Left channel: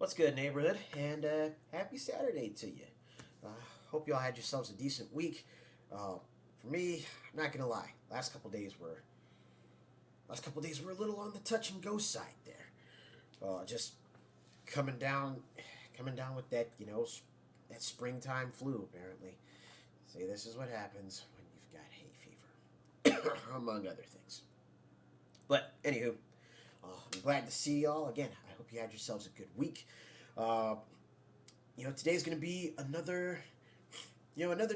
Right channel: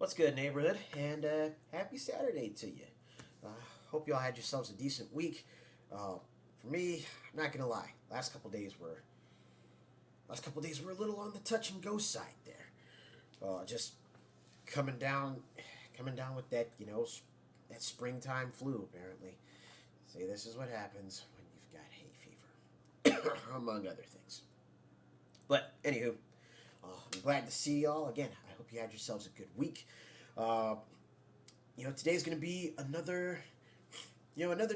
What's good, neighborhood? And happy Saturday to you. Hope you all had yourselves a decent week. For me, I'm not gonna lie. Last couple days were a little on the touch and go side there. Just coming down, coming down with that that springtime flu. Apparently, see, this is what happens when you've got hay fever, among other things. But anywho, I'm glad to see y'all again. I hope you had yourselves a good week. Uh, Today's going to be another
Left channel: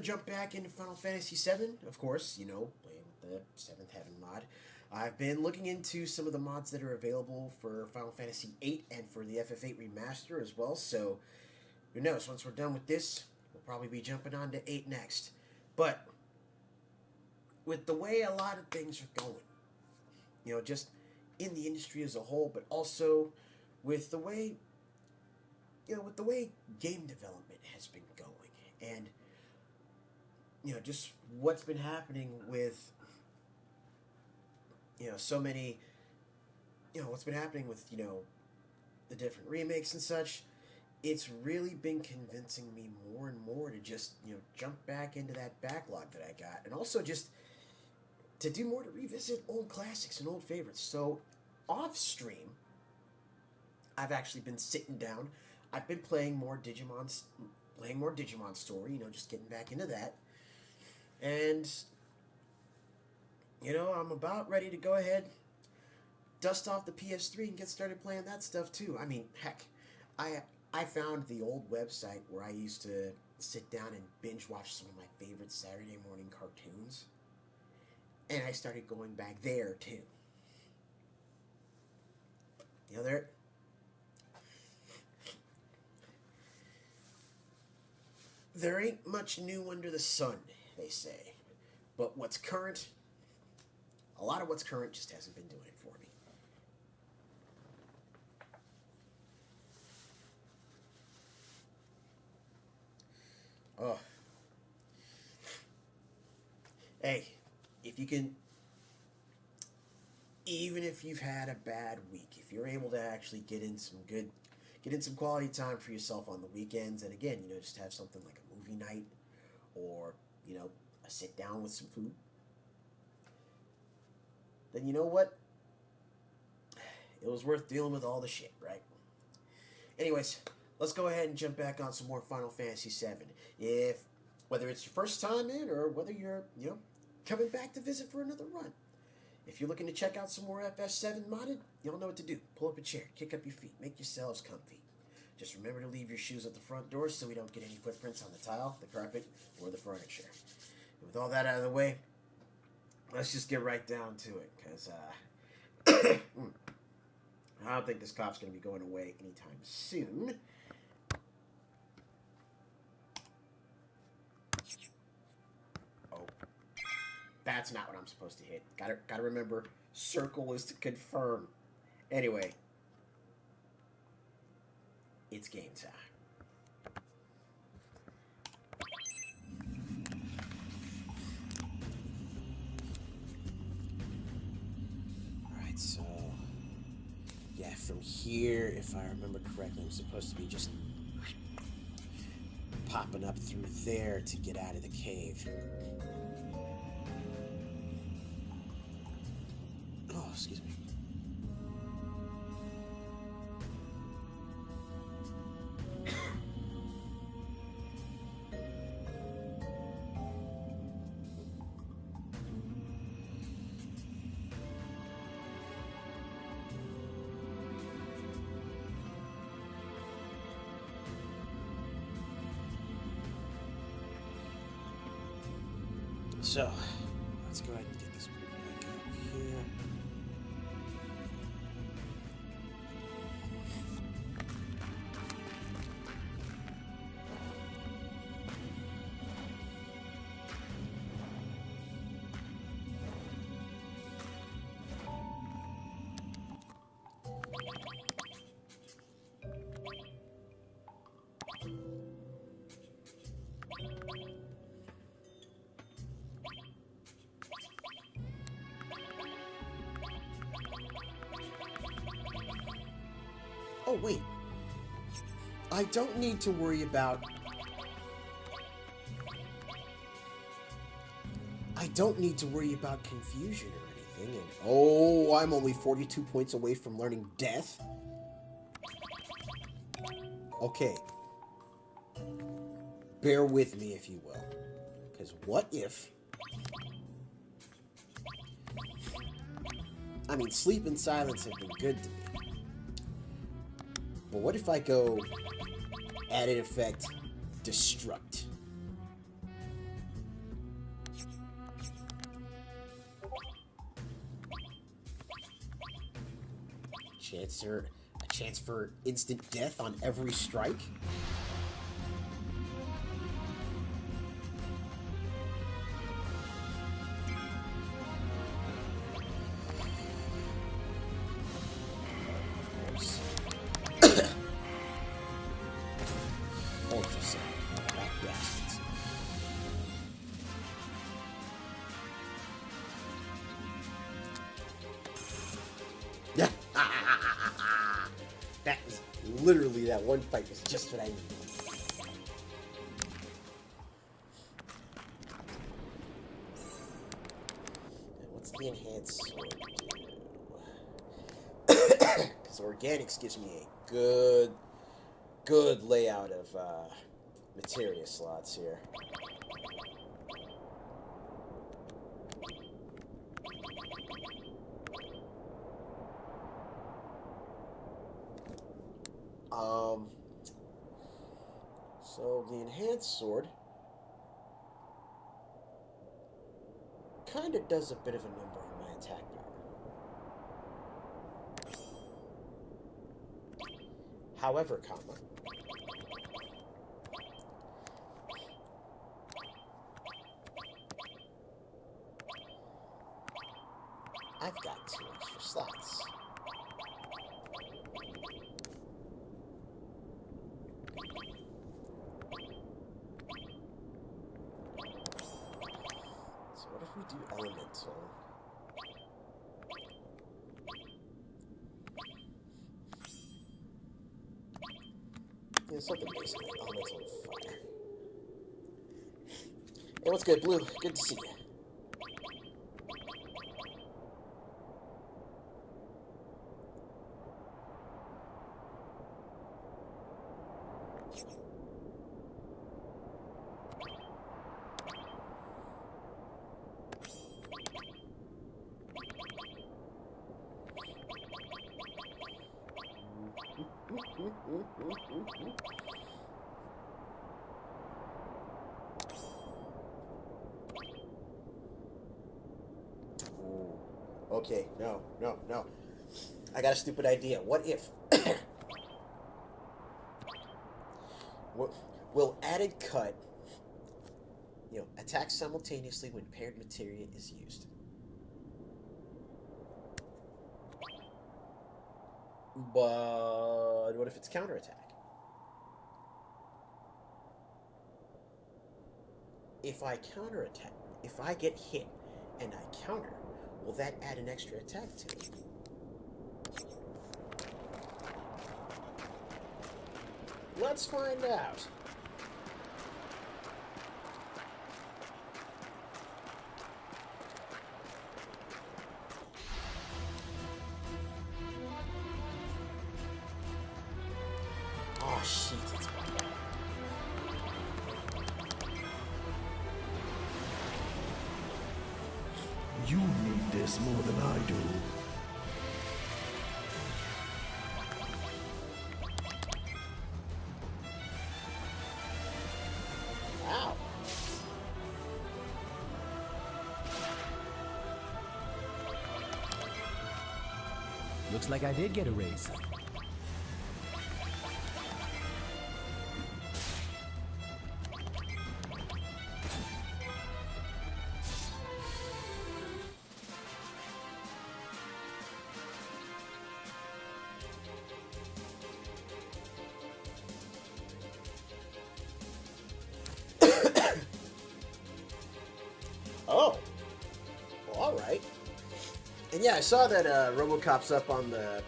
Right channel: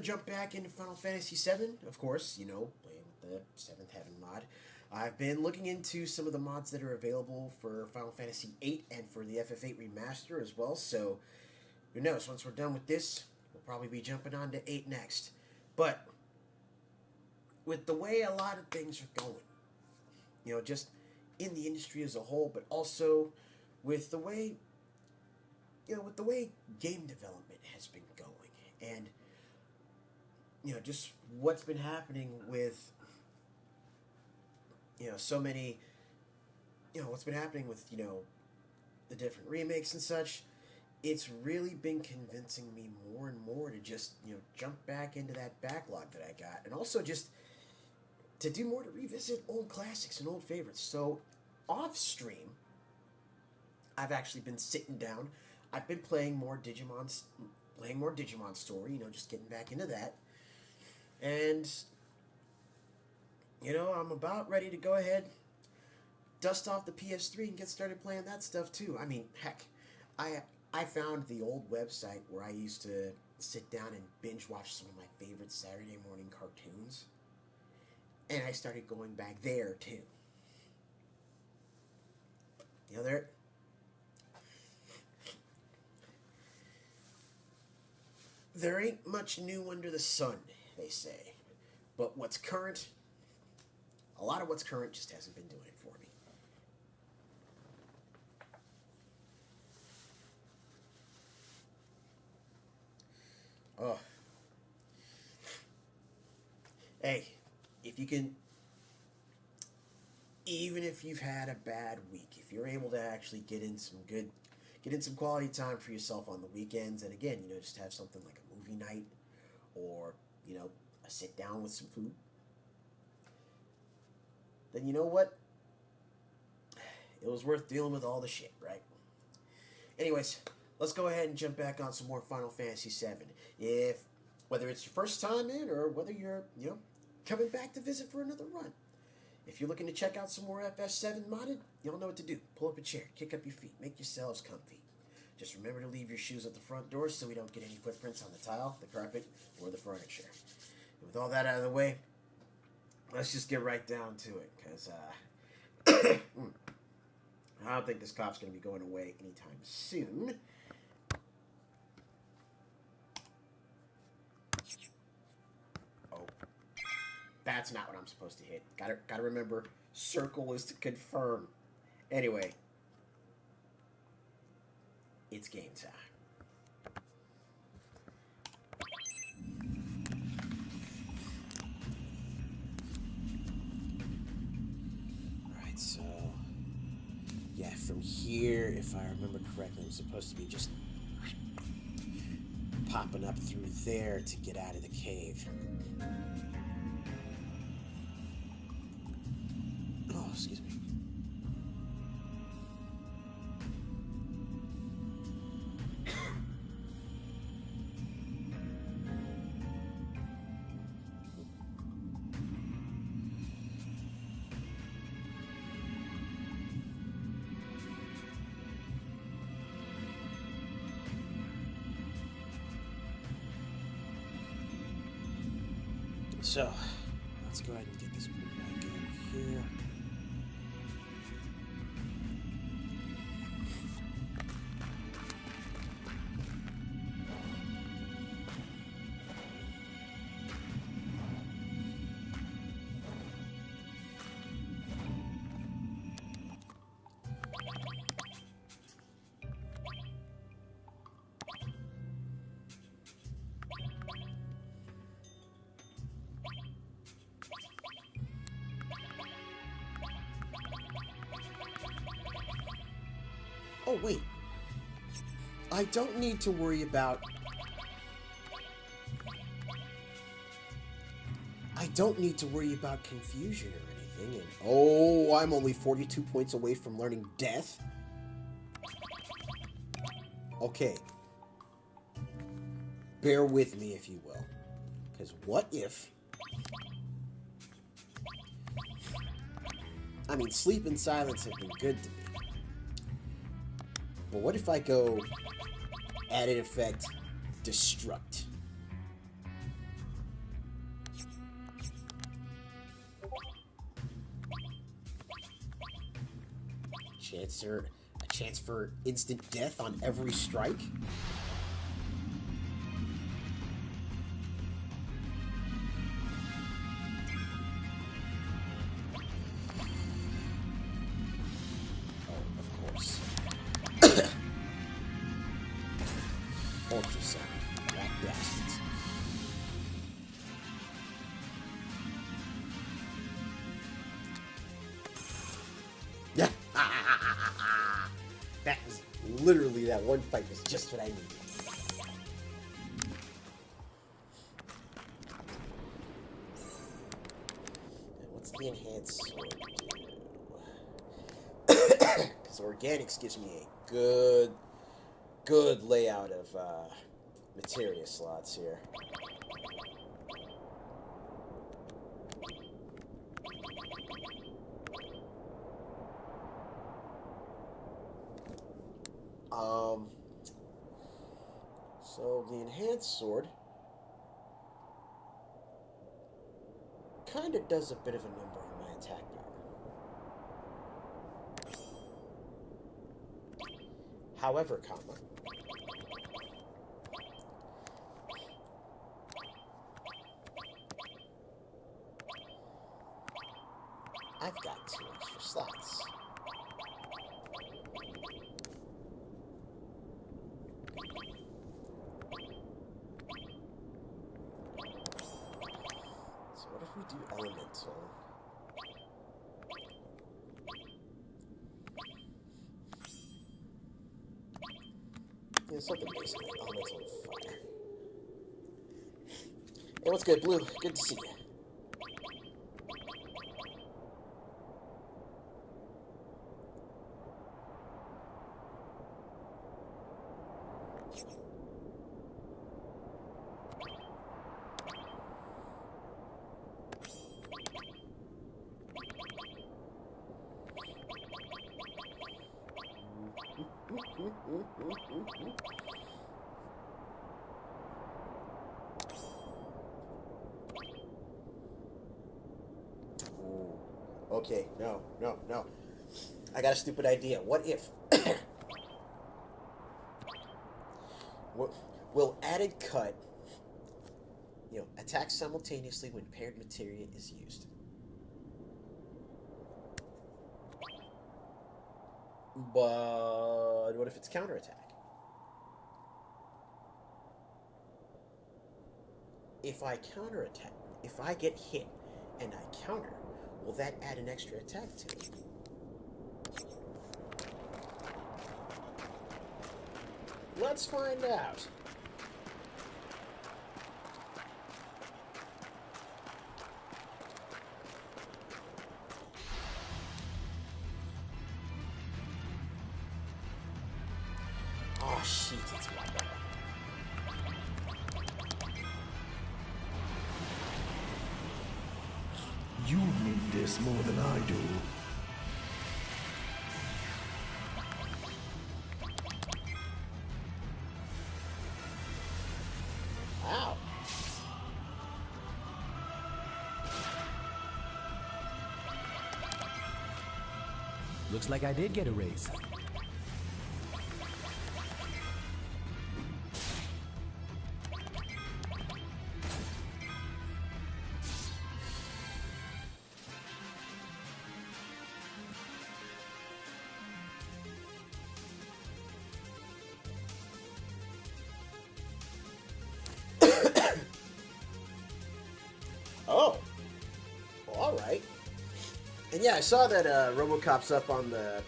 jump back into Final Fantasy VII. Of course, playing with the Seventh Heaven mod. I've been looking into some of the mods that are available for Final Fantasy VIII and for the FF8 remaster as well. So who knows? Once we're done with this, we'll probably be jumping on to 8 next. But with the way a lot of things are going, just in the industry as a whole, but also with the way game development has been going, and just what's been happening with so many what's been happening with the different remakes and such. It's really been convincing me more and more to just jump back into that backlog that I got, and also just to do more to revisit old classics and old favorites. So off stream, I've actually been sitting down. I've been playing more Digimon Story. Just getting back into that, and I'm about ready to go ahead, dust off the PS3, and get started playing that stuff too. I mean, heck, I found the old website where I used to sit down and binge watch some of my favorite Saturday morning cartoons, and I started going back there too. There there ain't much new under the sun, they say. But a lot of what's current just hasn't been doing it for me. Oh, hey, if you can, even if you've had a bad week, if you're able to actually get in some quality time for yourself on the weekends, and again, just have something like a movie night, or a sit down with some food, then you know what? It was worth dealing with all the shit, right? Anyways, let's go ahead and jump back on some more Final Fantasy VII. If Whether it's your first time in or whether you're coming back to visit for another run, if you're looking to check out some more FF7 modded, y'all know what to do. Pull up a chair, kick up your feet, make yourselves comfy. Just remember to leave your shoes at the front door so we don't get any footprints on the tile, the carpet, or the furniture. And with all that out of the way, let's just get right down to it, because I don't think this cough's going to be going away anytime soon. Oh, that's not what I'm supposed to hit. Gotta remember, circle is to confirm. Anyway, it's game time. Alright, so yeah, from here, if I remember correctly, I'm supposed to be just popping up through there to get out of the cave. Oh, excuse me. So, let's go ahead and get this put back up here. Oh, wait. I don't need to worry about... I don't need to worry about confusion or anything, and oh, I'm only 42 points away from learning death? Okay. Bear with me, if you will. Because what if... I mean, sleep and silence have been good to me. But what if I go added effect destruct? A chance for instant death on every strike? Ultrasound, rat bastards. Yeah. That was literally, that one fight was just what I needed. And what's the enhanced sword do? Because organics gives me a good layout of materia slots here. So the enhanced sword kind of does a bit of a number on my attack power. However, I've got 2 extra slots. So what if we do elemental? Yeah, something basic, elemental fire. Hey, what's good, Blue? Good to see you. Ooh. Okay, no. I got a stupid idea. What if... will added cut, attack simultaneously when paired materia is used? But what if it's counterattack? If I counterattack, if I get hit and I counter, will that add an extra attack to it? Let's find out. Oh, shit, it's one. You need this more than I do. Wow. Looks like I did get a raise. Oh. Well, all right. And yeah, I saw that RoboCop's up on the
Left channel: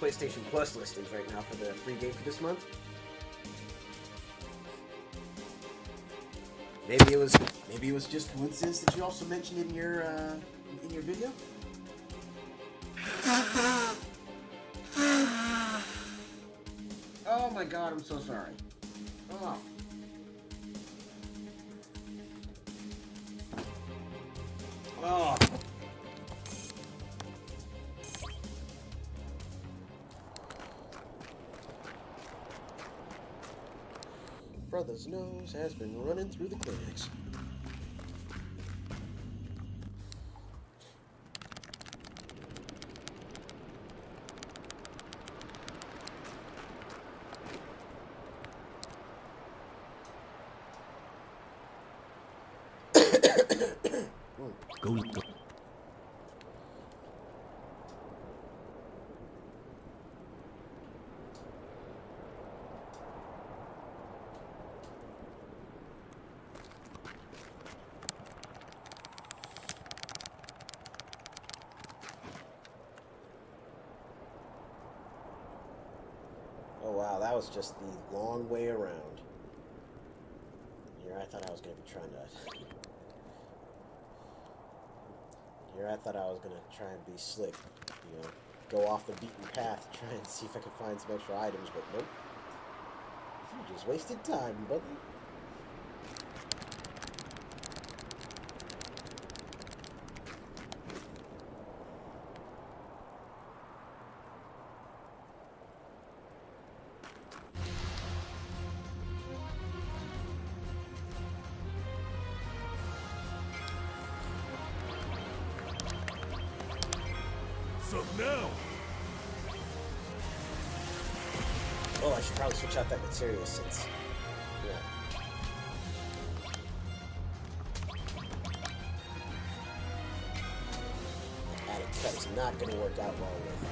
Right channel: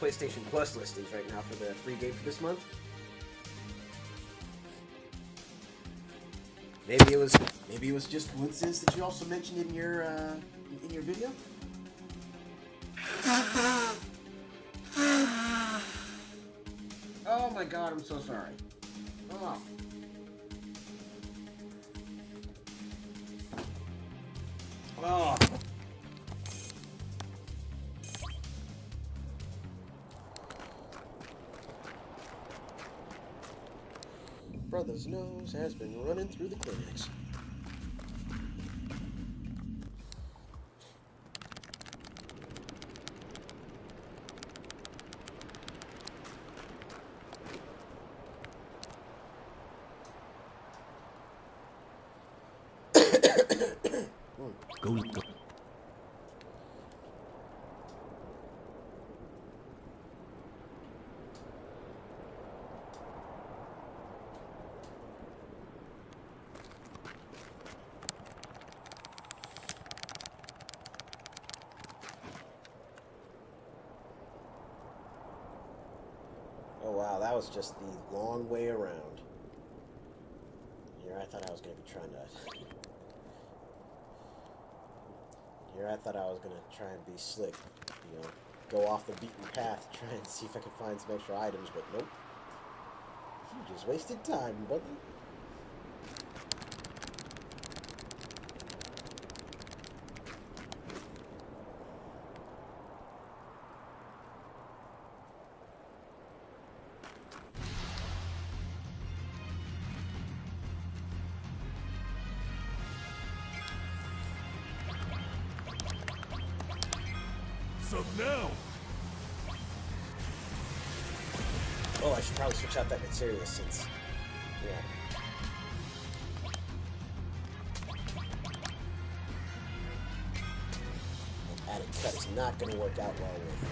PlayStation Plus listings right now for the free game for this month. Maybe it was just coincidence that you also mentioned in your video. Oh my God, I'm so sorry. Oh. Oh. Brother's nose has been running through the clinics. Go. Oh wow, that was just the long way around. Here I thought I was going to be trying to... Here I thought I was going to try and be slick. You know, go off the beaten path, try and see if I could find some extra items, but nope. You just wasted time, brother. Up now. Oh, I should probably switch out that materia since... Yeah. That added cut is not going to work out well with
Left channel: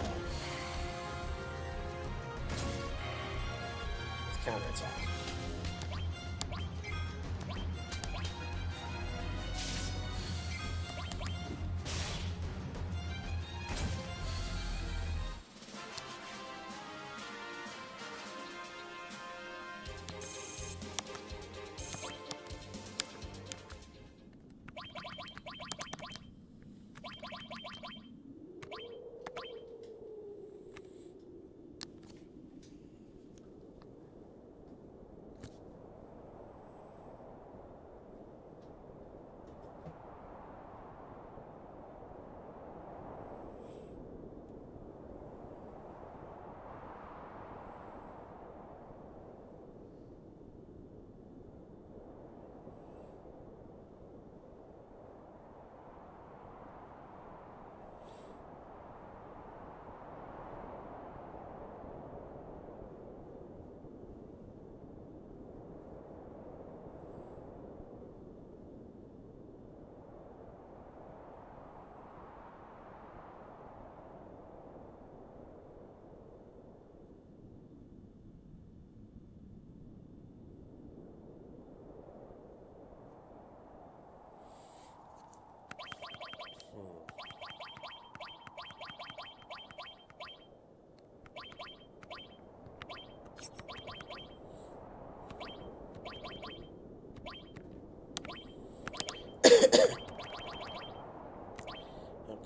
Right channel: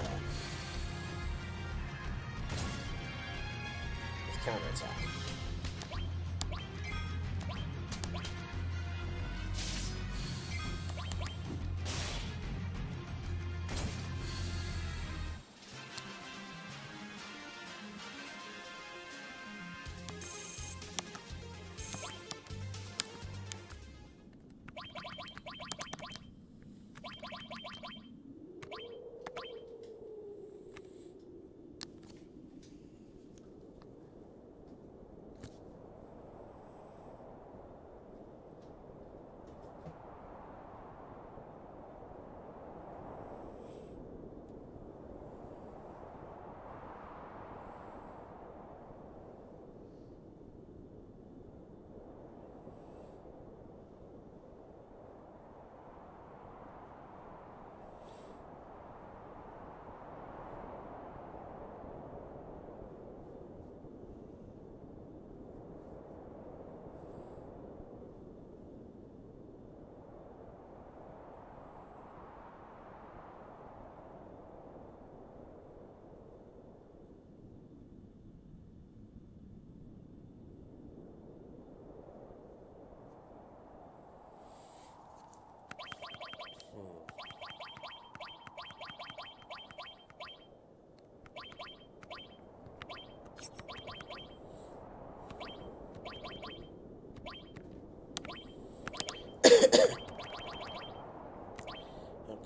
counterattack.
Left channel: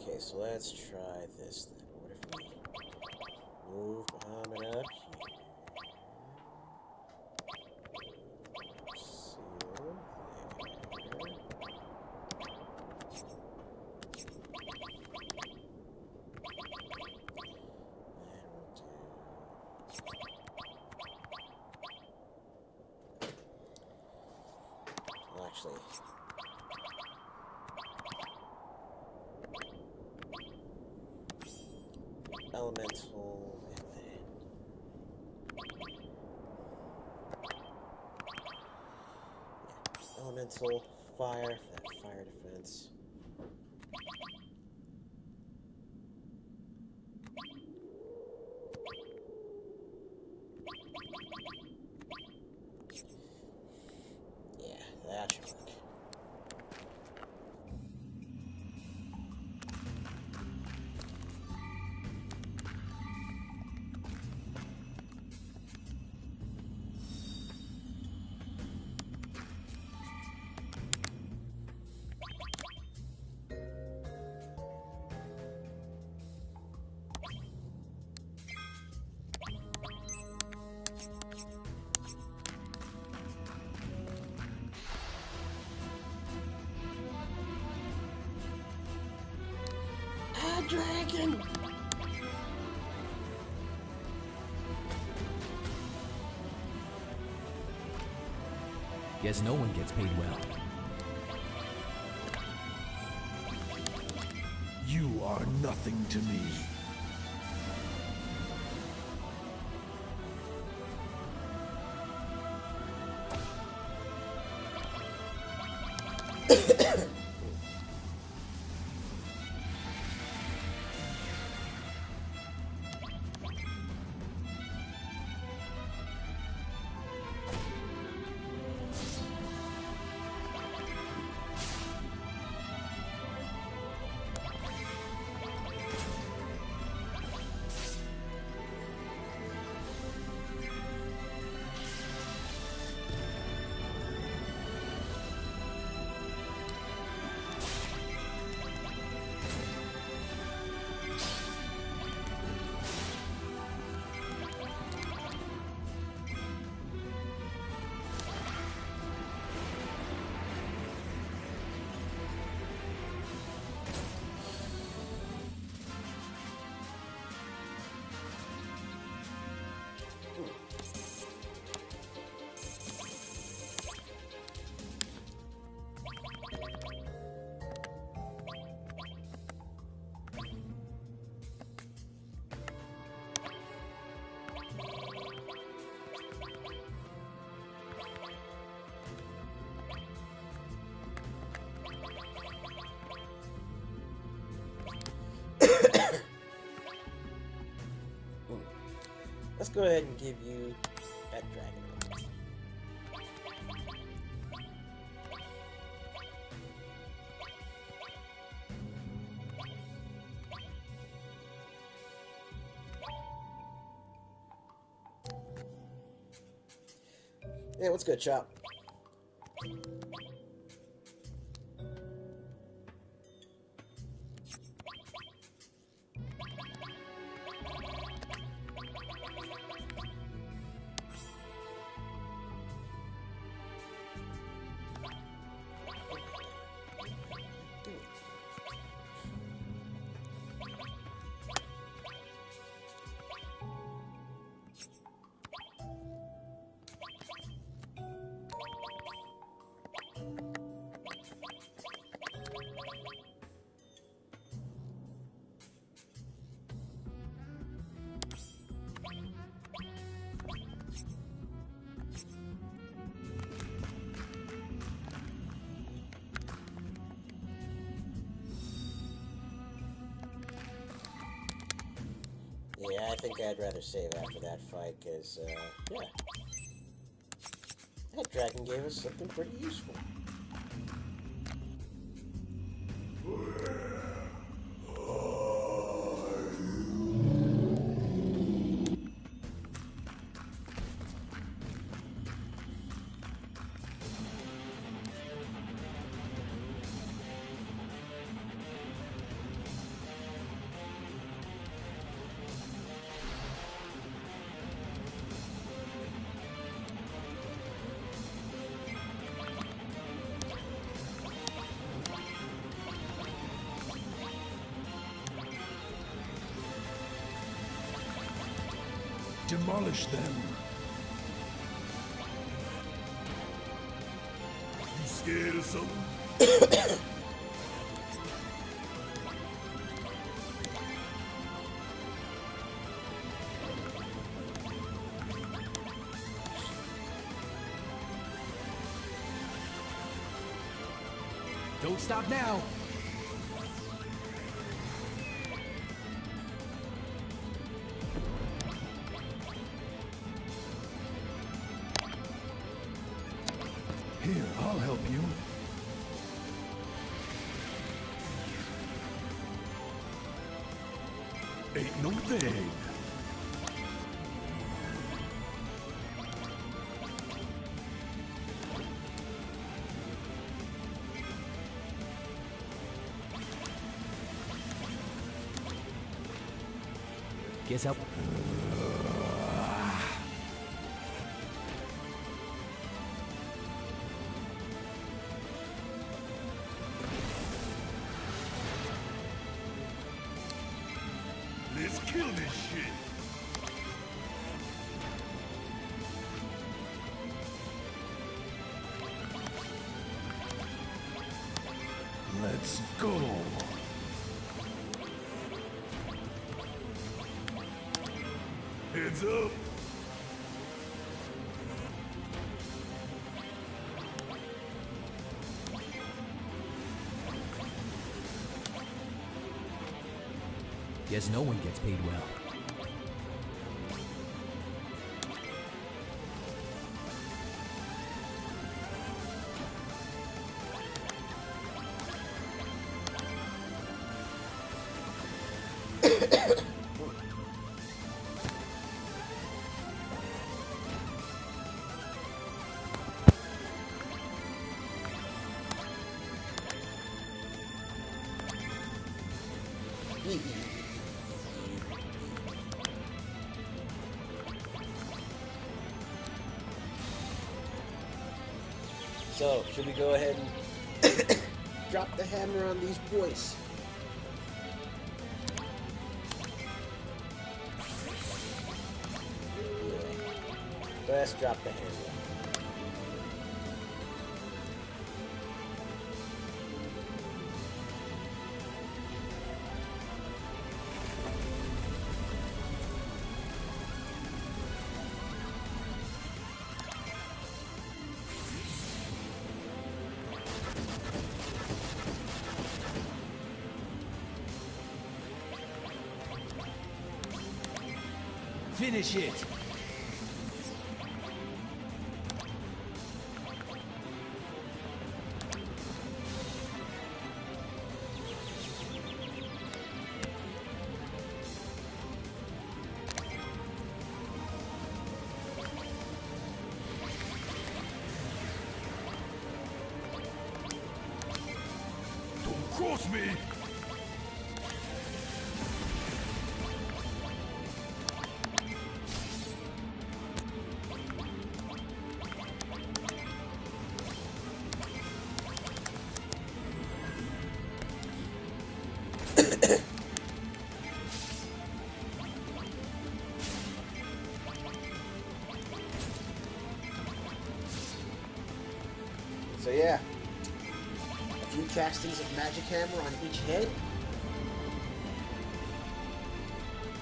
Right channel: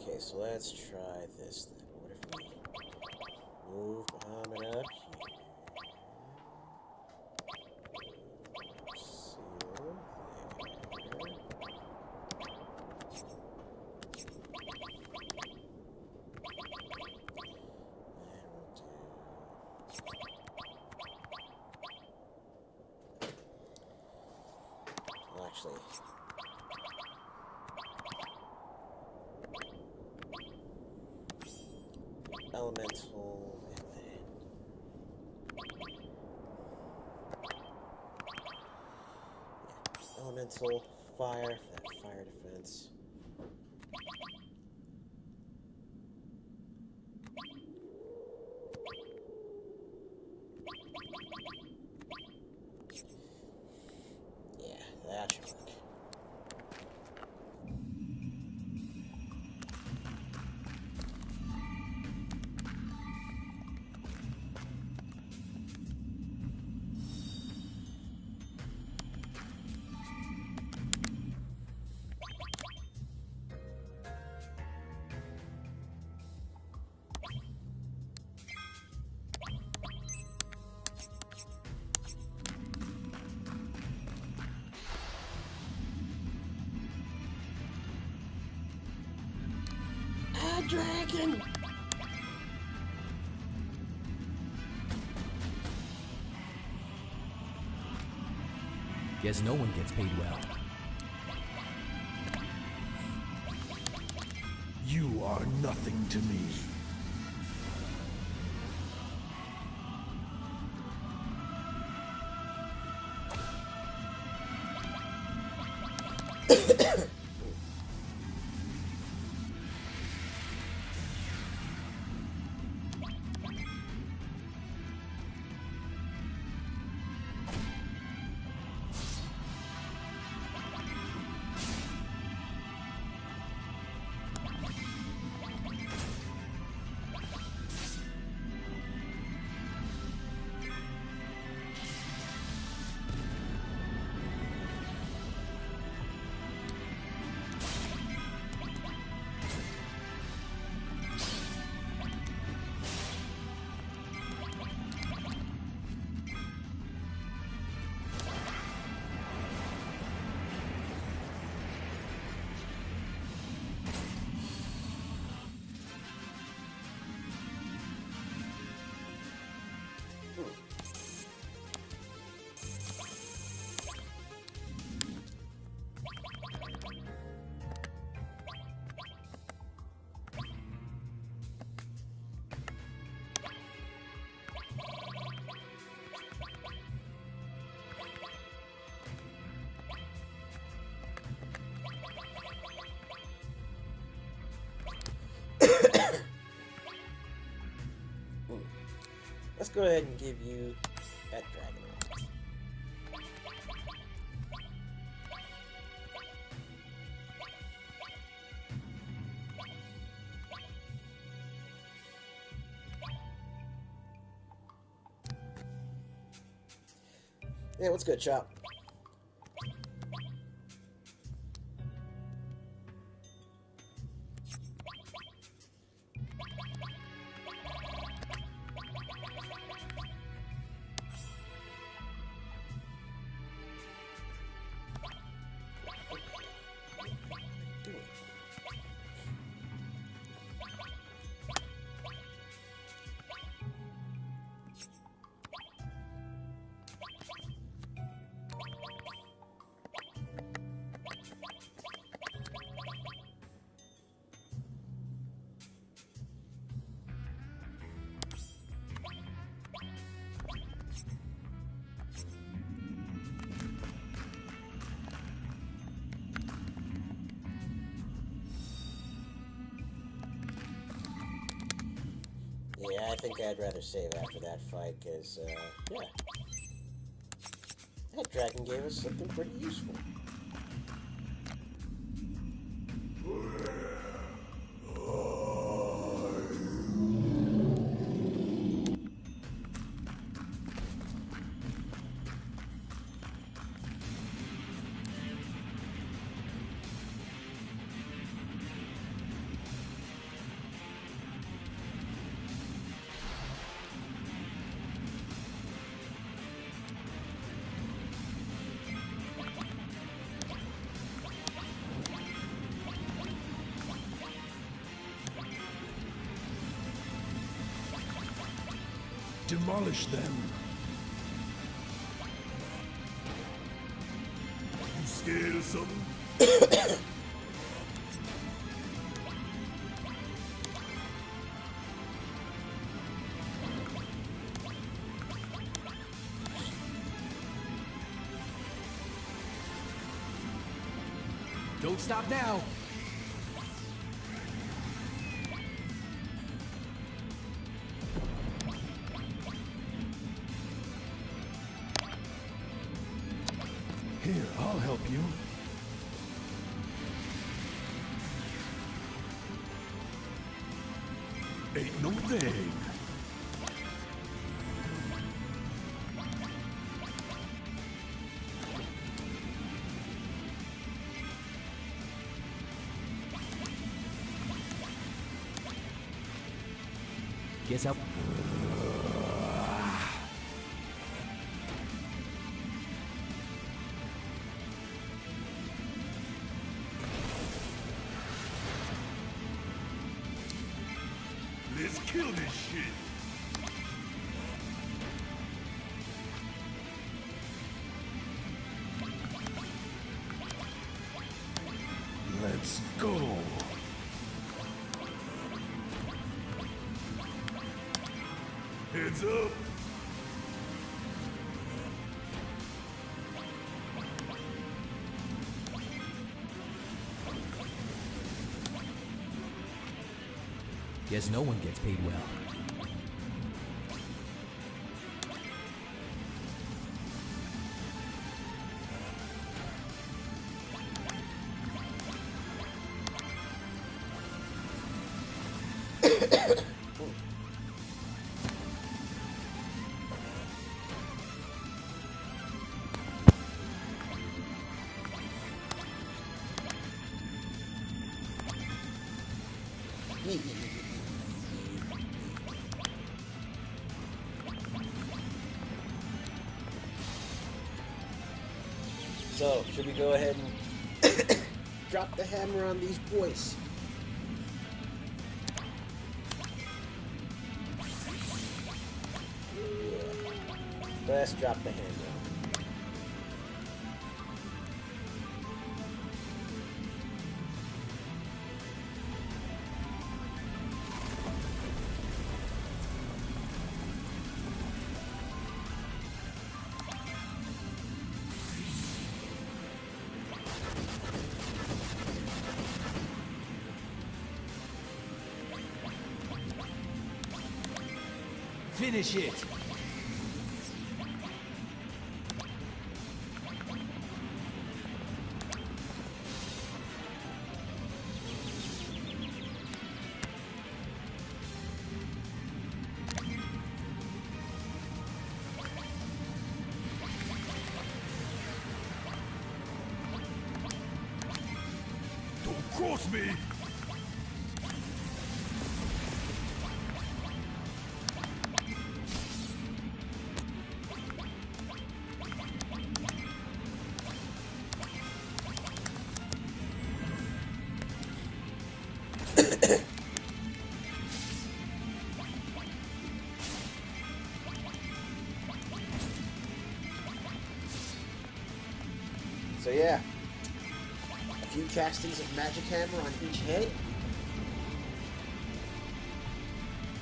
Okay, so let's try this then. What if we move Muhammad up here? Seal there. Well, actually... Elemental, and then... Yeah, elemental, fire, for that fire defense. Yeah, that should work. dragon! Guess no one gets paid well. You are nothing to me. Let's go ahead and give you that dragon element. Yeah, what's good, Chop? Yeah, I think I'd rather save after that fight, because, yeah. That dragon gave us something pretty useful. Demolish them. You scared of something? Don't stop now. Here, I'll help you. Ain't no thing. Guess how. kill this shit. Let's go. Heads up. Guess no one gets paid well. So, should we go ahead and drop the hammer on these boys? Yeah. Let's drop the hammer. Finish it! Don't cross me. So yeah, a few castings of Magic Hammer on each head,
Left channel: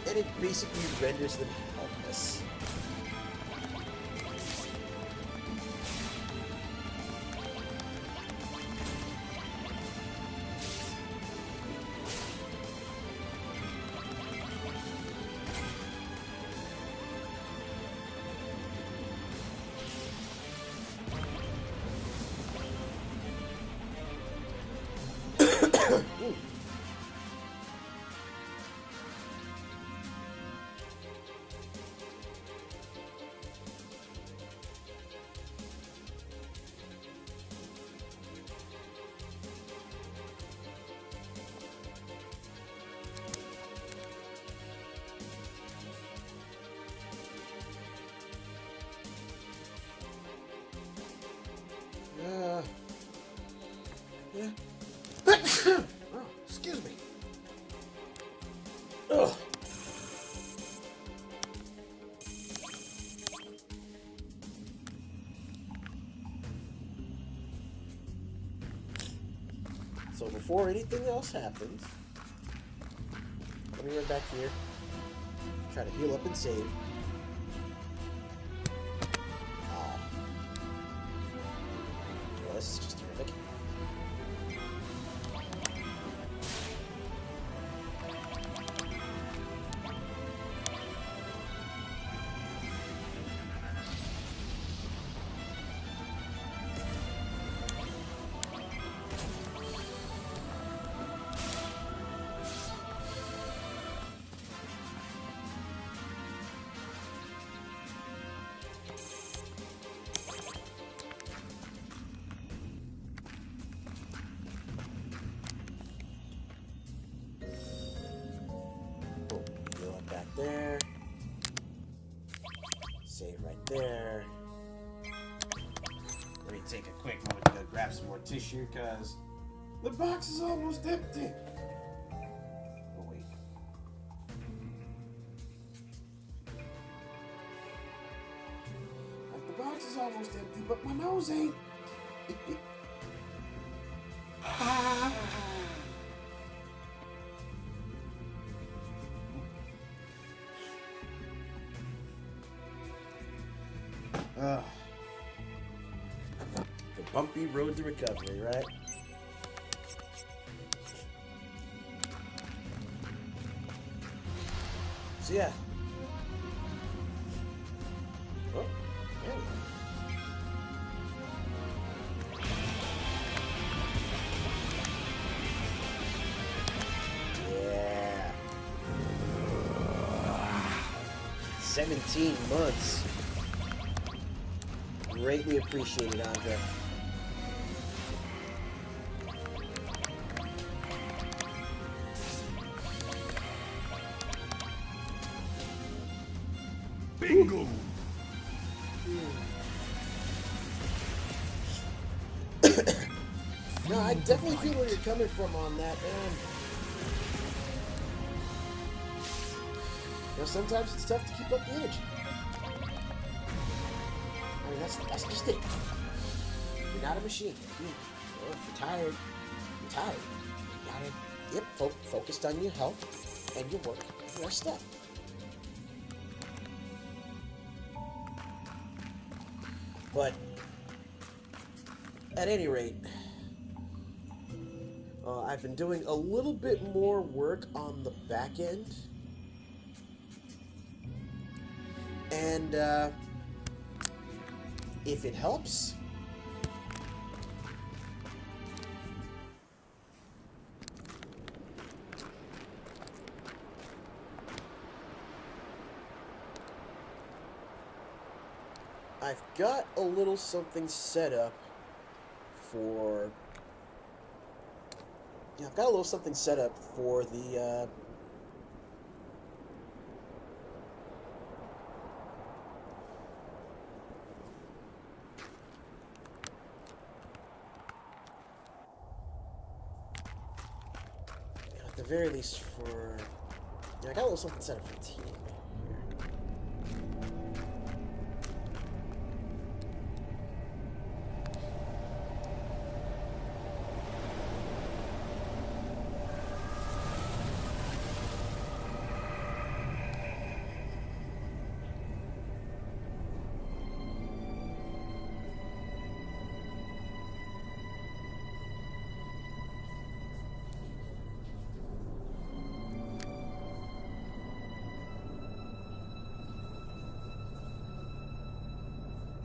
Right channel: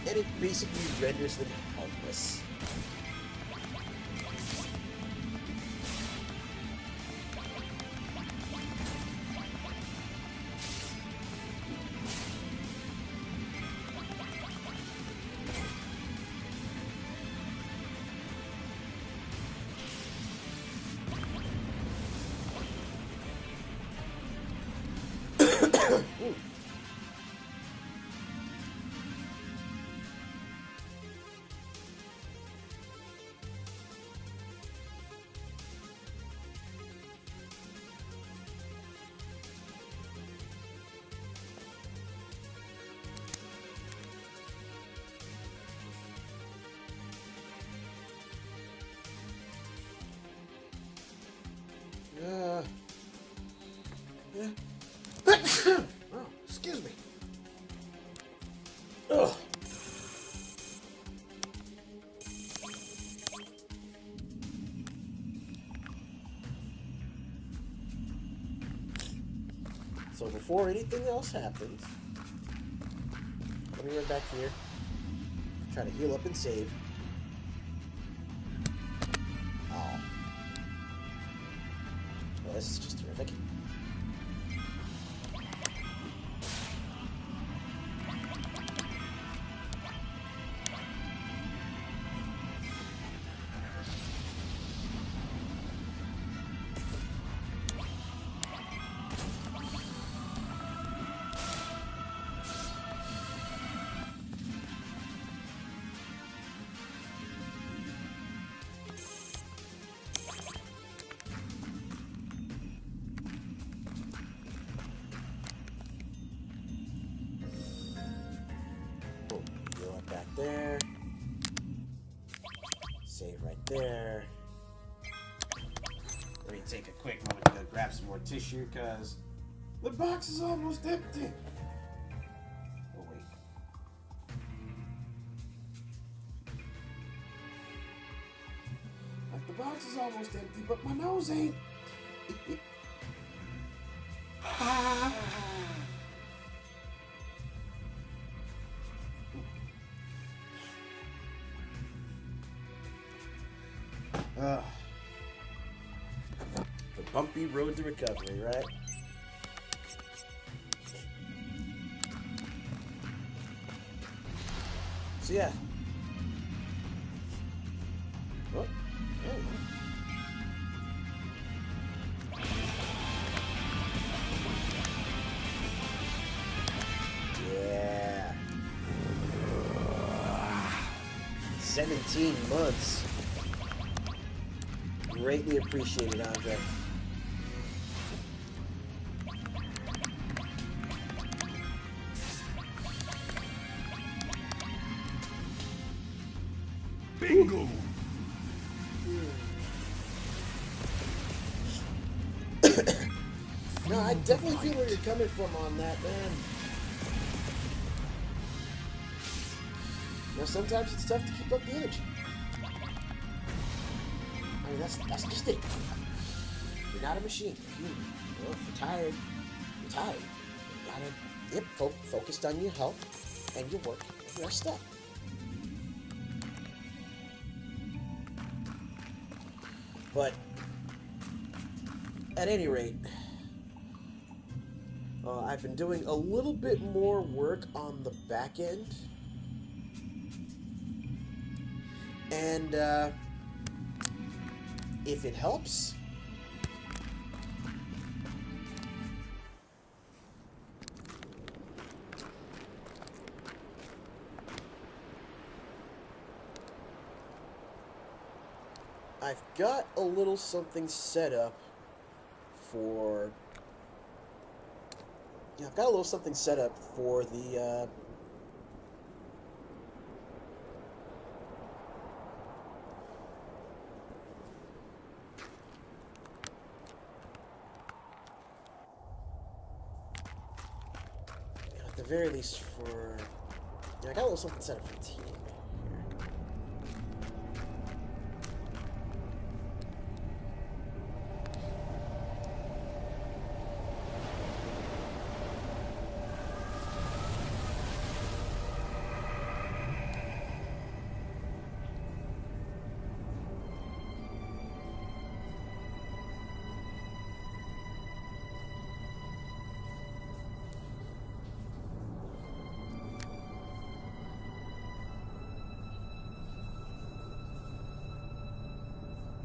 and it basically renders them helpless. Ooh. Yeah. Oh, excuse me. Ugh. So before anything else happens, let me run back here, try to heal up and save. Oh. Well, this is just terrific. Back there. Save right there. Let me take a quick moment to go grab some more tissue because the box is almost empty. Oh wait. The box is almost empty, but my nose ain't. Ah. The bumpy road to recovery, right? So yeah. Oh, yeah. Yeah. 17 months. Greatly appreciated, Andre. Bingo! No, I definitely feel where you're coming from on that, man. You know, sometimes it's tough to keep up the energy. I mean, that's just it. You're not a machine. You're human. You know, if you're tired, you're tired. You gotta, focused on your health and your work and your stuff. But at any rate, I've been doing a little bit more work on the back end. And if it helps, I've got a little something set up for... Yeah, I've got a little something set up for the... at the very least for... Yeah, I got a little something set up for the team here.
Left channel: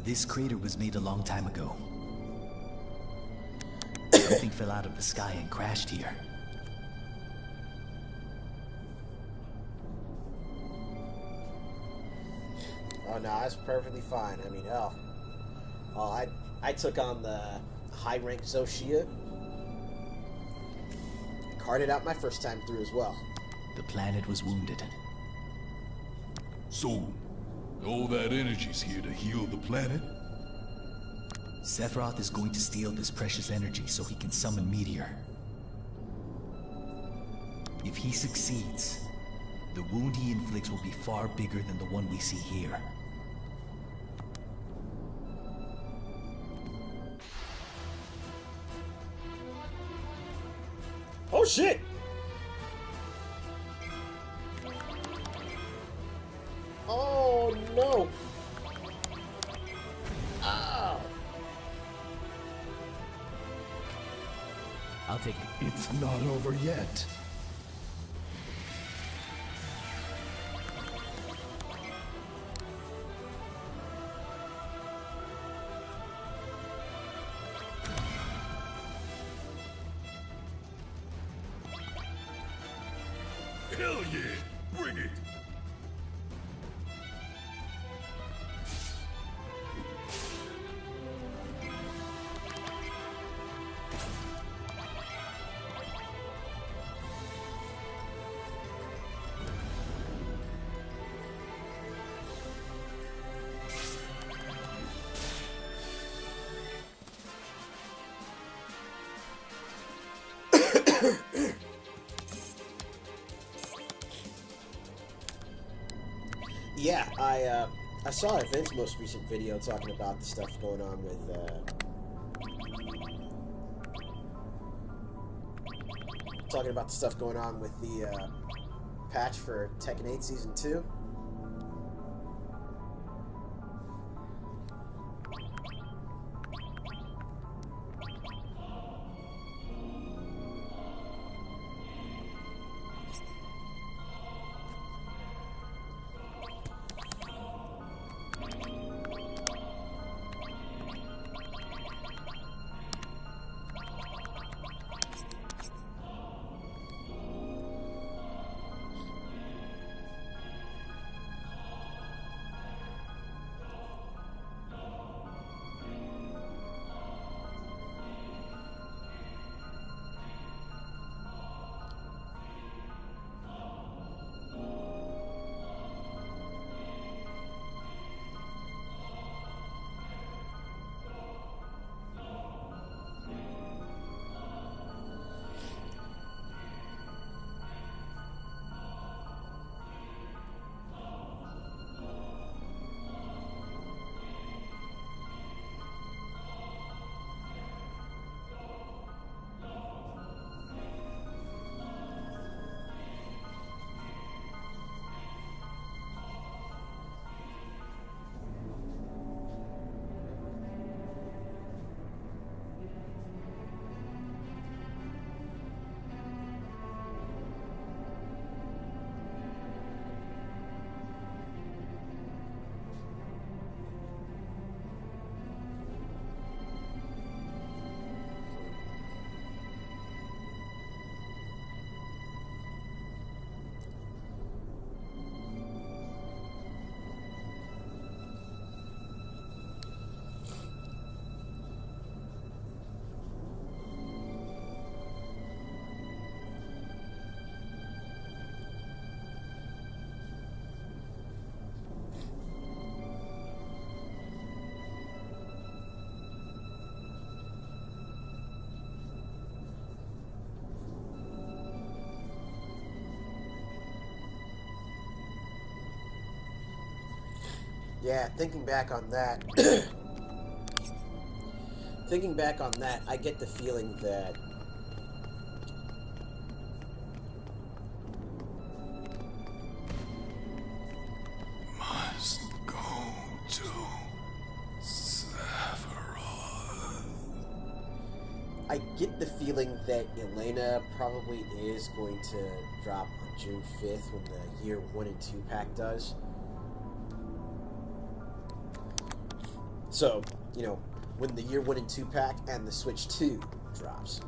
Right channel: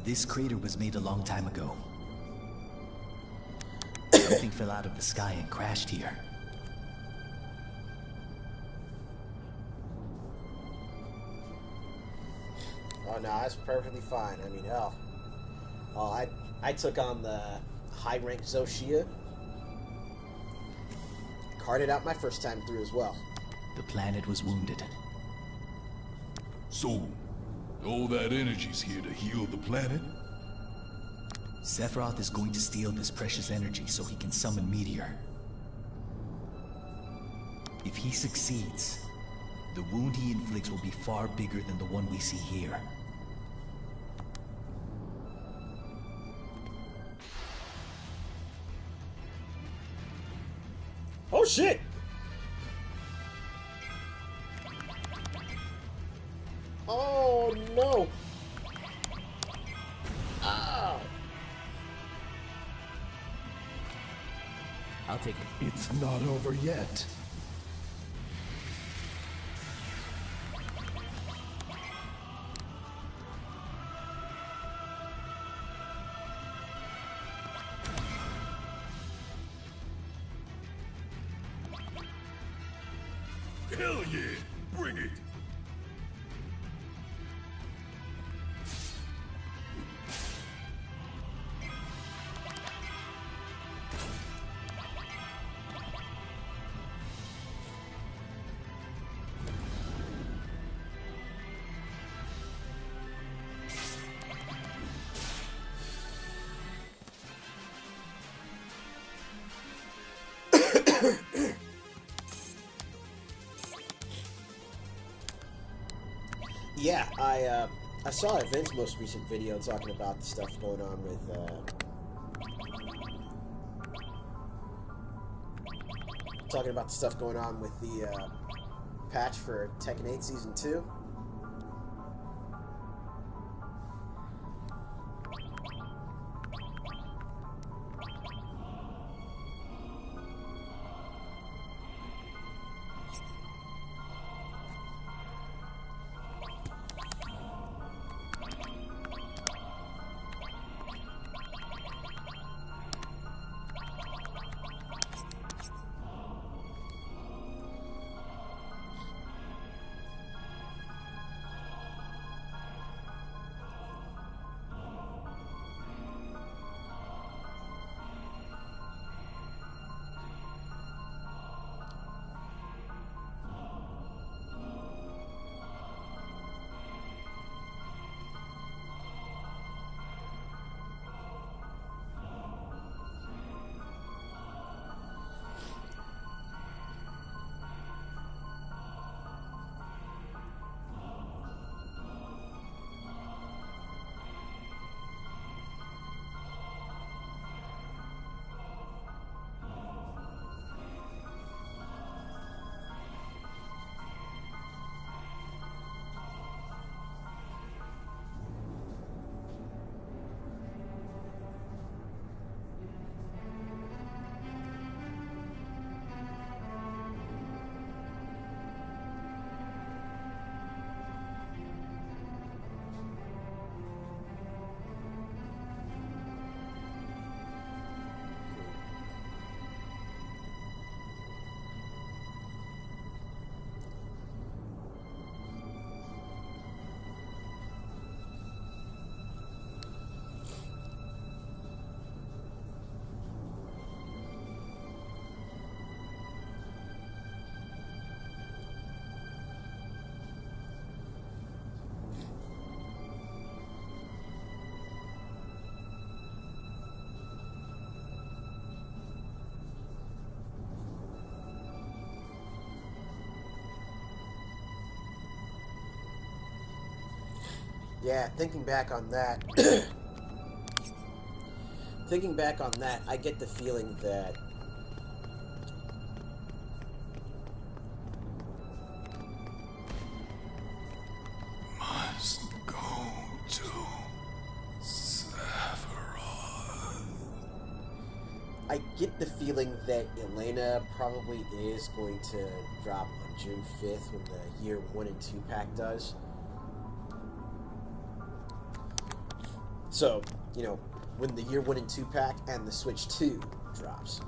This crater was made a long time ago. Something fell out of the sky and crashed here. Oh, no, that's perfectly fine. I mean, hell. Oh, I took on the high-rank Zoshia. Carded out my first time through as well. The planet was wounded. So, all that energy's here to heal the planet? Sephiroth is going to steal this precious energy so he can summon Meteor. If he succeeds, the wound he inflicts will be far bigger than the one we see here. Oh, shit! Oh, no! Ow! I'll take it. It's not over yet. Hell yeah! Bring it! Yeah, I saw Vince's most recent video talking about the stuff going on with, the patch for Tekken 8 Season 2. Yeah, thinking back on that, I get the feeling that Must go to Sephiroth. I get the feeling that Elena probably is going to drop on June 5th when the Year 1 and 2 pack does. So, you know, when the Year 1 and 2 pack and the Switch 2 drops.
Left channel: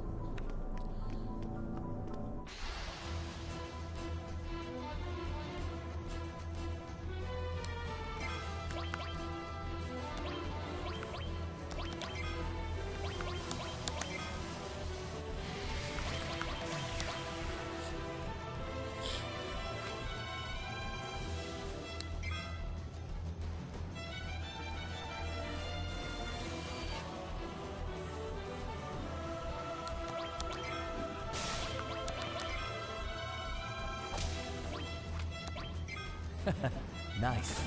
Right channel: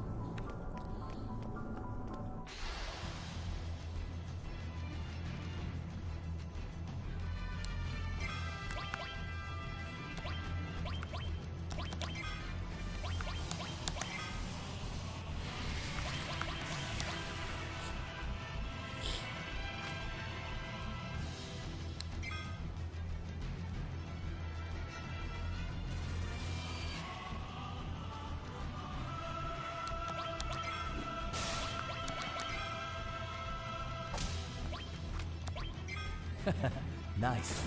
Nice.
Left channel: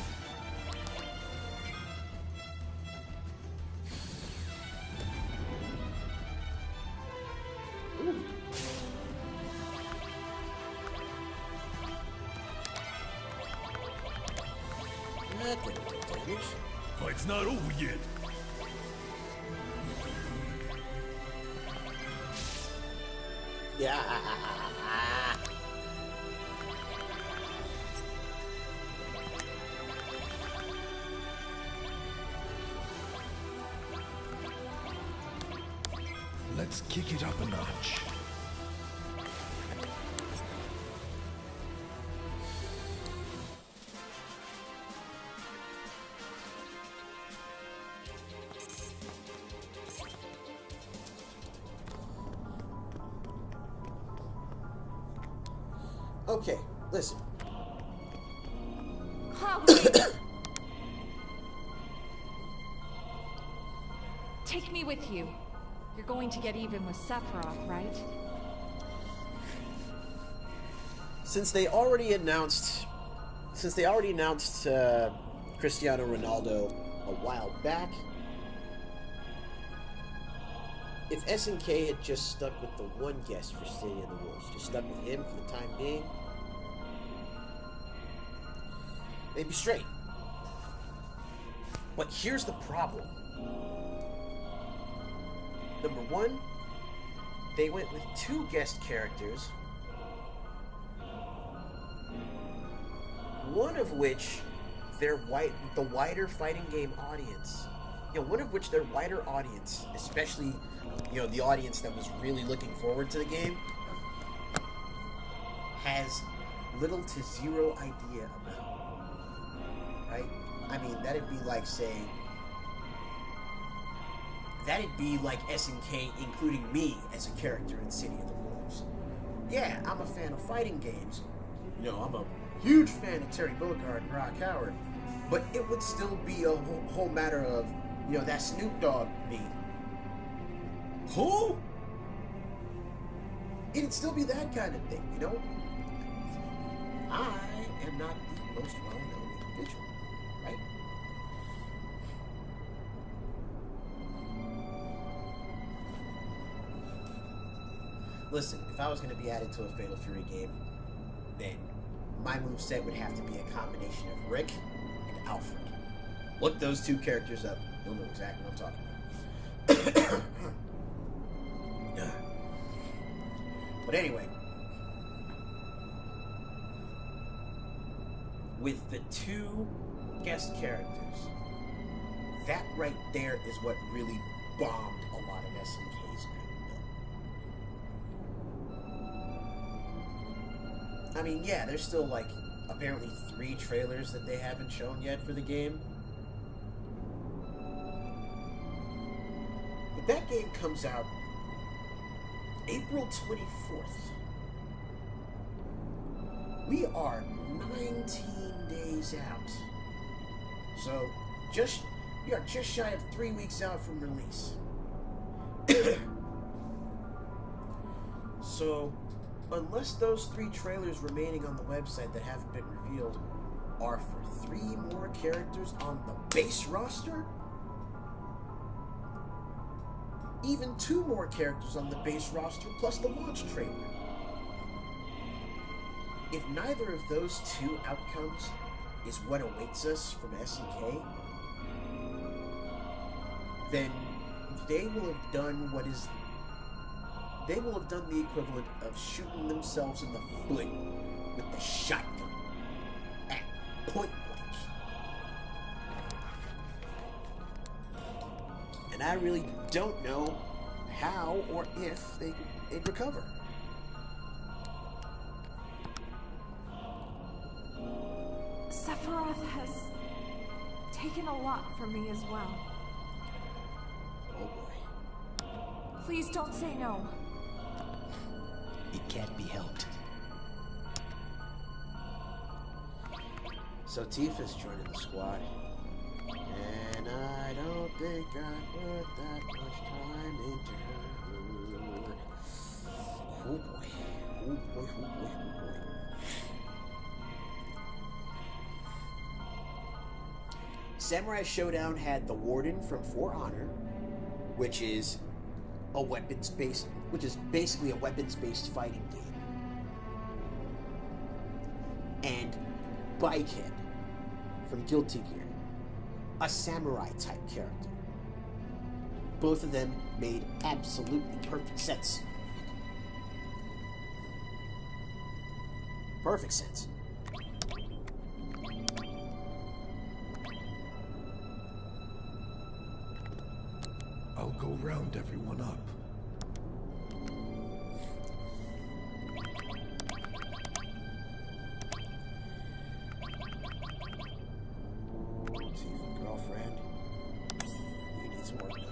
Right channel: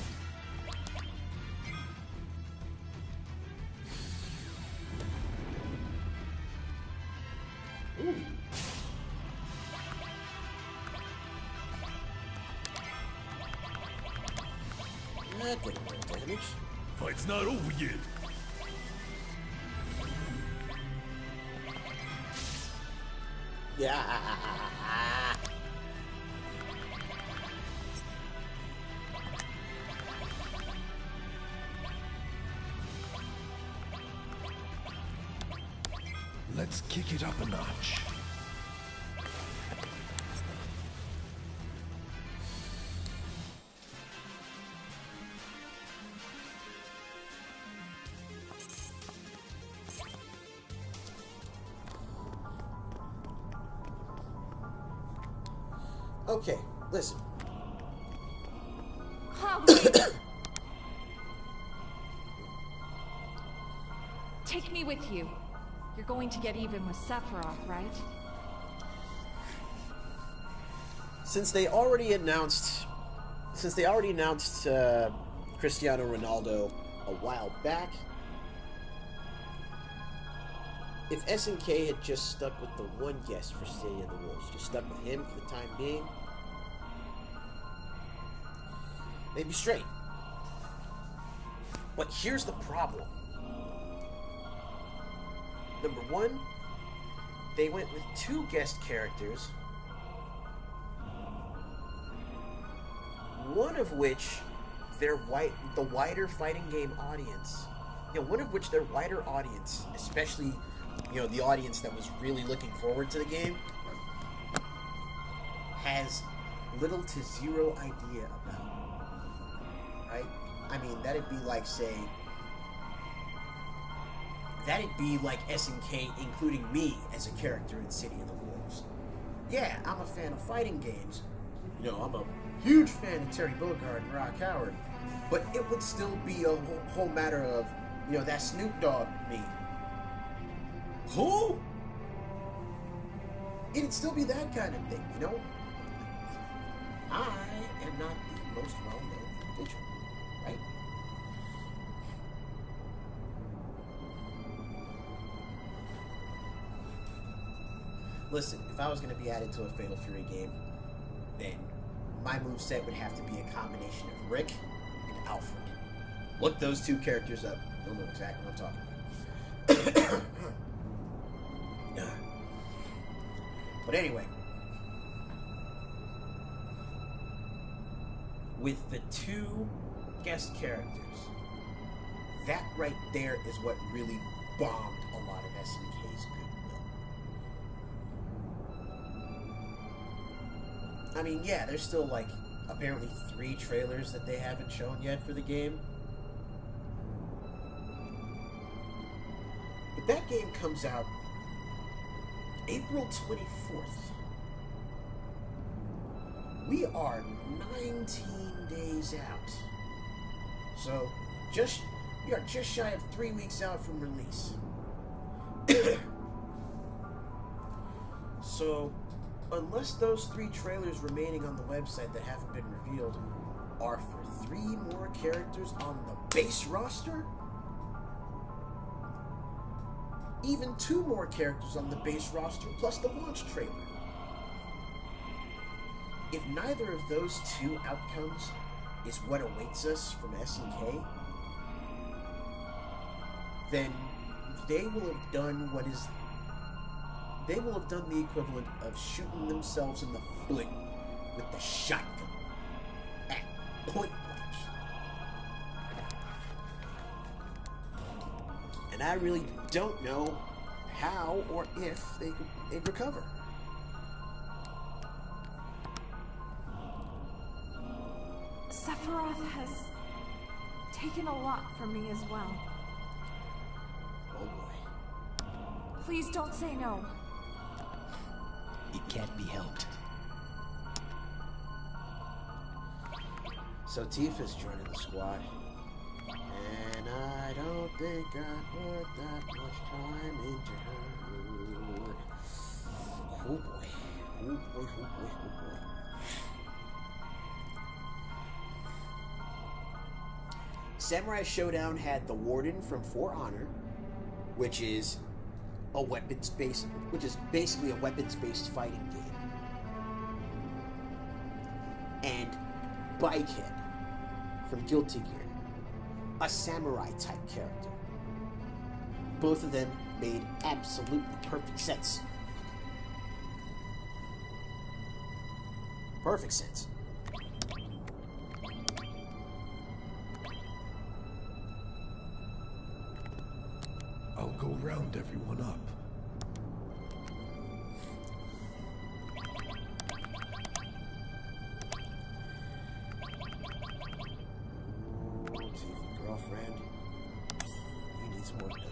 Ooh. That didn't do damage. Fight's not over yet. Yeah. Let's kick it up a notch. Okay, listen. Take me with you. You're going to get even with Sephiroth, right? Since they already announced Cristiano Ronaldo a while back. If SNK had just stuck with the one guest for City of the Wolves, just stuck with him for the time being, they'd be straight. But here's the problem. Number one, they went with 2 guest characters, one of which the wider fighting game audience, one of which their wider audience, especially, the audience that was really looking forward to the game, has little to zero idea about. Right? I mean, that'd be like SNK including me as a character in City of the Wolves. Yeah, I'm a fan of fighting games. I'm a huge fan of Terry Bogard and Rock Howard. But it would still be a whole matter of, that Snoop Dogg me. Who? It'd still be that kind of thing, I am not the most well-known individual, right? Listen, if I was going to be added to a Fatal Fury game, then my moveset would have to be a combination of Rick and Alfred. Look those 2 characters up. You'll know exactly what I'm talking about. But anyway, with the 2 guest characters, that right there is what really bombed a lot of SNK's goodwill. I mean, yeah, there's still apparently 3 trailers that they haven't shown yet for the game. But that game comes out April 24th. We are 19 days out. So, we are just shy of 3 weeks out from release. So, unless those 3 trailers remaining on the website that haven't been revealed are for 3 more characters on the base roster, even 2 more characters on the base roster plus the launch trailer. If neither of those 2 outcomes is what awaits us from SNK, then they will have done the equivalent of shooting themselves in the foot with the shotgun at point blank. And I really don't know how or if they'd recover. Sephiroth has taken a lot from me as well. Oh boy. Please don't say no. It can't be helped. So Tifa's joining the squad. And I don't think I put that much time into her. Oh boy. Oh boy, oh boy, oh boy. Samurai Showdown had the Warden from For Honor, which is basically a weapons-based fighting game. And Bikehead from Guilty Gear, a samurai-type character. Both of them made absolutely perfect sense. Perfect sense. I'll go round everyone up. Ooh, Tifa, girlfriend. You need some work done.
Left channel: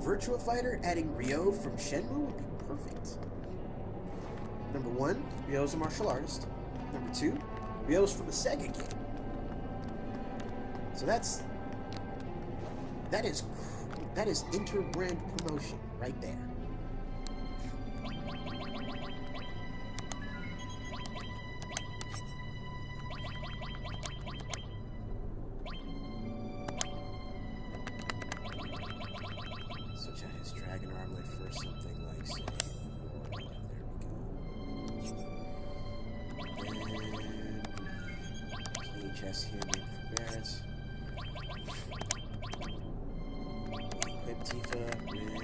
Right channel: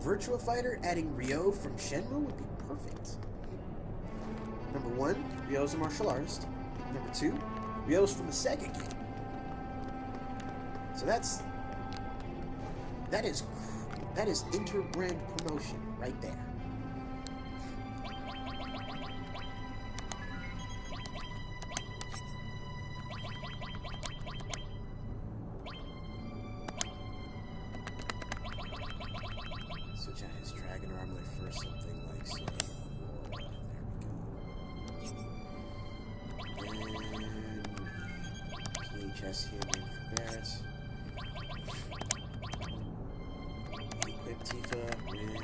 Virtua Fighter, adding Ryo from Shenmue would be perfect. Number 1, Ryo's a martial artist. Number 2, Ryo's from a Sega game. So that is inter-brand promotion right there. Switch out his dragon armlet for something like, say, Aurora. There we go. And PHS here made for Barrett. Equip Tifa with...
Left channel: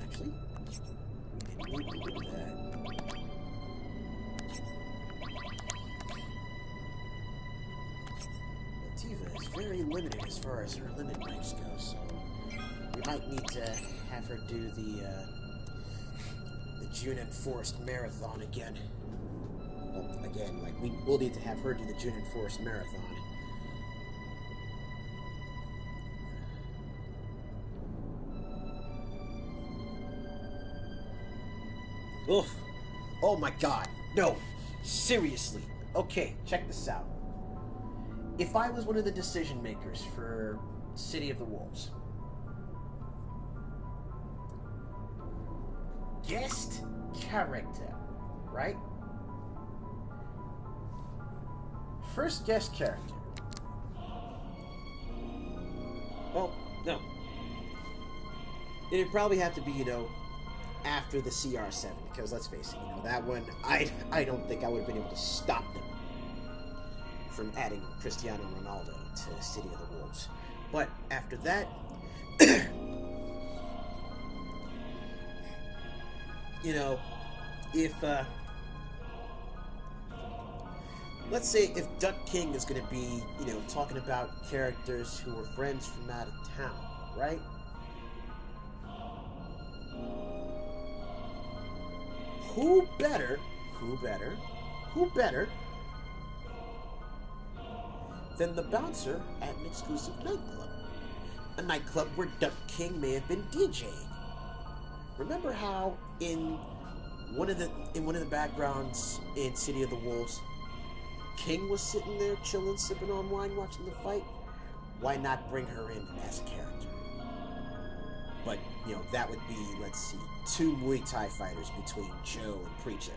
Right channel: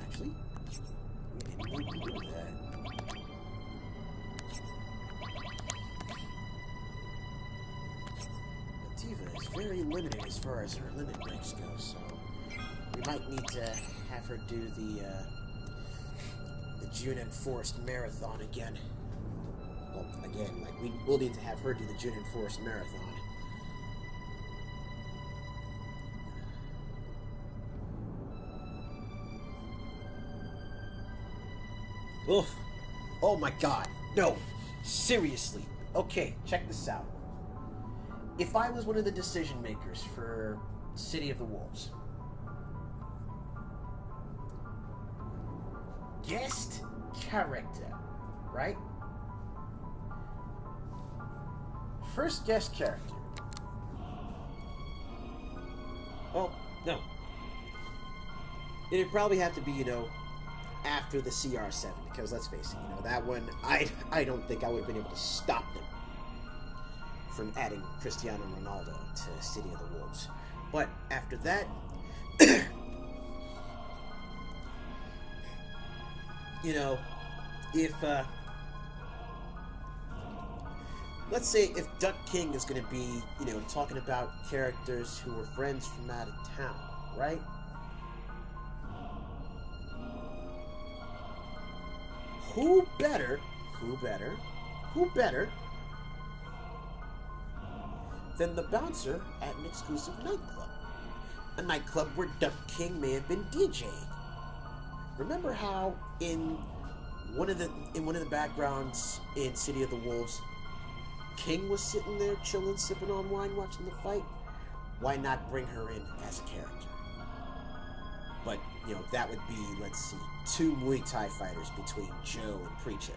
Actually, we didn't need to do that. But Tifa is very limited as far as her limit breaks go, so we might need to have her do the June Enforced Marathon again. Well, again, like, we'll need to have her do the June Enforced Marathon. Oof. Oh my god. No. Seriously. Okay, check this out. If I was one of the decision makers for City of the Wolves, guest character, right? First guest character. Well, no. It'd probably have to be, after the CR7, because let's face it, that one, I don't think I would have been able to stop them from adding Cristiano Ronaldo to City of the Wolves. But after that, if, let's say if Duck King is going to be, talking about characters who were friends from out of town, right? Who better than the bouncer at an exclusive nightclub? A nightclub where Duck King may have been DJing. Remember how in one of the backgrounds in City of the Wolves, King was sitting there chilling, sipping on wine, watching the fight? Why not bring her in as a character? But, that would be, let's see, 2 Muay Thai fighters between Joe and Preacher.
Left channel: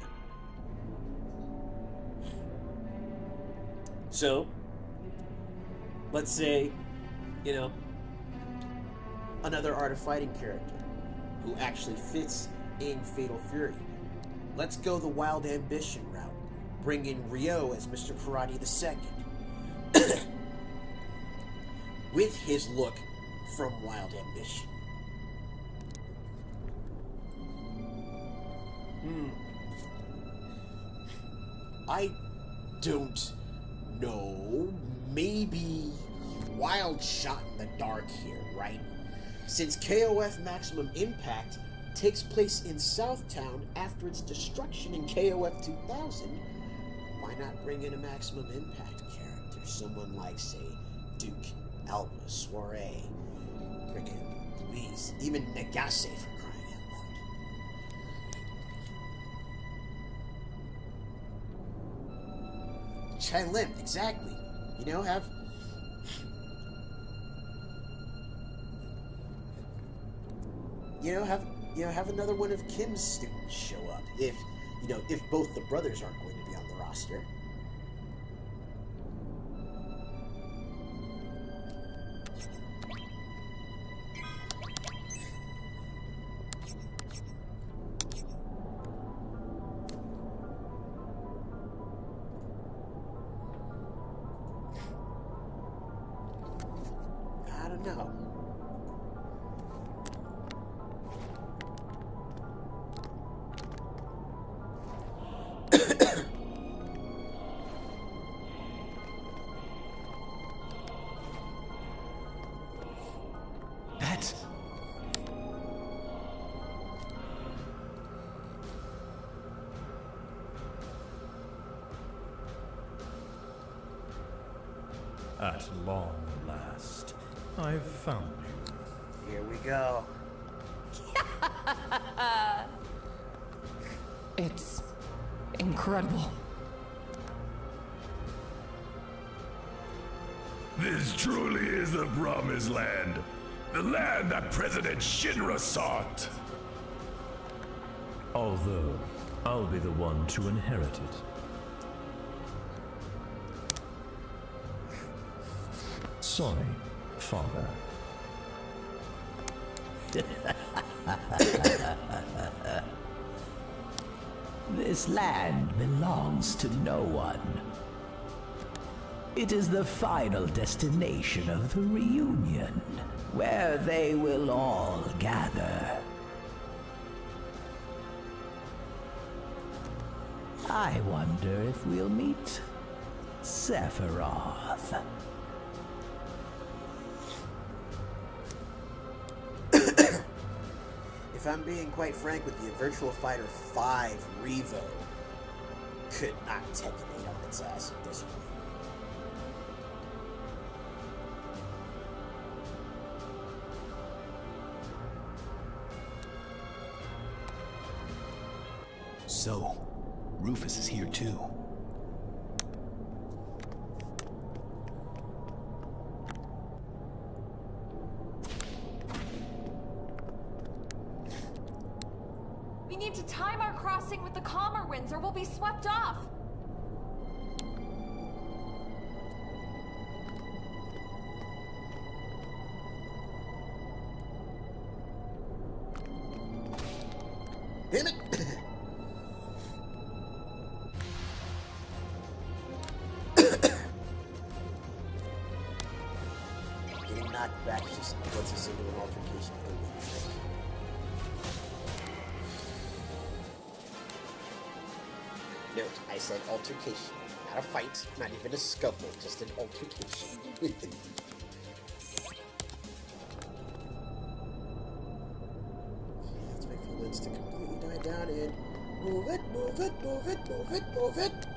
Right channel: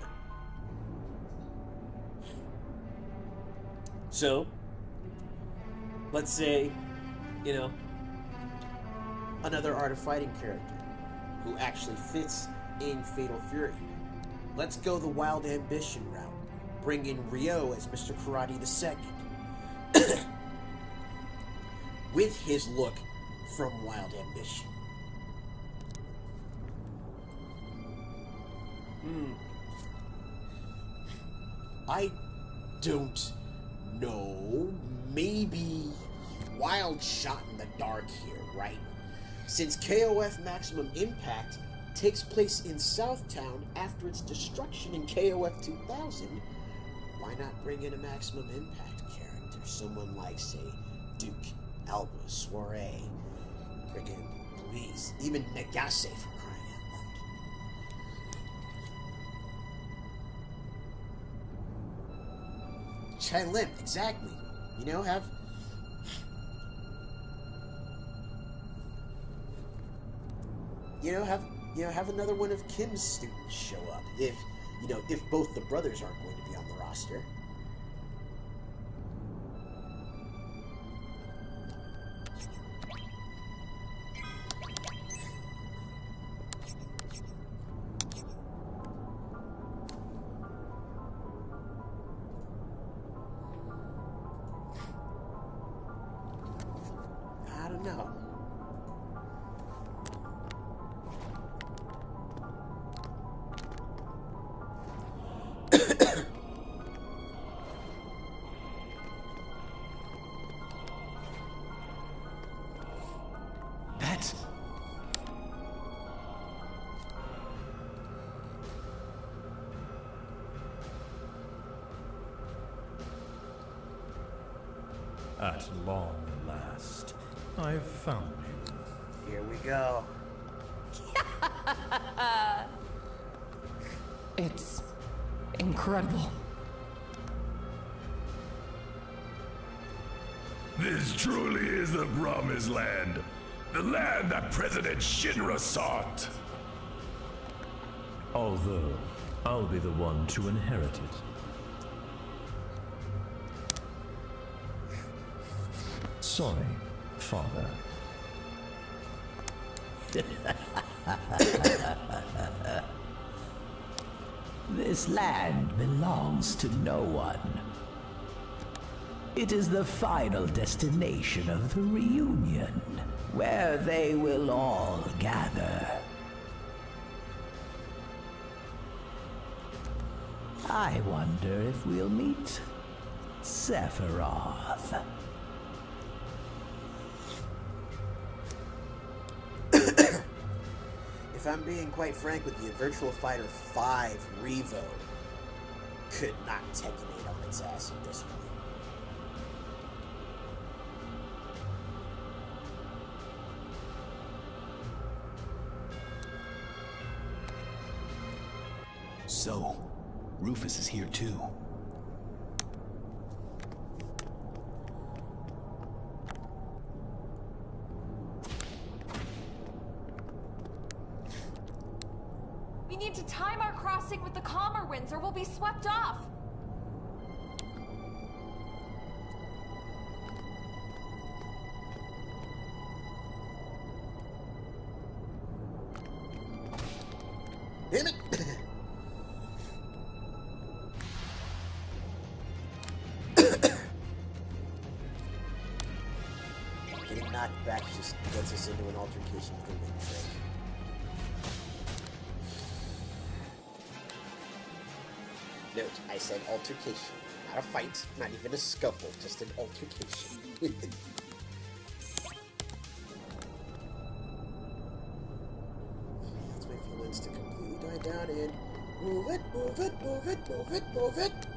So, let's say, another Art of Fighting character who actually fits in Fatal Fury. Let's go the Wild Ambition route. Bring in Ryo as Mr. Karate II. With his look from Wild Ambition. I don't know. Maybe wild shot in the dark here, right? Since KOF Maximum Impact takes place in Southtown after its destruction in KOF 2000, why not bring in a Maximum Impact character? Someone like, say, Duke, Alba, Soiree, friggin' Louise, even Nagase for crying out loud. Chai Lim, exactly. Have another one of Kim's students show up if both the brothers aren't going to be on the roster. I don't know. At long last. last, I've found you. Here we go. It's incredible. This truly is the promised land. The land that President Shinra sought. Although, I'll be the one to inherit it. Sorry, Father. This land belongs to no one. It is the final destination of the reunion, where they will all gather. I wonder if we'll meet Sephiroth. If I'm being quite frank with you, Virtual Fighter 5 Revo could knock Tekken 8 on its ass at this point. So, Rufus is here too. We need to time our crossing with the calmer winds or we'll be swept off. Damn it! Getting knocked back just gets us into an altercation with the wind break. Note, I said altercation, not a fight, not even a scuffle, just an altercation. That's my feelings to completely die down and move it, move it, move it, move it, move it.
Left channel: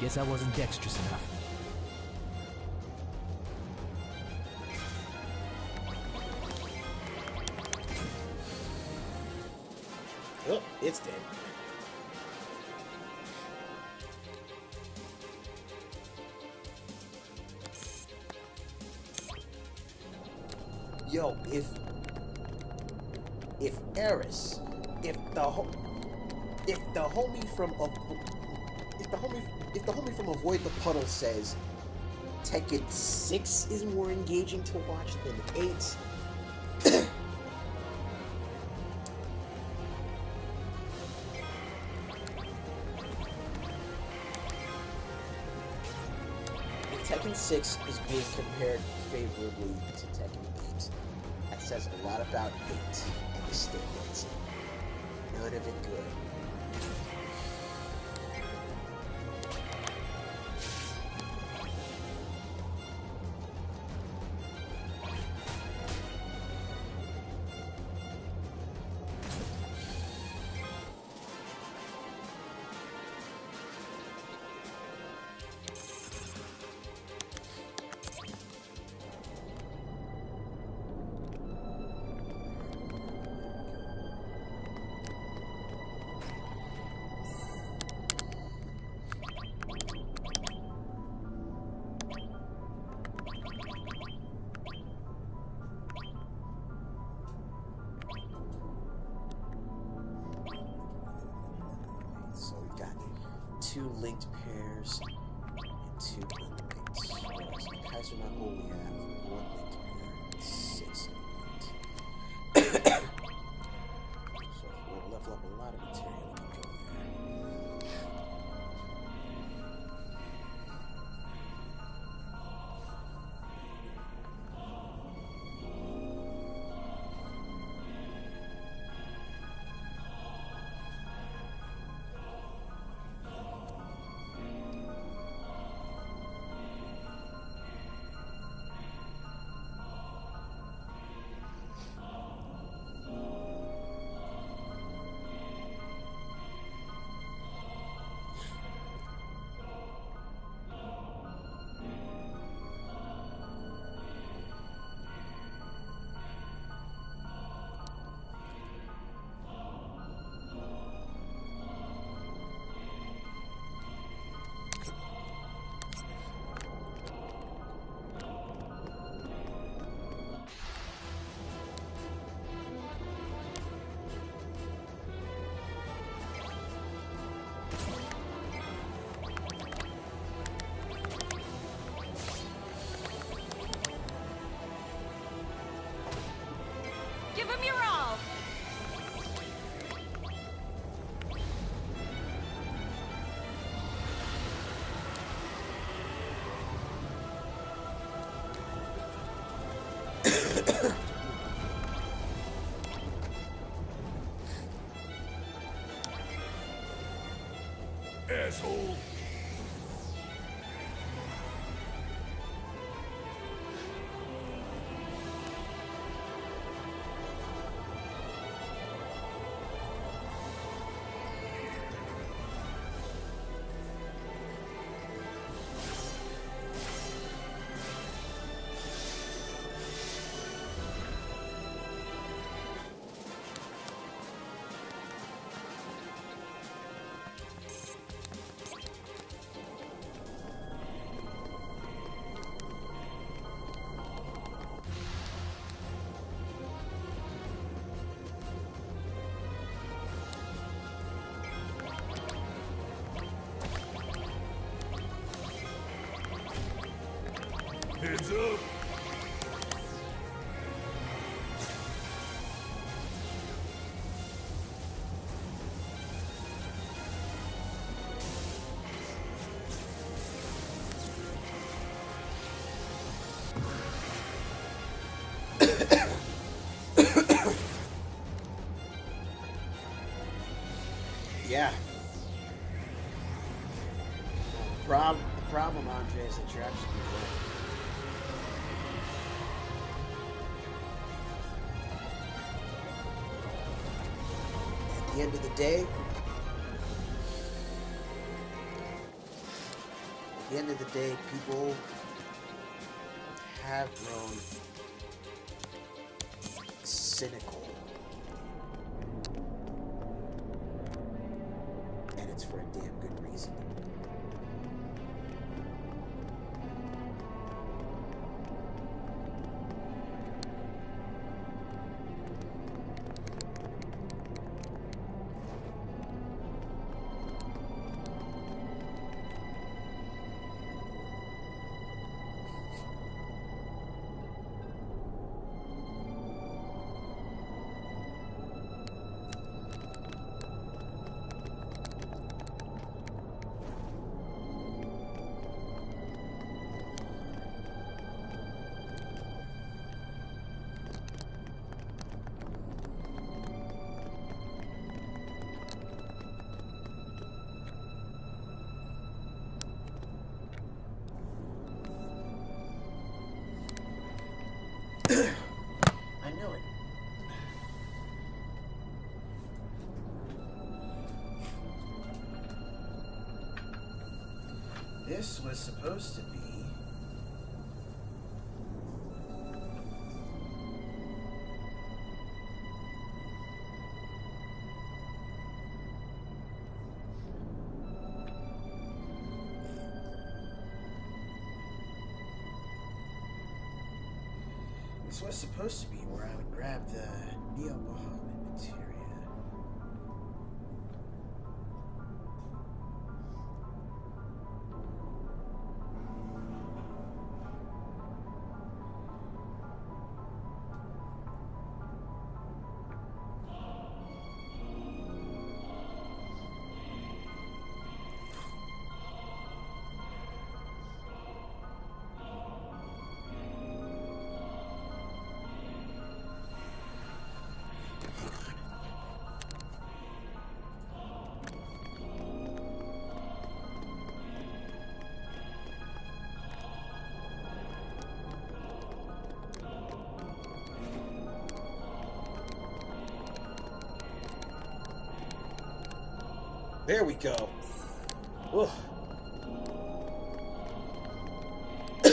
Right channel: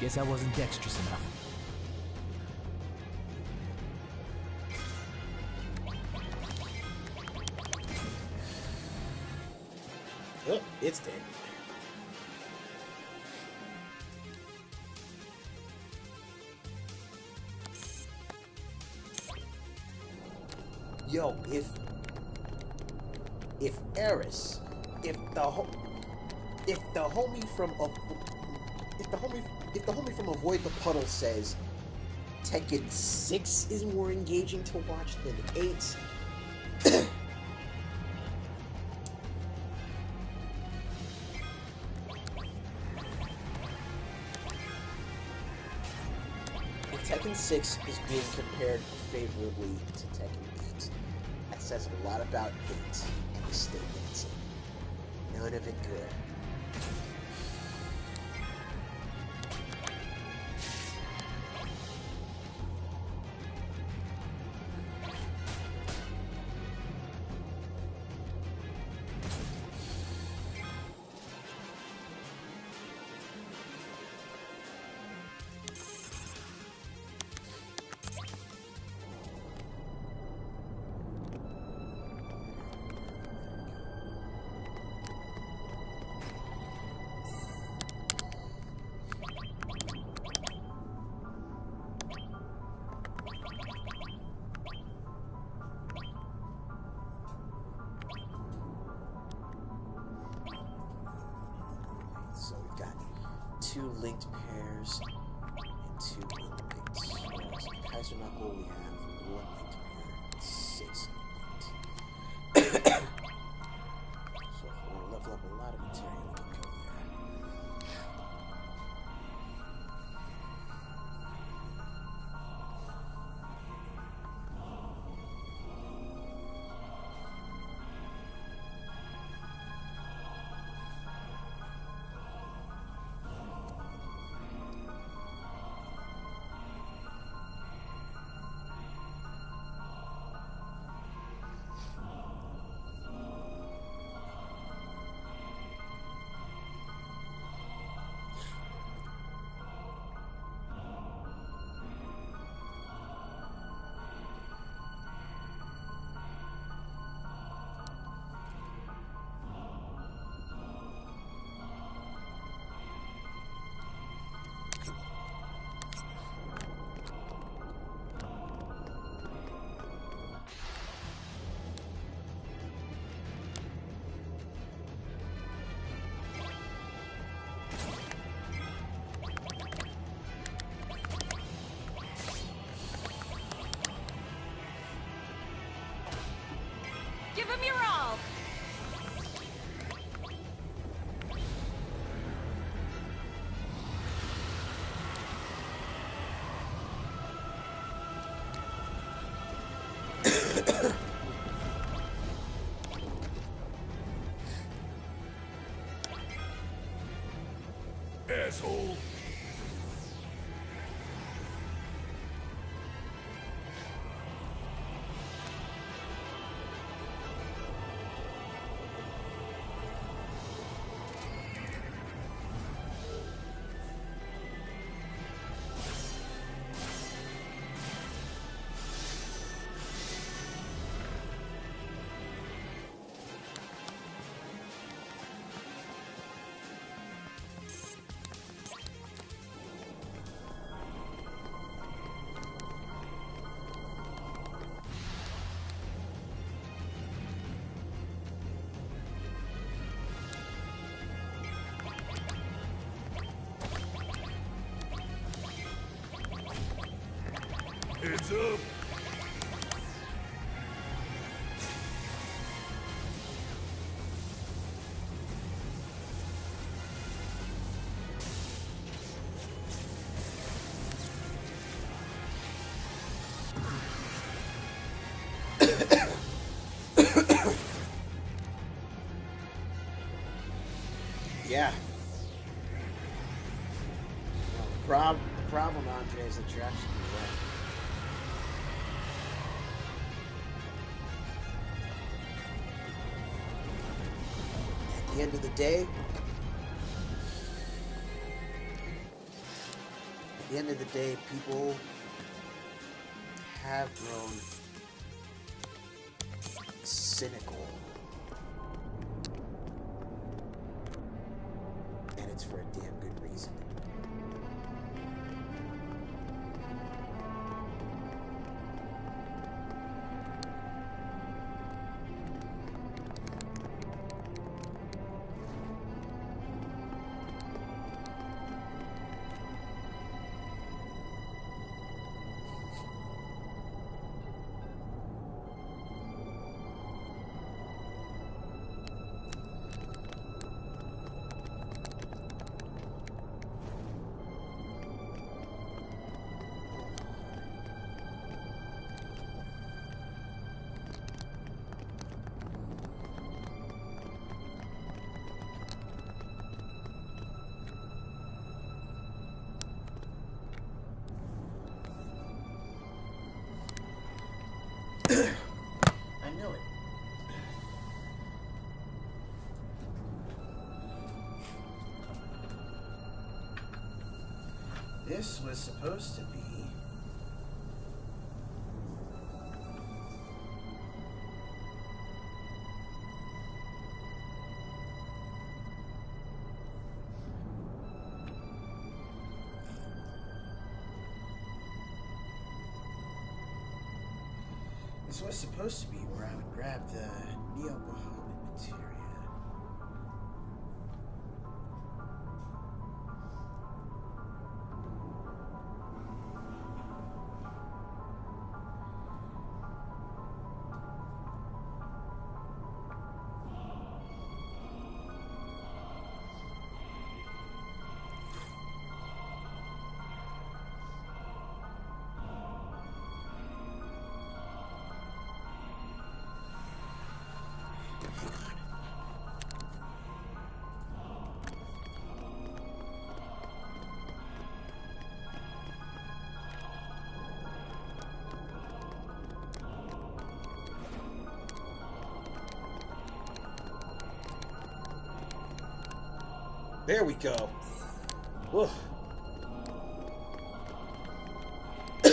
Guess I wasn't dexterous enough. Oh, it's dead. Yo, if Eris, if the homie from Avoid the Puddle says Tekken 6 is more engaging to watch than 8, if Tekken 6 is being compared favorably to Tekken 8, that says a lot about 8 and the state that it's in. None of it good. So we've got 2 linked pairs and 2 unlinked. Whereas in Kaiser Knuckle we have 1 linked pair and 6 unlinked. level up a lot of material when you go there. Give him your all! Asshole. Heads up. Yeah. No, the problem, Andre, is that you're absolutely right. At the end of the day, people have grown cynical. And it's for a damn good reason. I knew it. This was supposed to be where I would grab the Neo-Bahamut materia. There we go. Ugh. I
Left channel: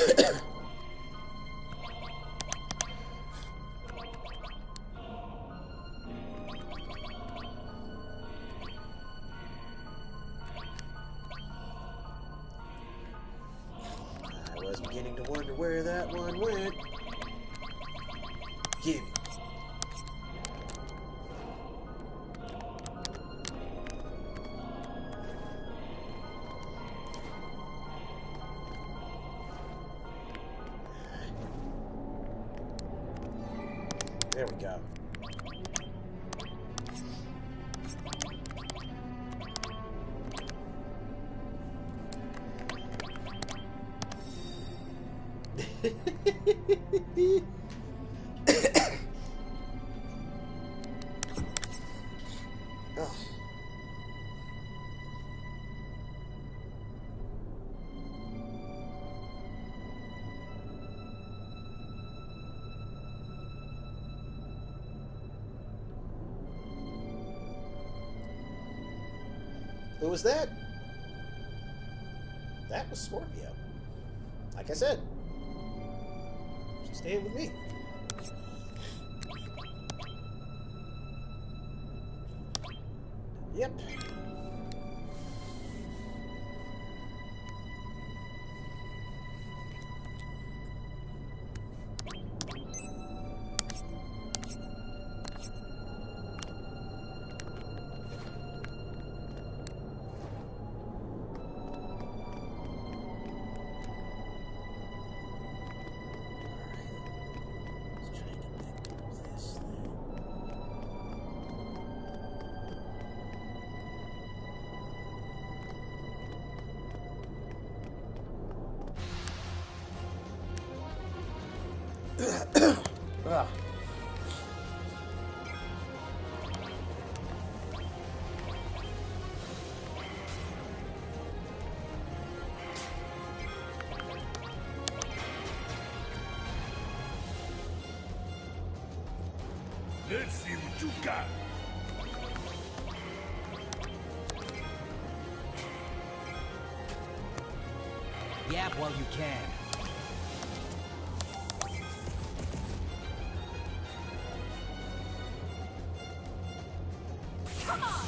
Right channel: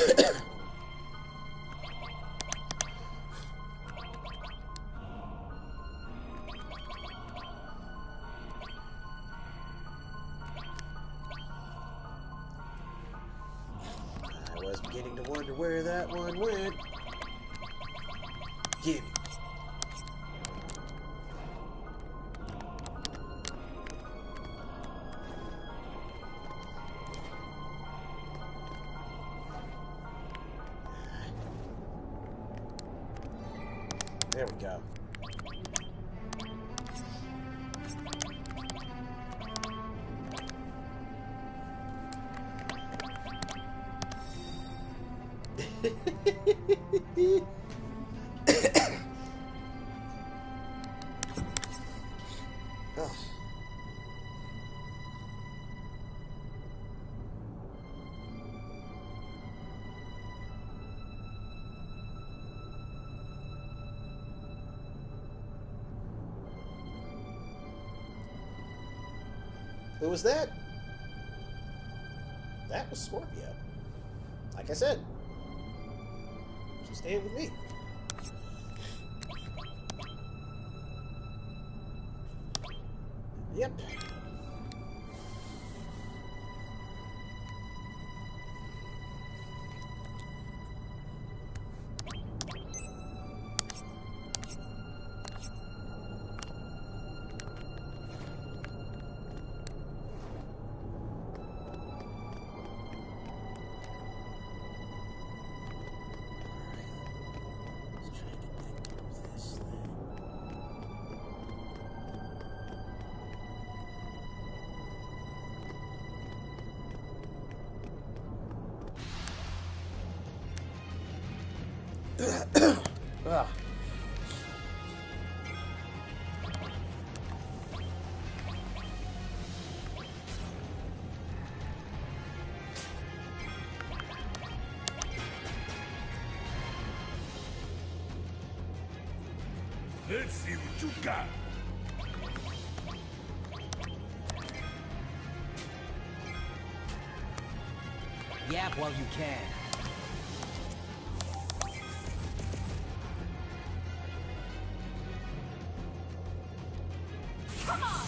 was beginning to wonder where that one went. Gimme. There we go. Ugh. Who was that? That was Scorpio. Like I said, she's staying with me. Yep. Let's try to get back through this thing. Ugh. Let's see what you got. Yap while you can. Come on!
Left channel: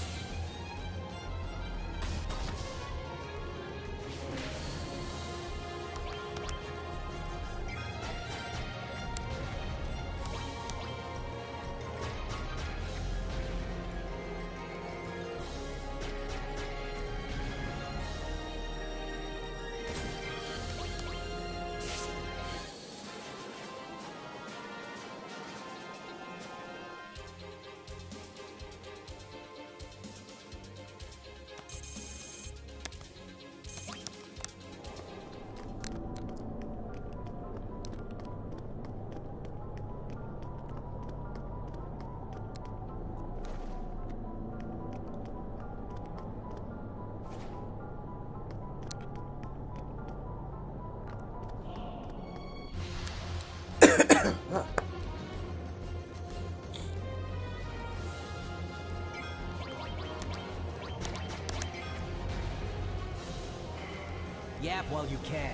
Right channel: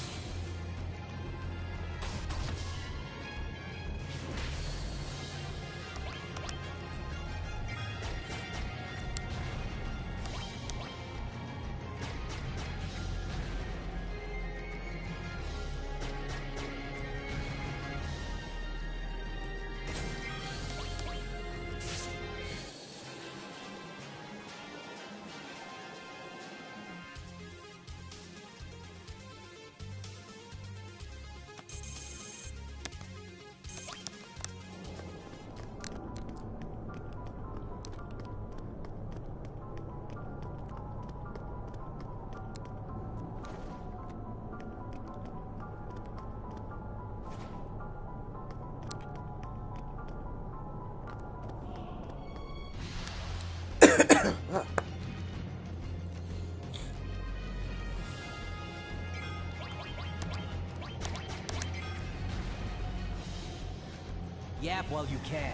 Yap while you can.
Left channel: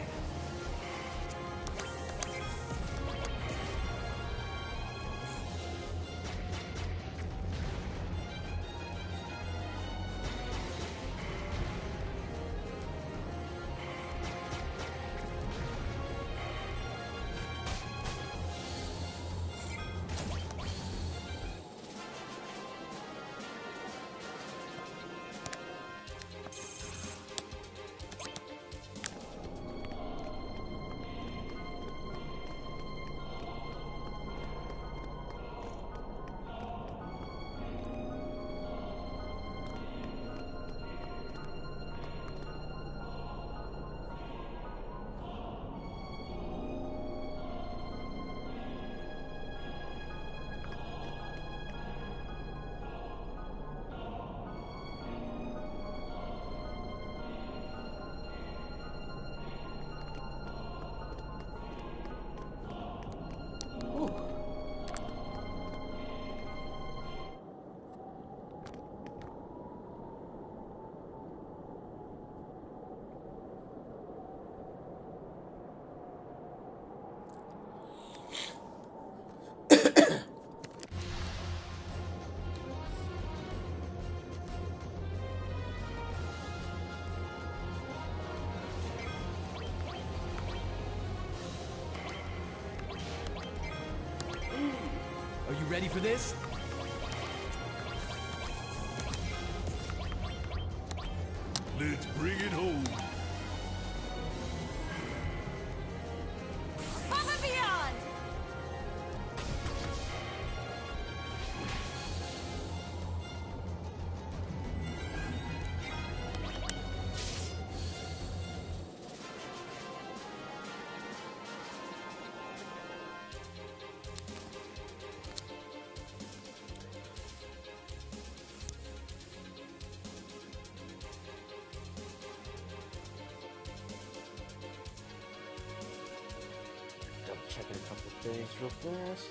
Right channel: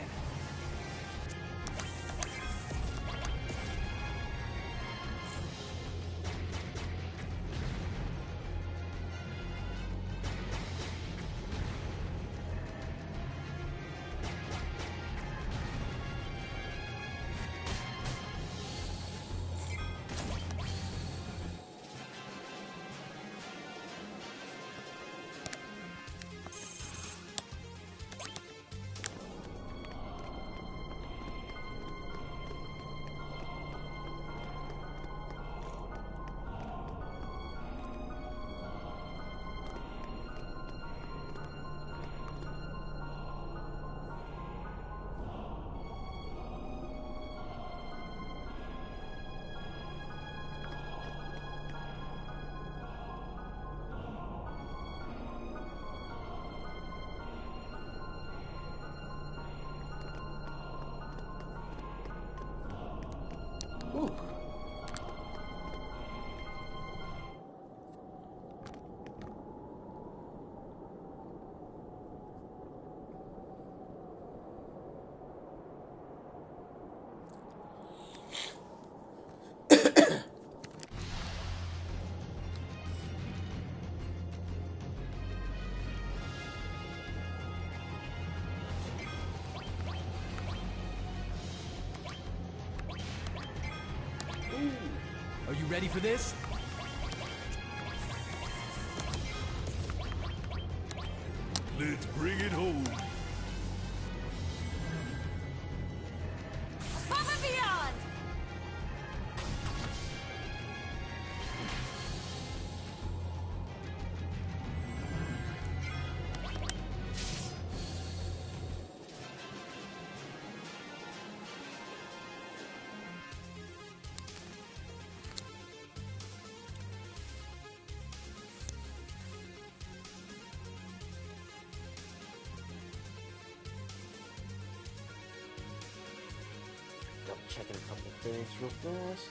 Whew. You ready for this? Let's bring it home. Above and beyond! Double checking a couple things real fast.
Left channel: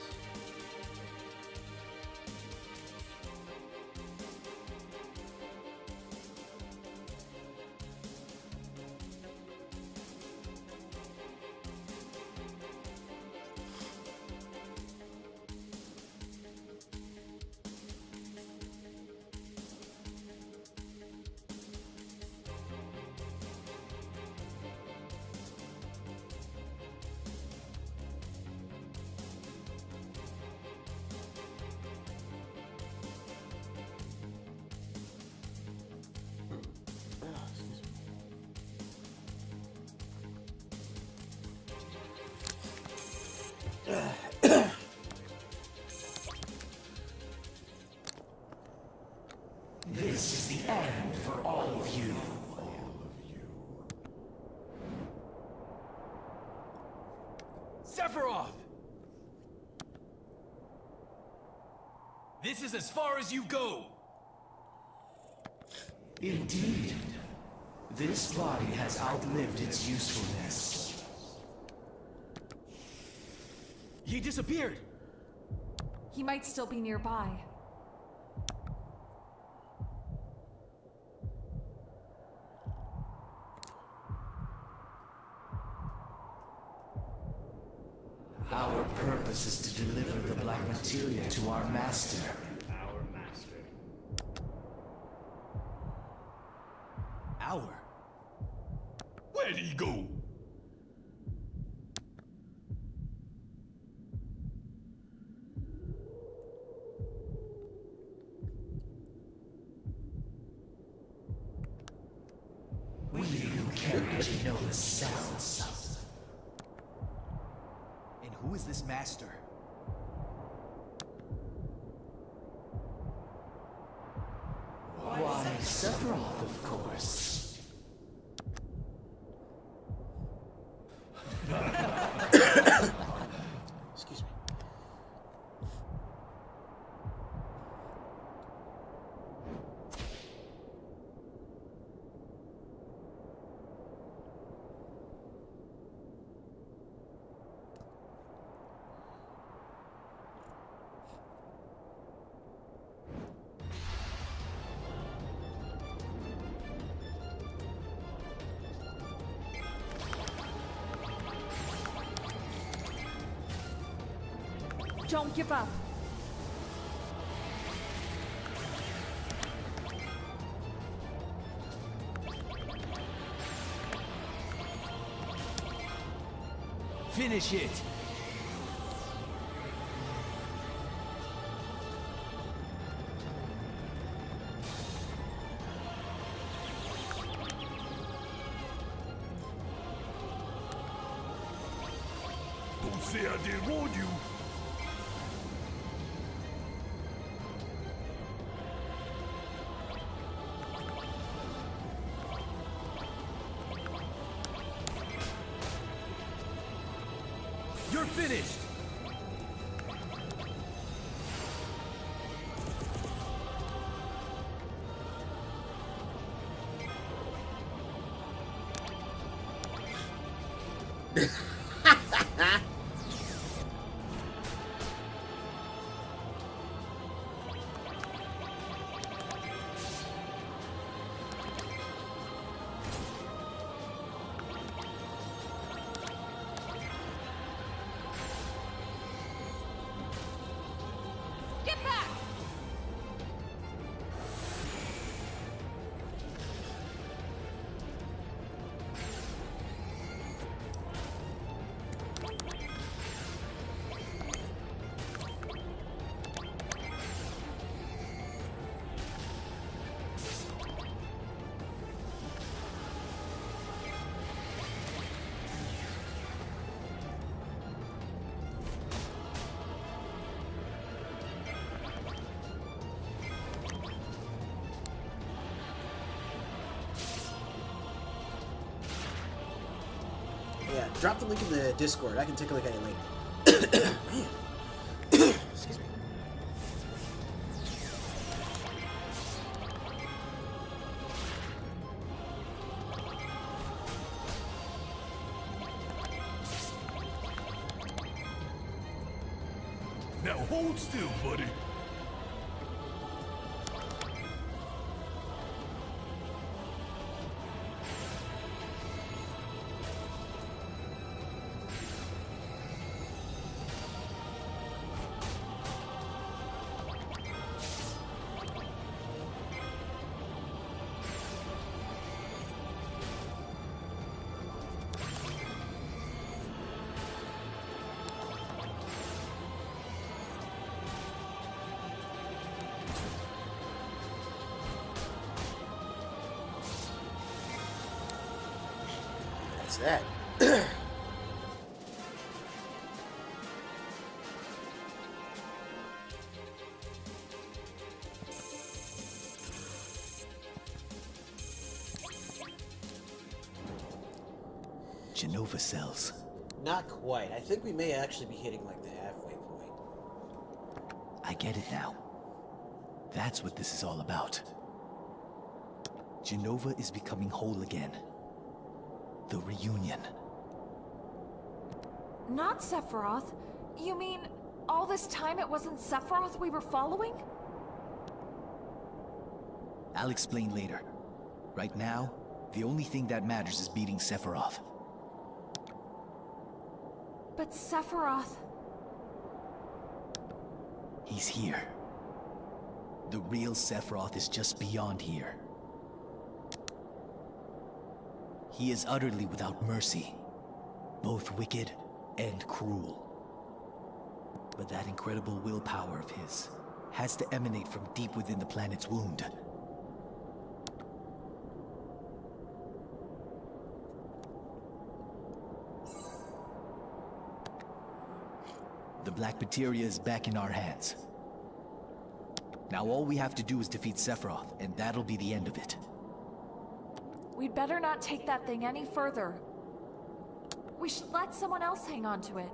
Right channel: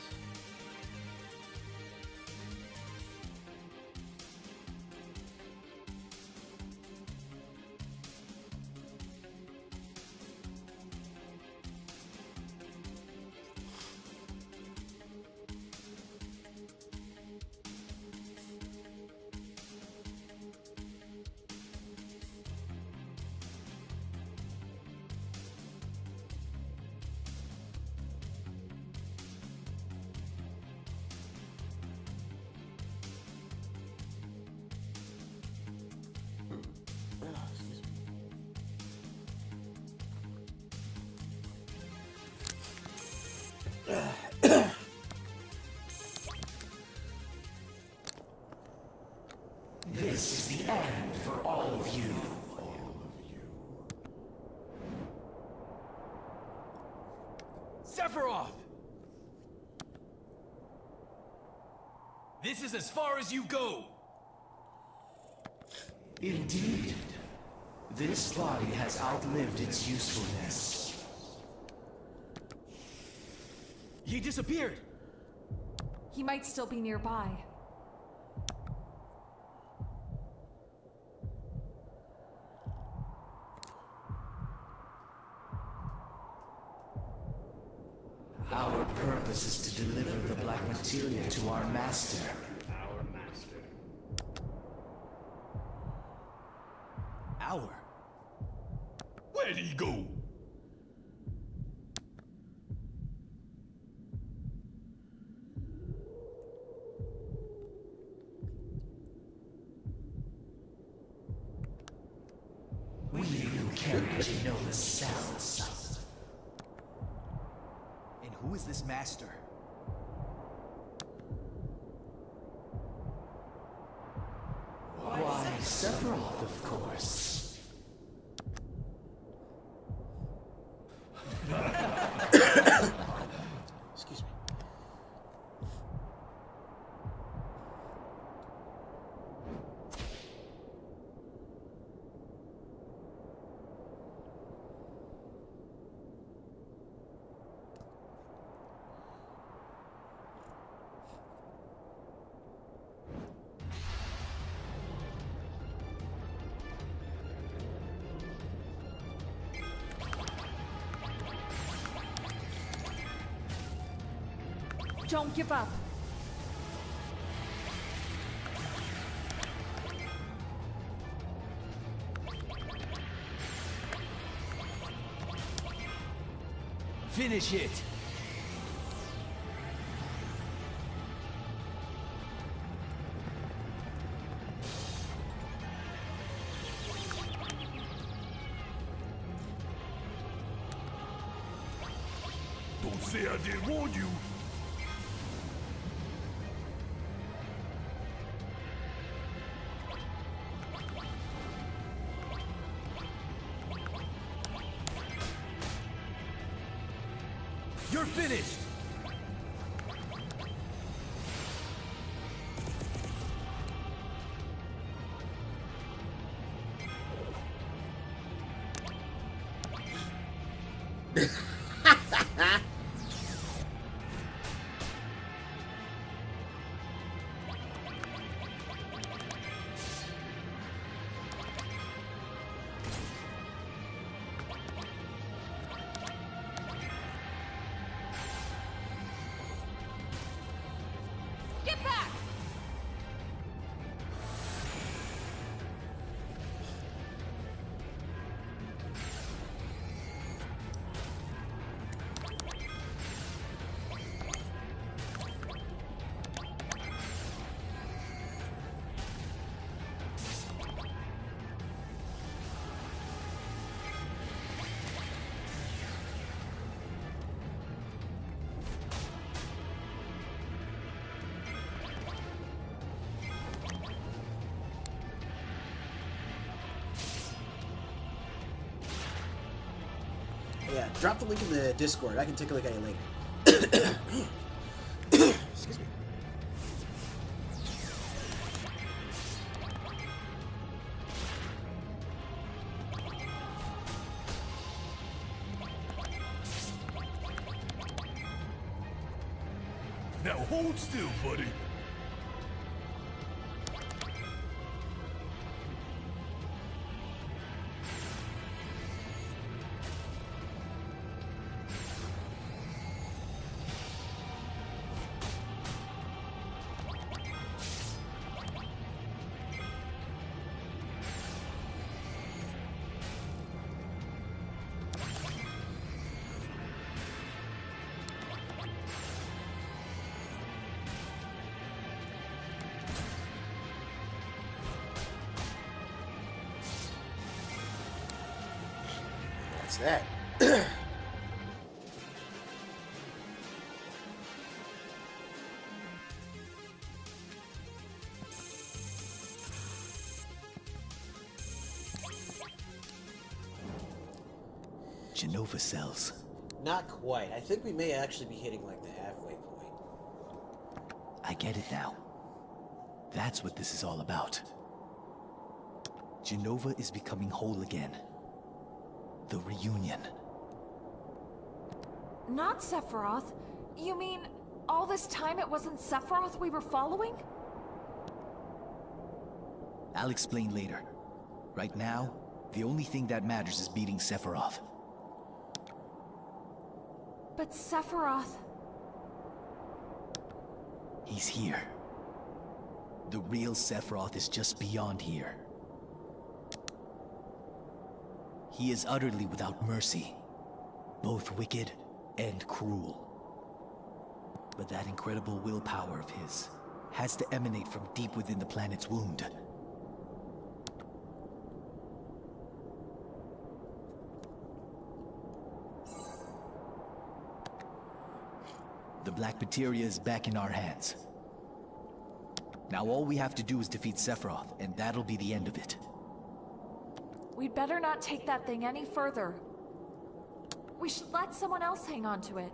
Excuse me. This is the end for all of you. Sephiroth! This is as far as you go! Indeed. This body has outlived its usefulness. He disappeared! He might still be nearby. Our purpose is to deliver the black materia to our master. Our? Where'd he go? We who carry Genoa's cells. And who is this master? Why, Sephiroth, of course. Excuse me. Don't give up. Finish it! Don't say I didn't warn you. You're finished! Get back! Yeah, drop the link in the Discord. I can take a look at it later. Excuse me. Now hold still, buddy. That's that. Genova cells. Not quite. I think we may actually be hitting like the halfway point. I get it now. That's what this is all about. Genova is becoming whole again. The reunion. Not Sephiroth. You mean all this time it wasn't Sephiroth we were following? I'll explain later. Right now, the only thing that matters is beating Sephiroth. But Sephiroth... He's here. The real Sephiroth is just beyond here. He is utterly without mercy, both wicked and cruel. But that incredible willpower of his has to emanate from deep within the planet's wound. The black materia is back in our hands. Now all we have to do is defeat Sephiroth, and that'll be the end of it. We'd better not take that thing any further. We should let someone else hang on to it.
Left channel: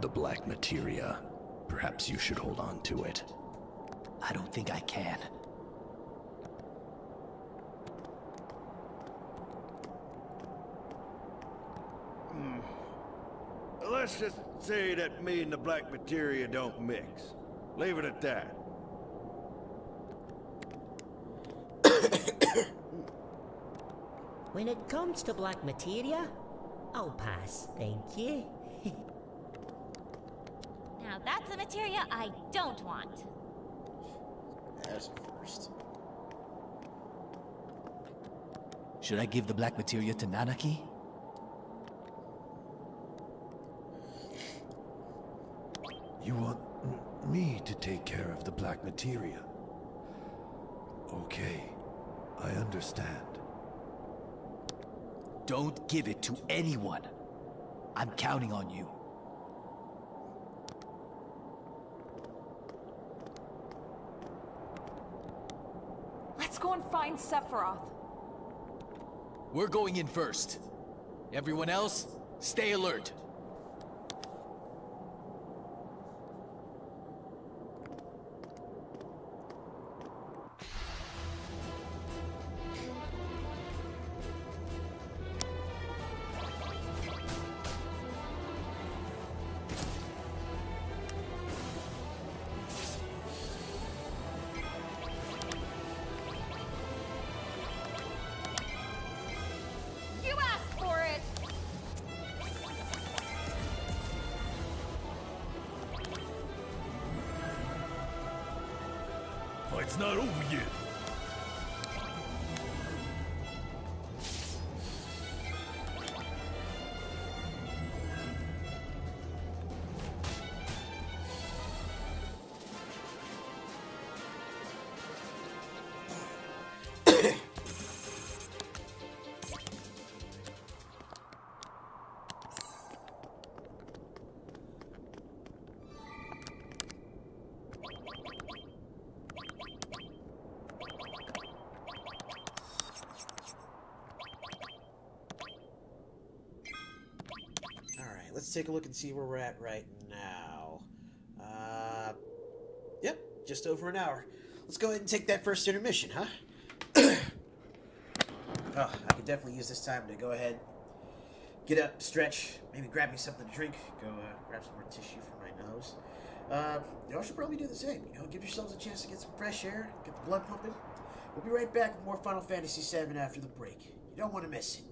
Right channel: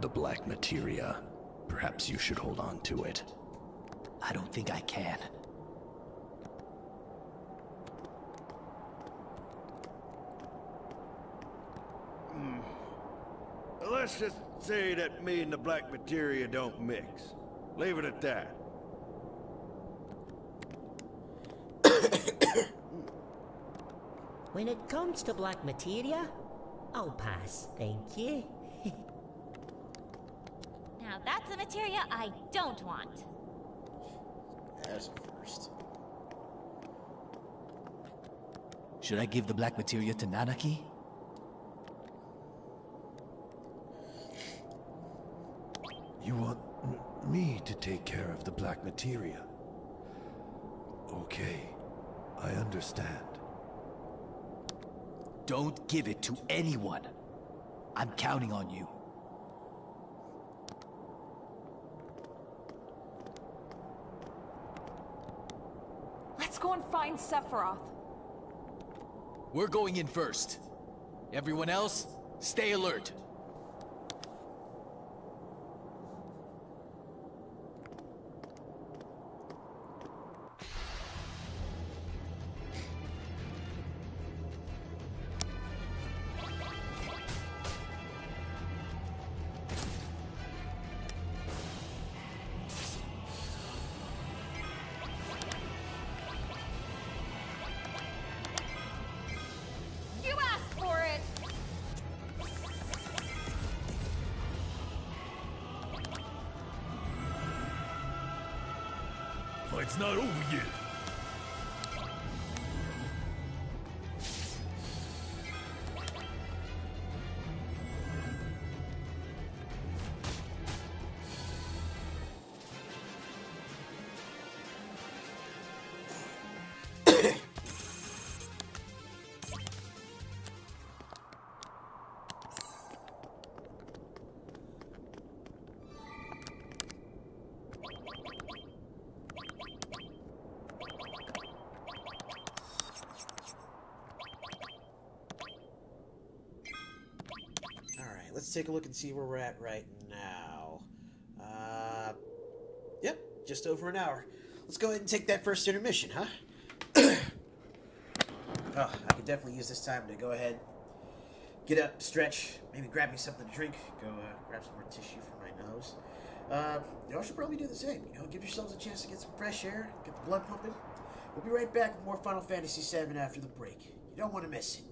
The black materia. Perhaps you should hold on to it. I don't think I can. Let's just say that me and the black materia don't mix. Leave it at that. When it comes to black materia, I'll pass, thank you. Now that's a materia I don't want. That's a first. Should I give the black materia to Nanaki? You want me to take care of the black materia? Okay, I understand. Don't give it to anyone. I'm counting on you. Let's go and find Sephiroth. We're going in first. Everyone else, stay alert. You asked for it! Fight's not over yet. let's take a look and see where we're at right now. Yep, just over an hour. Let's go ahead and take that first intermission, huh? Oh, I could definitely use this time to go ahead, get up, stretch, maybe grab me something to drink, go grab some more tissue for my nose. Y'all should probably do the same. Give yourselves a chance to get some fresh air, get the blood pumping. We'll be right back with more Final Fantasy VII after the break. You don't want to miss it.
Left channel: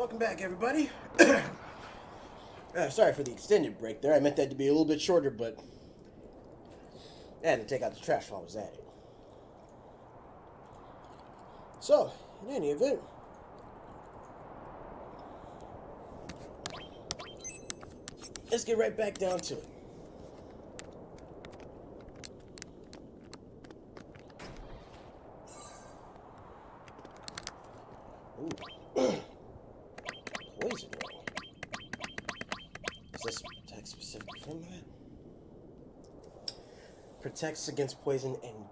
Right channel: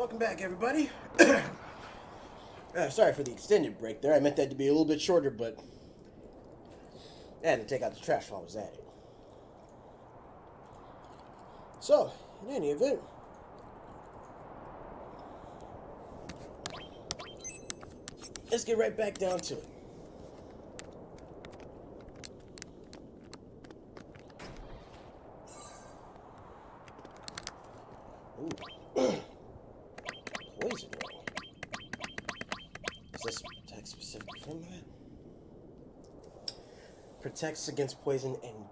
Welcome back, everybody. Sorry for the extended break there. I meant that to be a little bit shorter, but I had to take out the trash while I was at it. So, in any event, let's get right back down to it. Ooh. Poison ring. Is this protect specifically from that? Protects against poison and...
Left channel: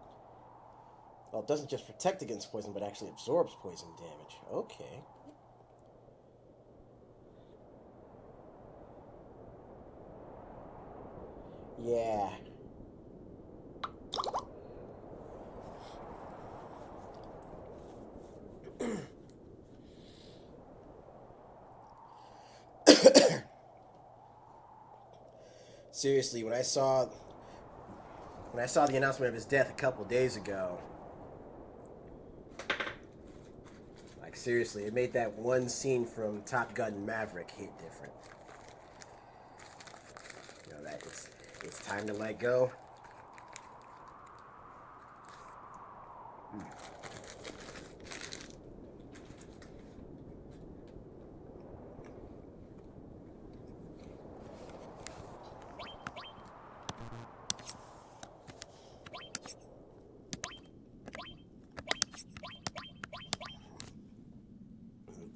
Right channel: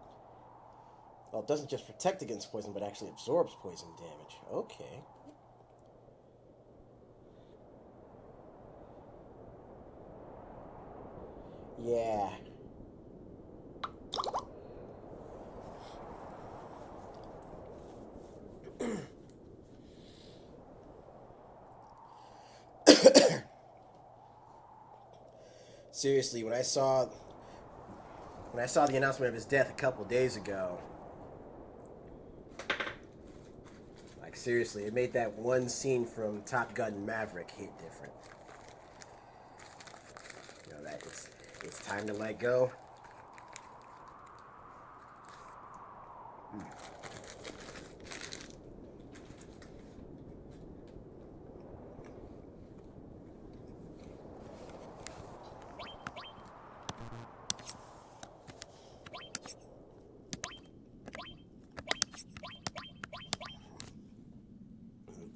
Well, it doesn't just protect against poison, but actually absorbs poison damage. Okay. Yeah. Seriously, when I saw the announcement of his death a couple days ago, like seriously, it made that one scene from Top Gun Maverick hit different. You know that it's time to let go.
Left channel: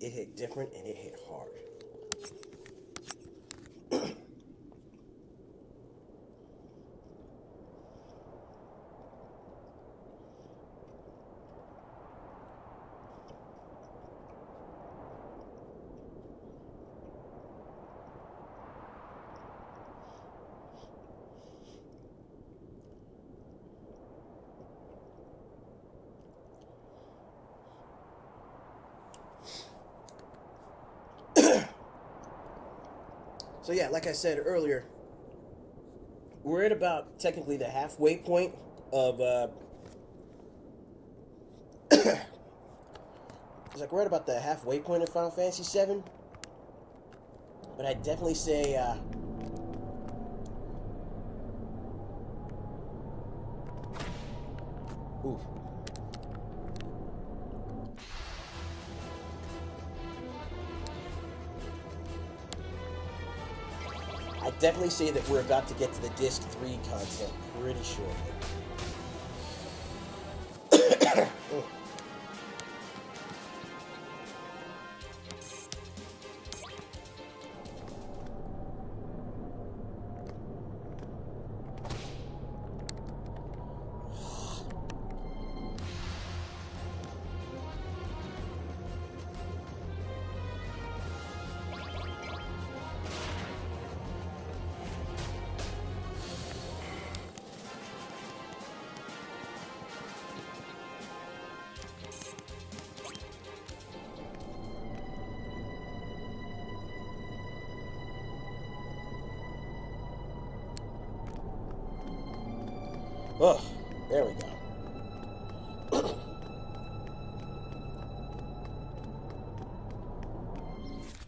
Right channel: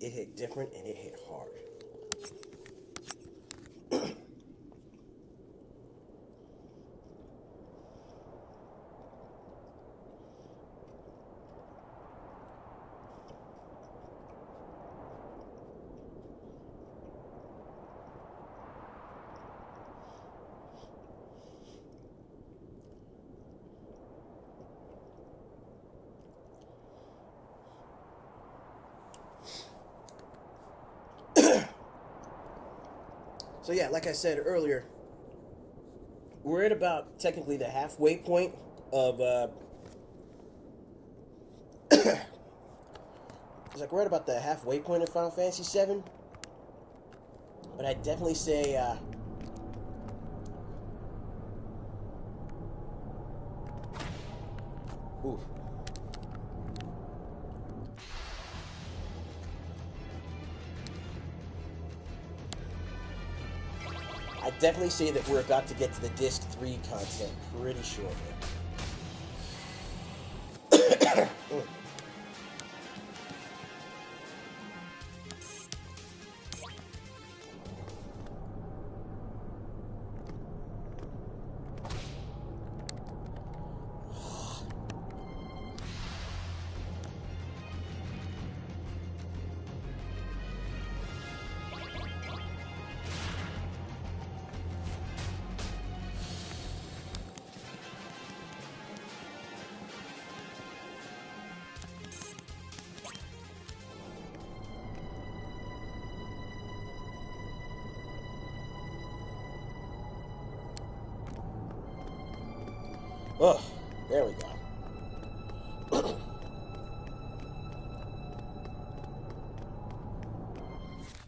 It hit different and it hit hard. So yeah, like I said earlier, we're at about technically the halfway point of it's like we're at about the halfway point of Final Fantasy VII. But I'd definitely say oof. I definitely say that we're about to get to the Disc 3 content pretty shortly. Oh, there we go.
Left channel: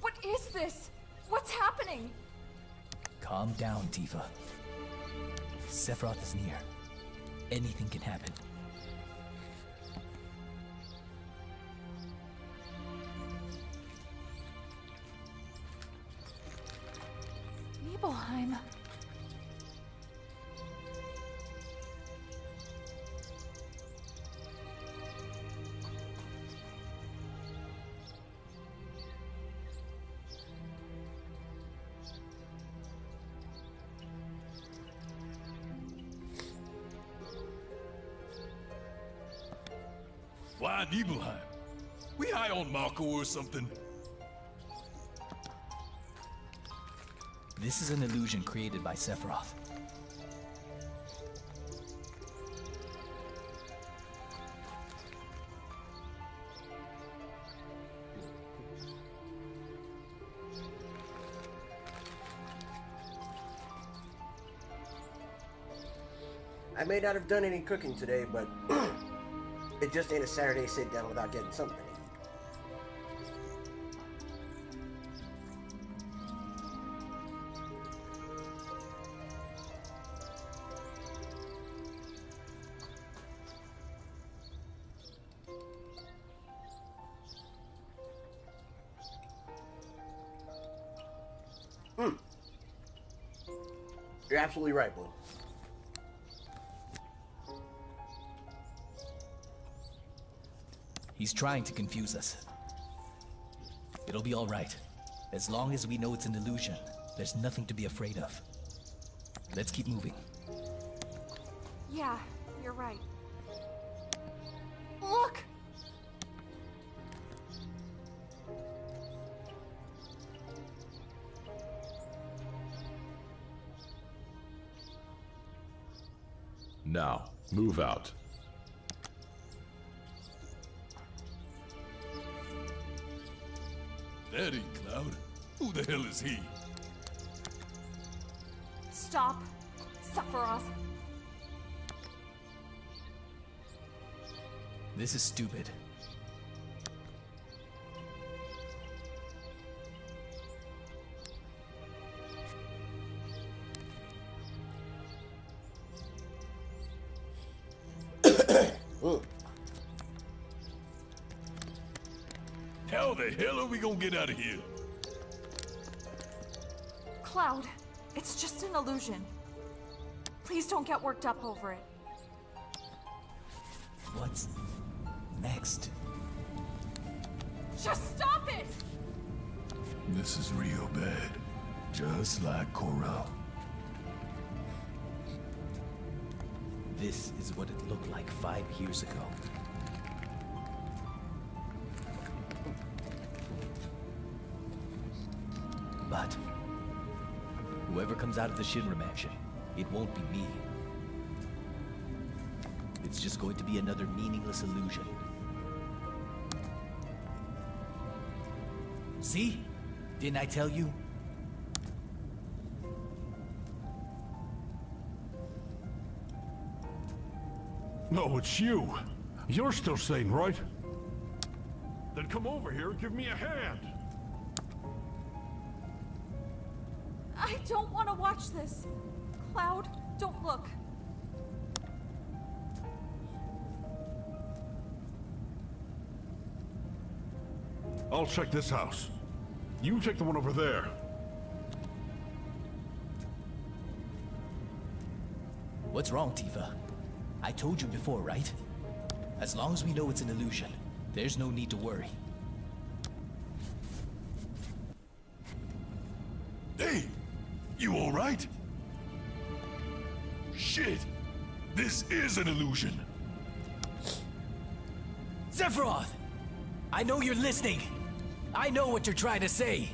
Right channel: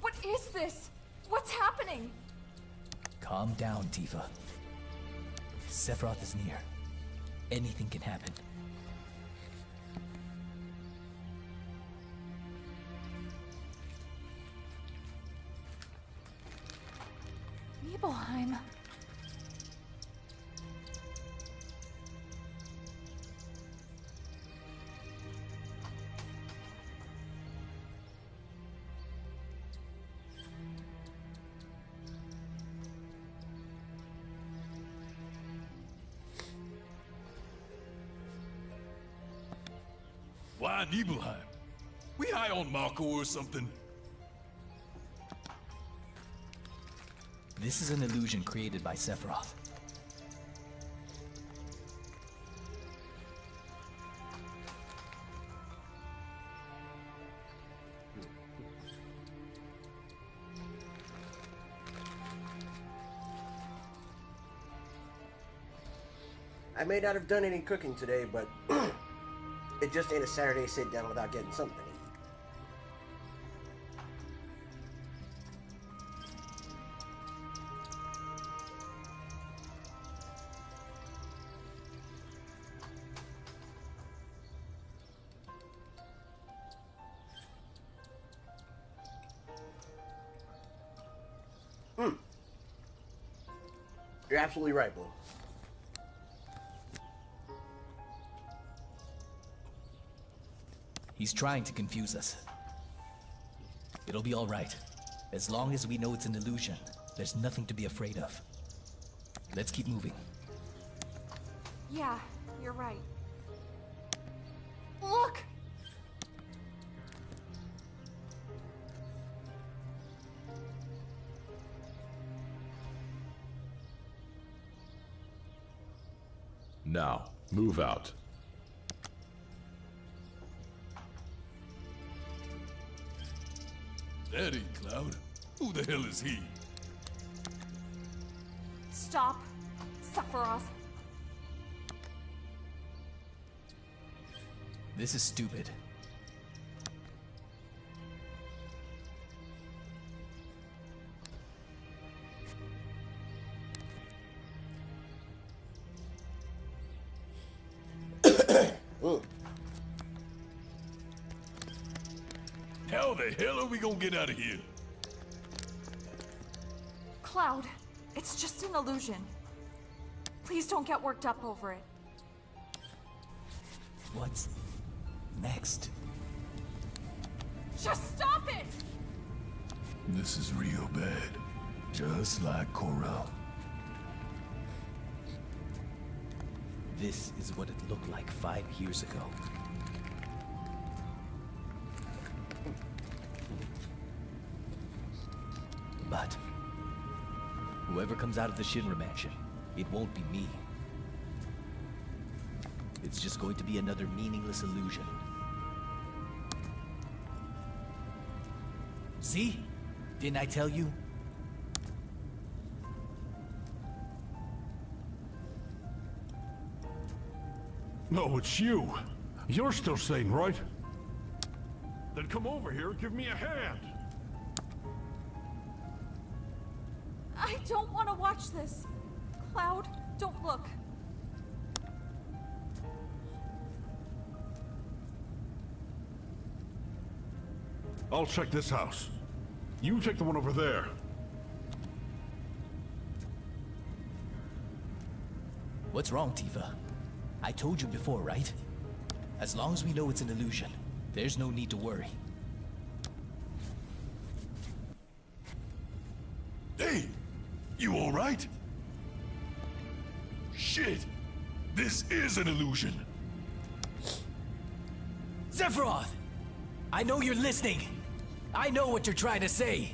What is this? What's happening? Calm down, Tifa. Sephiroth is near. Anything can happen. Nibelheim. Why Nibelheim? We high on Marco or something? This is an illusion created by Sephiroth. I may not have done any cooking today, but it just ain't a Saturday sit down without getting something to eat. You're absolutely right, Blue. He's trying to confuse us. It'll be all right. As long as we know it's an illusion, there's nothing to be afraid of. Let's keep moving. Yeah, you're right. Look! Now, move out. That ain't Cloud. Who the hell is he? Stop. Sephiroth. This is stupid. How the hell are we gonna get out of here? Cloud, it's just an illusion. Please don't get worked up over it. What's next? Just stop it! This is real bad. Just like Corral. This is what it looked like 5 years ago. But whoever comes out of the Shinra mansion, it won't be me. It's just going to be another meaningless illusion. See? Didn't I tell you? No, it's you. You're still sane, right? Then come over here and give me a hand. I don't want to watch this. Cloud, don't look. I'll check this house. You take the one over there. What's wrong, Tifa? I told you before, right? As long as we know it's an illusion, there's no need to worry. Hey! You alright? Shit! This is an illusion! Sephiroth! I know you're listening! I know what you're trying to say!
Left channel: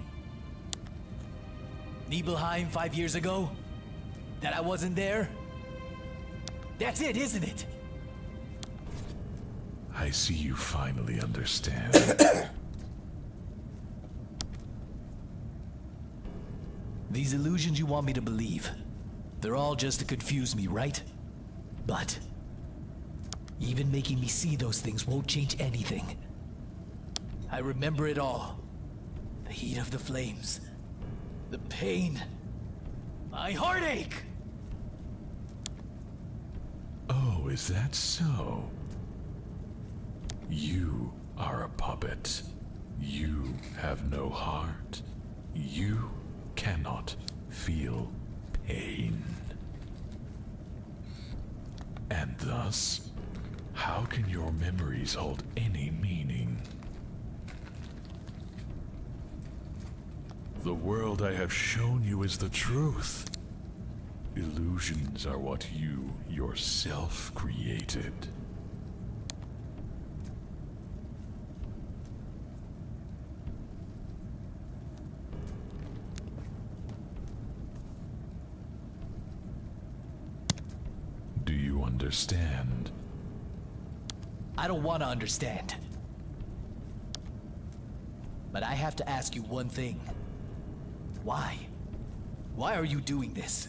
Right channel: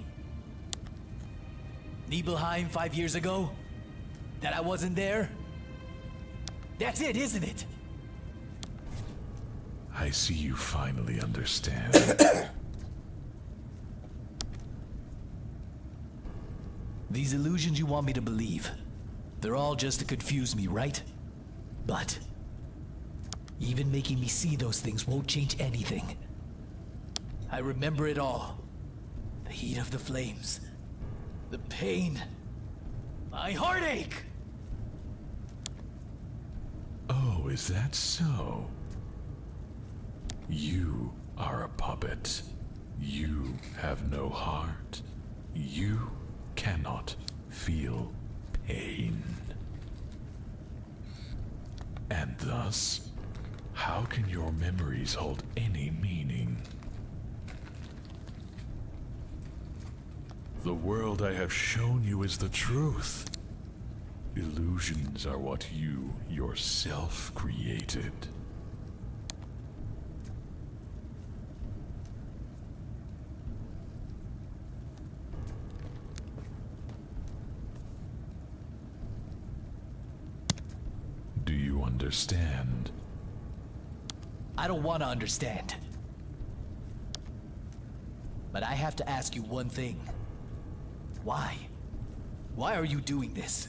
Nibelheim 5 years ago? That I wasn't there? That's it, isn't it? I see you finally understand. These illusions you want me to believe, they're all just to confuse me, right? But even making me see those things won't change anything. I remember it all. The heat of the flames, the pain, my heartache! Oh, is that so? You are a puppet. You have no heart. You cannot feel pain. And thus, how can your memories hold any meaning? The world I have shown you is the truth. Illusions are what you yourself created. Do you understand? I don't want to understand. But I have to ask you one thing. Why? Why are you doing this?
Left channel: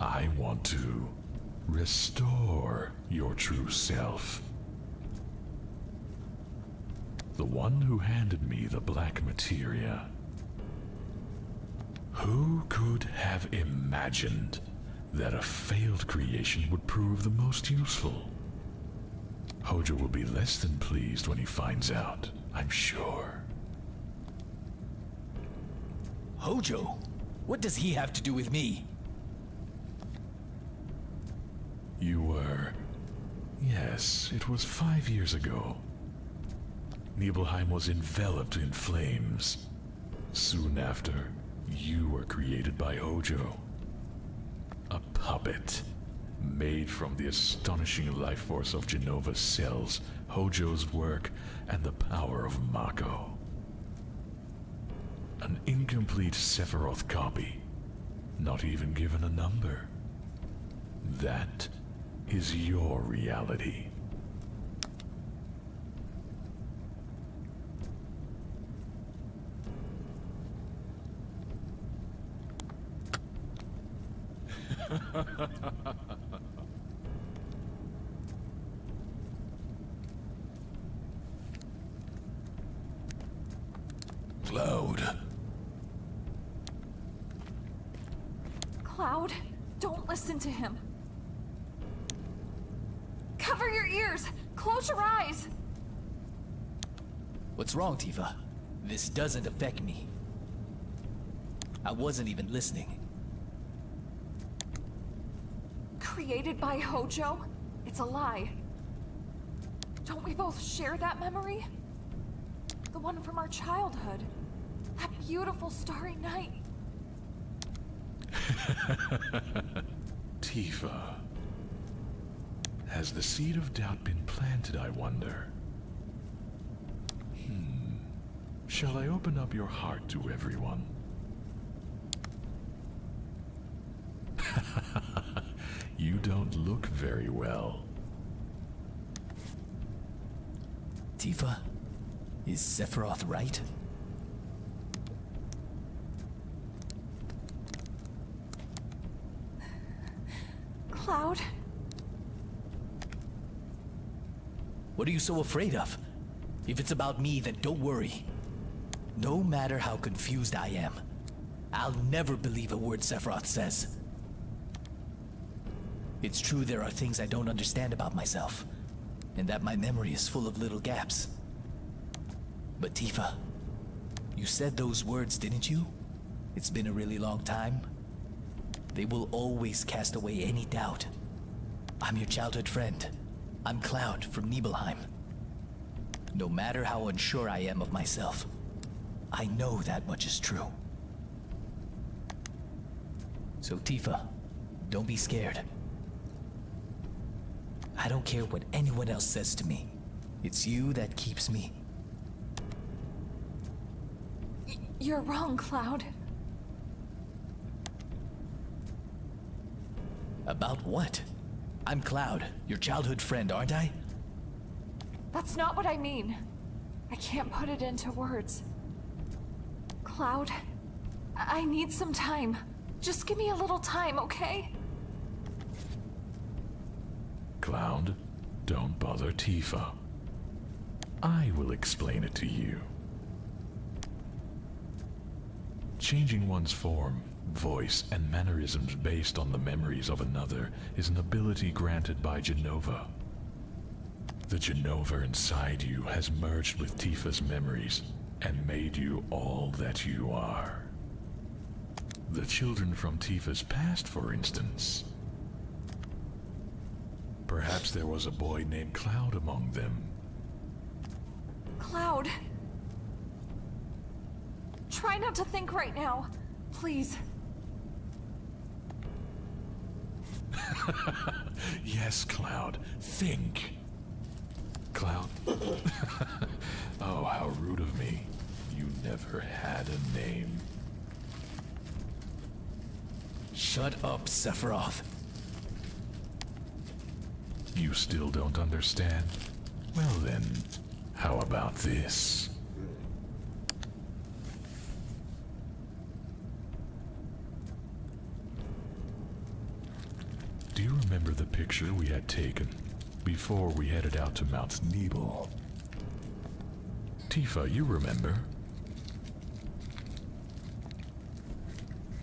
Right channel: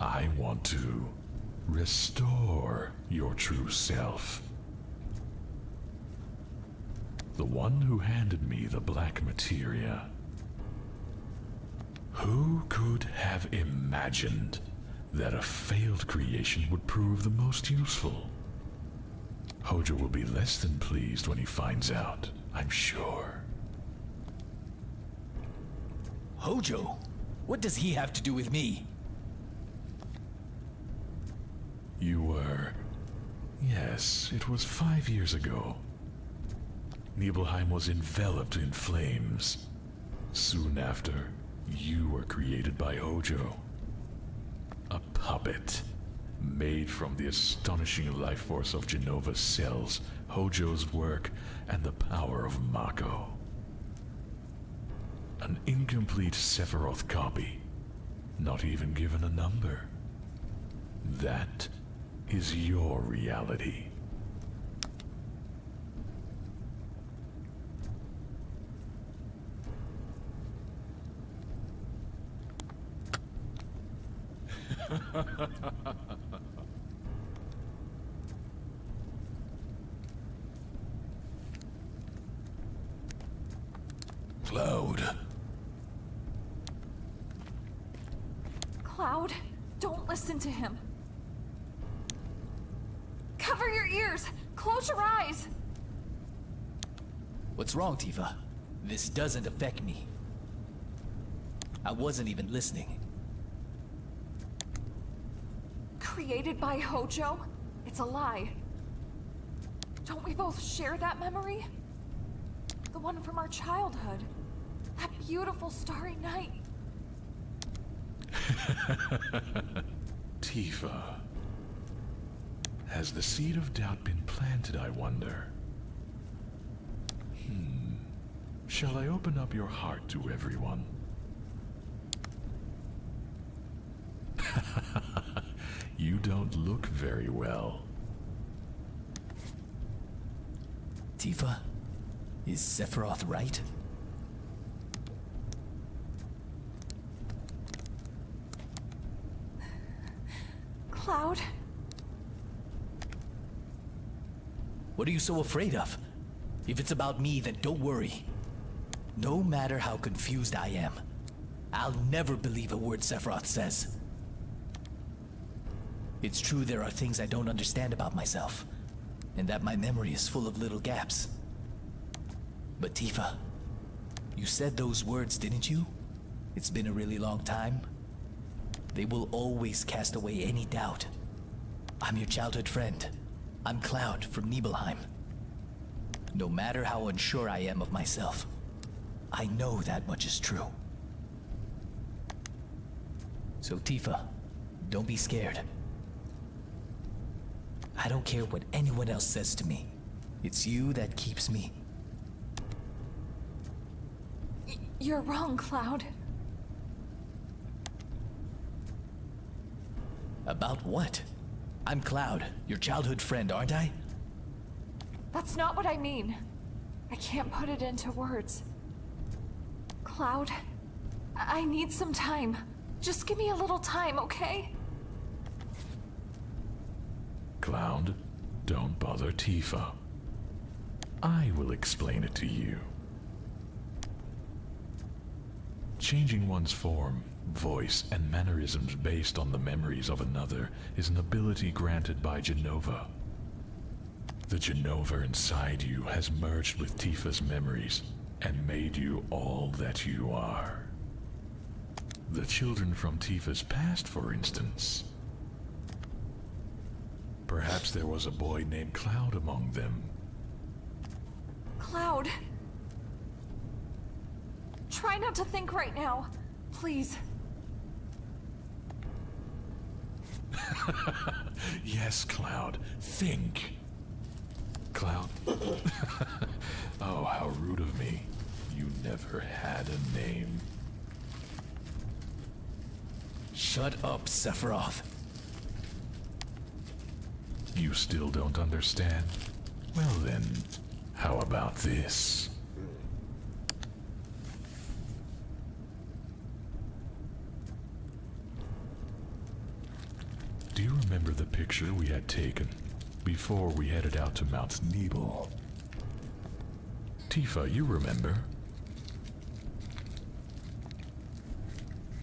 I want to restore your true self. The one who handed me the black materia. Who could have imagined that a failed creation would prove the most useful? Hojo will be less than pleased when he finds out, I'm sure. Hojo? What does he have to do with me? You were... Yes, it was 5 years ago. Nibelheim was enveloped in flames. Soon after, you were created by Hojo. A puppet, made from the astonishing life force of Genova's cells, Hojo's work, and the power of Mako. An incomplete Sephiroth copy, not even given a number. That is your reality. Cloud. Cloud, don't listen to him. Cover your ears! Close your eyes! What's wrong, Tifa? This doesn't affect me. I wasn't even listening. Created by Hojo? It's a lie. Don't we both share that memory? The one from our childhood. That beautiful starry night. Tifa. Has the seed of doubt been planted, I wonder? Shall I open up your heart to everyone? You don't look very well. Tifa, is Sephiroth right? Cloud? What are you so afraid of? If it's about me, then don't worry. No matter how confused I am, I'll never believe a word Sephiroth says. It's true there are things I don't understand about myself, and that my memory is full of little gaps. But Tifa, you said those words, didn't you? It's been a really long time. They will always cast away any doubt. I'm your childhood friend. I'm Cloud from Nibelheim. No matter how unsure I am of myself, I know that much is true. So Tifa, don't be scared. I don't care what anyone else says to me. It's you that keeps me. You're wrong, Cloud. About what? I'm Cloud, your childhood friend, aren't I? That's not what I mean. I can't put it into words. Cloud, I need some time. Just give me a little time, okay? Cloud, don't bother Tifa. I will explain it to you. Changing one's form, voice, and mannerisms based on the memories of another is an ability granted by Jenova. The Jenova inside you has merged with Tifa's memories and made you all that you are. The children from Tifa's past, for instance. Perhaps there was a boy named Cloud among them. Cloud. Try not to think right now, please. Yes, Cloud, think. Cloud. Oh, how rude of me. You never had a name. Shut up, Sephiroth. You still don't understand? Well then, how about this? Do you remember the picture we had taken before we headed out to Mount Nebel? Tifa, you remember?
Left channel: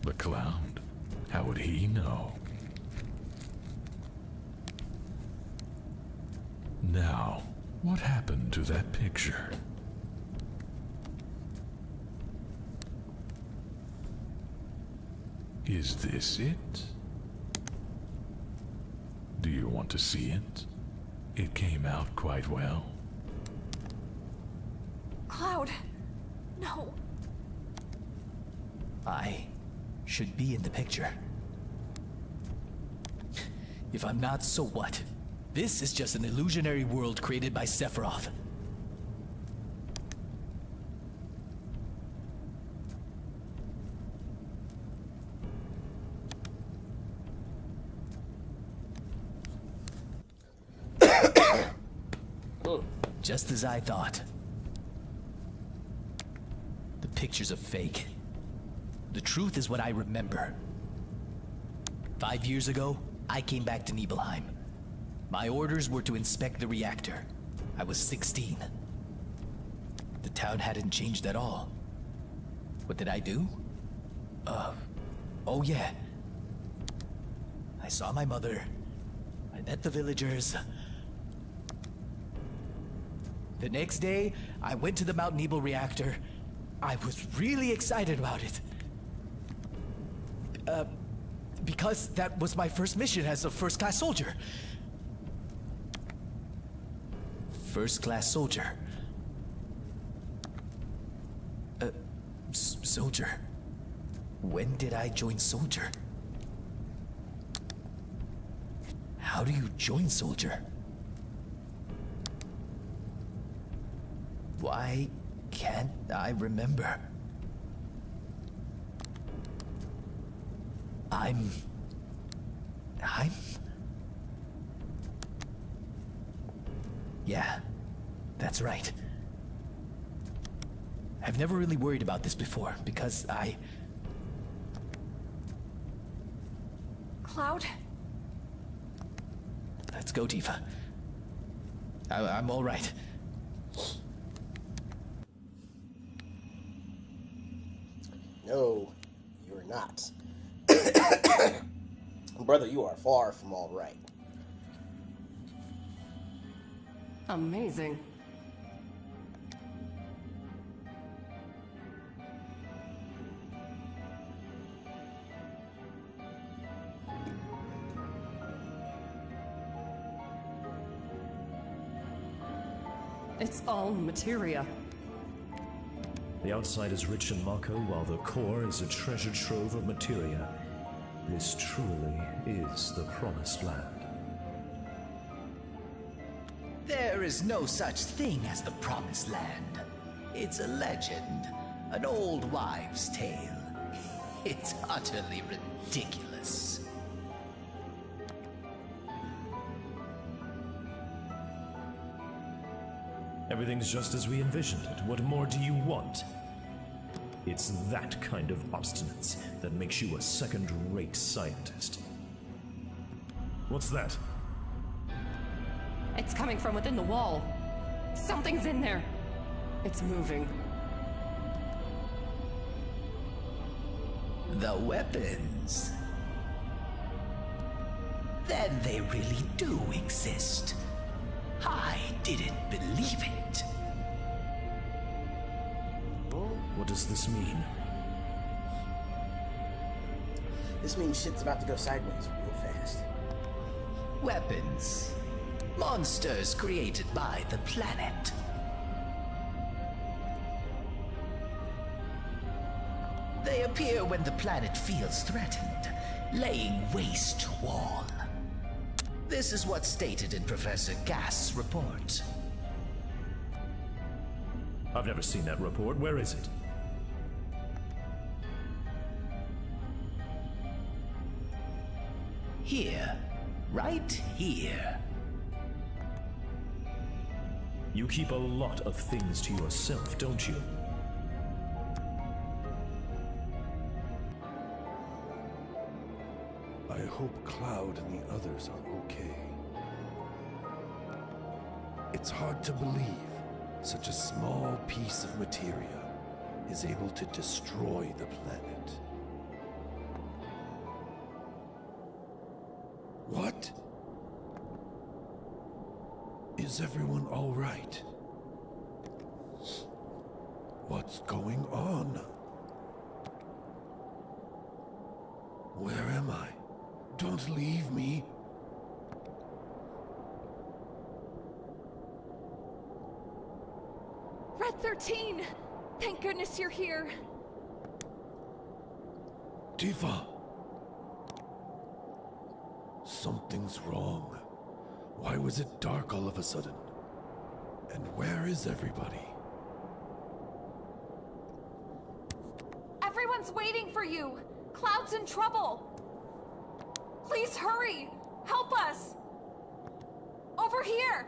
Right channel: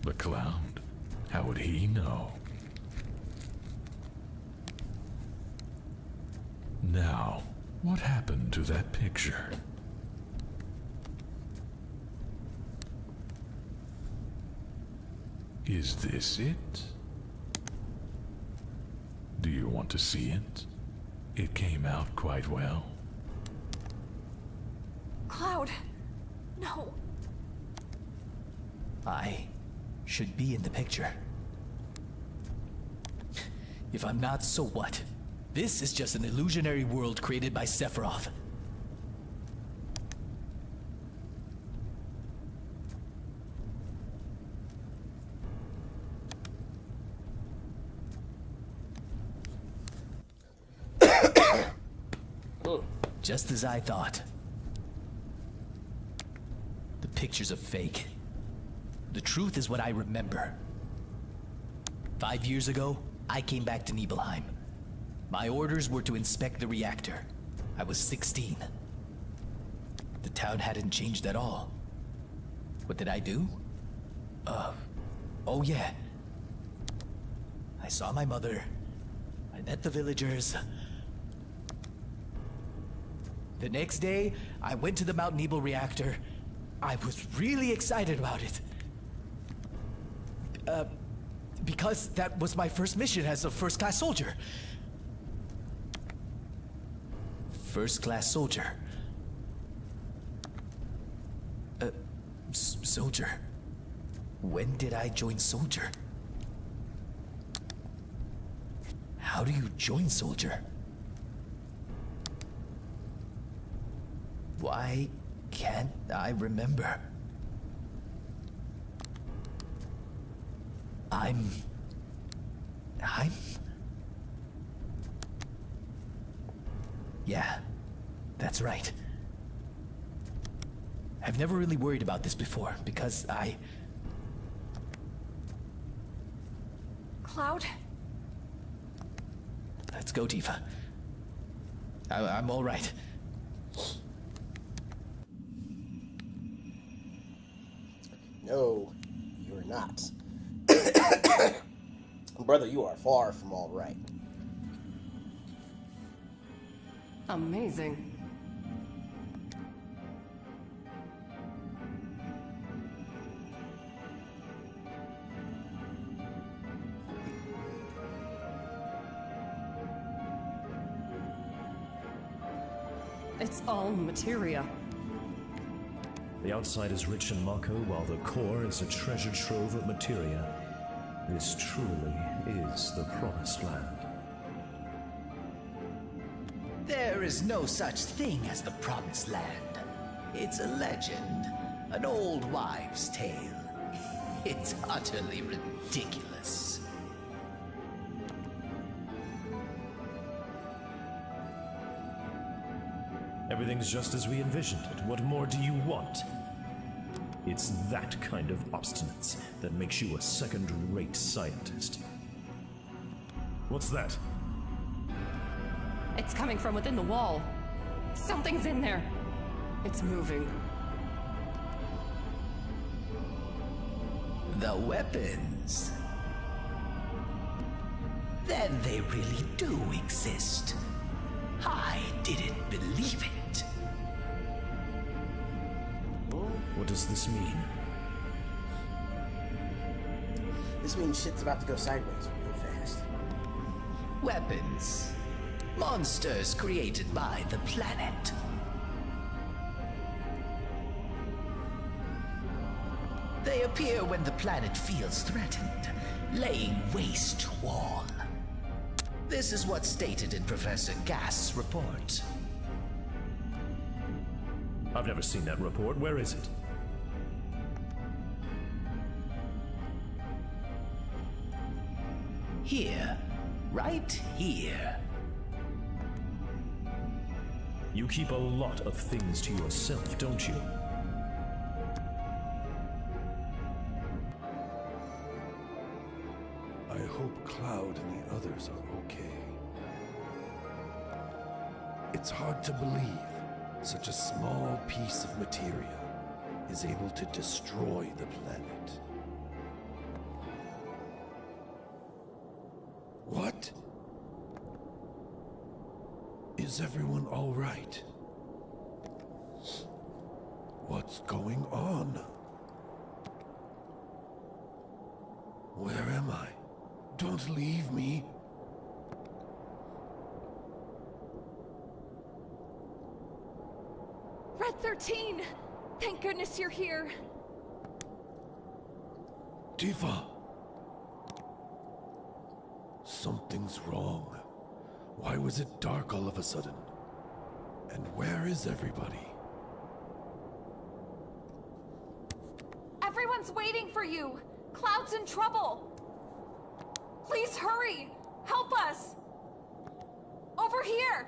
But Cloud, how would he know? Now, what happened to that picture? Is this it? Do you want to see it? It came out quite well. Cloud. No. I should be in the picture. If I'm not, so what? This is just an illusionary world created by Sephiroth. Just as I thought. The picture's a fake. The truth is what I remember. 5 years ago, I came back to Nibelheim. My orders were to inspect the reactor. I was 16. The town hadn't changed at all. What did I do? Oh yeah. I saw my mother. I met the villagers. The next day, I went to the Mount Nebel reactor. I was really excited about it. Because that was my first mission as a first-class soldier. First-class soldier. Soldier. When did I join soldier? How do you join soldier? Why can't I remember? I'm... Yeah, that's right. I've never really worried about this before, because Cloud? Let's go, Tifa. I'm all right. No, you're not. Brother, you are far from all right. Amazing. It's all materia. The outside is rich in Mako, while the core is a treasure trove of materia. This truly is the promised land. There is no such thing as the Promised Land. It's a legend, an old wives' tale. It's utterly ridiculous. Everything's just as we envisioned it. What more do you want? It's that kind of obstinance that makes you a second-rate scientist. What's that? It's coming from within the wall. Something's in there. It's moving. The weapons. Then they really do exist. I didn't believe it. What does this mean? This means shit's about to go sideways real fast. Weapons. Monsters created by the planet. They appear when the planet feels threatened, laying waste to all. This is what's stated in Professor Gast's report. I've never seen that report. Where is it? Here. Right here. You keep a lot of things to yourself, don't you? I hope Cloud and the others are okay. It's hard to believe such a small piece of materia is able to destroy the planet. What? Is Is everyone all right? What's going on? Where am I? Don't leave me. Red 13! Thank goodness you're here. Tifa! Something's wrong. Why was it dark all of a sudden? And where is everybody? Everyone's waiting for you! Cloud's in trouble! Please hurry! Help us! Over here!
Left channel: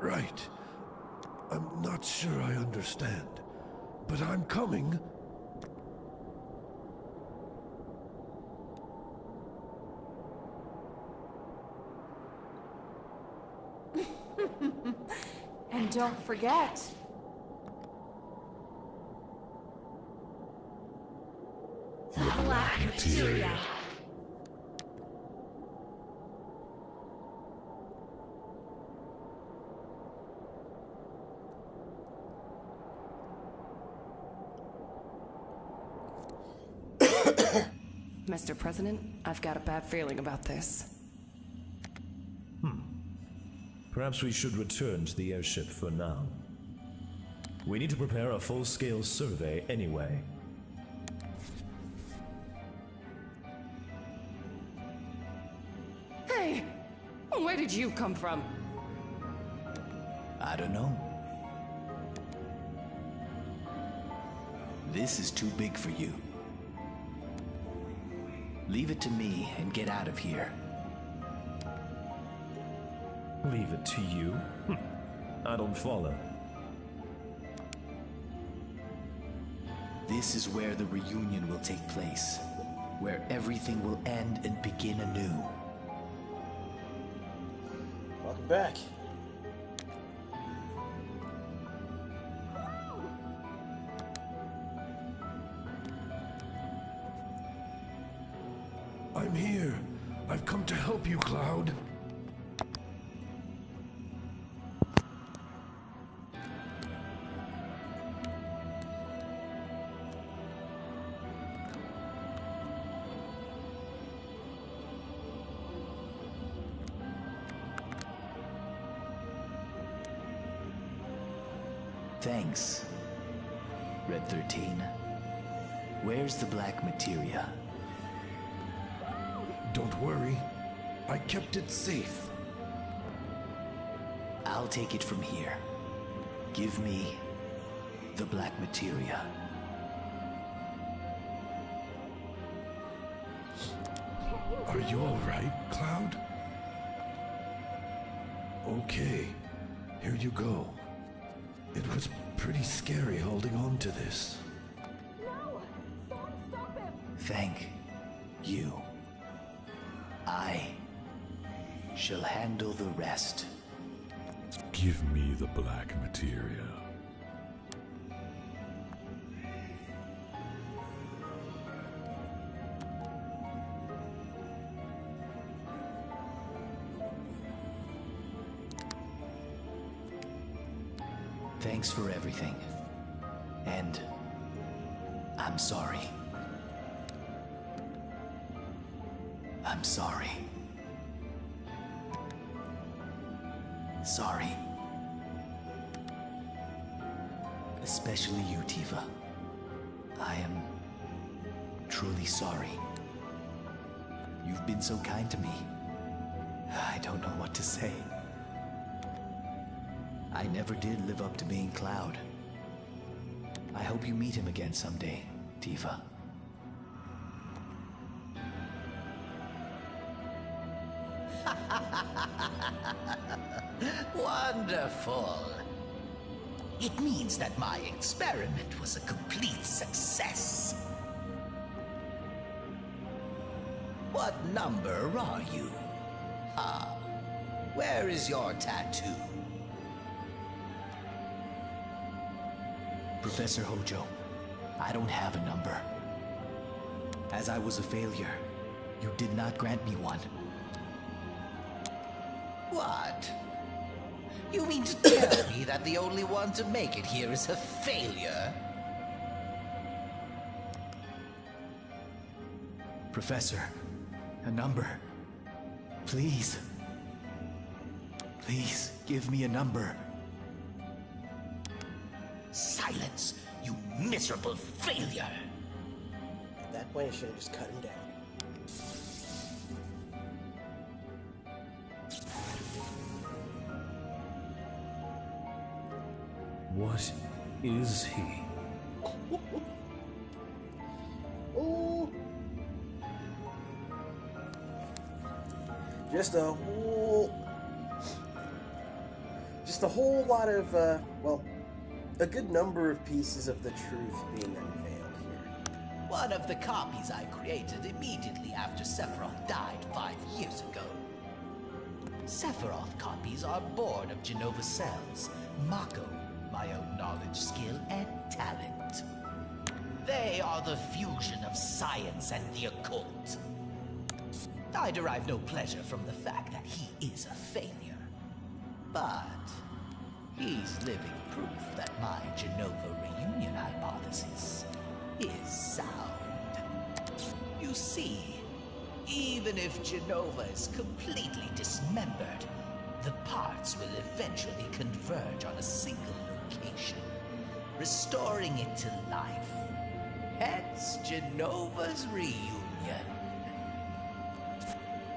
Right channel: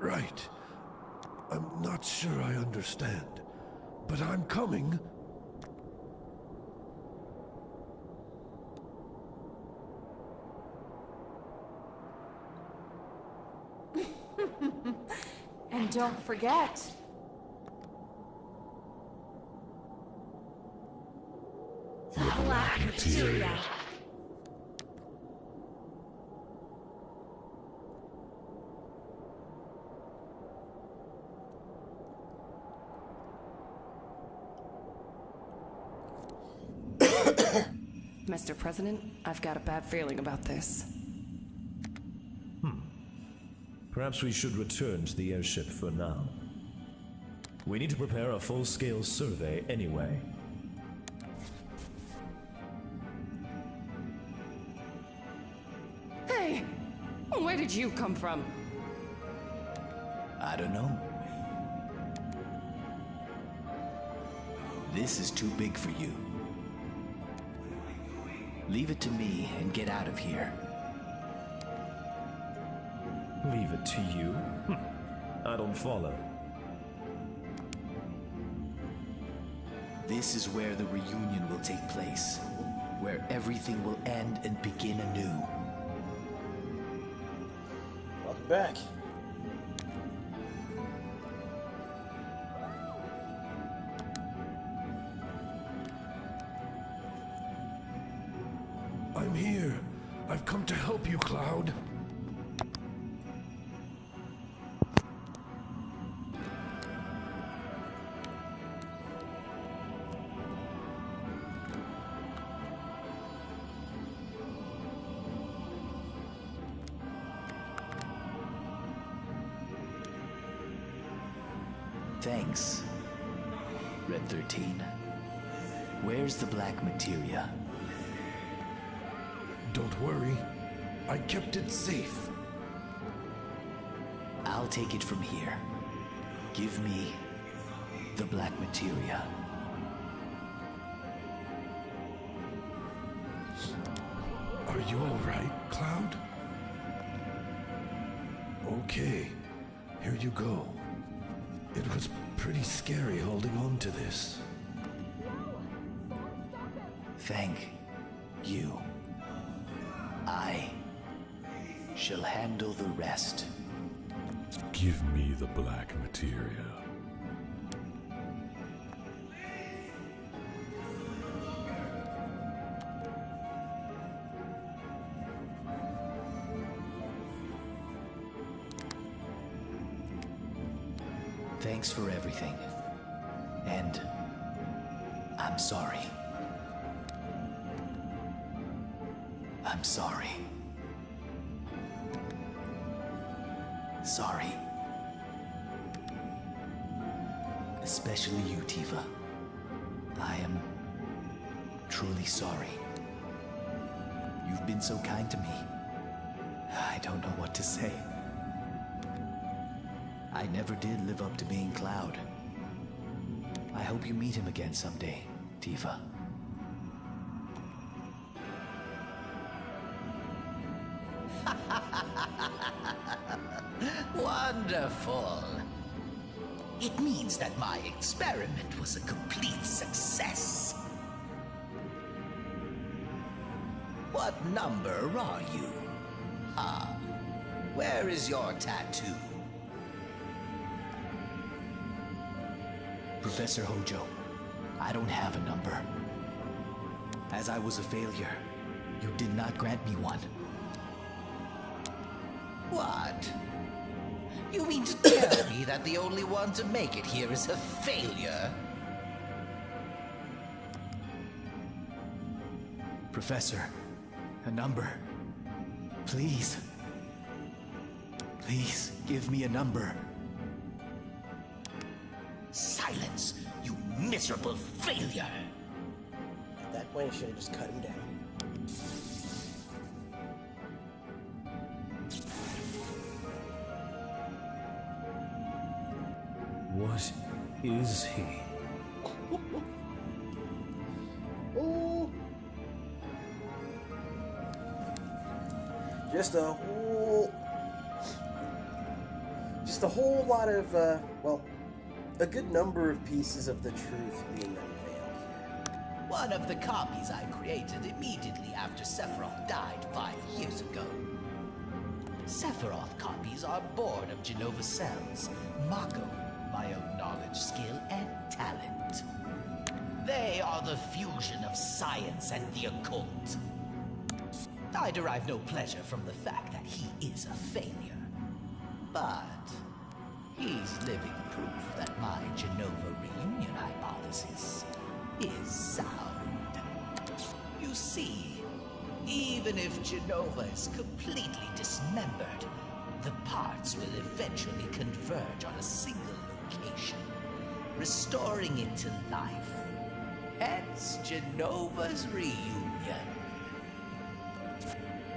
Right. I'm not sure I understand, but I'm coming. And don't forget... The Black Materia. Mr. President, I've got a bad feeling about this. Perhaps we should return to the airship for now. We need to prepare a full-scale survey anyway. Hey! Where did you come from? I don't know. This is too big for you. Leave it to me and get out of here. Leave it to you? I don't follow. This is where the reunion will take place, where everything will end and begin anew. Welcome back. I'm here. I've come to help you, Cloud. Thanks, Red 13. Where's the black materia? Don't worry. I kept it safe. I'll take it from here. Give me the black materia. Are you all right, Cloud? Okay, here you go. It was pretty scary holding on to this. No! Someone stop him! Thank you. I shall handle the rest. Give me the black materia. Thanks for everything. And I'm sorry. I'm sorry. Sorry. Especially you, Tifa. I am truly sorry. You've been so kind to me. I don't know what to say. I never did live up to being Cloud. I hope you meet him again someday, Tifa. Wonderful. It means that my experiment was a complete success. What number are you? Ah, where is your tattoo? Professor Hojo, I don't have a number. As I was a failure, you did not grant me one. What? You mean to tell me that the only one to make it here is a failure? Professor, a number. Please. Please, give me a number. Silence, you miserable failure! At that point, I should have just cut him down. What is he? Oh, just a whole lot of well, a good number of pieces of the truth being unveiled here. One of the copies I created immediately after Sephiroth died 5 years ago. Sephiroth copies are born of Genova cells, Mako, my own knowledge, skill, and talent. They are the fusion of science and the occult. I derive no pleasure from the fact that he is a failure. But he's living proof that my Genova reunion hypothesis is sound. You see, even if Genova is completely dismembered, the parts will eventually converge on a single location, restoring it to life. Hence Genova's reunion.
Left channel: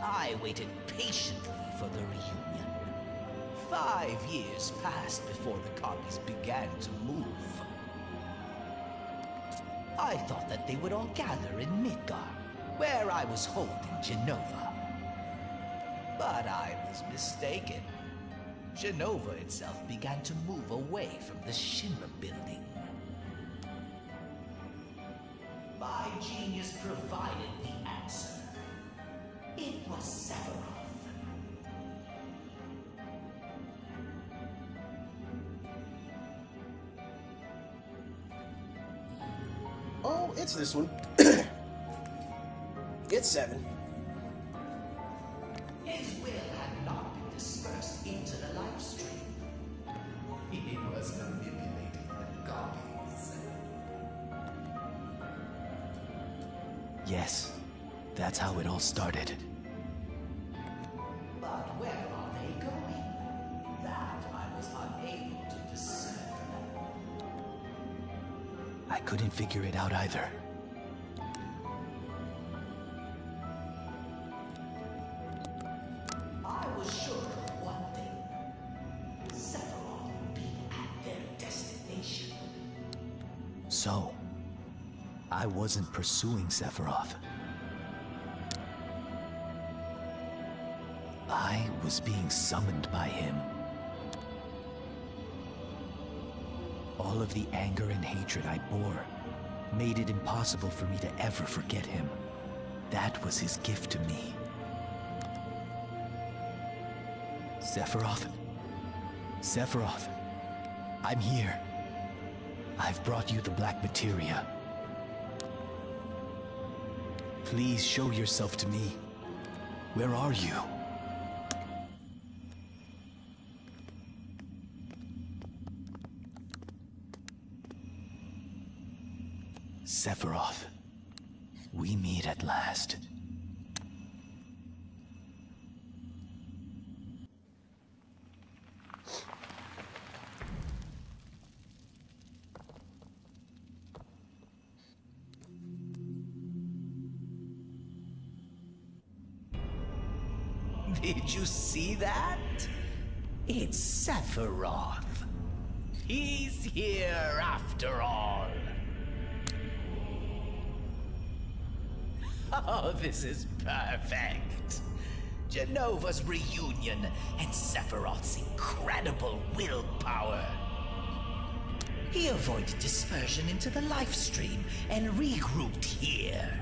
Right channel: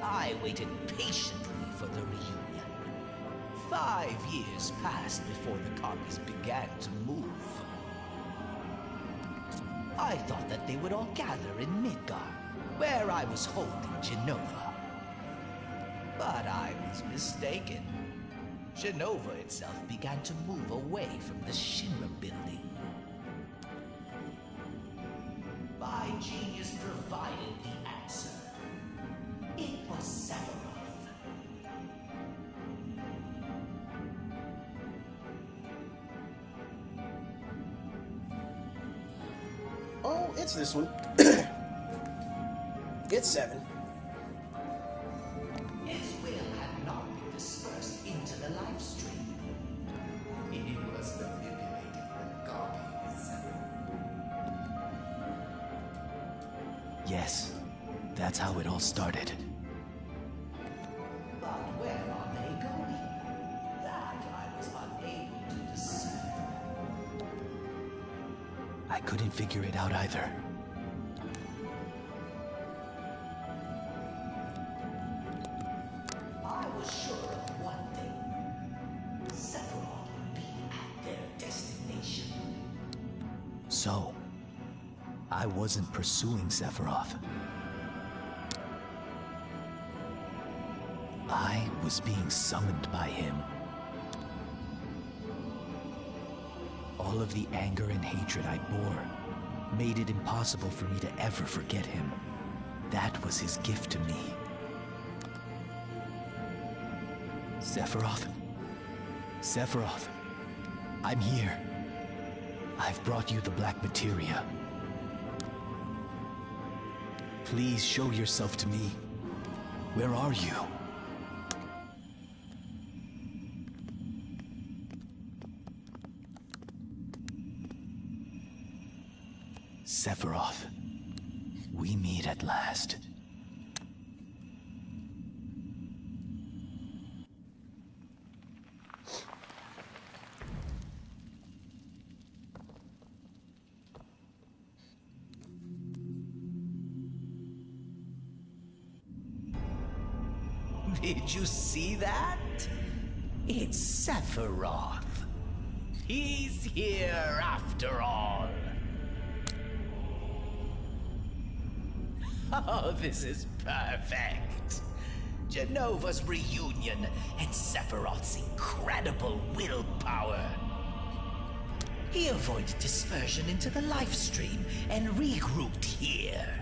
I waited patiently for the reunion. 5 years passed before the copies began to move. I thought that they would all gather in Midgar, where I was holding Genova. But I was mistaken. Genova itself began to move away from the Shinra building. My genius provided the answer. It was Sephiroth. Oh, it's this one. It's 7. His will had not been dispersed into the life stream. He was manipulating the copies. Yes, that's how it all started. But where are they going? That I was unable to discern. I couldn't figure it out either. I was sure of one thing. Sephiroth would be at their destination. So, I wasn't pursuing Sephiroth. I was being summoned by him. All of the anger and hatred I bore made it impossible for me to ever forget him. That was his gift to me. Sephiroth? Sephiroth, I'm here. I've brought you the black materia. Please show yourself to me. Where are you? Sephiroth, we meet at last. Did you see that? It's Sephiroth. He's here after all. Oh, this is perfect. Genova's reunion and Sephiroth's incredible willpower. He avoided dispersion into the life stream and regrouped here.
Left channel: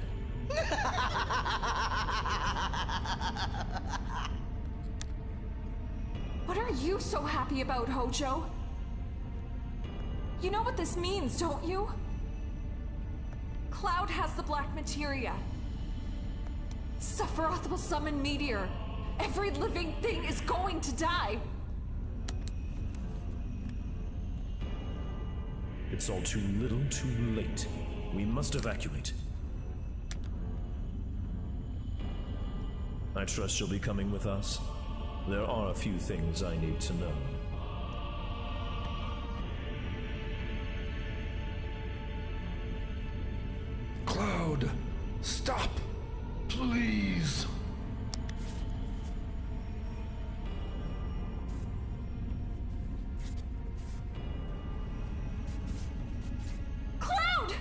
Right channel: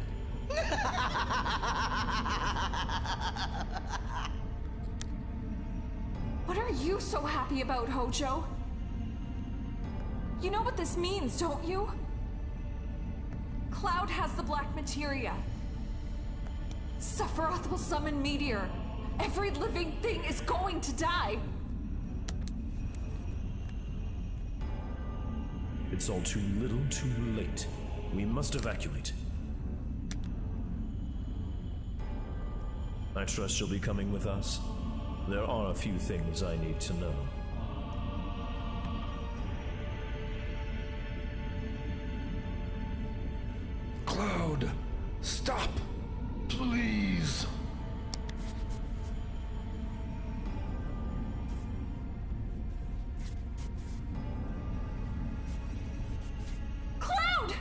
What are you so happy about, Hojo? You know what this means, don't you? Cloud has the black materia. Sephiroth will summon Meteor. Every living thing is going to die! It's all too little, too late. We must evacuate. I trust you'll be coming with us. There are a few things I need to know. Cloud, stop! Please! Cloud!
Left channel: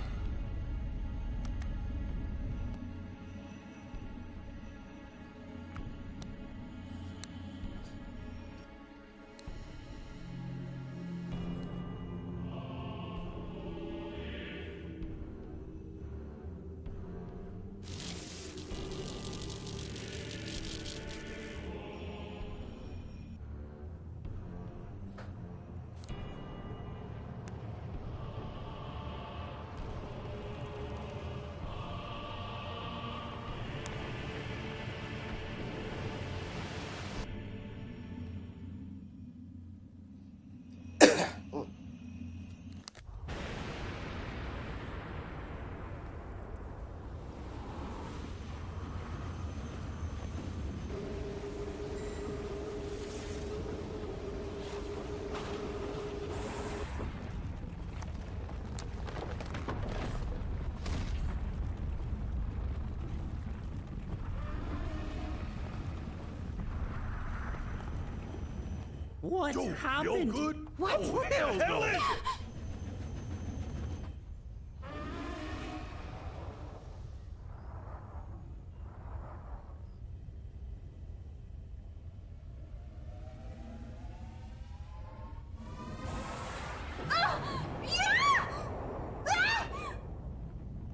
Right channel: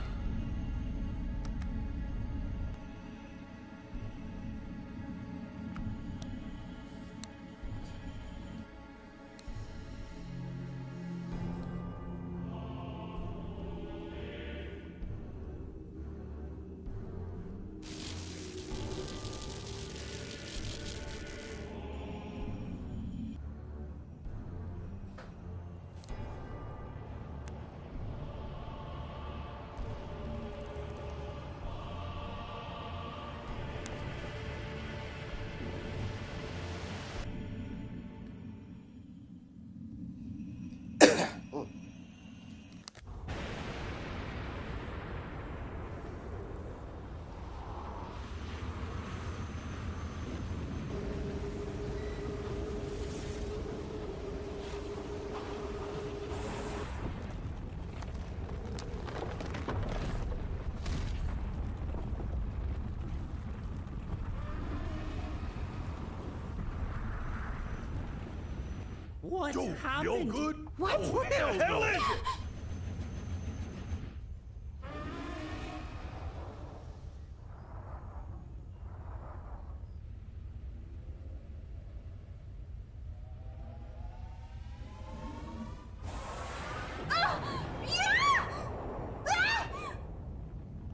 What Joe, happened? you good? What? Oh, hell no! Is it?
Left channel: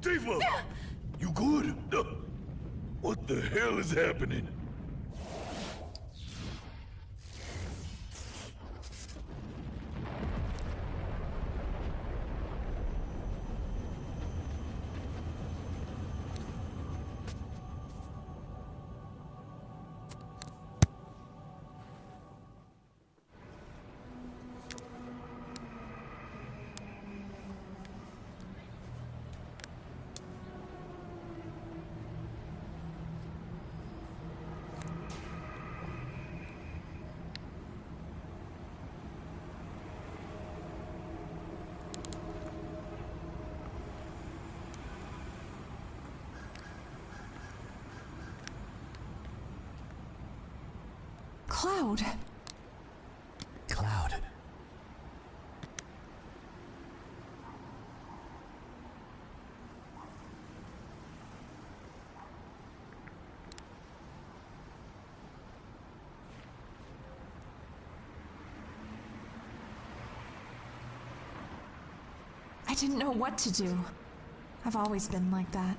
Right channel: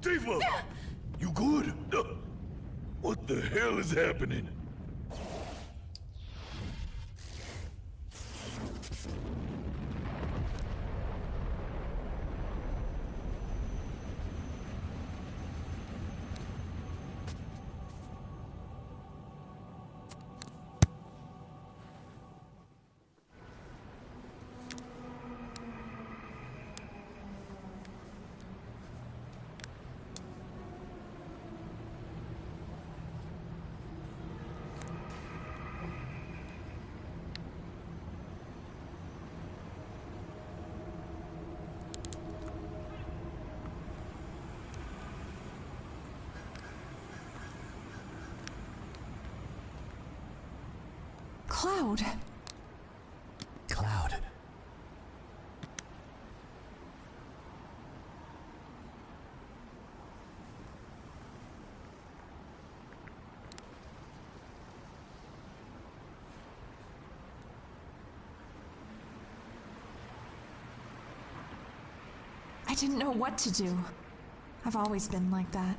Tifa! You good? What the hell is happening? Cloud. Cloud. I didn't know what to do. I've always been like that.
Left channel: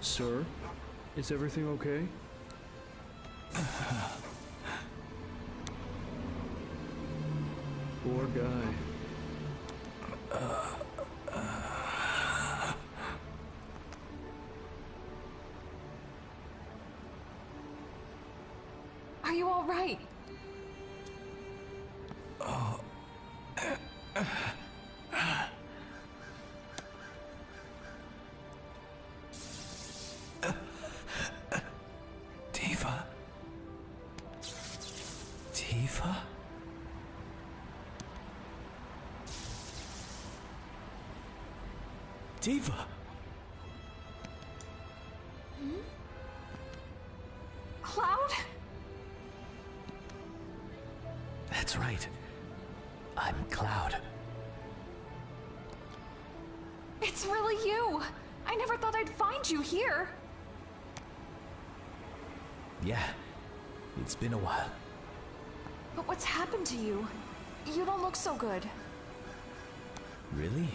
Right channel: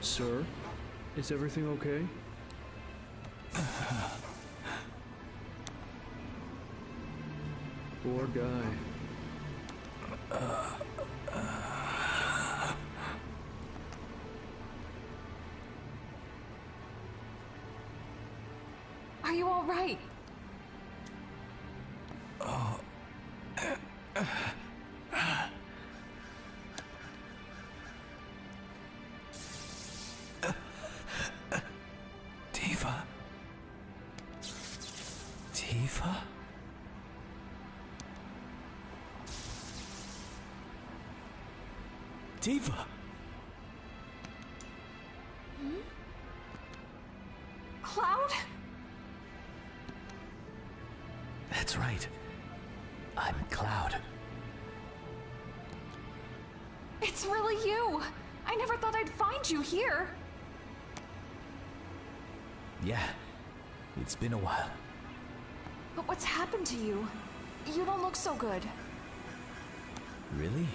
Sir, is everything okay? Poor guy. Are you all right? Tifa? Tifa? Tifa! Cloud? That's right. I'm Cloud. It's really you! I never thought I'd find you here! Yeah, it's been a while. But what's happened to you? You don't look so good. Really?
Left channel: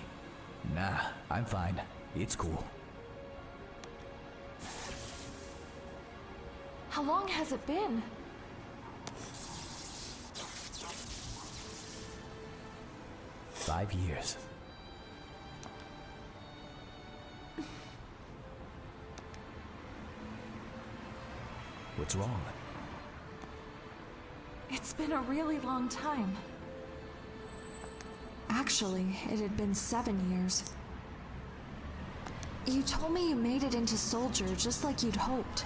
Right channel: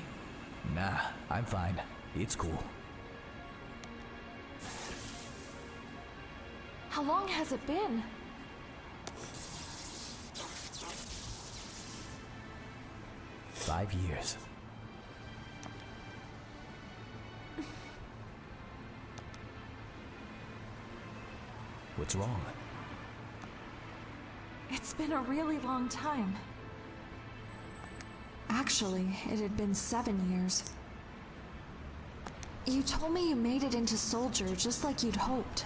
Nah, I'm fine. It's cool. How long has it been? 5 years. What's wrong? It's been a really long time. Actually, it had been 7 years. You told me you made it into Soldier just like you'd hoped.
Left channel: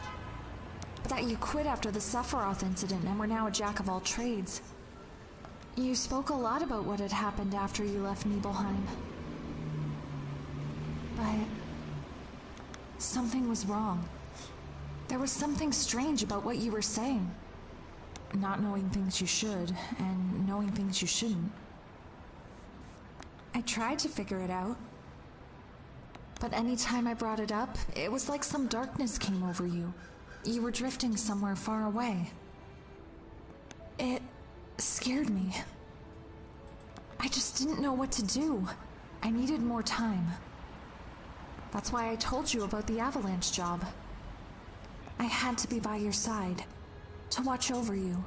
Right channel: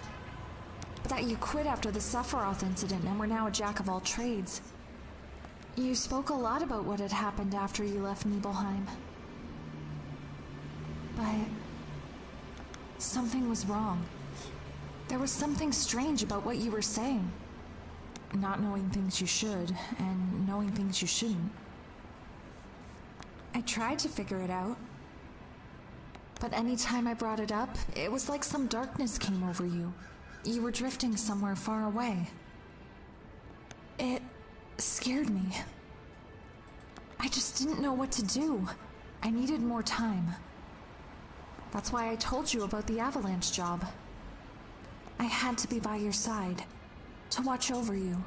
But that you quit after the Sephiroth incident and were now a jack of all trades. You spoke a lot about what had happened after you left Nibelheim. But something was wrong. There was something strange about what you were saying. Not knowing things you should, and knowing things you shouldn't. I tried to figure it out. But anytime I brought it up, it was like some darkness came over you. You were drifting somewhere far away. It scared me. I just didn't know what to do. I needed more time. That's why I told you about the avalanche job. I had to be by your side, to watch over you.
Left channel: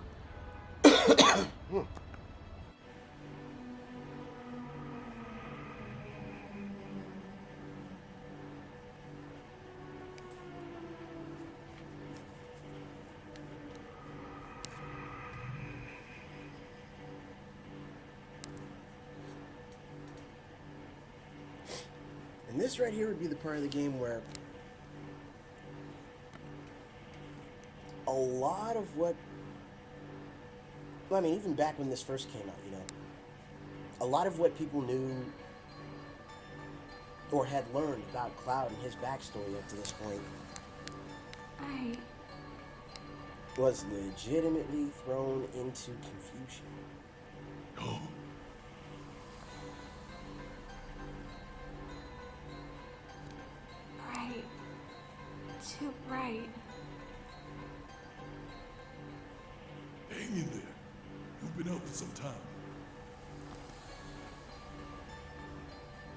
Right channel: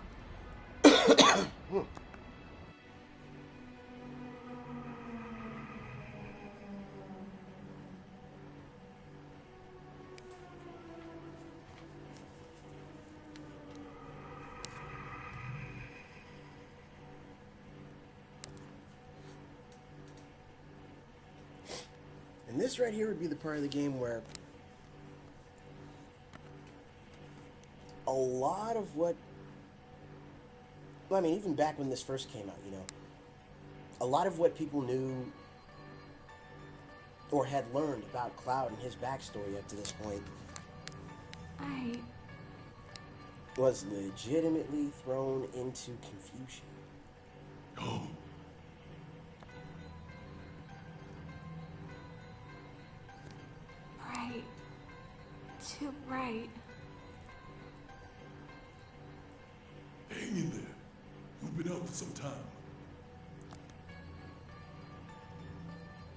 And this right here would be the part of the game where a lot of what... Well, I mean, even back when this first came out, you know, a lot of what people knew or had learned about Cloud and his backstory up to this point was legitimately thrown into confusion. Oh. Right. Too bright. Hang in there. You've been out for some time.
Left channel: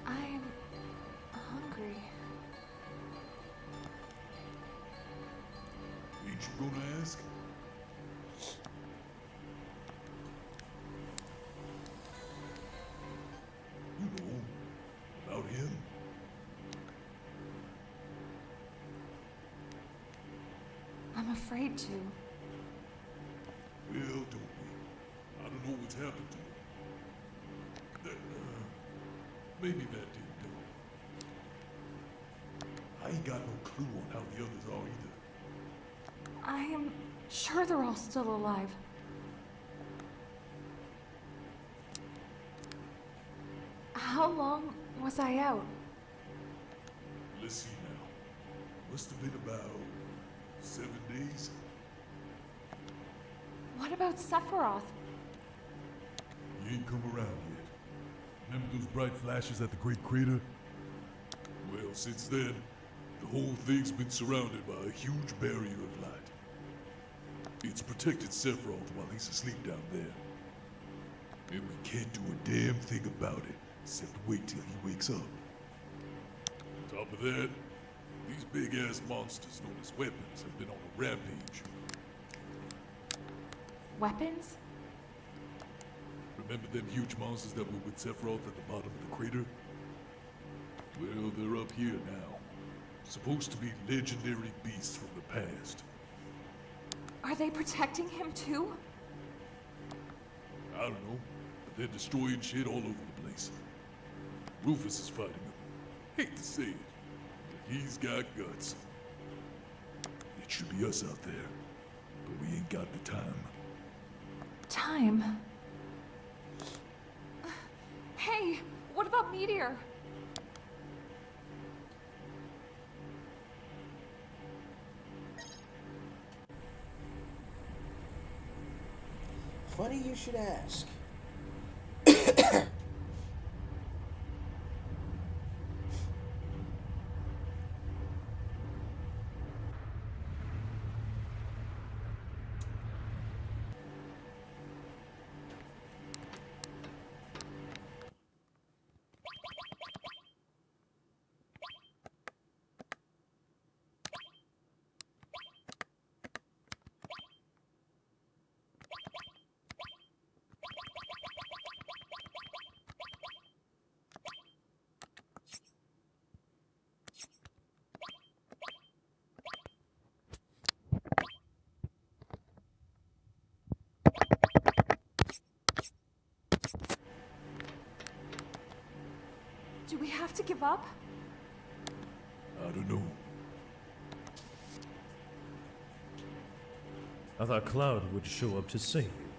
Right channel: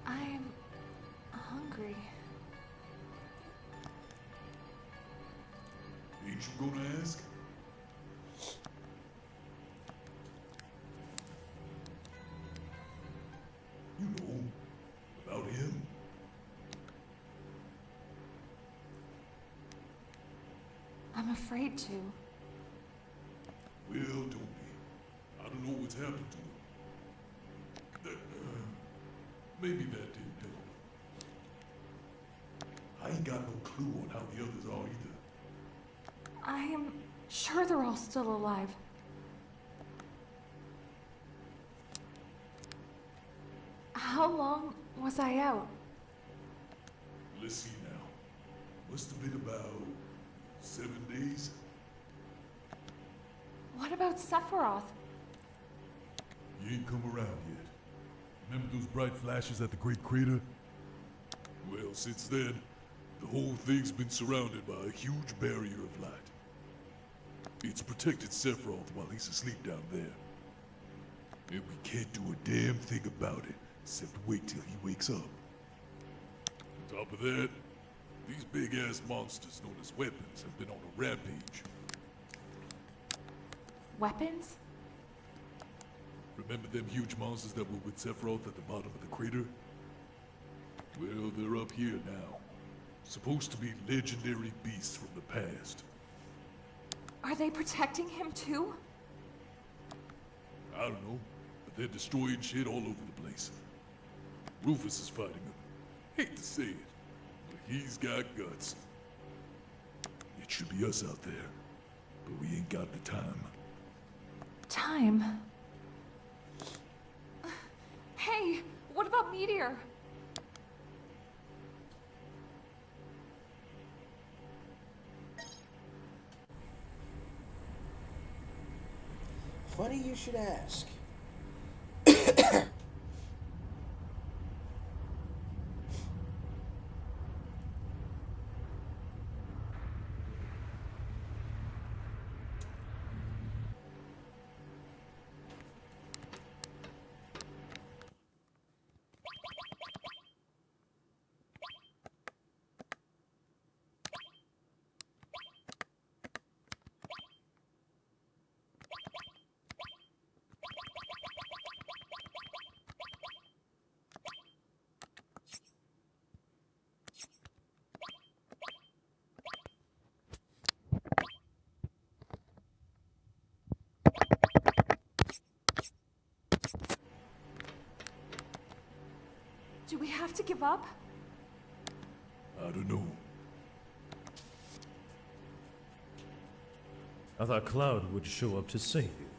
I'm hungry. Ain't you gonna ask? You know, about him. I'm afraid to. Well, don't be. I don't know what's happened to him. Maybe that didn't help. I ain't got no clue on how the others are either. I am sure they're all still alive. How long was I out? Let's see now. Must have been about 7 days. What about Sephiroth? You ain't come around yet. Remember those bright flashes at the Great Crater? Well, since then, the whole thing's been surrounded by a huge barrier of light. It's protected Sephiroth while he's asleep down there. And we can't do a damn thing about it, except wait till he wakes up. On top of that, these big-ass monsters known as weapons have been on a rampage. Weapons? Remember them huge monsters that were with Sephiroth at the bottom of the crater? Well, they're up here now. Supposed to be legendary beasts from the past. Are they protecting him too? I don't know, but they're destroying shit all over the place. Rufus is fighting them. Hate to say it, but he's got guts. It should be us out there, but we ain't got the time. Time? Hey, what about Meteor? Funny you should ask. Do we have to give up? I don't know. I thought Cloud would show up to save you.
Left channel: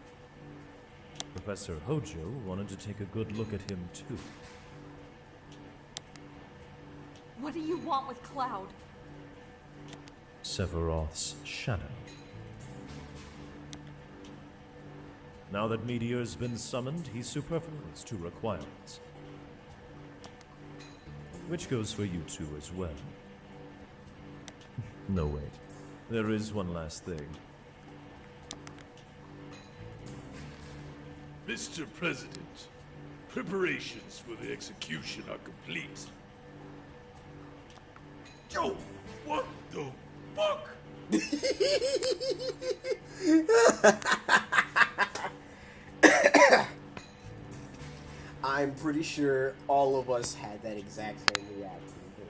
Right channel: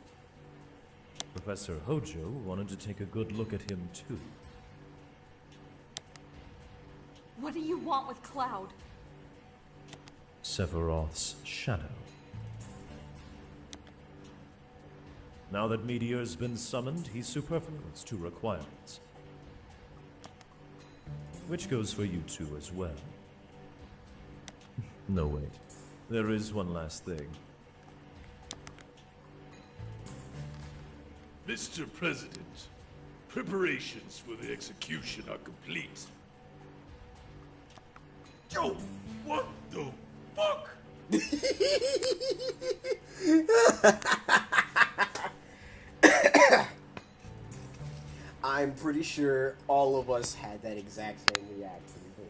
Professor Hojo wanted to take a good look at him too. What do you want with Cloud? Sephiroth's shadow. Now that Meteor's been summoned, he's superfluous to requirements. Which goes for you two as well. No, wait. There is one last thing. Mr. President, preparations for the execution are complete. Yo, what the fuck? I'm pretty sure all of us had that exact same reaction here.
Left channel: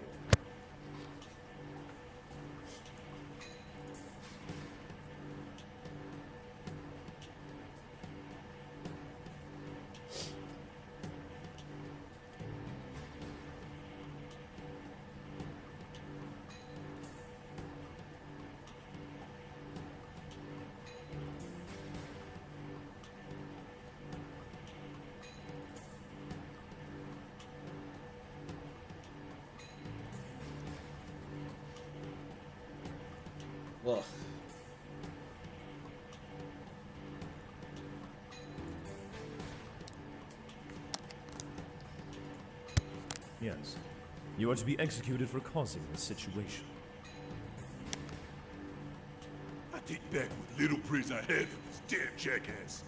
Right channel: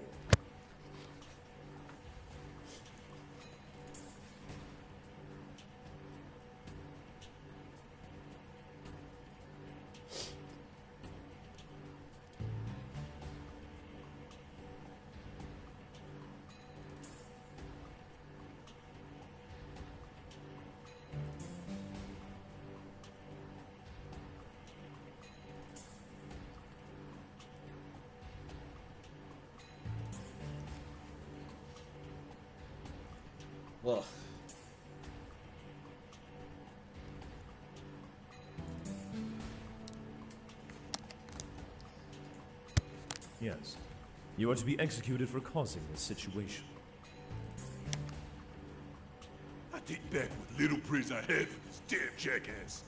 Ugh. Yes. You are to be executed for causing this situation. I take back what little praise I had for this damn jackass.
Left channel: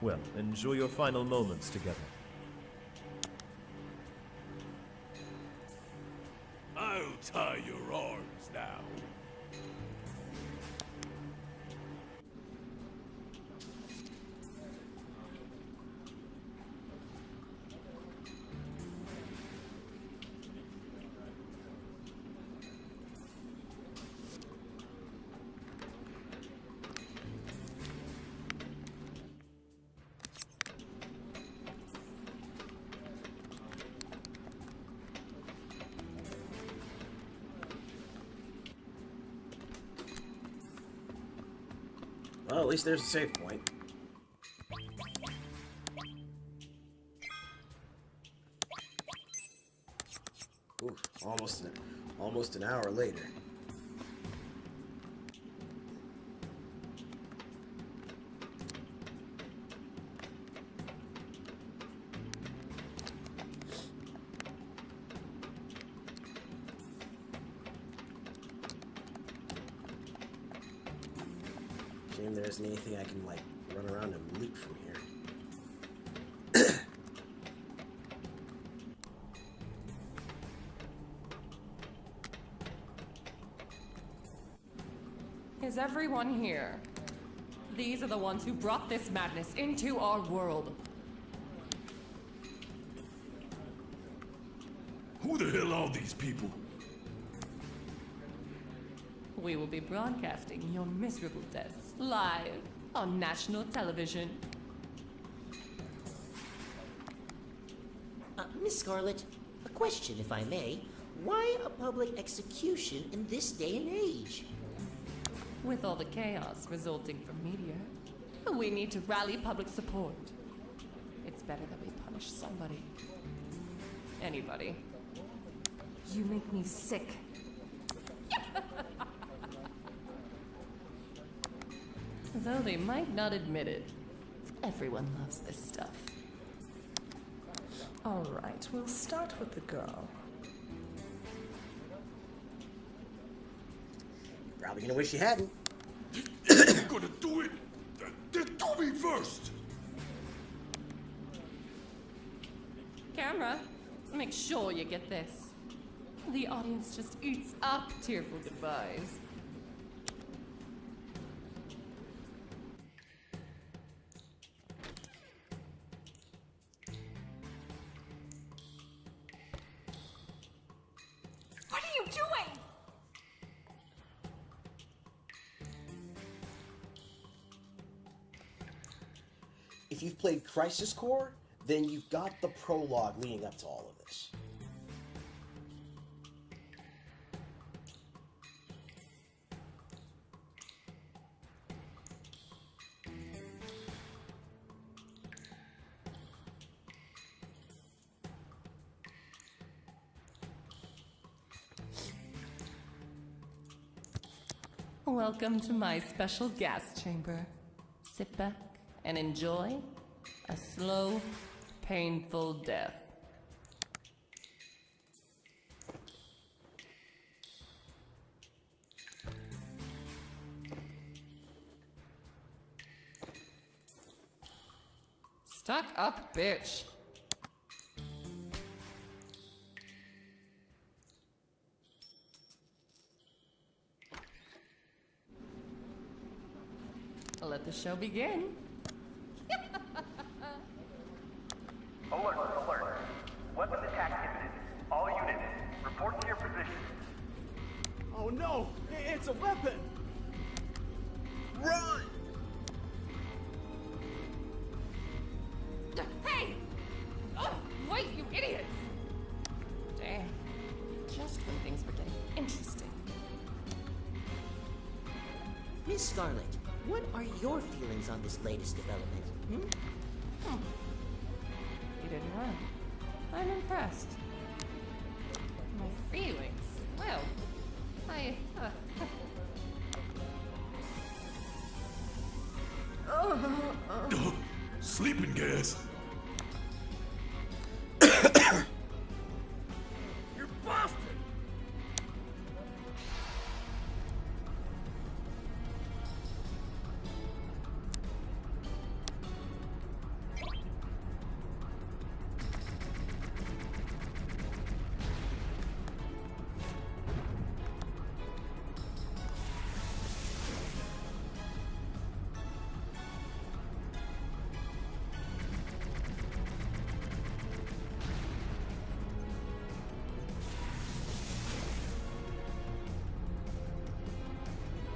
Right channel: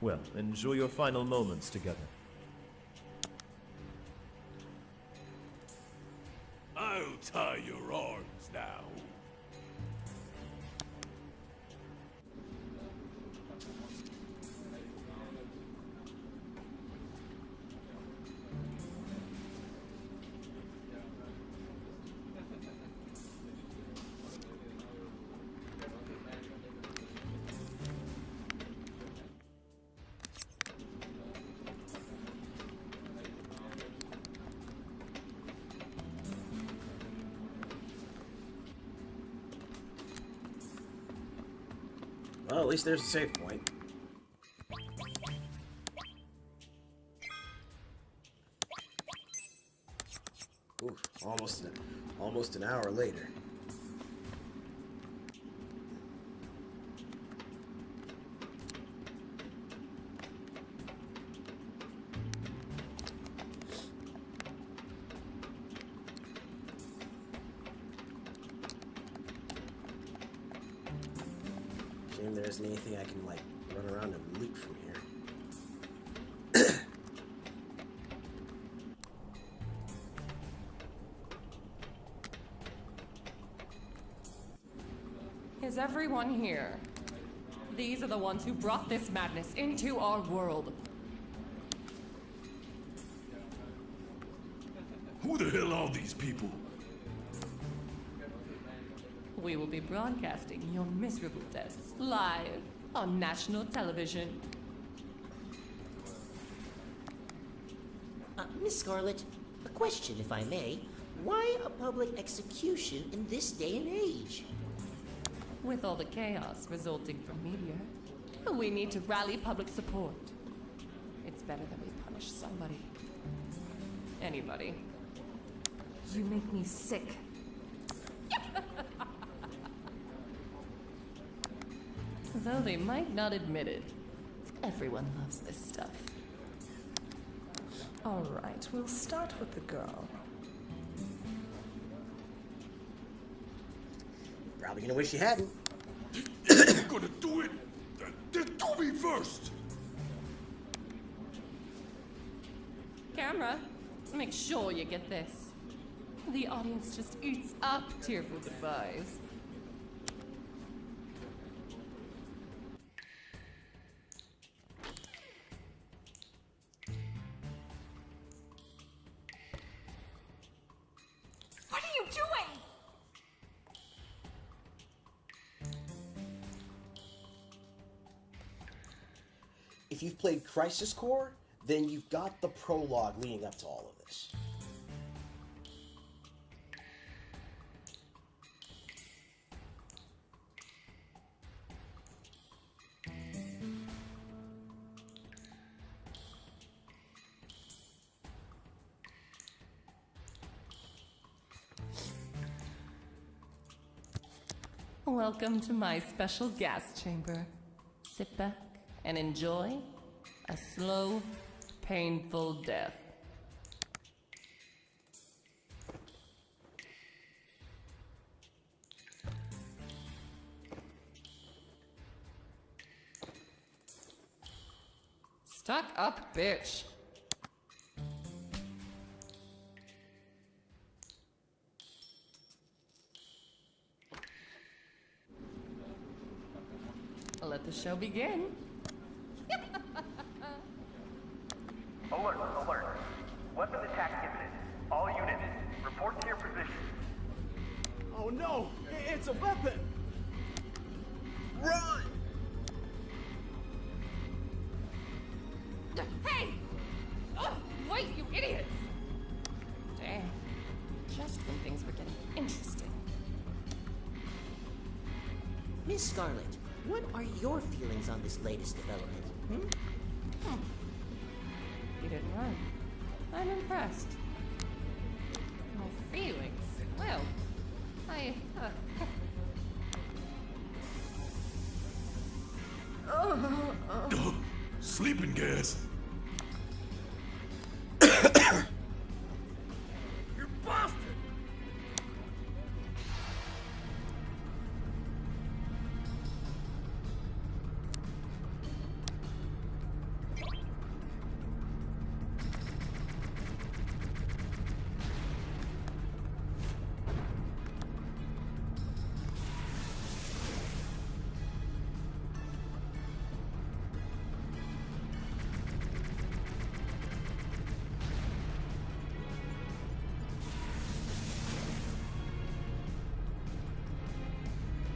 Well, enjoy your final moments together. I'll tie your arms now. Well, at least there's a save point. Oof, almost an hour later. Shame there isn't anything I can, like, run around and loot from here. Is everyone here? These are the ones who brought this madness into our world. Who the hell are these people? We will be broadcasting your miserable deaths live on national television. Miss Scarlet, a question if I may. Why a public execution in this day and age? With all the chaos resulting from Meteor, we need to rally public support. It's better that we punish somebody. Anybody. You make me sick. Though they might not admit it, everyone loves this stuff. All right, we'll start with the girl. Probably gonna wish you hadn't. You're gonna do it? Then do me first! Camera, make sure you get this. The audience just eats up tearful goodbyes. What are you doing? If you've played Crisis Core, then you've got the prologue leading up to all of this. Welcome to my special gas chamber. Sit back and enjoy a slow, painful death. Stuck up, bitch. Let the show begin. Alert, alert. Weapon attack imminent. All units, report to your position. Oh no! It's a weapon! Run! Hey! Oh, wait, you idiots! Damn. Just when things were getting interesting. Miss Scarlet, what are your feelings on this latest development? You didn't run. I'm impressed. My feelings? Well, Sleeping gas. You're busted!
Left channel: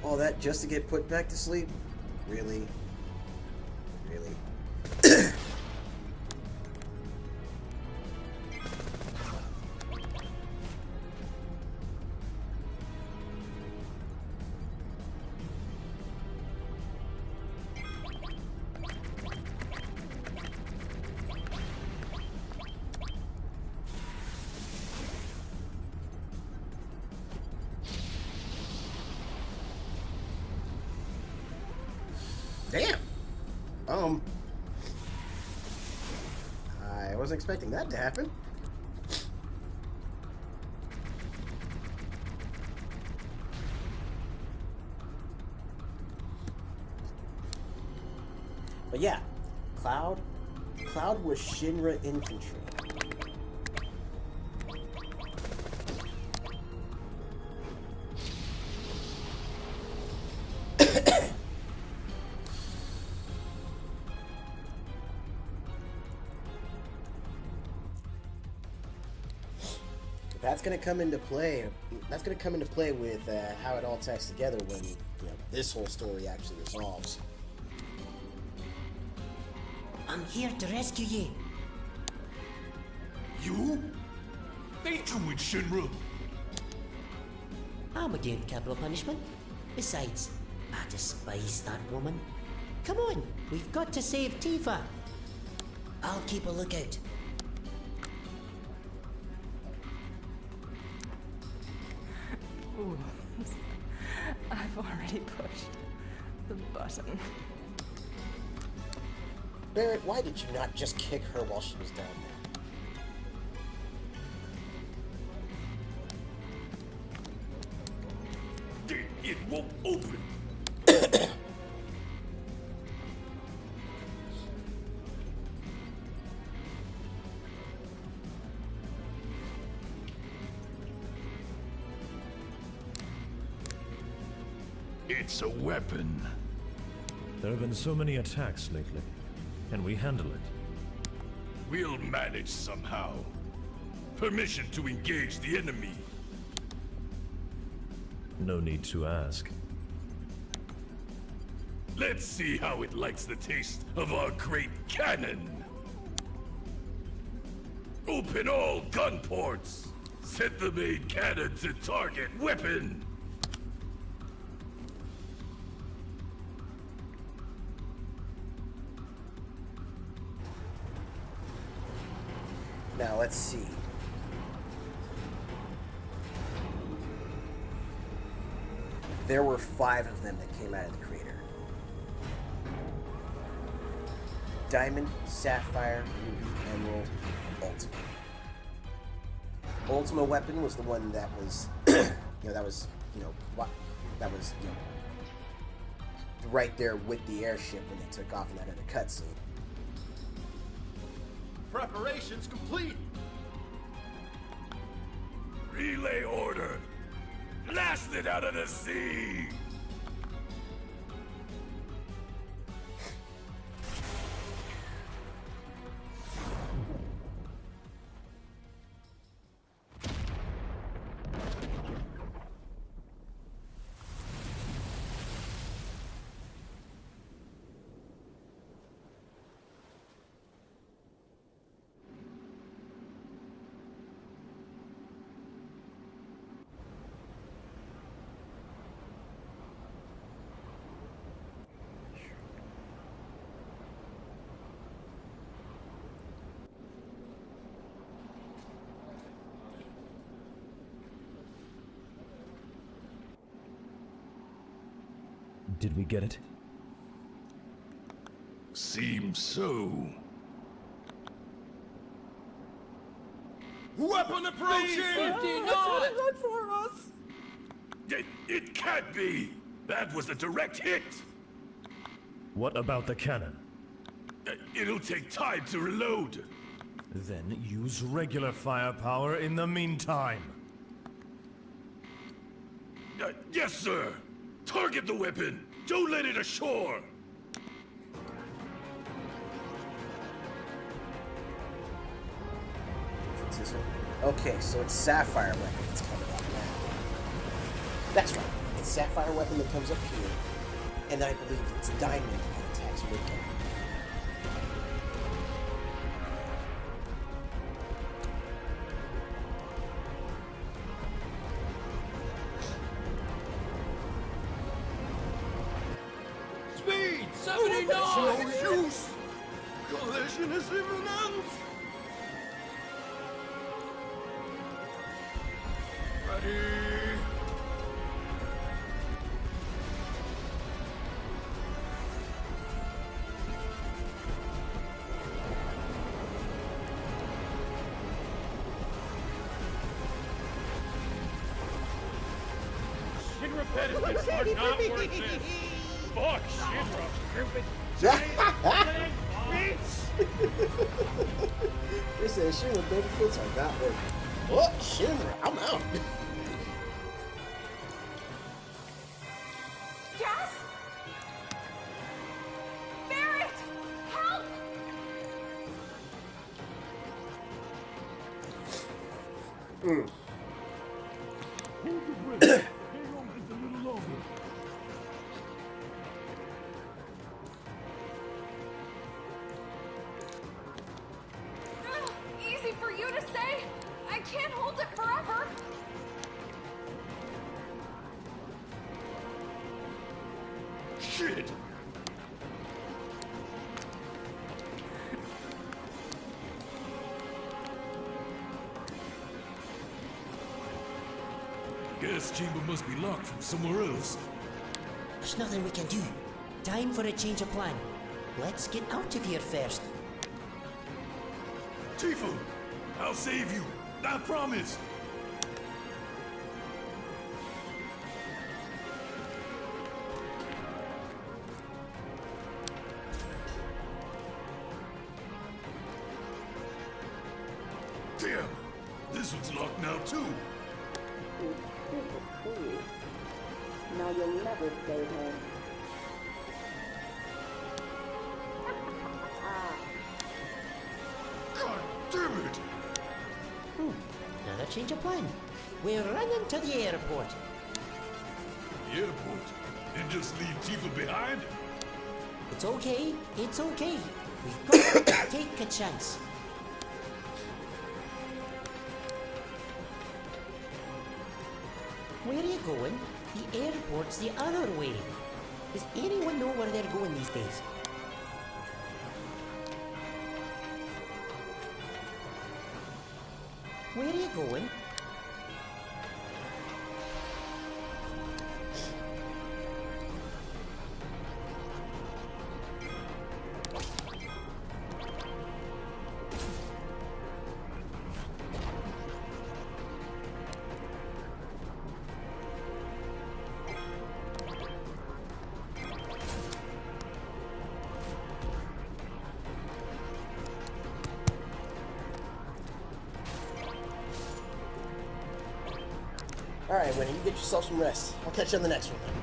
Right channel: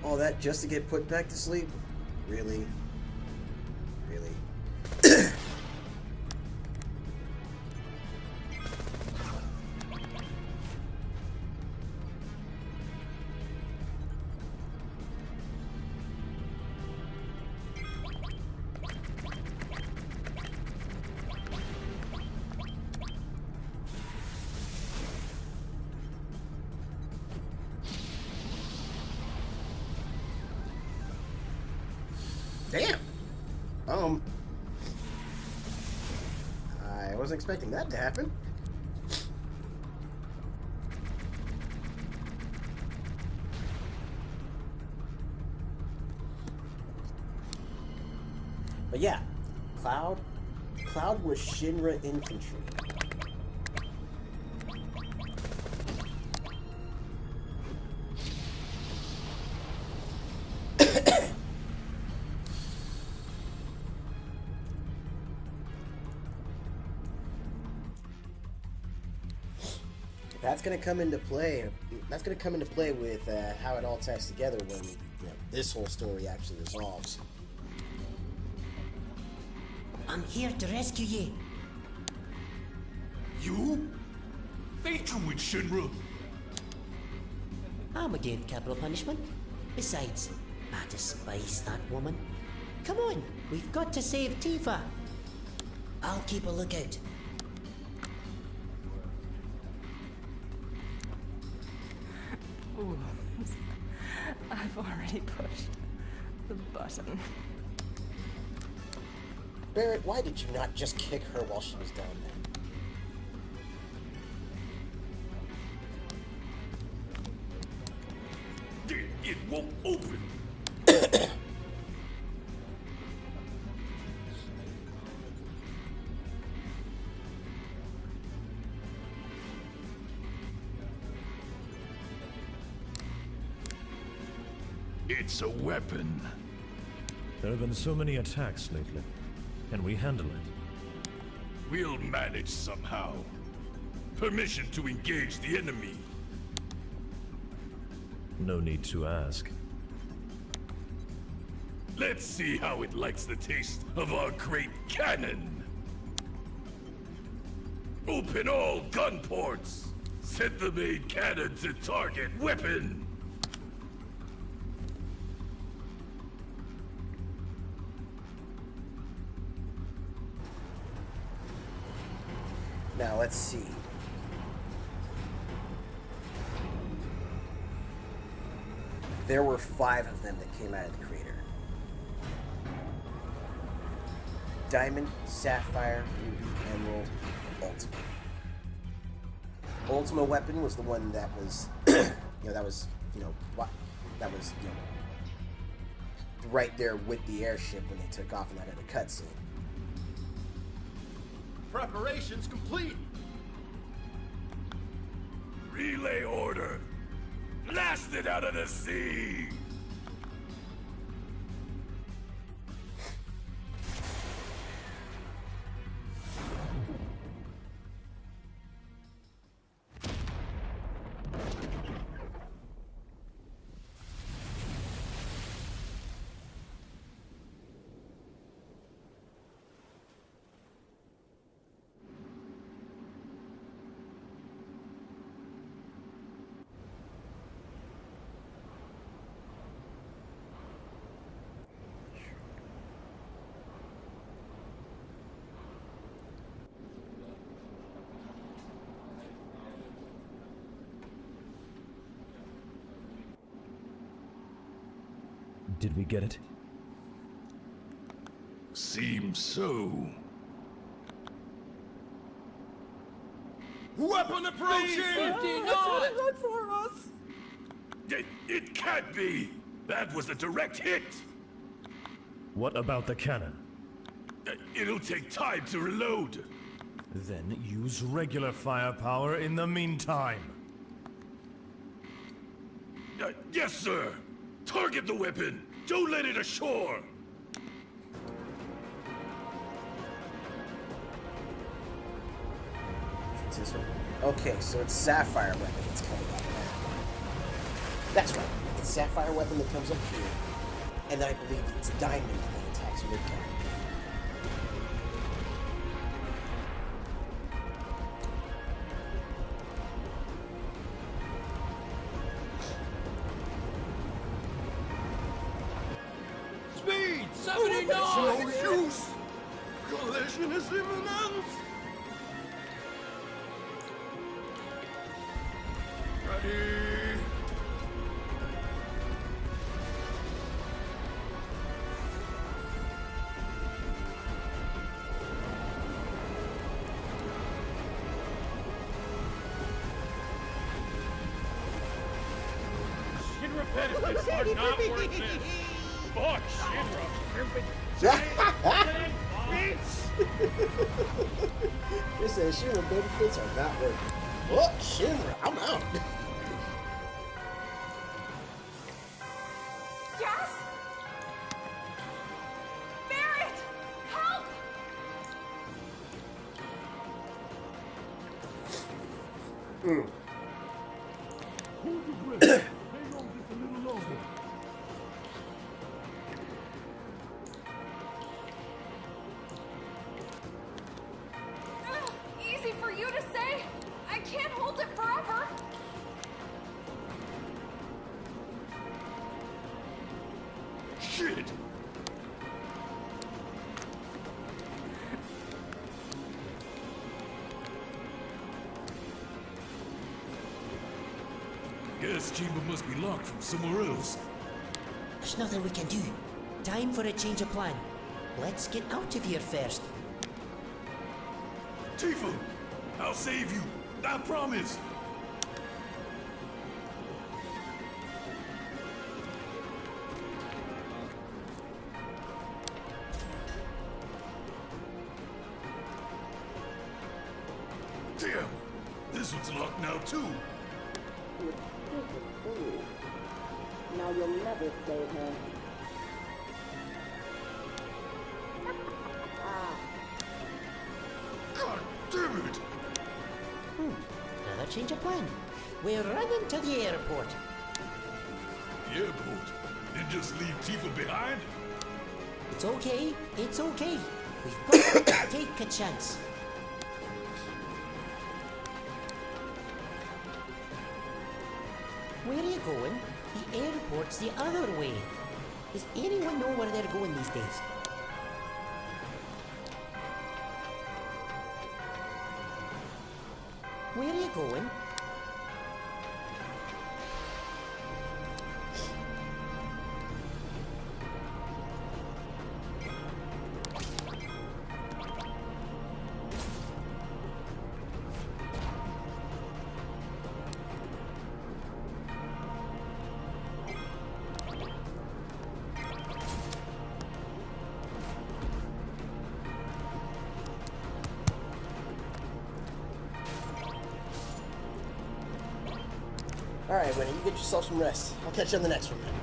All that just to get put back to sleep? Really? Really? Damn! I wasn't expecting that to happen. But yeah, Cloud was Shinra infantry. That's going to come into play. That's going to come into play with how it all ties together when this whole story actually resolves. I'm here to rescue you. You? Ain't you with Shinra? I'm against capital punishment. Besides, I despise that woman. Come on, we've got to save Tifa. I'll keep a lookout. Ooh. I've already pushed the button. Barrett, why did you not just kick her while she was down there? It won't open. It's a weapon. There have been so many attacks lately. Can we handle it? We'll manage somehow. Permission to engage the enemy. No need to ask. Let's see how it likes the taste of our great cannon. Open all gun ports! Set the main cannon to target weapon! Now, let's see. There were 5 of them that came out of the crater. Diamond, Sapphire, Ruby, Emerald, Ultima. Ultima weapon was the one that was, that was right there with the airship when they took off in that other cutscene. Preparations complete! Relay order! Blast it out of the sea! Did we get it? Seems so. Weapon approaching! Run for us! It can't be! That was a direct hit! What about the cannon? It'll take time to reload. Then use regular firepower in the meantime. Yes, sir! Target the weapon! Don't let it ashore! It's this one. Okay, so it's Sapphire weapon that's coming up now. That's right. It's Sapphire weapon that comes up here, and then I believe it's Diamond that attacks Midgard. Speed! 79! No use! Collision is imminent! Ready! Shinra benefits are not worth this. Fuck Shinra. Beats! They said Shinra benefits are not worth it. Oh, Shinra, I'm out. Yes? Barrett! Help! Hold your breath. Hang on just a little longer. Easy for you to say. I can't hold it forever. Shit! Gas chamber must be locked from somewhere else. There's nothing we can do. Time for a change of plan. Let's get out of here first. Tifa! I'll save you! I promise! Damn! This one's locked now, too! You stupid fool. Now you'll never save him. God damn it! Another change of plan. We're running to the airport. The airport? And just leave Tifa behind? It's okay. It's okay. We've got to take a chance. Where are you going? The airport's the other way. Does anyone know where they're going these days? Where are you going? Alright, Winnie, you get yourself some rest. I'll catch you on the next one, man.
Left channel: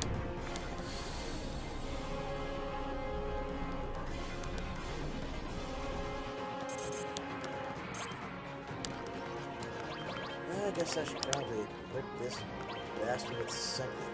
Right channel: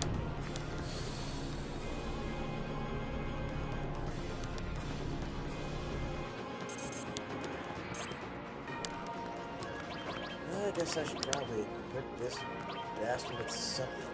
I guess I should probably equip this bastard with something.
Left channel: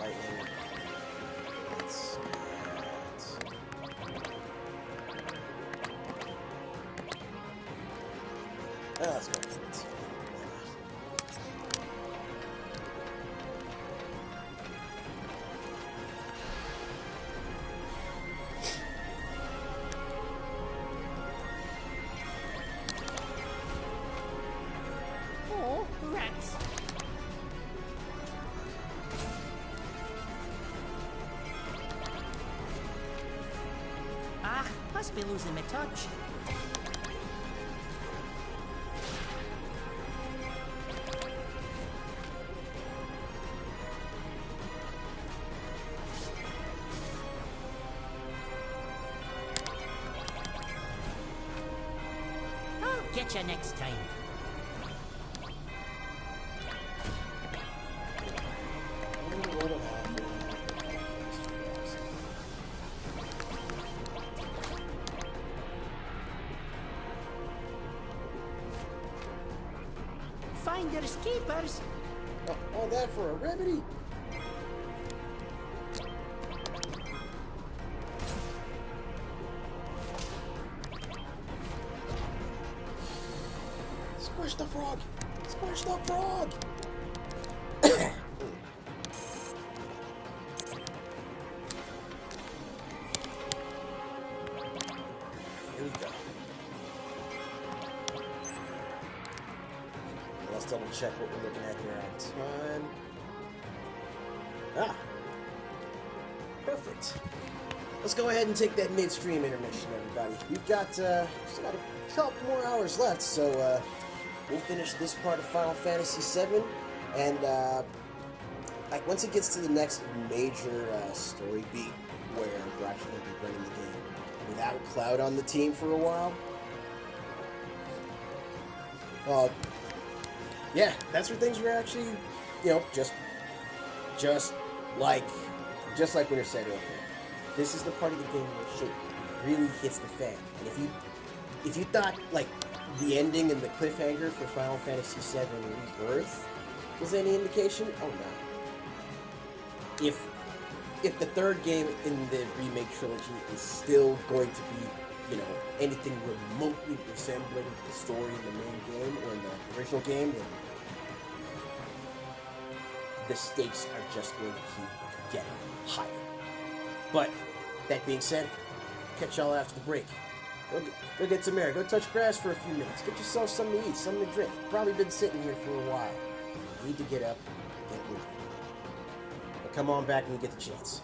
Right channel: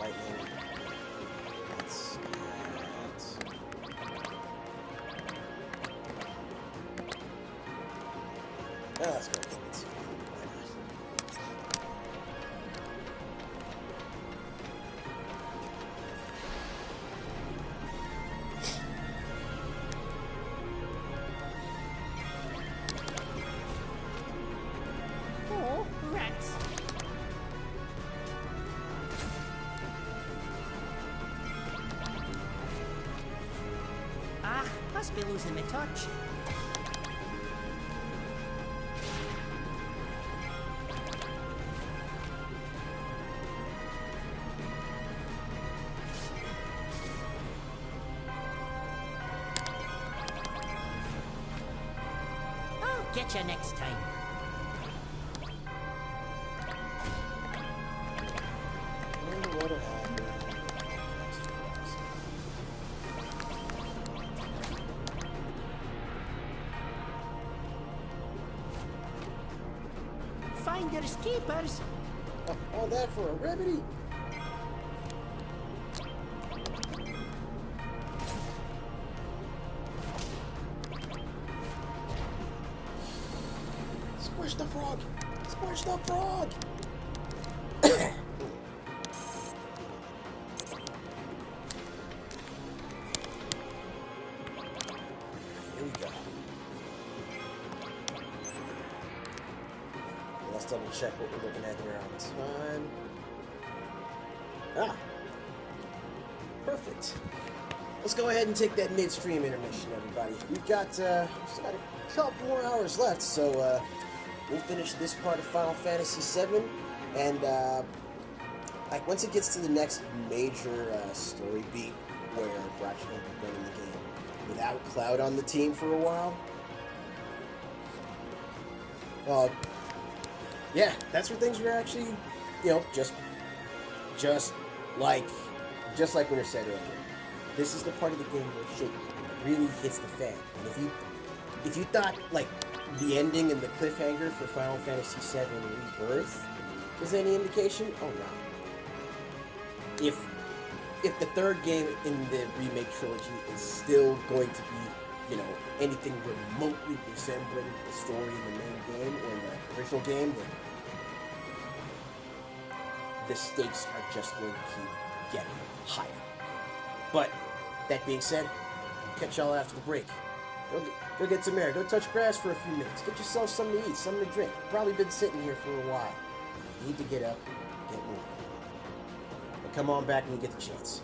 Lightning. Let's get... Oh, let's go. Let's go. Why not? Oh, rats. Ah, must be losing my touch. I'll get you next time. Wonder what'll happen. Finders keepers. Oh, all that for a remedy? Squish the frog! Squish the frog! Here we go. Let's double check what we're looking at here on time. Ah! Perfect. Let's go ahead and take that midstream intermission, everybody. We've got, still got a couple more hours left, so, we'll finish this part of Final Fantasy VII, and like once it gets to the next major story beat, where we're actually going to be running the game without Cloud on the team for a while. Yeah, that's where things were actually, you know, just like Winter said earlier. This is the part of the game where shit really hits the fan. And if you thought like the ending and the cliffhanger for Final Fantasy VII Rebirth was any indication, oh no. If the third game in the remake trilogy is still going to be, you know, anything remotely resembling the story in the main game or in the original game, then the stakes are just going to keep getting higher. But that being said, catch y'all after the break. Go get some air. Go touch grass for a few minutes. Get yourself something to eat, something to drink. Probably been sitting here for a while. You need to get up, get moving. But come on back when you get the chance.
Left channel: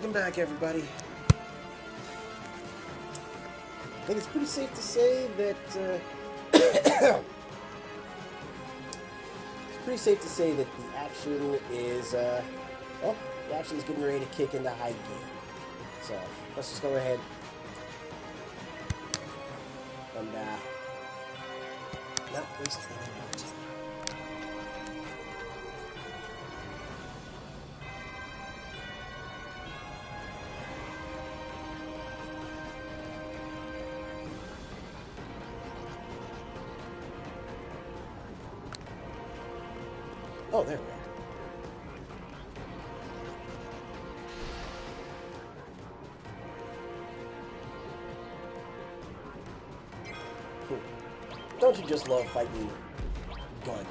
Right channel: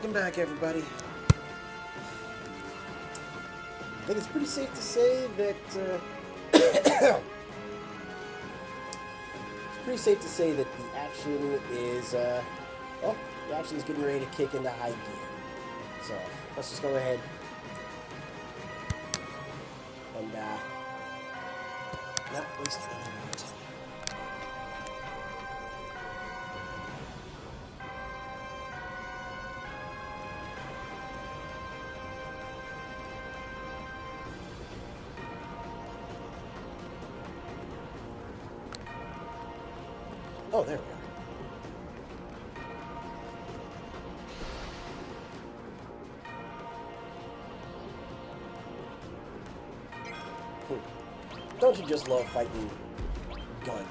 Welcome back, everybody. I think it's pretty safe to say that it's pretty safe to say that the action is the action's getting ready to kick into high gear. So let's just go ahead and not waste any more time. Oh, there we are. Don't you just love fighting gun?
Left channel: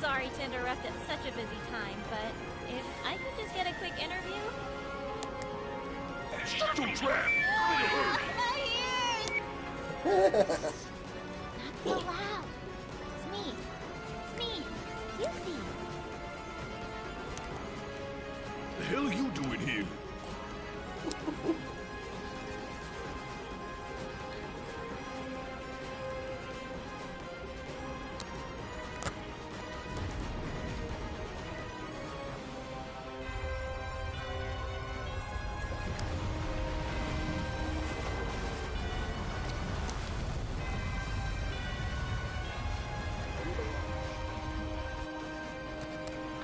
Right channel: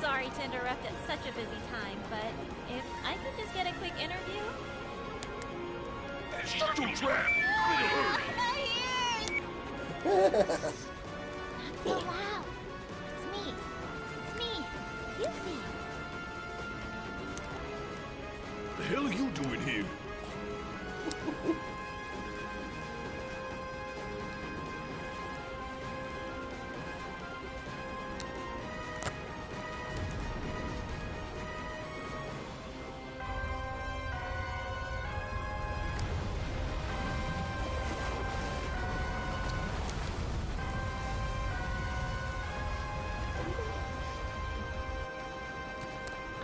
Sorry to interrupt at such a busy time, but if I could just get a quick interview? Shut your trap! My ears! Not so loud. It's me. It's me. Yuffie. The hell are you doing here?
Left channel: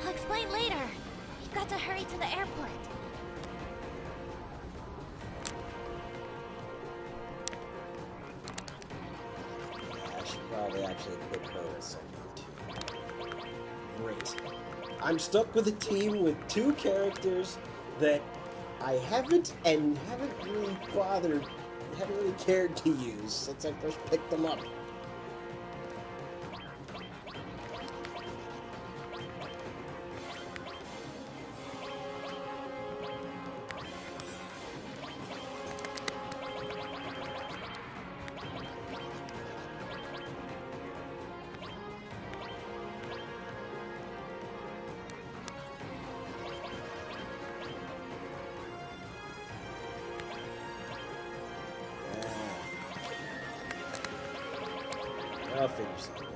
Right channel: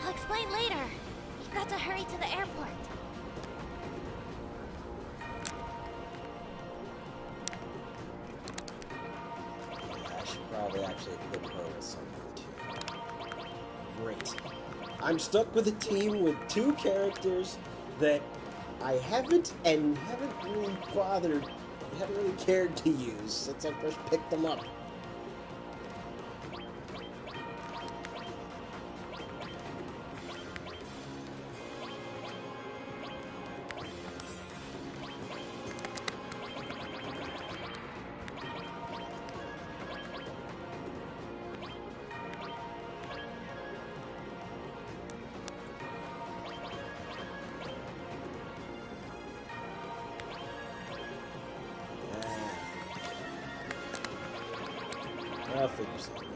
I'll explain later. We've got to hurry to the airport. I should probably actually equip her with something too. Great. I'm stuck with a team with two characters that I haven't really cared to use since I first picked them up. I'll figure something out.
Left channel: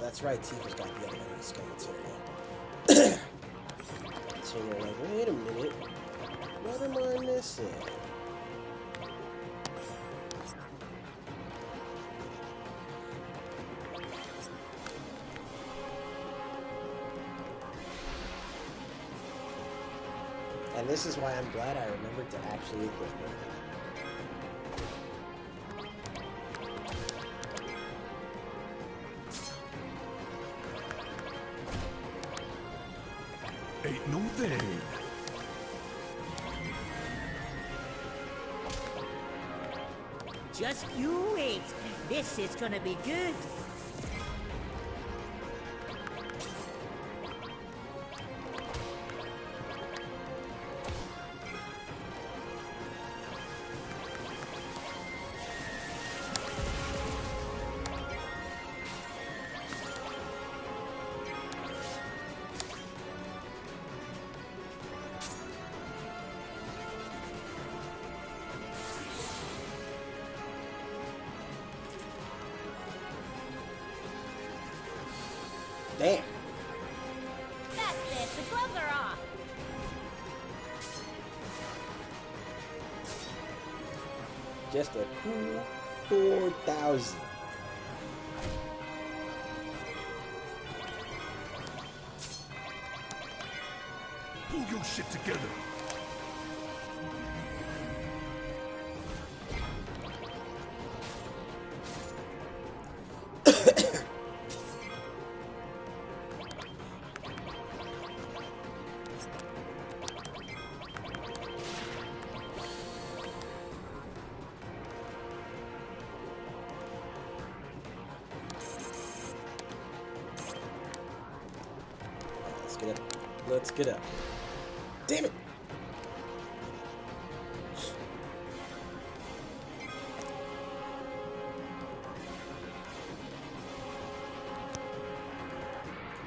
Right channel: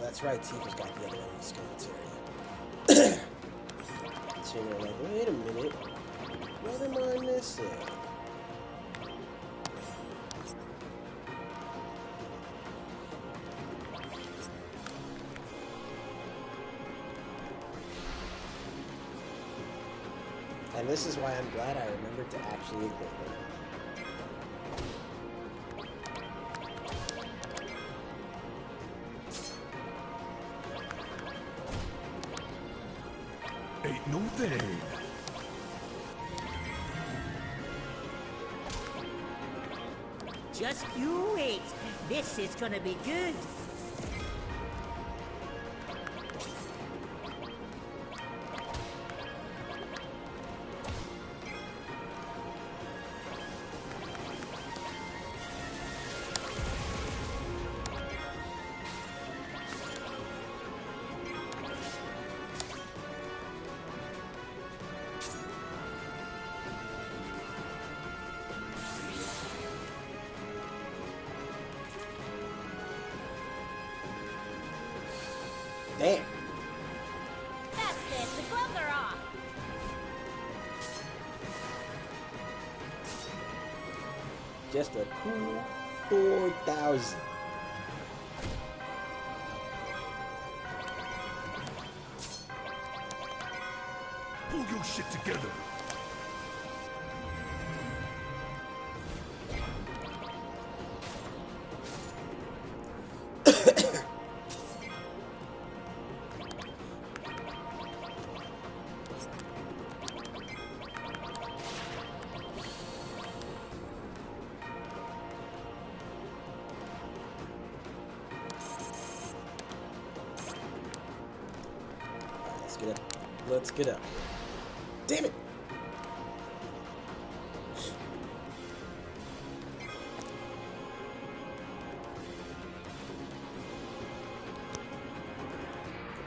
That's right, Tifa's got the other enemy skill materia. So you're like, wait a minute, what am I missing? And this is why I'm glad I remembered to actually equip her. Ain't no thing. Just you wait. This is gonna be good. Damn. That's it. The gloves are off. Just a cool 4,000. Pull your shit together. Let's get up. Let's get up. Damn it!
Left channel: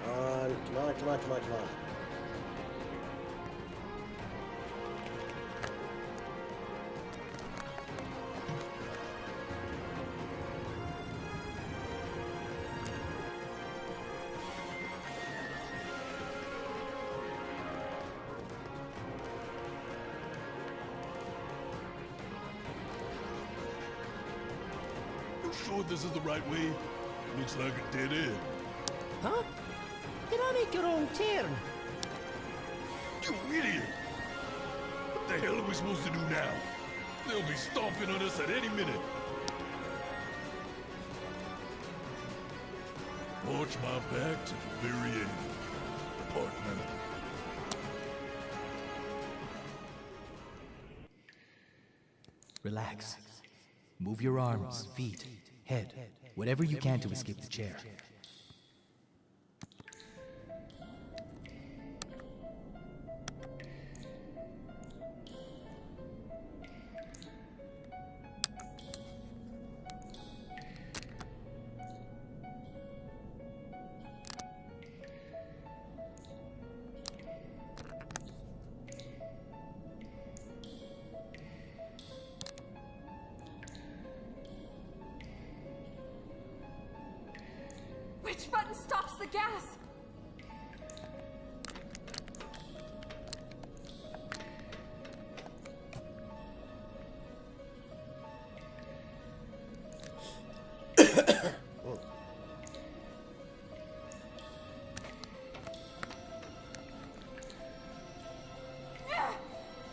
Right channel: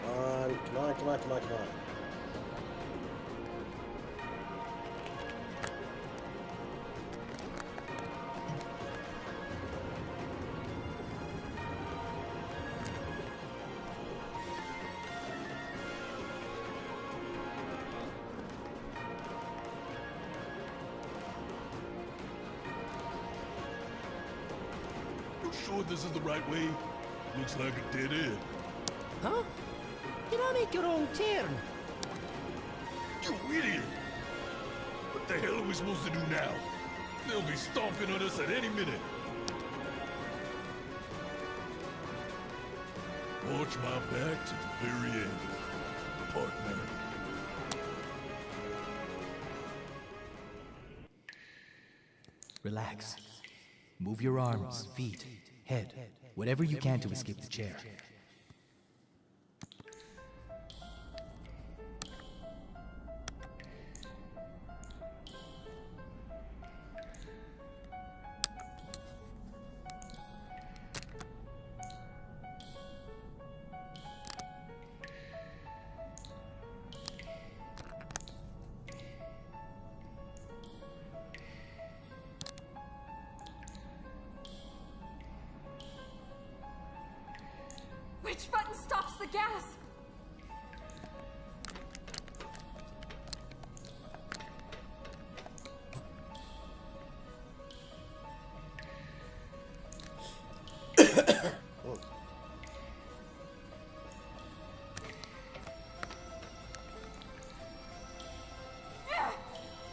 Come on, come on, come on, come on, come on. You sure this is the right way? Looks like a dead end. Huh? Did I make a wrong turn? You idiot! What the hell are we supposed to do now? They'll be stomping on us at any minute. Watch my back to the very end, partner. Relax. Move your arms, feet, head, whatever you can to escape the chair. Which button stops the gas?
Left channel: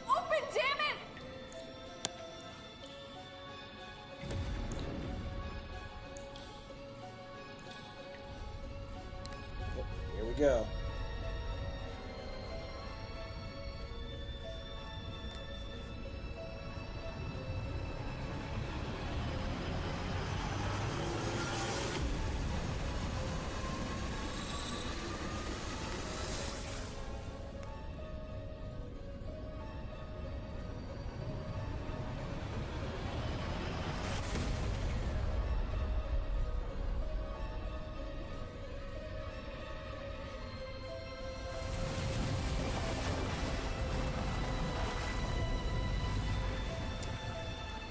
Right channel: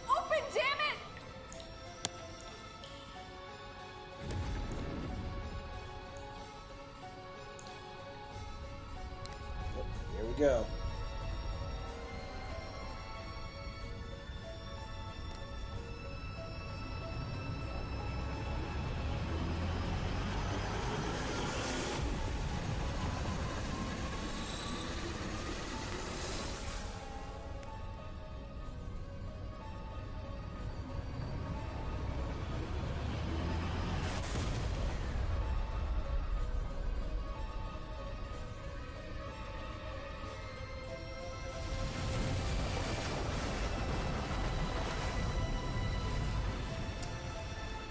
Open, damn it! Here we go.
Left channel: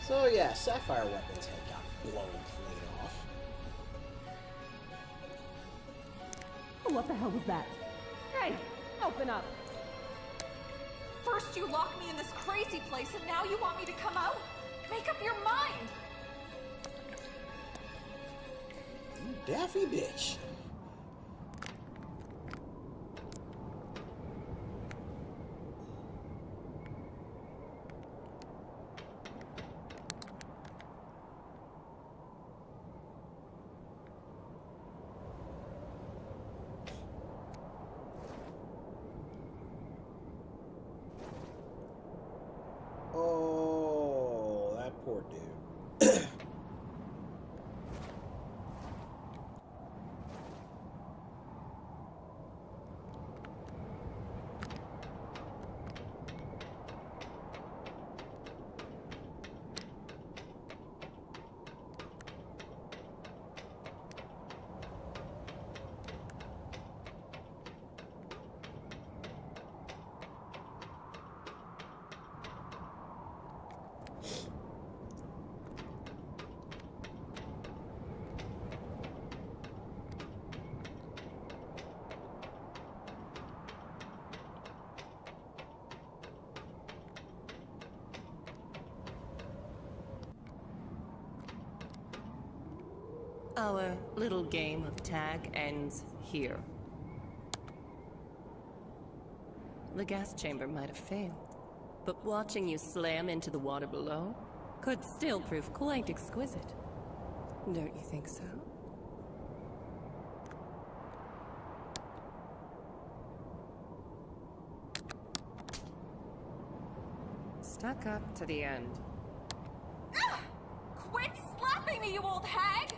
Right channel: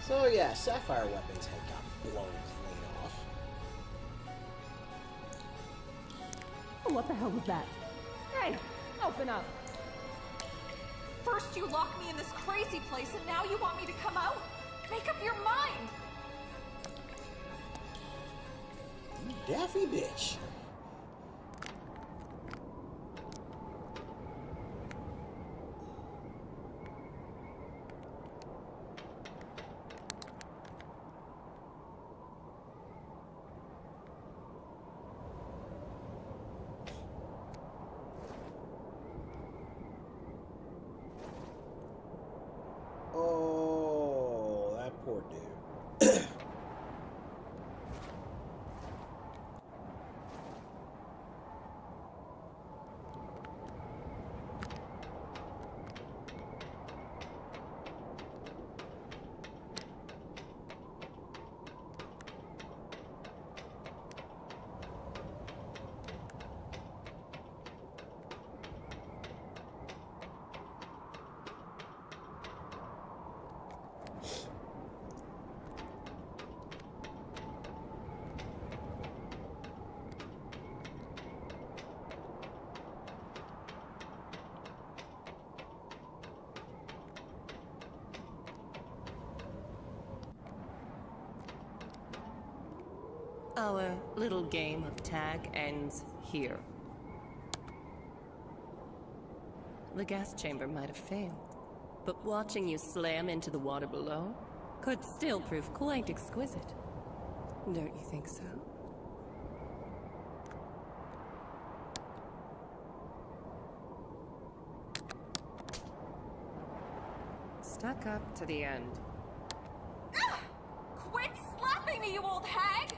So yeah, Sapphire Weapon's head got blown clean off. What the hell was that? Hey, open up. First you lock me in this crazy place, and now you want me to come out? Make up your mind! You daffy bitch. Poor dude. Our little game of tag ends here. The gas chamber might have failed, but watching you slam into the water below could still prove quite exquisite. Don't you think so? Stuck up to the end. Quit slapping me, you old hag!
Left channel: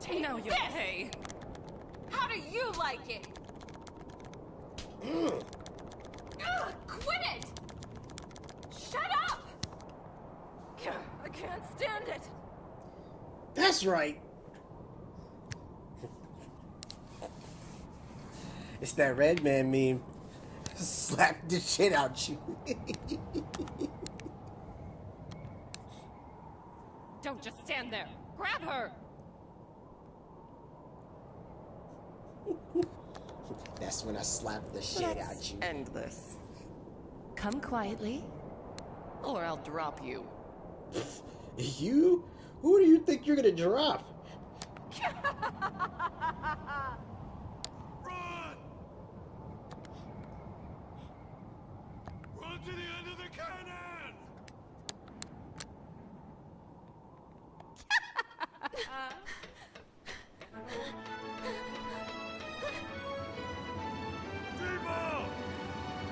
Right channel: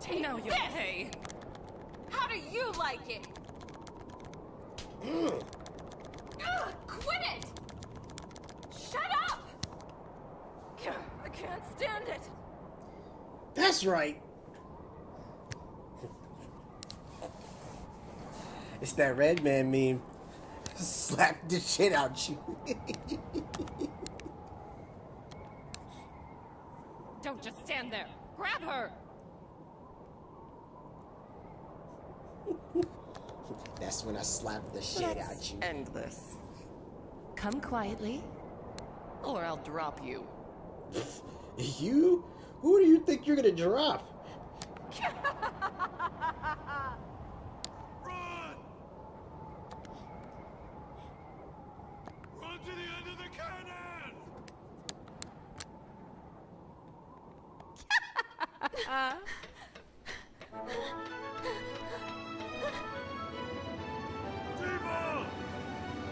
Take Now you this! pay. How do you like it? Quit it! Shut up! I can't stand it. That's right. It's that red man meme. Slap the shit out you. Don't just stand there. Grab her! That's when I slap the shit out you. End this. Come quietly, or I'll drop you. You? Who do you think you're gonna drop? Run! Run to the end of the cannon! Tifa!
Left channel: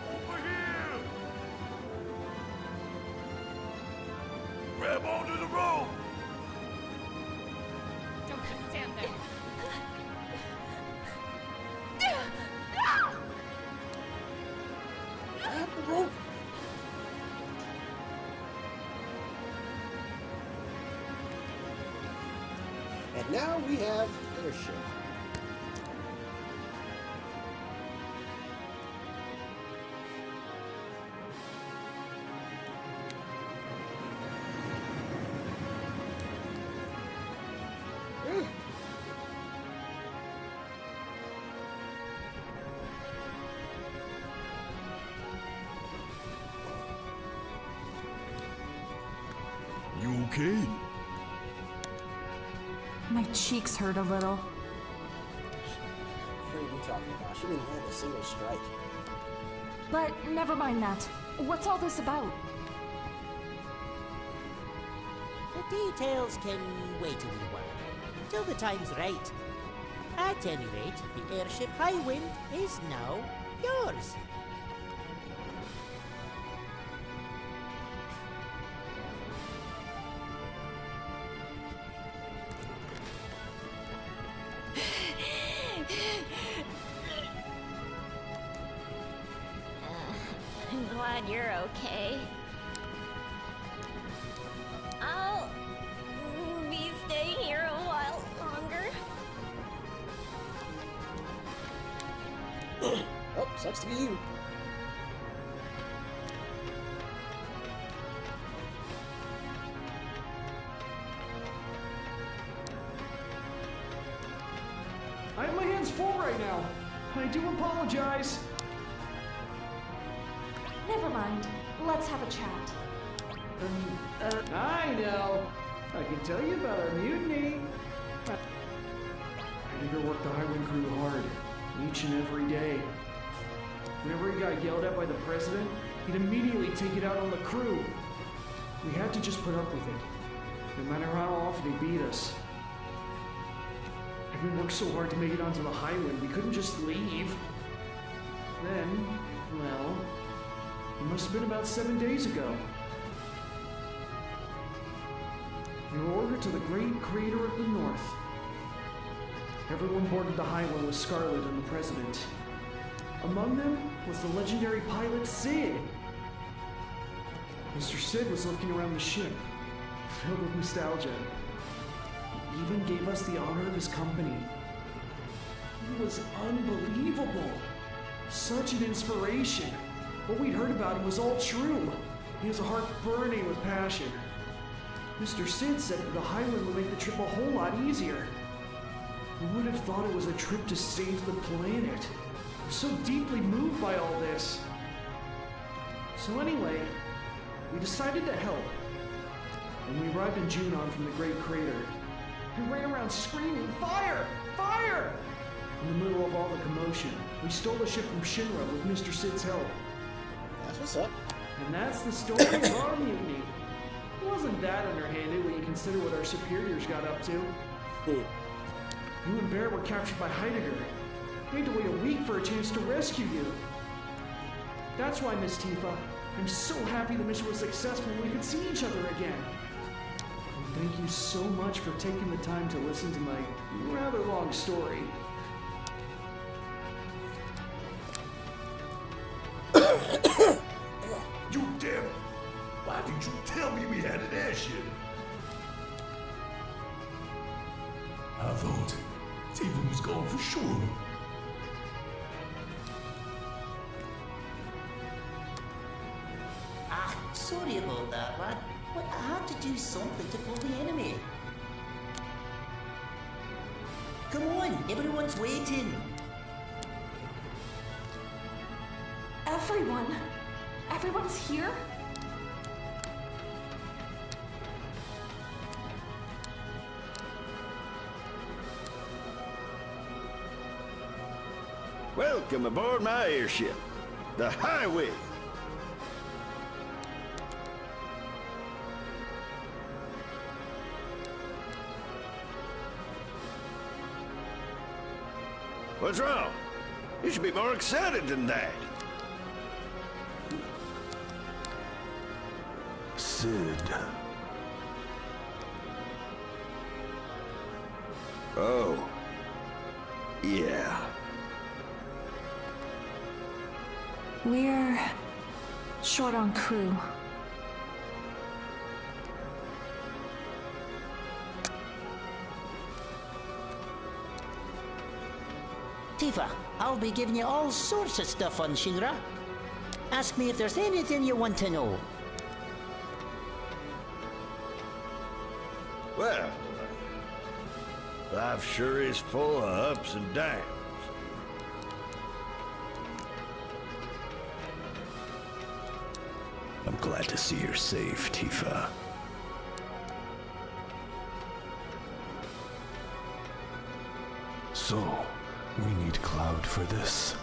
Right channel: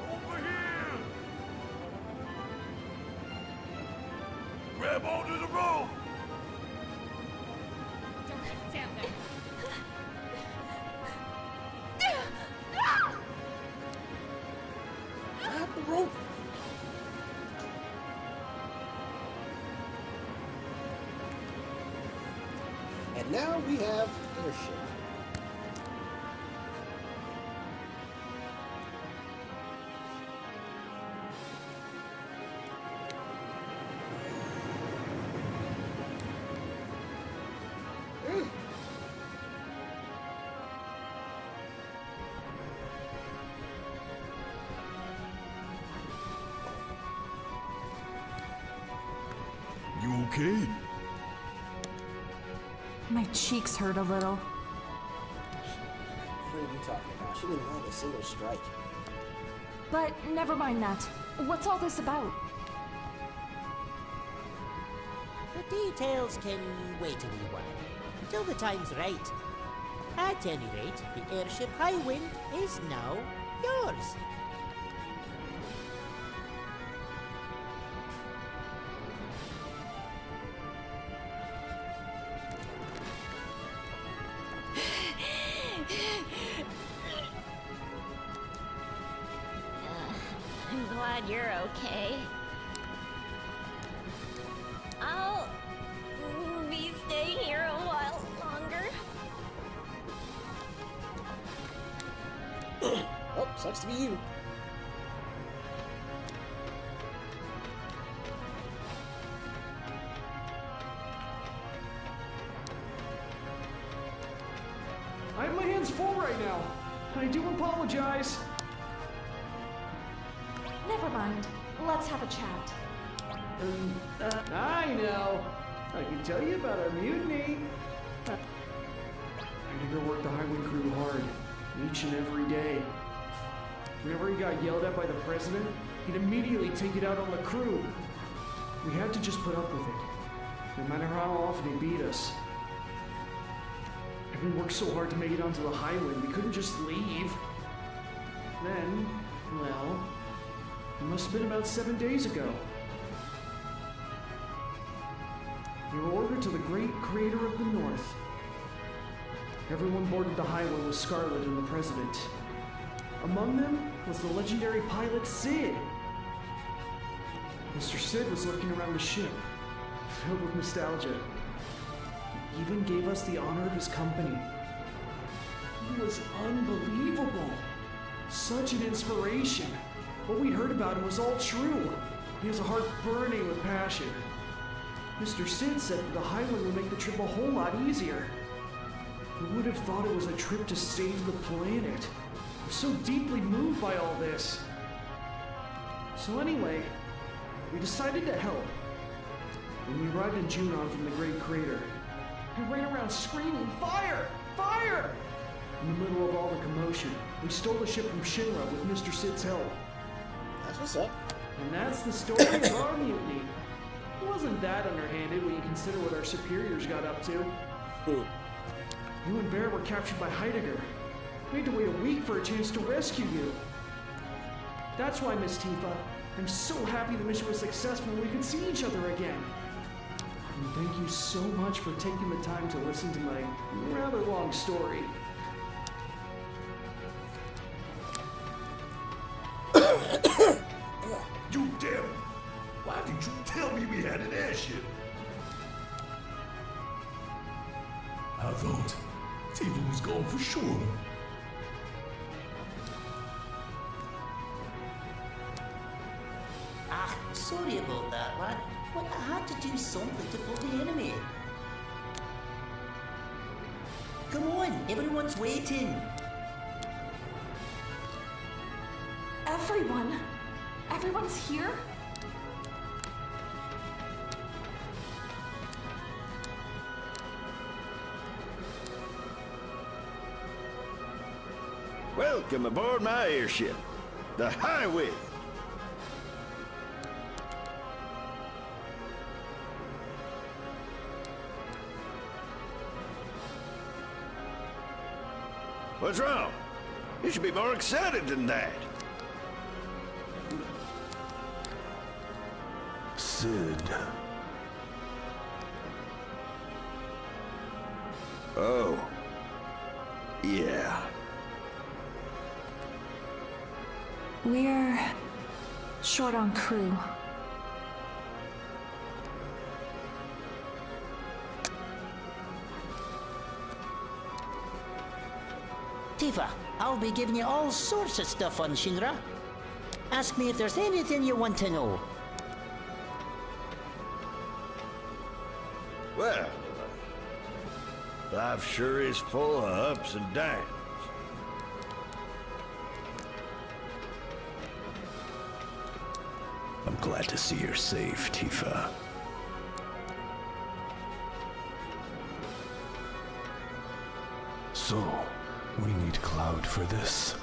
Over here! Grab onto the rope! Don't just stand there. Grab the rope. And now we have airship. You okay? My cheeks hurt a little. What are you talking about? She didn't land a single strike. But never mind that. What's all this about? The details can wait a wee while, till the time's right. At any rate, the airship Highwind is now yours. I'm glad you're okay. I'll be staying here a while longer. Oh, sucks to be you. I have my hands full right now. I do apologize. Never mind. Let's have a chat. I know. I can tell you about our mutiny. Heidegger worked the Highwind crew hard, each and every day. Whenever he got yelled at by the president, he'd immediately take it out on the crew. We had to just put up with it, no matter how often he beat us. Having worked so hard to make it onto the Highwind, we couldn't just leave. Then, well, it must have been about 7 days ago. They were ordered to the great creator of the North. Everyone boarded the highway with Scarlet and the President. Among them was the legendary pilot Sid. Mr. Sid was looking around the ship, filled with nostalgia. He even gave us the honor of his company. He was unbelievable. Such an inspiration. What we'd heard about him was all true. He has a heart burning with passion. Mr. Sid said that the highway would make the trip a whole lot easier. Who would have thought it was a trip to save the planet? I'm so deeply moved by all this. So anyway, we decided to help. When we arrived in Junon from the Great Crater, I ran around screaming, "Fire! Fire!" In the middle of all the commotion, we stole the ship from Shinra with Mr. Sid's help. That's what's up. And that's the story of our mutiny. It wasn't that underhanded when you consider what our superiors got up to. You and Bear were captured by Heidegger. We had to wait a week for a chance to rescue you. That's why, Miss Tifa, I'm so happy the mission was successful and we could see each other again. And thank you so much for taking the time to listen to my rather long story. You damn! Why did you tell me we had an airship? I thought Tifa was gone for sure. Sorry about that, lad. But I had to do something to fool the enemy. Come on, everyone's waiting. Everyone? Everyone's here? Welcome aboard my airship, the Highway. What's wrong? You should be more excited than that. Sid. Oh. Yeah. We're short on crew. Tifa, I'll be giving you all sorts of stuff on Shinra. Ask me if there's anything you want to know. Well, life sure is full of ups and downs. I'm glad to see you're safe, Tifa. So, we need Cloud for this.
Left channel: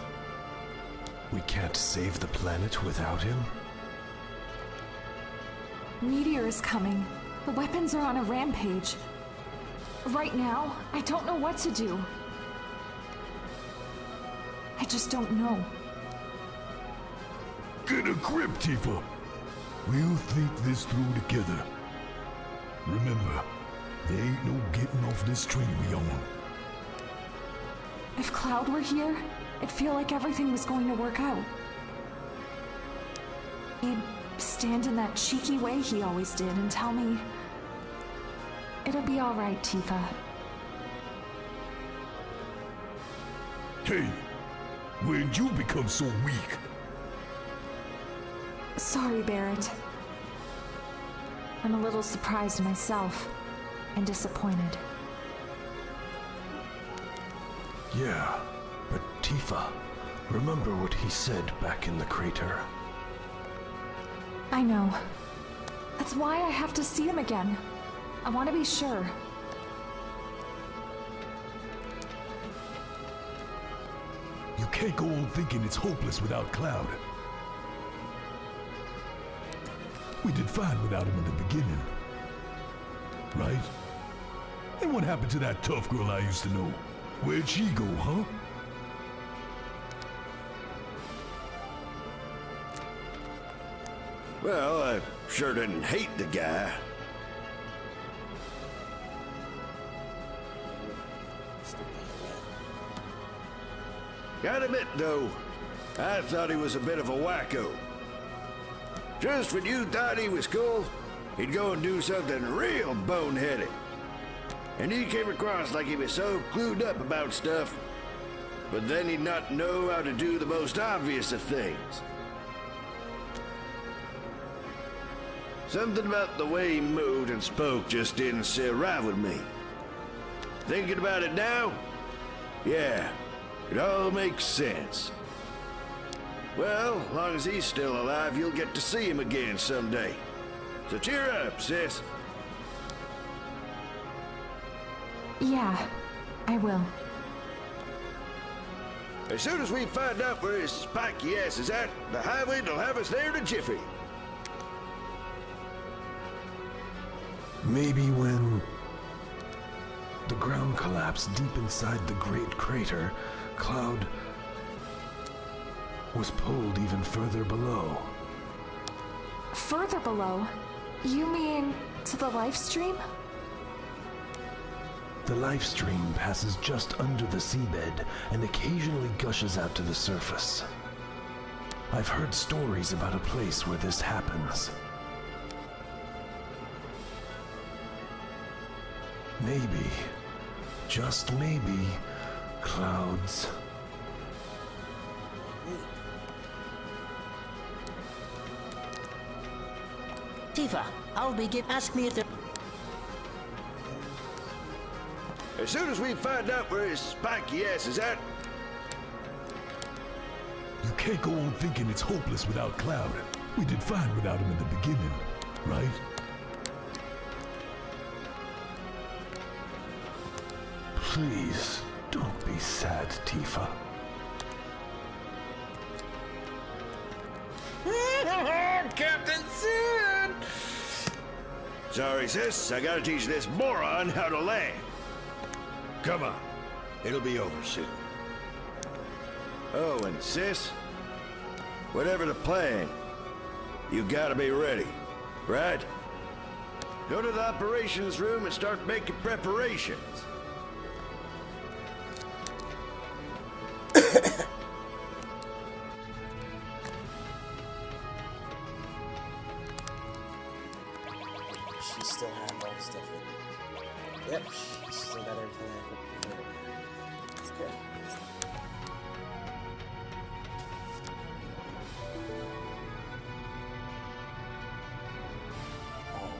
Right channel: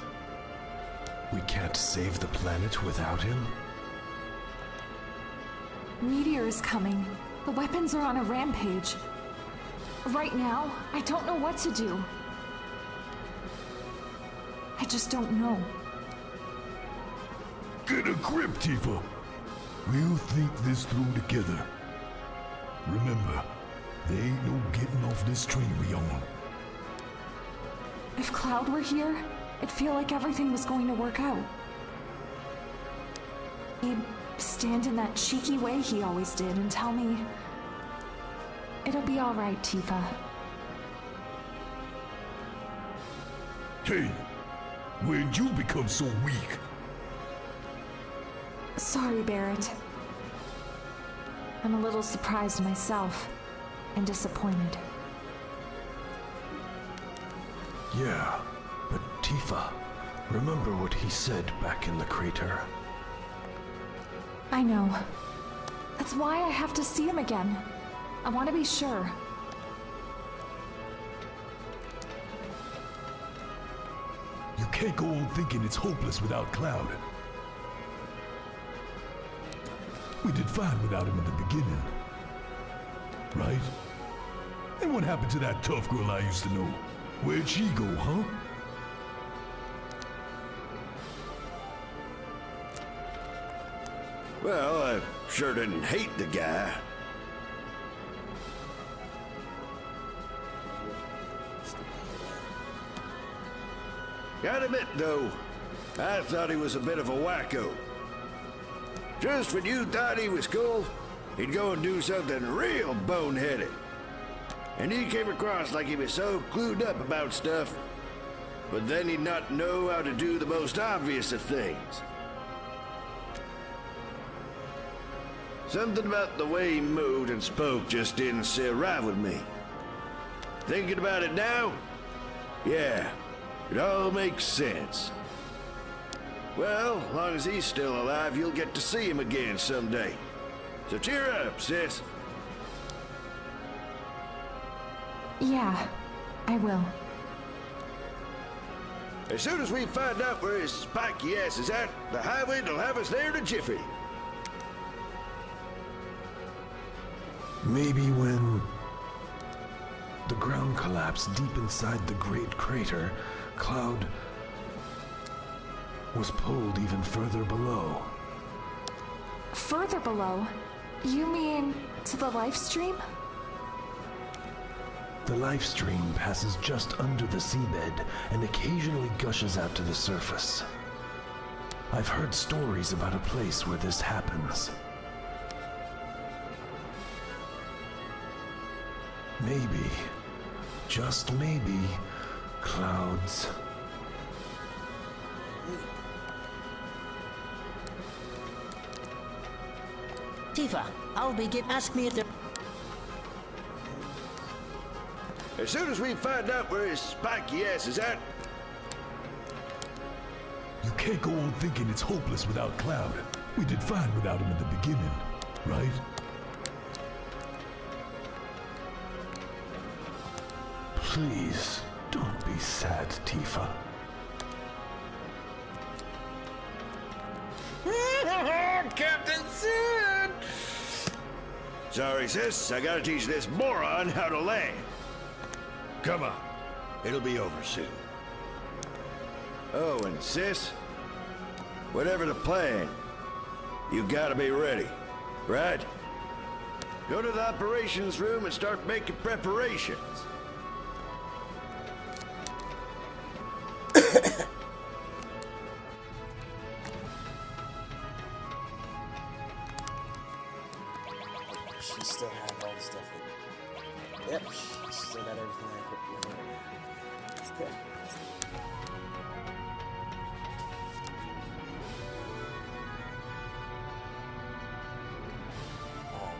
We can't save the planet without him? Meteor is coming. The weapons are on a rampage. Right now, I don't know what to do. I just don't know. Get a grip, Tifa. We'll think this through together. Remember, there ain't no getting off this train we own. If Cloud were here, I'd feel like everything was going to work out. He'd stand in that cheeky way he always did and tell me, "It'll be all right, Tifa." Hey, when'd you become so weak? Sorry, Barrett. I'm a little surprised myself and disappointed. Yeah, but Tifa, remember what he said back in the crater? I know. That's why I have to see him again. I want to be sure. You can't go on thinking it's hopeless without Cloud. We did fine without him in the beginning. Right? And what happened to that tough girl I used to know? Where'd she go, huh? Well, I sure didn't hate the guy. Gotta admit, though, I thought he was a bit of a wacko. Just when you thought he was cool, he'd go and do something real boneheaded. And he came across like he was so clued up about stuff, but then he'd not know how to do the most obvious of things. Something about the way he moved and spoke just didn't sit right with me. Thinking about it now, yeah, it all makes sense. Well, as long as he's still alive, you'll get to see him again someday. So cheer up, sis. Yeah, I will. As soon as we find out where his spiky ass is at, the highway'll have us there in a jiffy. Maybe when the ground collapsed deep inside the great crater, Cloud was pulled even further below. Further below? You mean to the life stream? The life stream passes just under the seabed and occasionally gushes out to the surface. I've heard stories about a place where this happens. Maybe, just maybe, Cloud's Tifa, ask me if there... As soon as we find out where his spiky ass is at... You can't go on thinking it's hopeless without Cloud. We did fine without him in the beginning, right? Please, don't be sad, Tifa. Captain Sid! Sorry, sis. I gotta teach this moron how to land. Come on. It'll be over soon. Oh, and sis, whatever the plan, you gotta be ready, right? Go to the operations room and start making preparations. She still have all the stuff that... Yep, she still got everything I put in there. Good. Oh, no.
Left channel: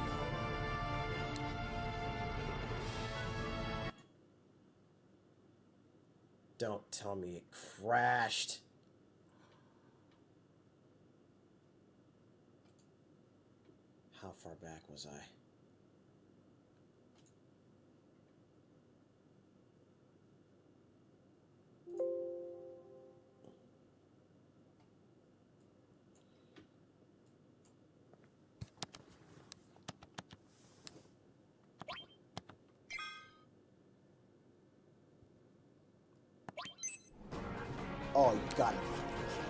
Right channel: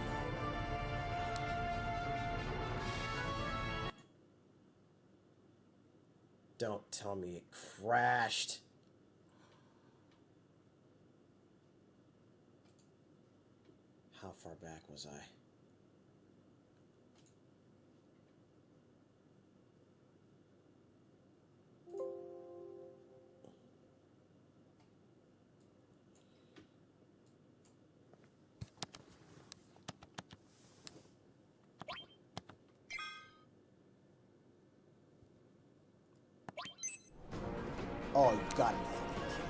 Don't tell me it crashed. How far back was I? Oh, you gotta be fucking kidding me.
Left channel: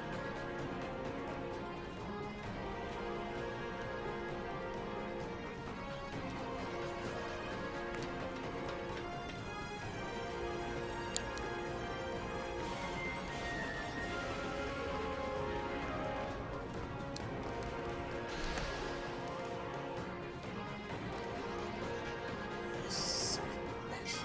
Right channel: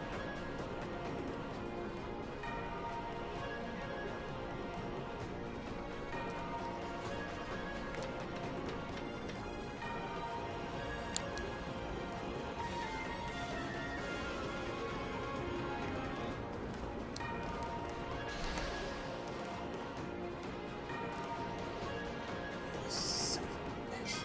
Son of a bitch.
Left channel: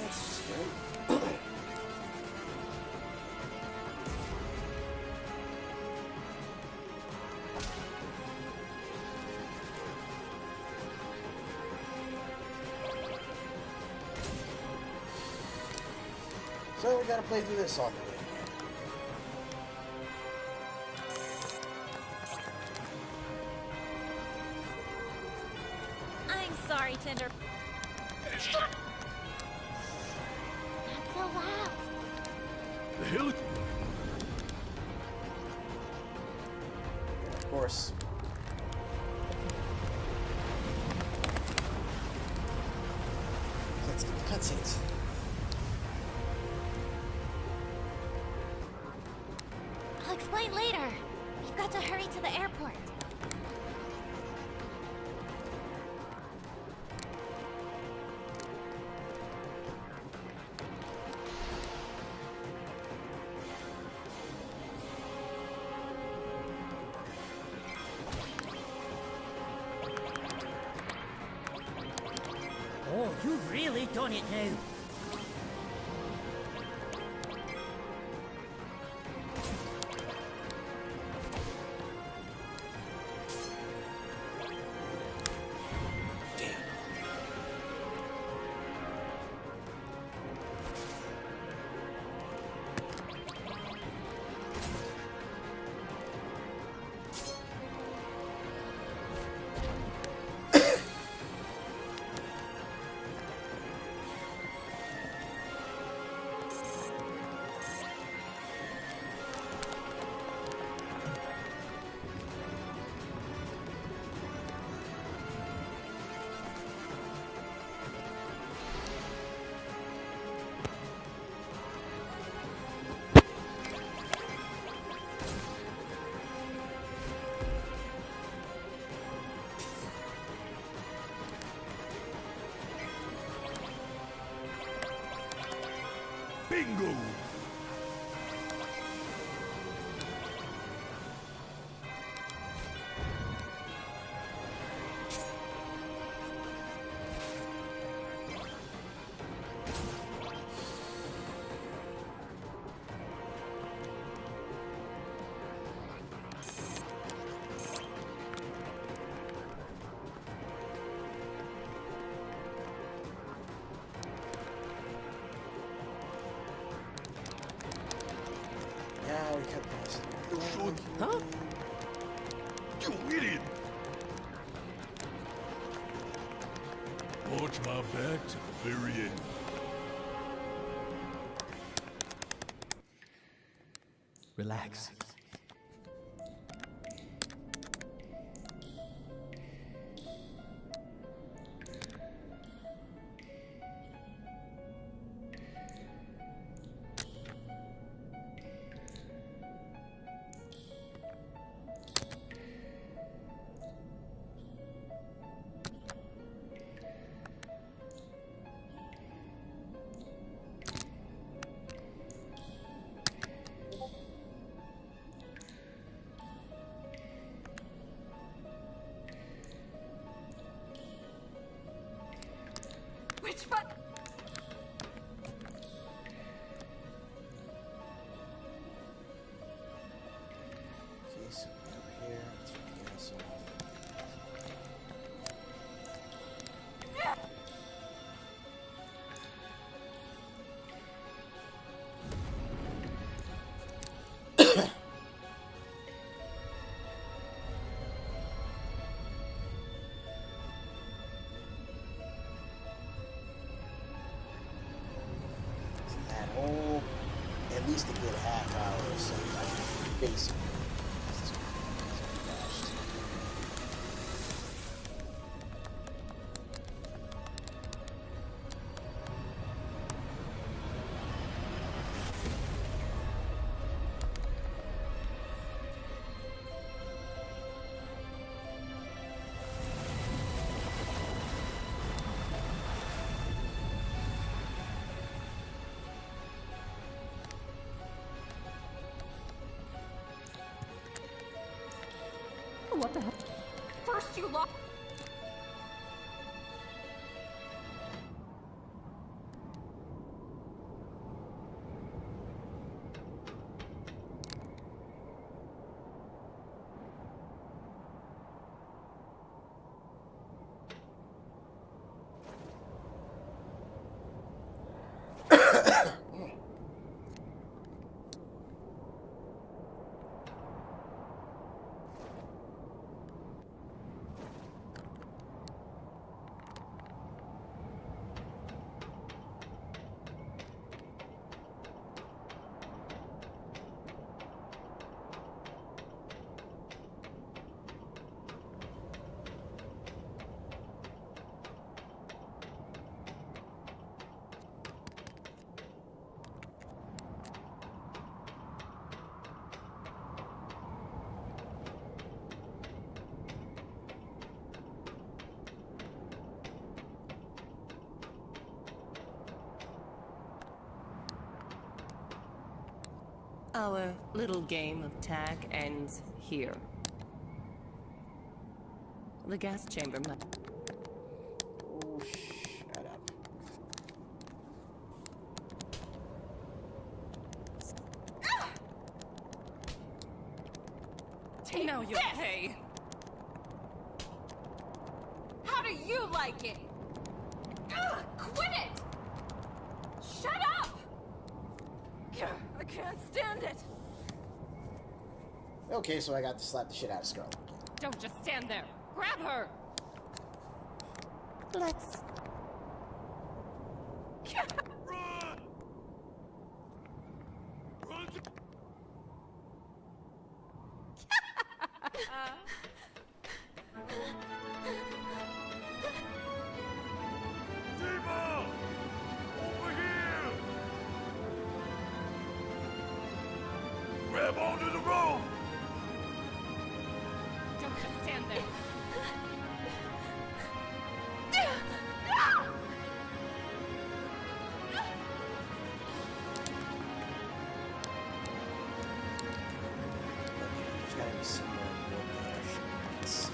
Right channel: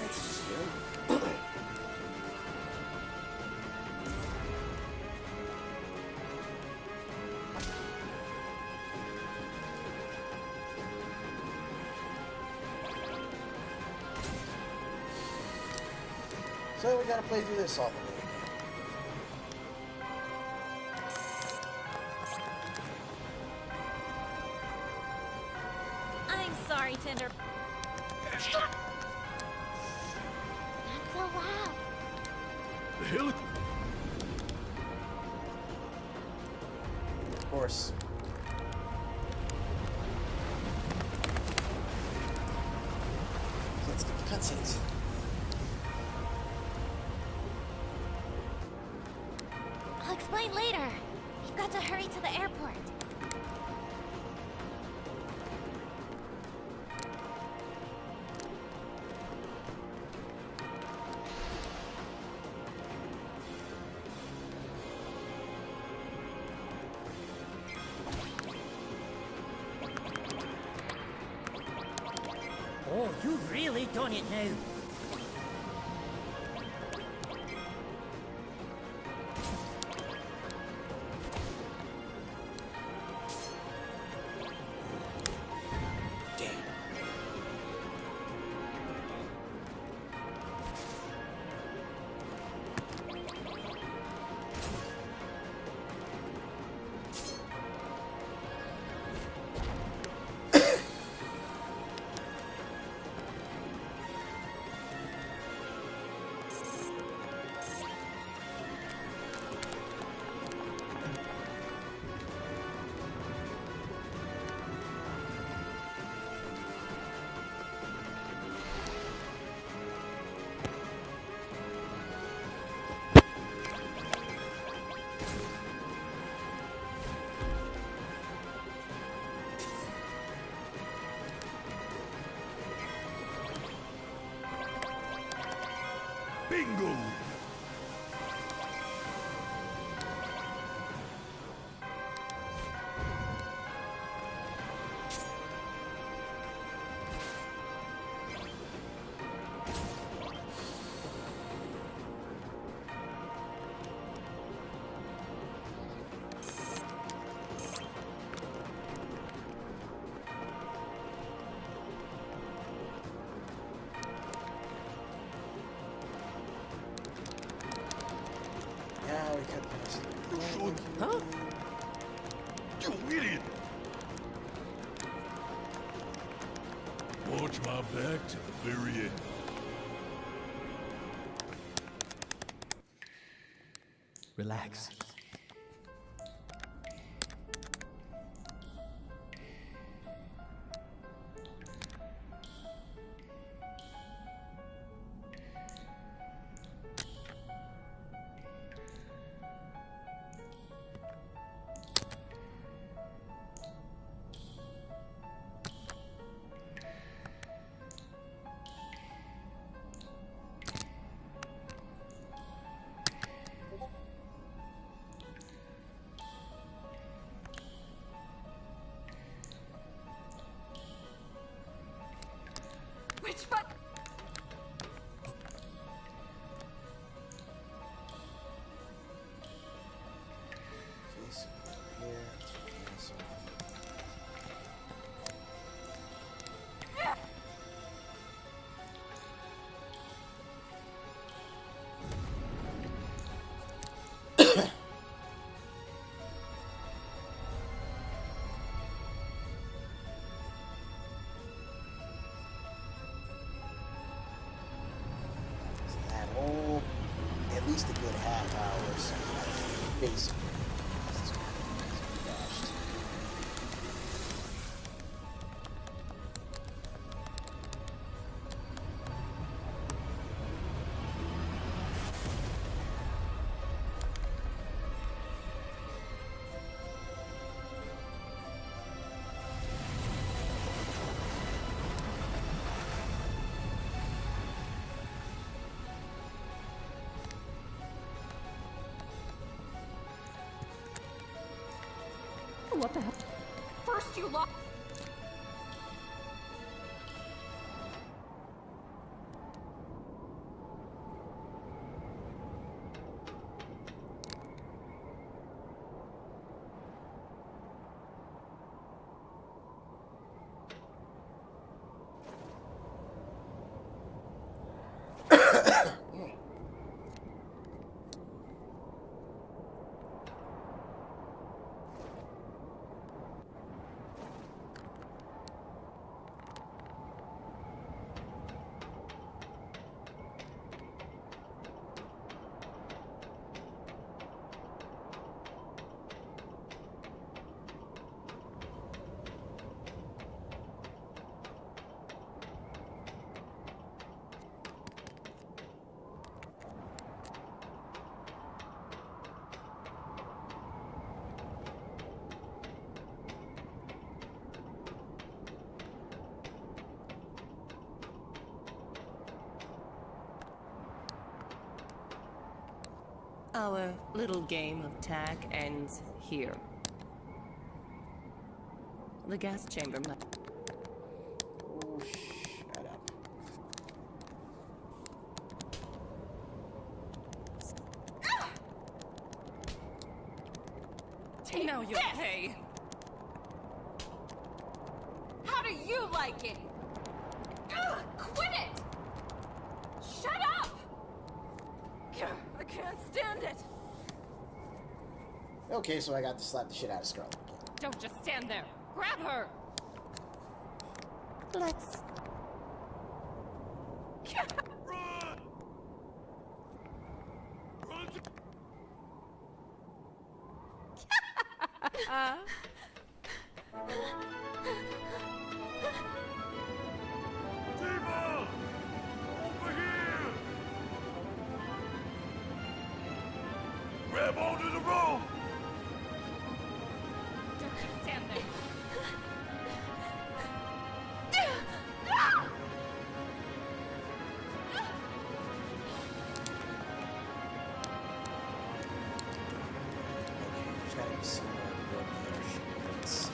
That's good. So we gotta play through this all the way again. I'm sorry, Tender. Not so loud. The hell? Of course. Let's get the cutscenes. explain later. We've got to hurry to the airport. Oh, you've really done it now. Bingo! Now we cut past the Huh? You idiot! Watch my back to the very end. Relax. Which button? Okay, so we go up here. Let's turn the gas off. So that whole, at least a good half hour or so, basically. Dashed. What the hell? First you lock. Our little game of tag ends here. The gas chamber might. Oh, shut up. Take Now you'll pay. How do you like it? Quit it! Shut up! I can't stand it. Okay, so I got to slap the shit out of Scarlet again. Don't just stand there. Grab her. Let's. Tifa! Over here! Grab onto the rope! Don't just stand there. Okay, there's gotta be somewhere aboard the airship where I can save.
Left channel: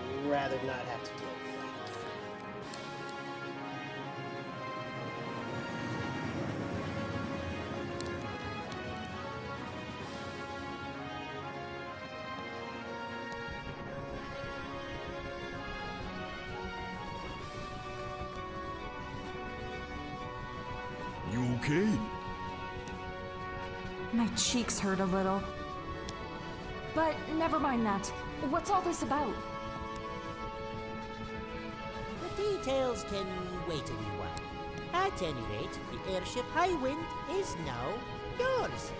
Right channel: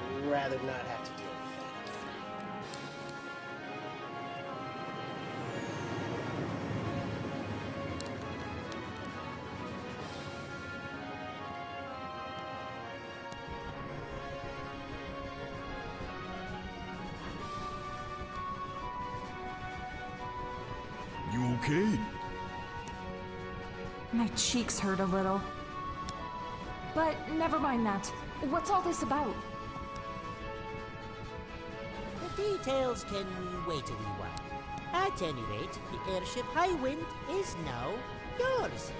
I'd rather not have to deal with that again. You okay? My cheeks hurt a little. But never mind that. What's all this about? The details can wait a wee while. At any rate, the airship Highwind is now yours.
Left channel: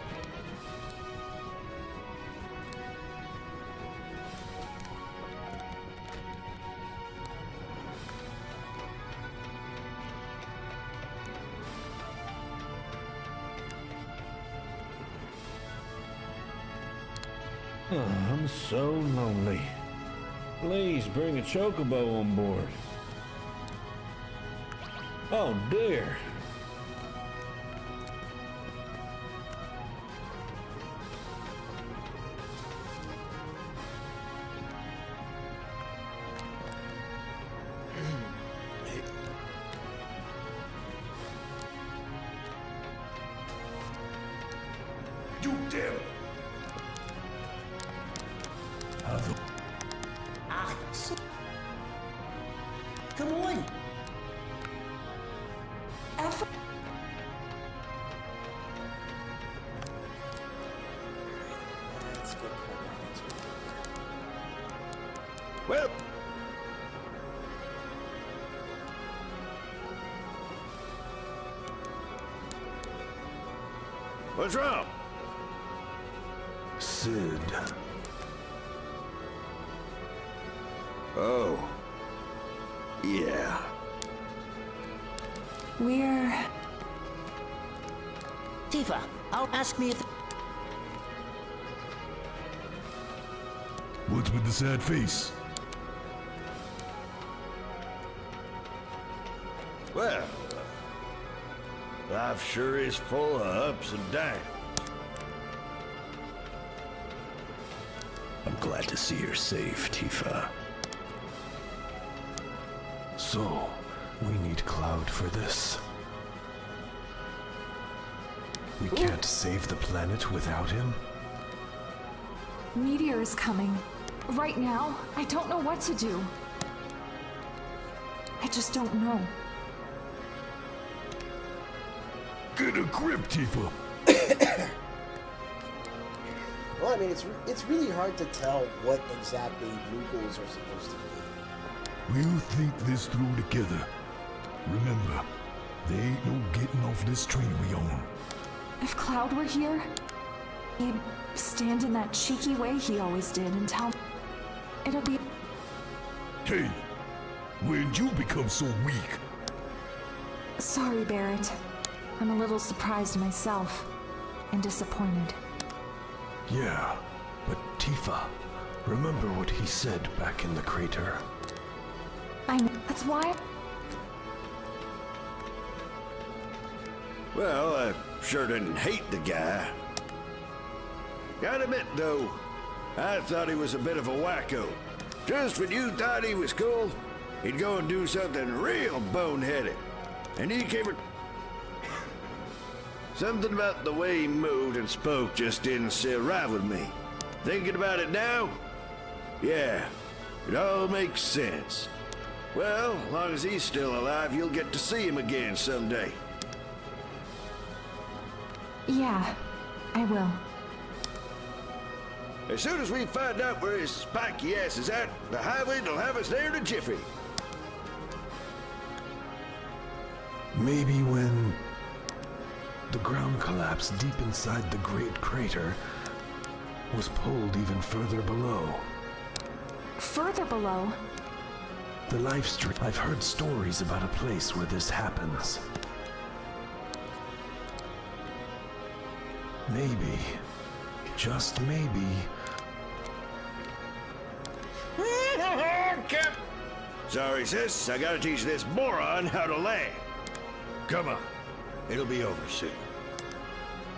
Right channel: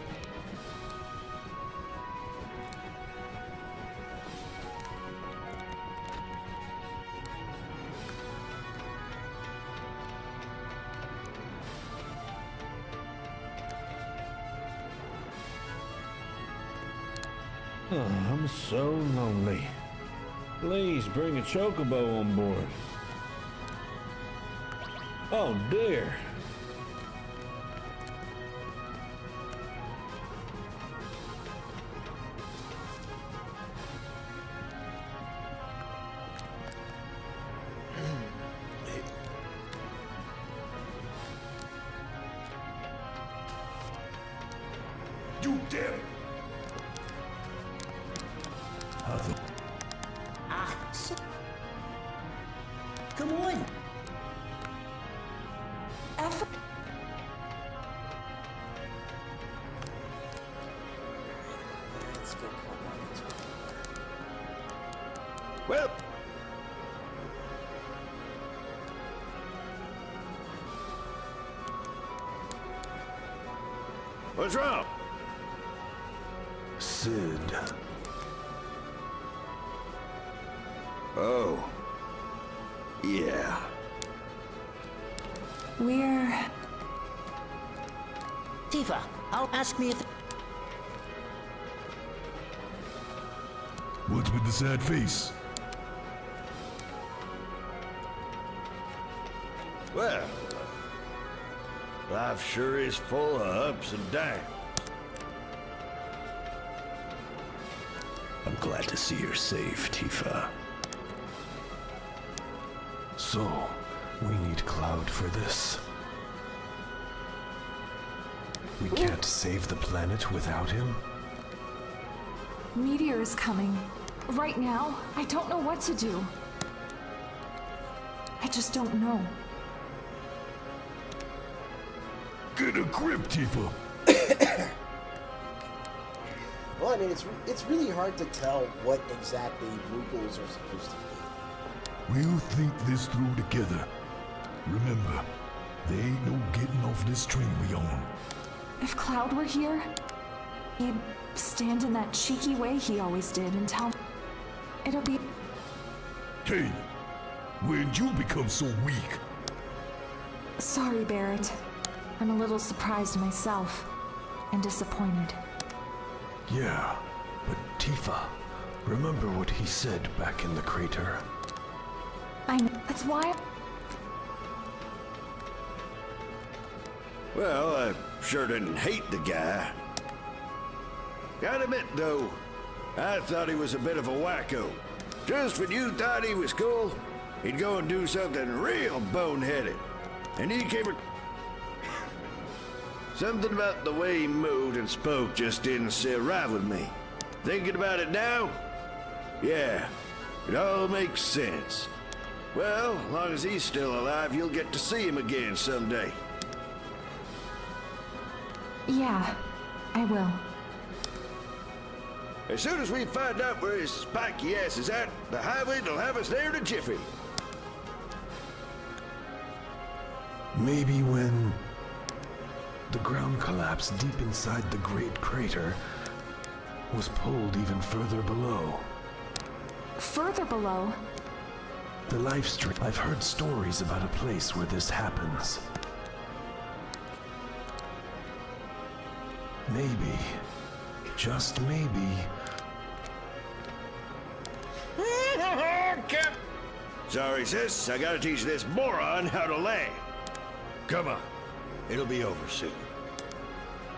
Oh, I'm so lonely. Please bring a chocobo on board. Oh dear. You damn! How the... Ah, so... Come on! F. Let's get cut back into it. Well, what's wrong? Sid. Oh. Yeah. We're... Tifa, I'll ask me if... What's with the sad face? Well, life sure is full of ups and downs. I'm glad to see you're safe, Tifa. So, we need Cloud for this. We can't save the planet without him? Meteor is coming. Right now, I don't know what to do. I just don't know. Get a grip, Tifa! Well, I mean, it's really hard to tell what exactly Moogles are supposed to be. We'll think this through together. Remember, there ain't no getting off this train we on. If Cloud were here, he'd stand in that cheeky way he always did and tell me it'll be... Hey, when'd you become so weak? Sorry, Barrett. I'm a little surprised myself and disappointed. Yeah, but Tifa, remember what he said back in the crater? I know. That's why... Well, I sure didn't hate the guy. Gotta admit, though, I thought he was a bit of a wacko. Just when you thought he was cool, he'd go and do something real boneheaded. And he came... Something about the way he moved and spoke just didn't sit right with me. Thinking about it now? Yeah, it all makes sense. Well, as long as he's still alive, you'll get to see him again someday. Yeah, I will. As soon as we find out where his spiky ass is at, the highway'll have us there in a jiffy. Maybe when the ground collapsed deep inside the great crater was pulled even further below. Further below? The life stream. I've heard stories about a place where this happens. Maybe, just maybe... Sorry, sis. I gotta teach this moron how to land. Come on. It'll be over soon.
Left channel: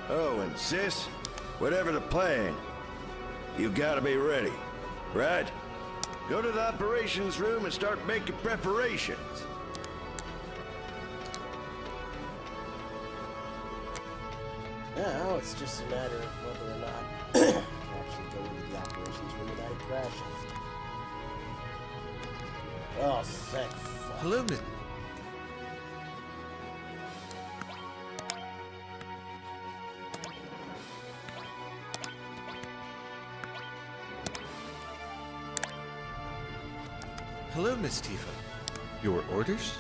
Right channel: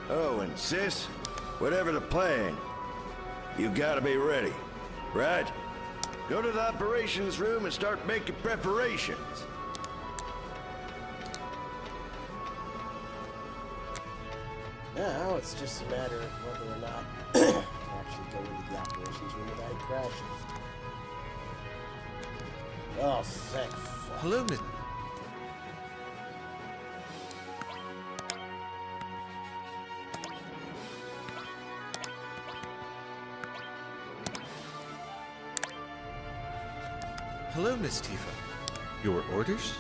Oh, and sis, whatever the plan, you gotta be ready, right? Go to the operations room and start making preparations. Now it's just a matter of whether or not I can actually go into the operations room without it crashing. Oh, thank fuck. Hello, Hello, Miss Tifa. Your orders?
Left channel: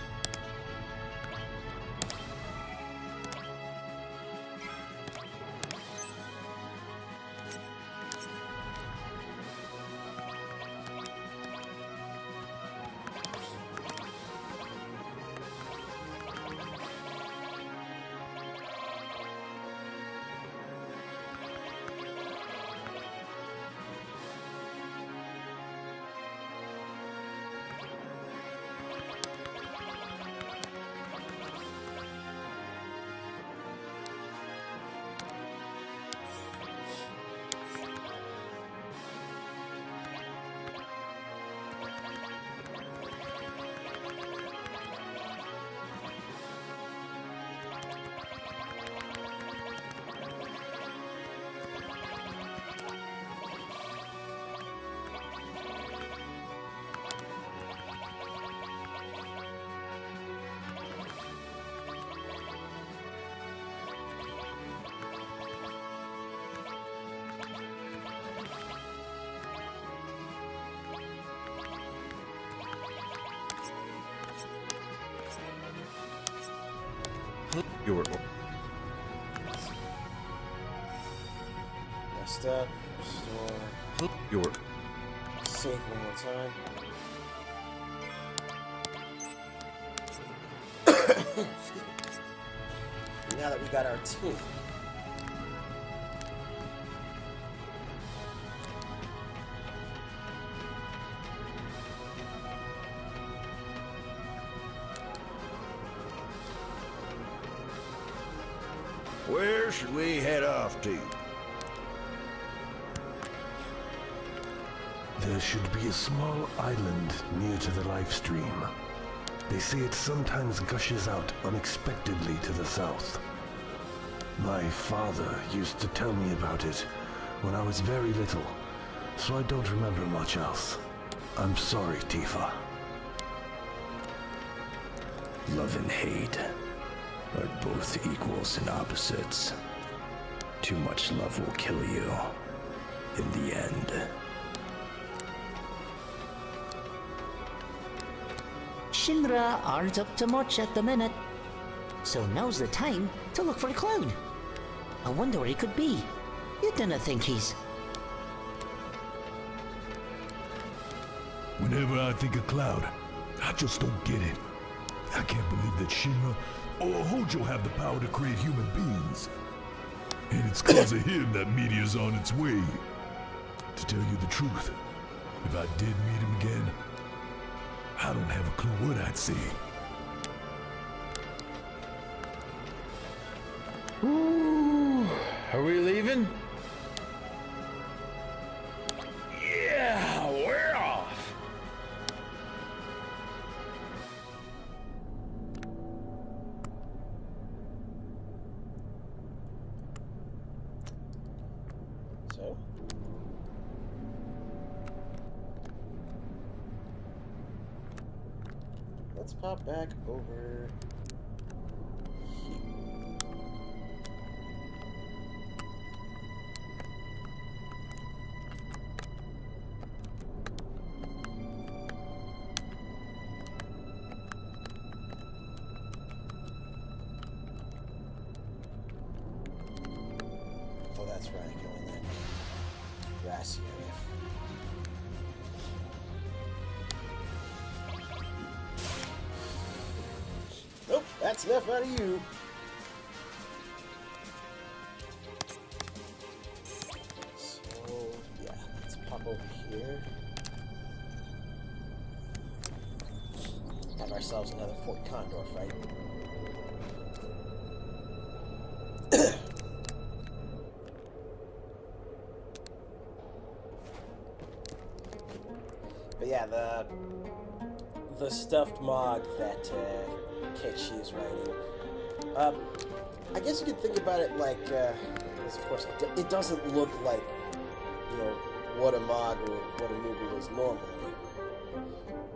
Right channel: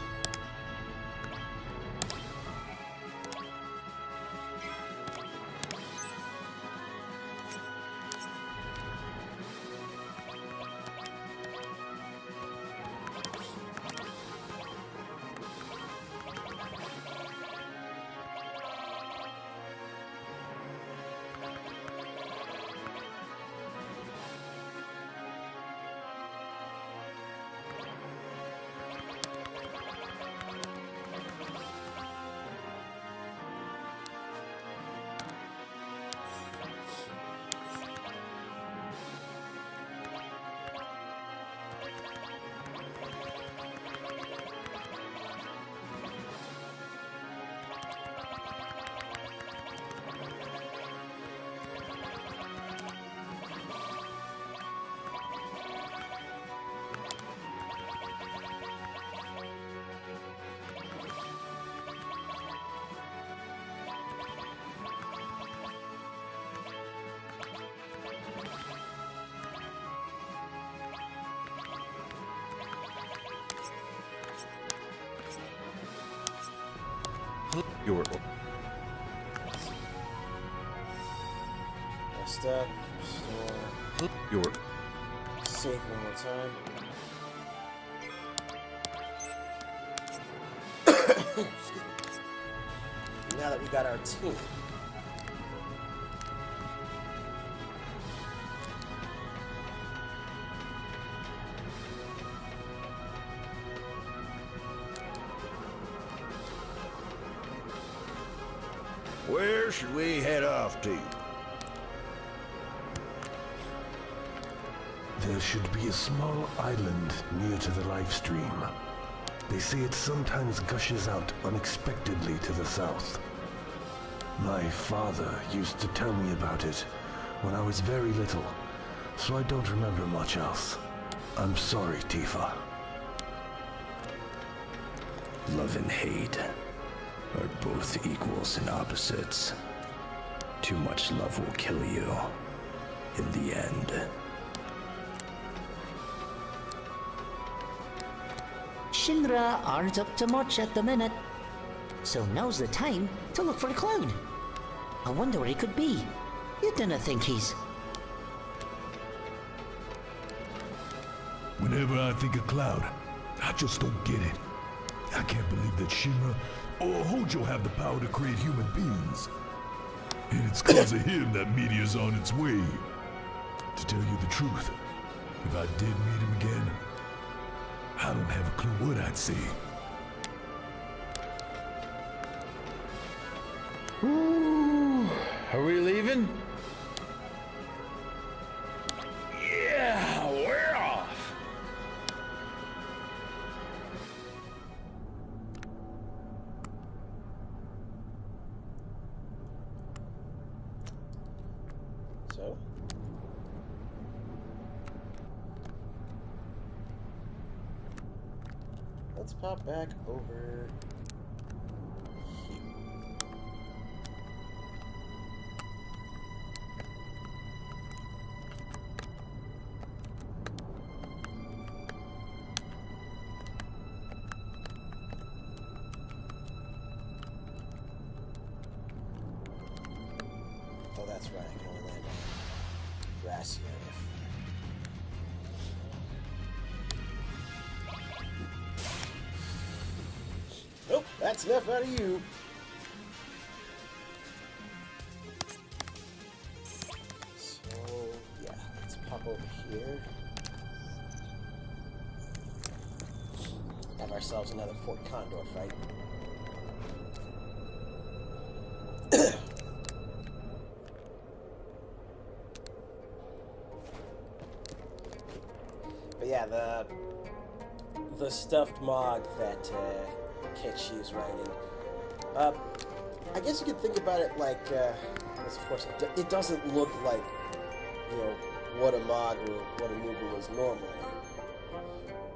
Your Rest up, restore. Your Save one more time. Excuse me. Now that we got our team. Where should we head off to? There should be a small island near to the life stream. They say it sometimes gushes out unexpectedly to the south. My father used to tell me about it when I was very little, so I don't remember much else. I'm sorry, Tifa. Love and hate are both equals and opposites. Too much love will kill you in the end. Shinra aren't up to much at the minute. So now's the time to look for the cloud. I wonder where he could be. You didn't think he's... Whenever I think of Cloud, I just don't get it. I can't believe that Shinra or Hojo have the power to create human beings. And it's cause of him that Meteor's on its way. To tell you the truth, if I did meet him again, I don't have a clue what I'd say. Ooh, are we leaving? Yeah, we're off. So? Let's pop back over here. Oh, that's right. I can only land on grassy area. Nope, that's enough out of you. So, yeah, let's pop over here. Have ourselves another Fort Condor fight. But yeah, the stuffed Mog that Ketchy is writing. I guess you could think about it like, because of course it doesn't look like, you know, what a Mog or what a Moogle is normally.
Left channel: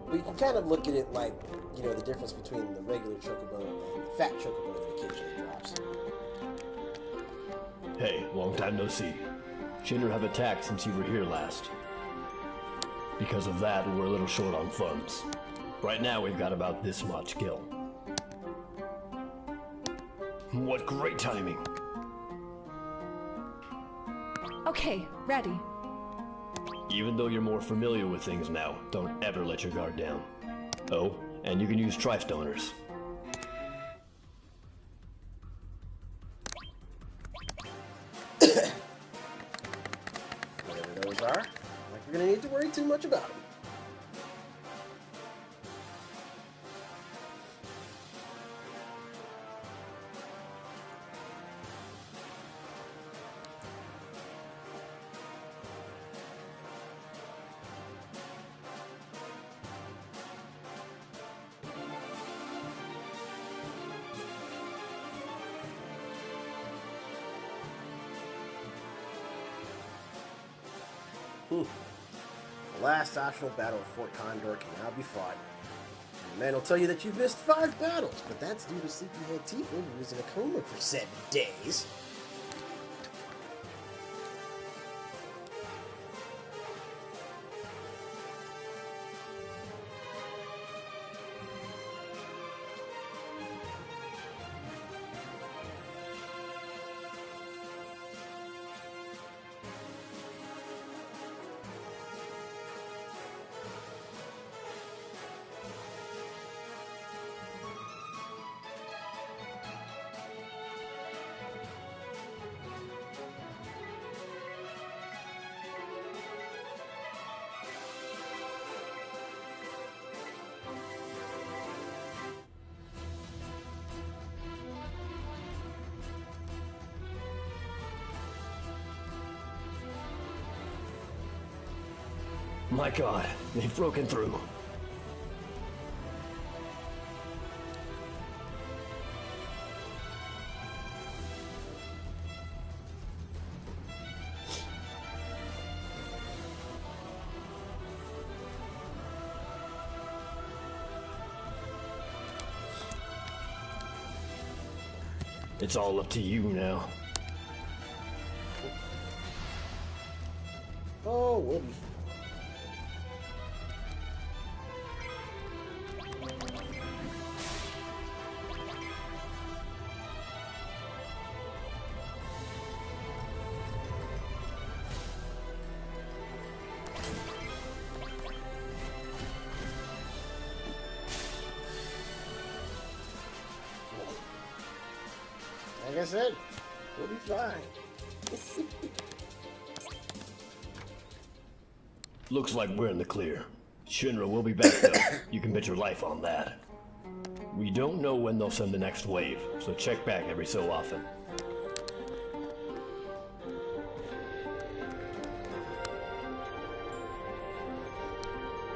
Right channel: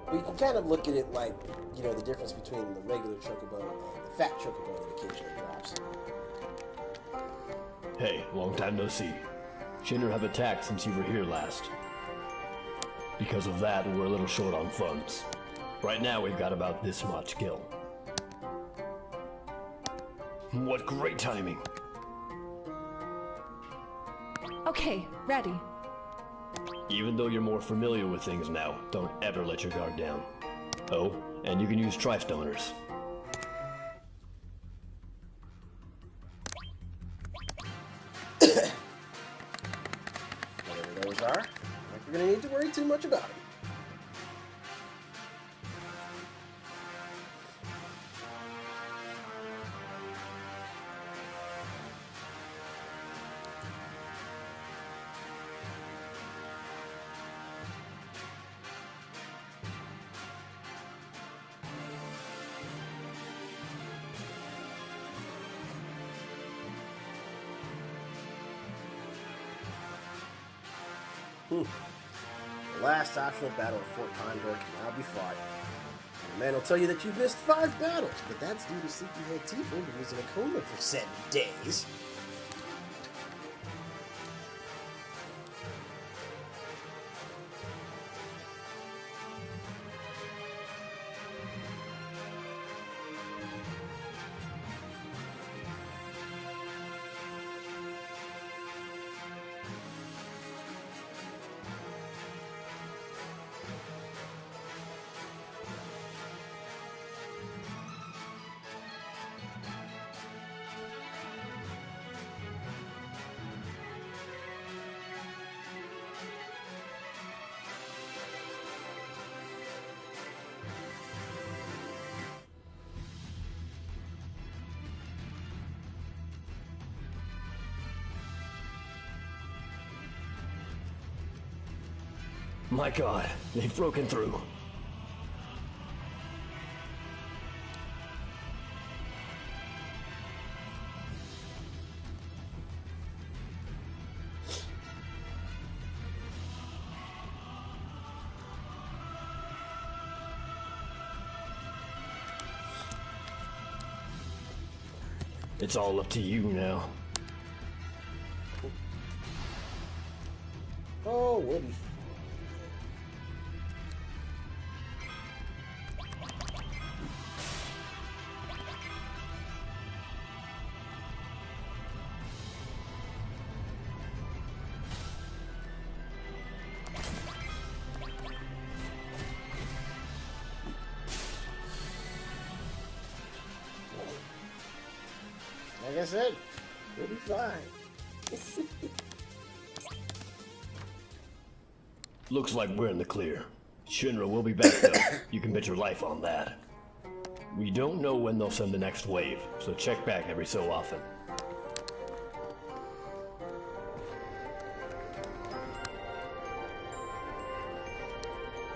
But you can kind of look at it like, you know, the difference between the regular Chocobo and the fat Chocobo that occasionally drops. Hey, long time no see. Shinra have attacked since you were here last. Because of that, we're a little short on funds. Right now, we've got about this much gil. What great timing! Okay, ready. Even though you're more familiar with things now, don't ever let your guard down. Oh, and you can use Tri-Stoners. Whatever those are, like you're gonna need to worry too much about them. The last optional battle of Fort Condor can now be fought. And the man will tell you that you've missed 5 battles, but that's due to Sleepyhead Tifa, who was in a coma for 7 days. My god, they've broken through. It's all up to you now. Oh, we'll be fine. Like I said, we'll be fine. Looks like we're in the clear. Shinra will be back though. You can bet your life on that. We don't know when they'll send the next wave, so check back every so often.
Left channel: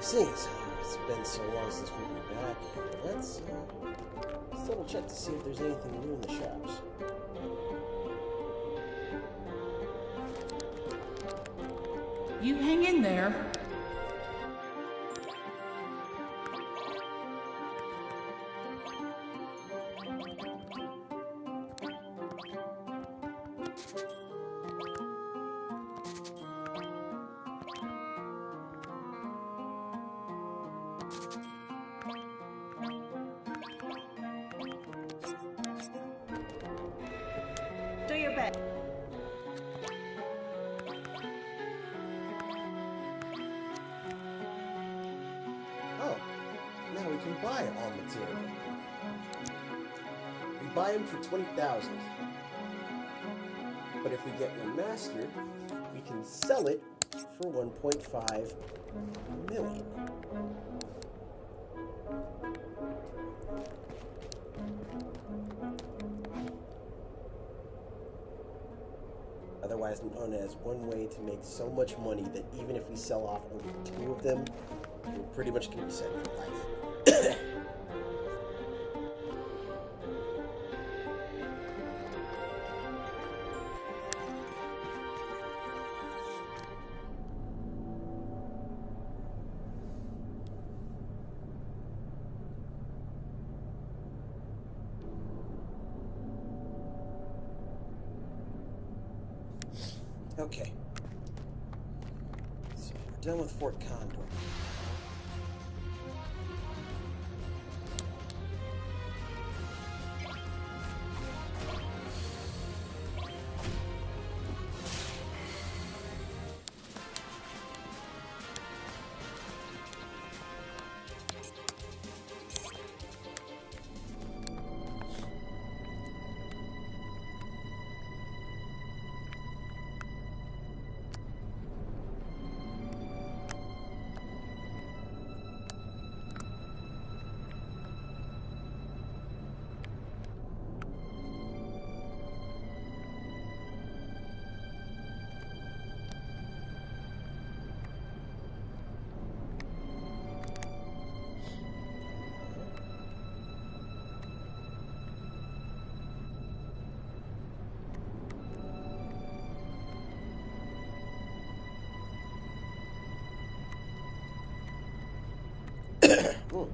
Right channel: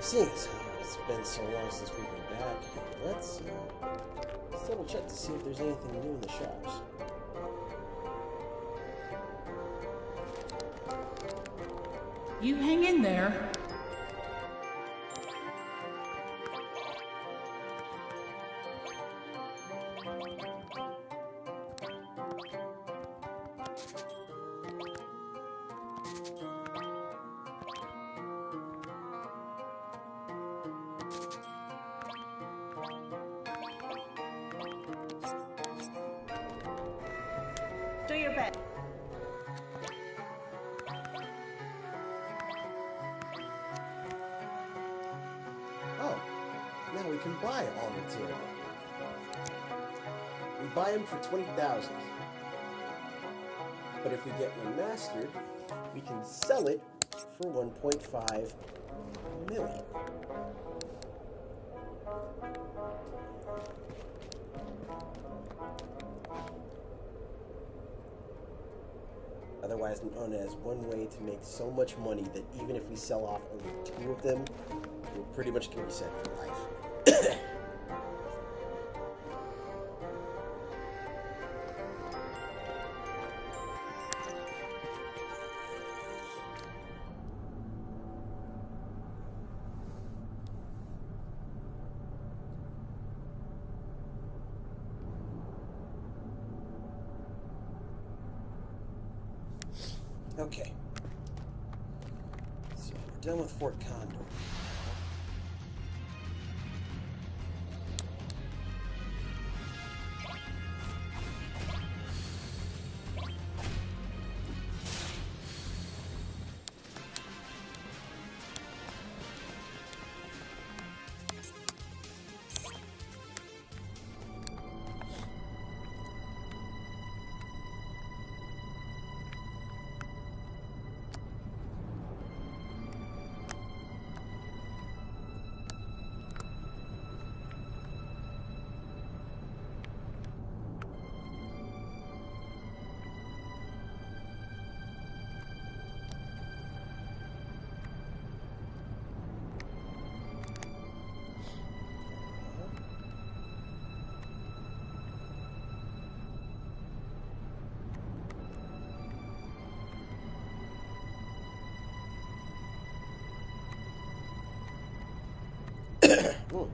Seeing as how it's been so long since we've been back here, let's double check to see if there's anything new in the shops. You hang in there. Do your best. Oh, now we can buy all material. We buy them for 20,000. But if we get one mastered, we can sell it for 1.5 million. Otherwise known as one way to make so much money that even if we sell off only 2 of them, we're pretty much going to be set for life. Okay. So we're done with Fort Condor. Ooh.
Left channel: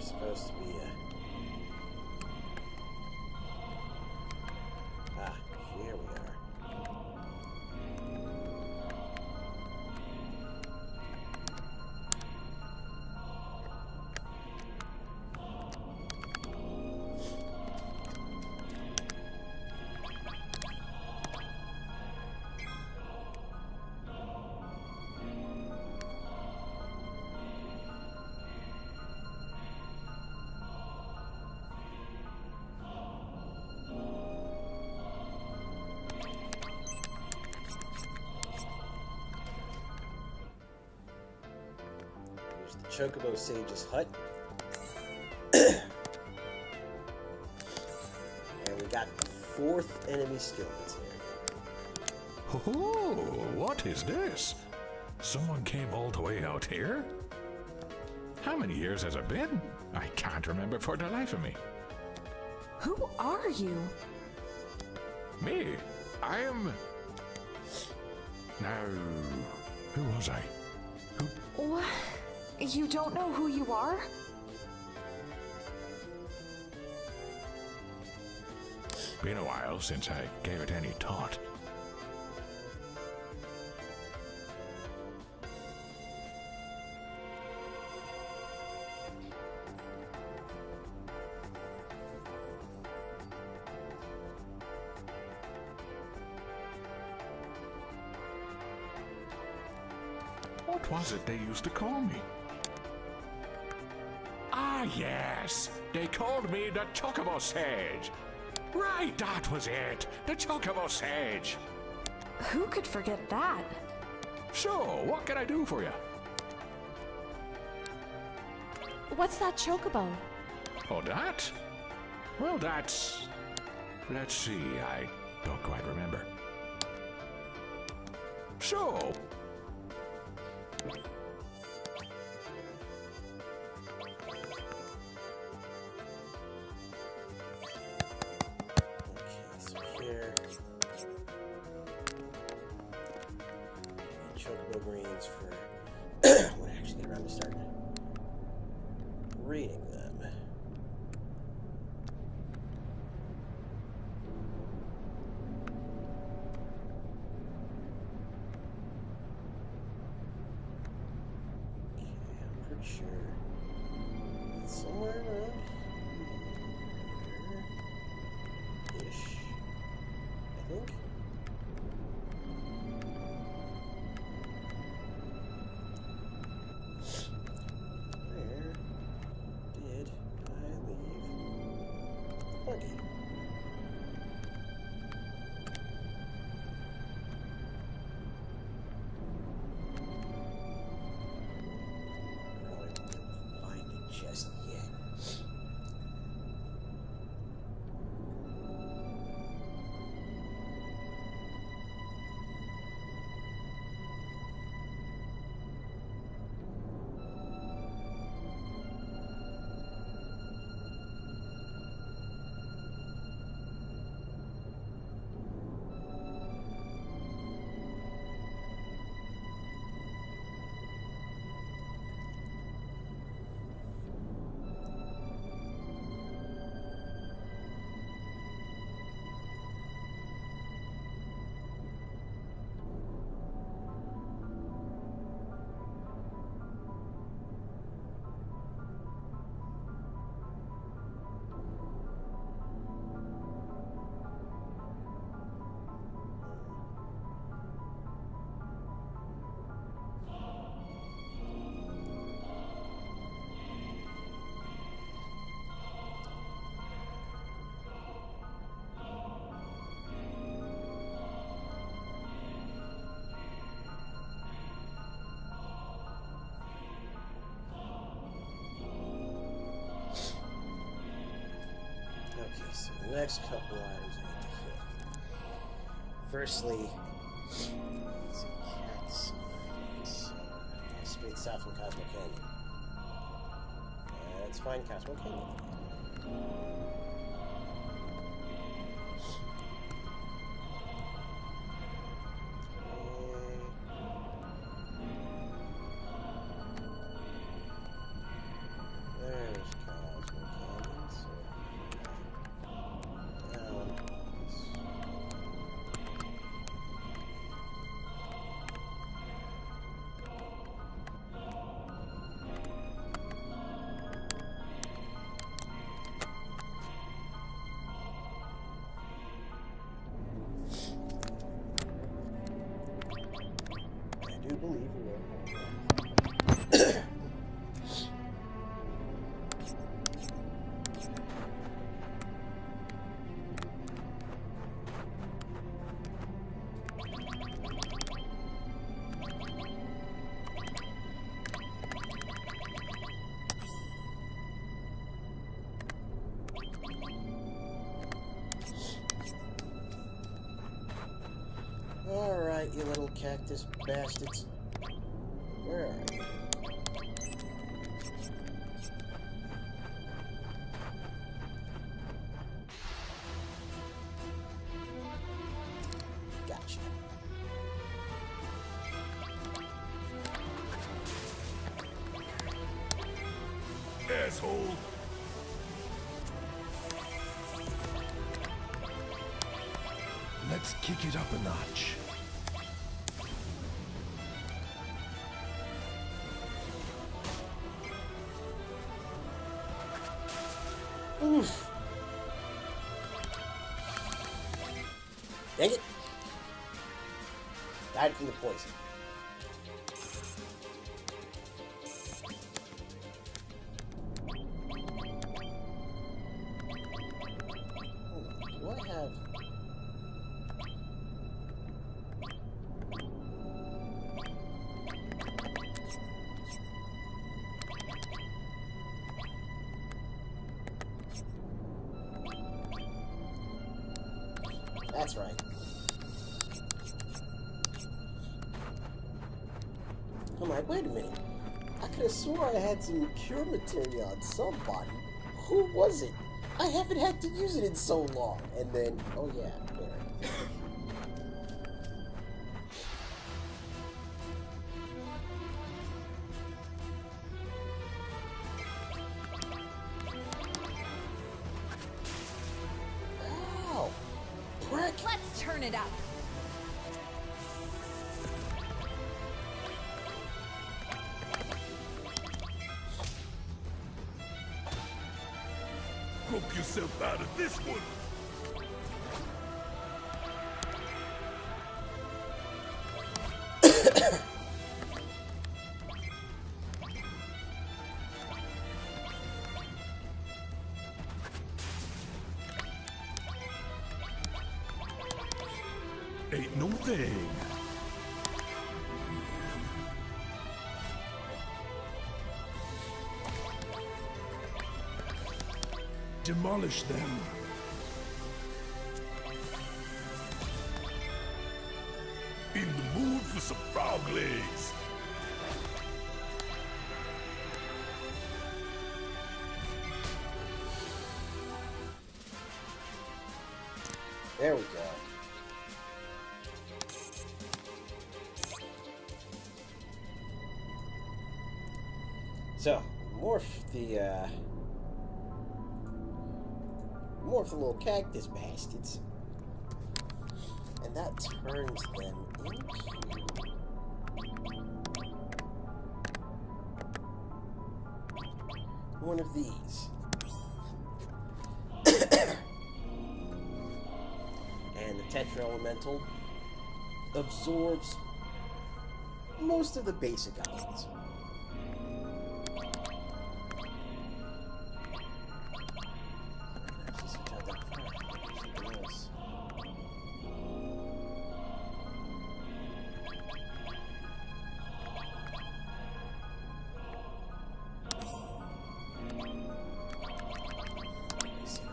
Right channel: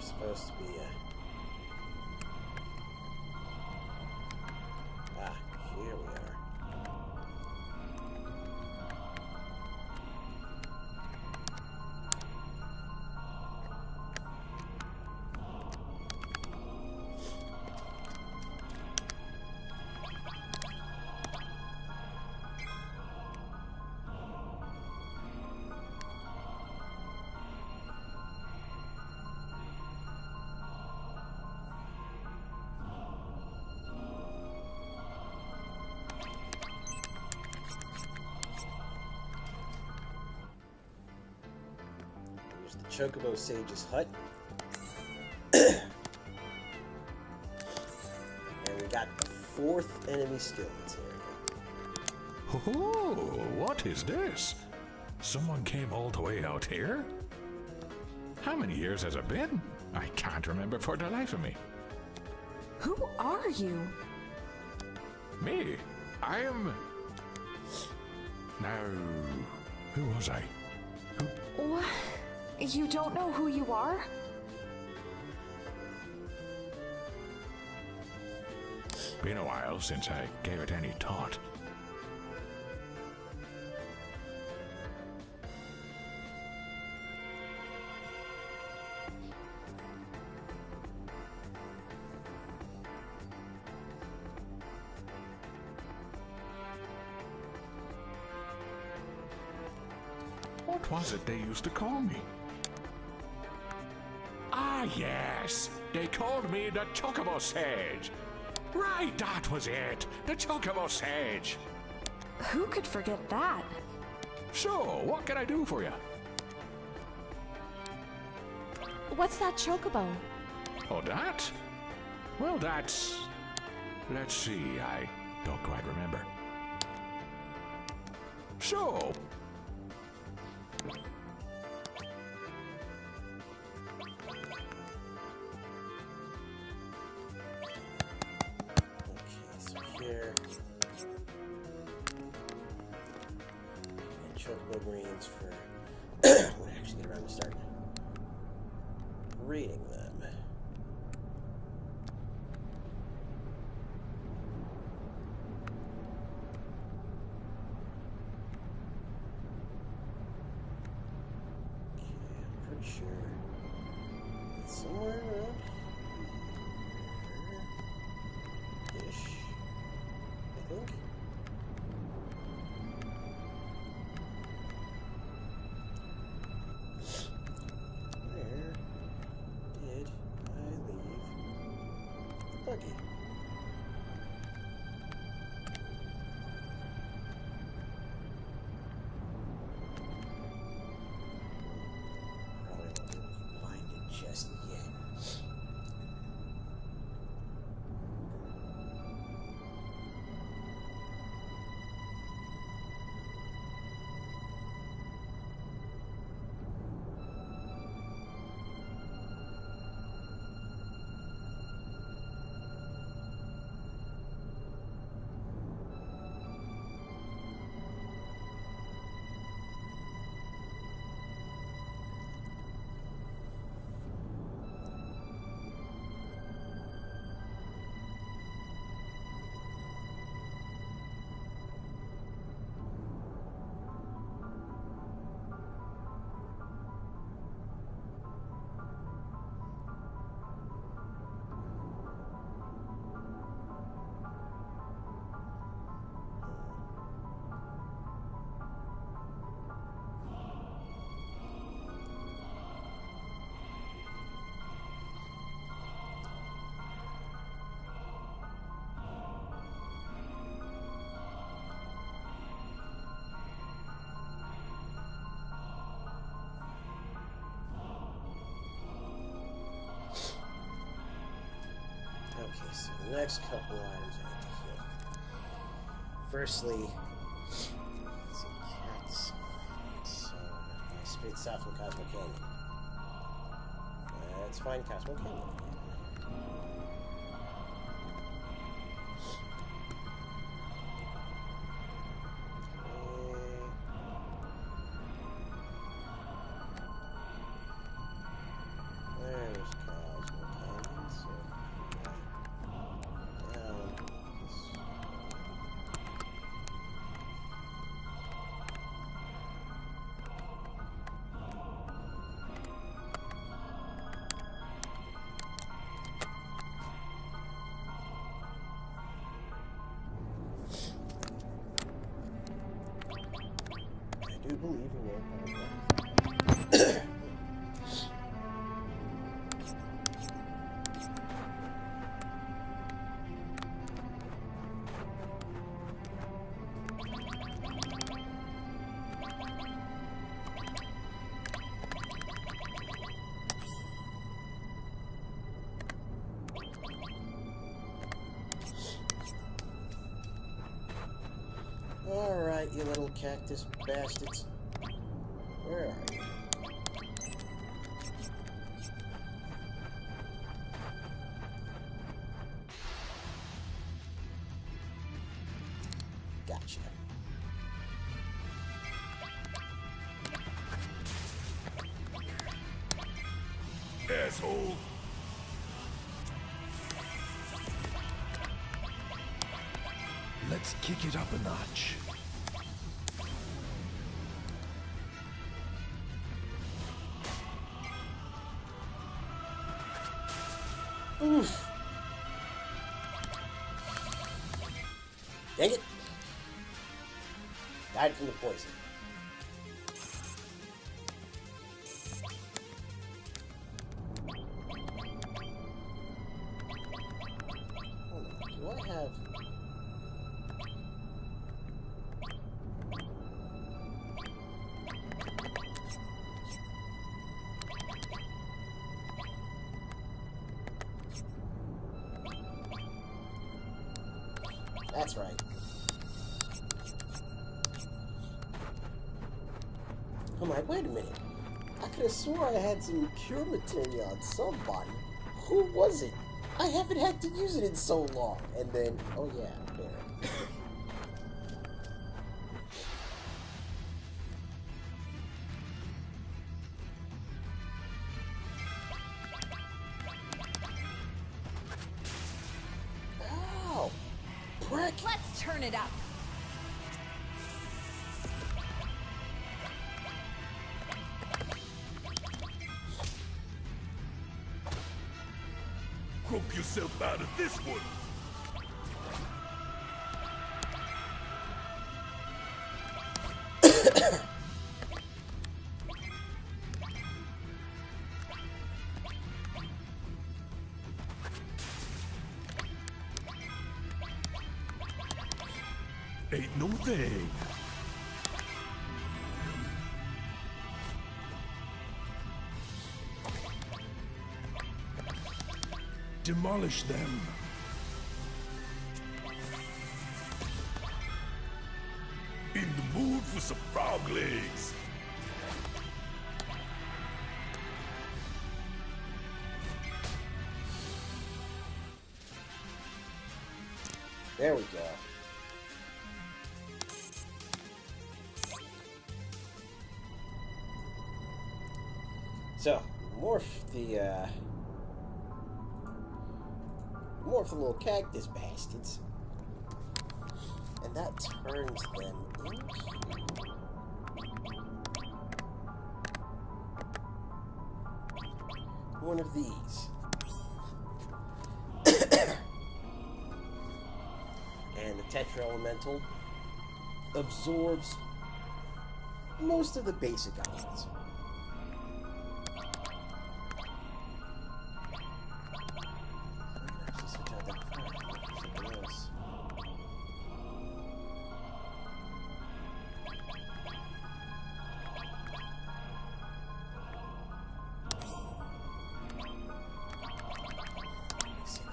Supposed to be here we are. The Chocobo Sage's hut. And we got the 4th enemy skill material. Oh, what is this? Someone came all the way out here? How many years has it been? I can't remember for the life of me. Who are you? Me? I am... Now, who was I? What? You don't know who you are? Been a while since I gave it any thought. What was it they used to call me? Ah, yes. They called me the Chocobo Sage. Right, that was it. The Chocobo Sage. Who could forget that? So, what can I do for you? What's that chocobo? Oh, that? Well, that's... Let's see, I don't quite remember. So... Here. And chocobo greens for when I actually get around to start reading them. Okay, I'm pretty sure it's somewhere around here-ish. I think. Where did I leave the buggy? Probably won't be able to find it just yet. Okay, so the next couple items I need to hit. Firstly, let's see, Cactus Island. So, straight south from Cosmo Canyon. Let's find Cosmo Canyon. There's Cosmo Canyon, so down this way. I do believe you may have found that. Alright, you little cactus bastards. Where are you? Gotcha. Asshole! Let's kick it up a notch. Oof. Dang it. Died from the poison. That's right. I'm like, wait a minute. I could have swore I had some cure materia on somebody. Who was it? I haven't had to use it in so long. And then, oh yeah, Barret. Ow! Prick! Let's turn it up. Rope yourself out of this one. Ain't no thing. Demolish them. In the mood for some frog legs. There we go. So, morph the little cactus bastards. And that turns them into one of these. And the Tetra Elemental absorbs most of the basic elements.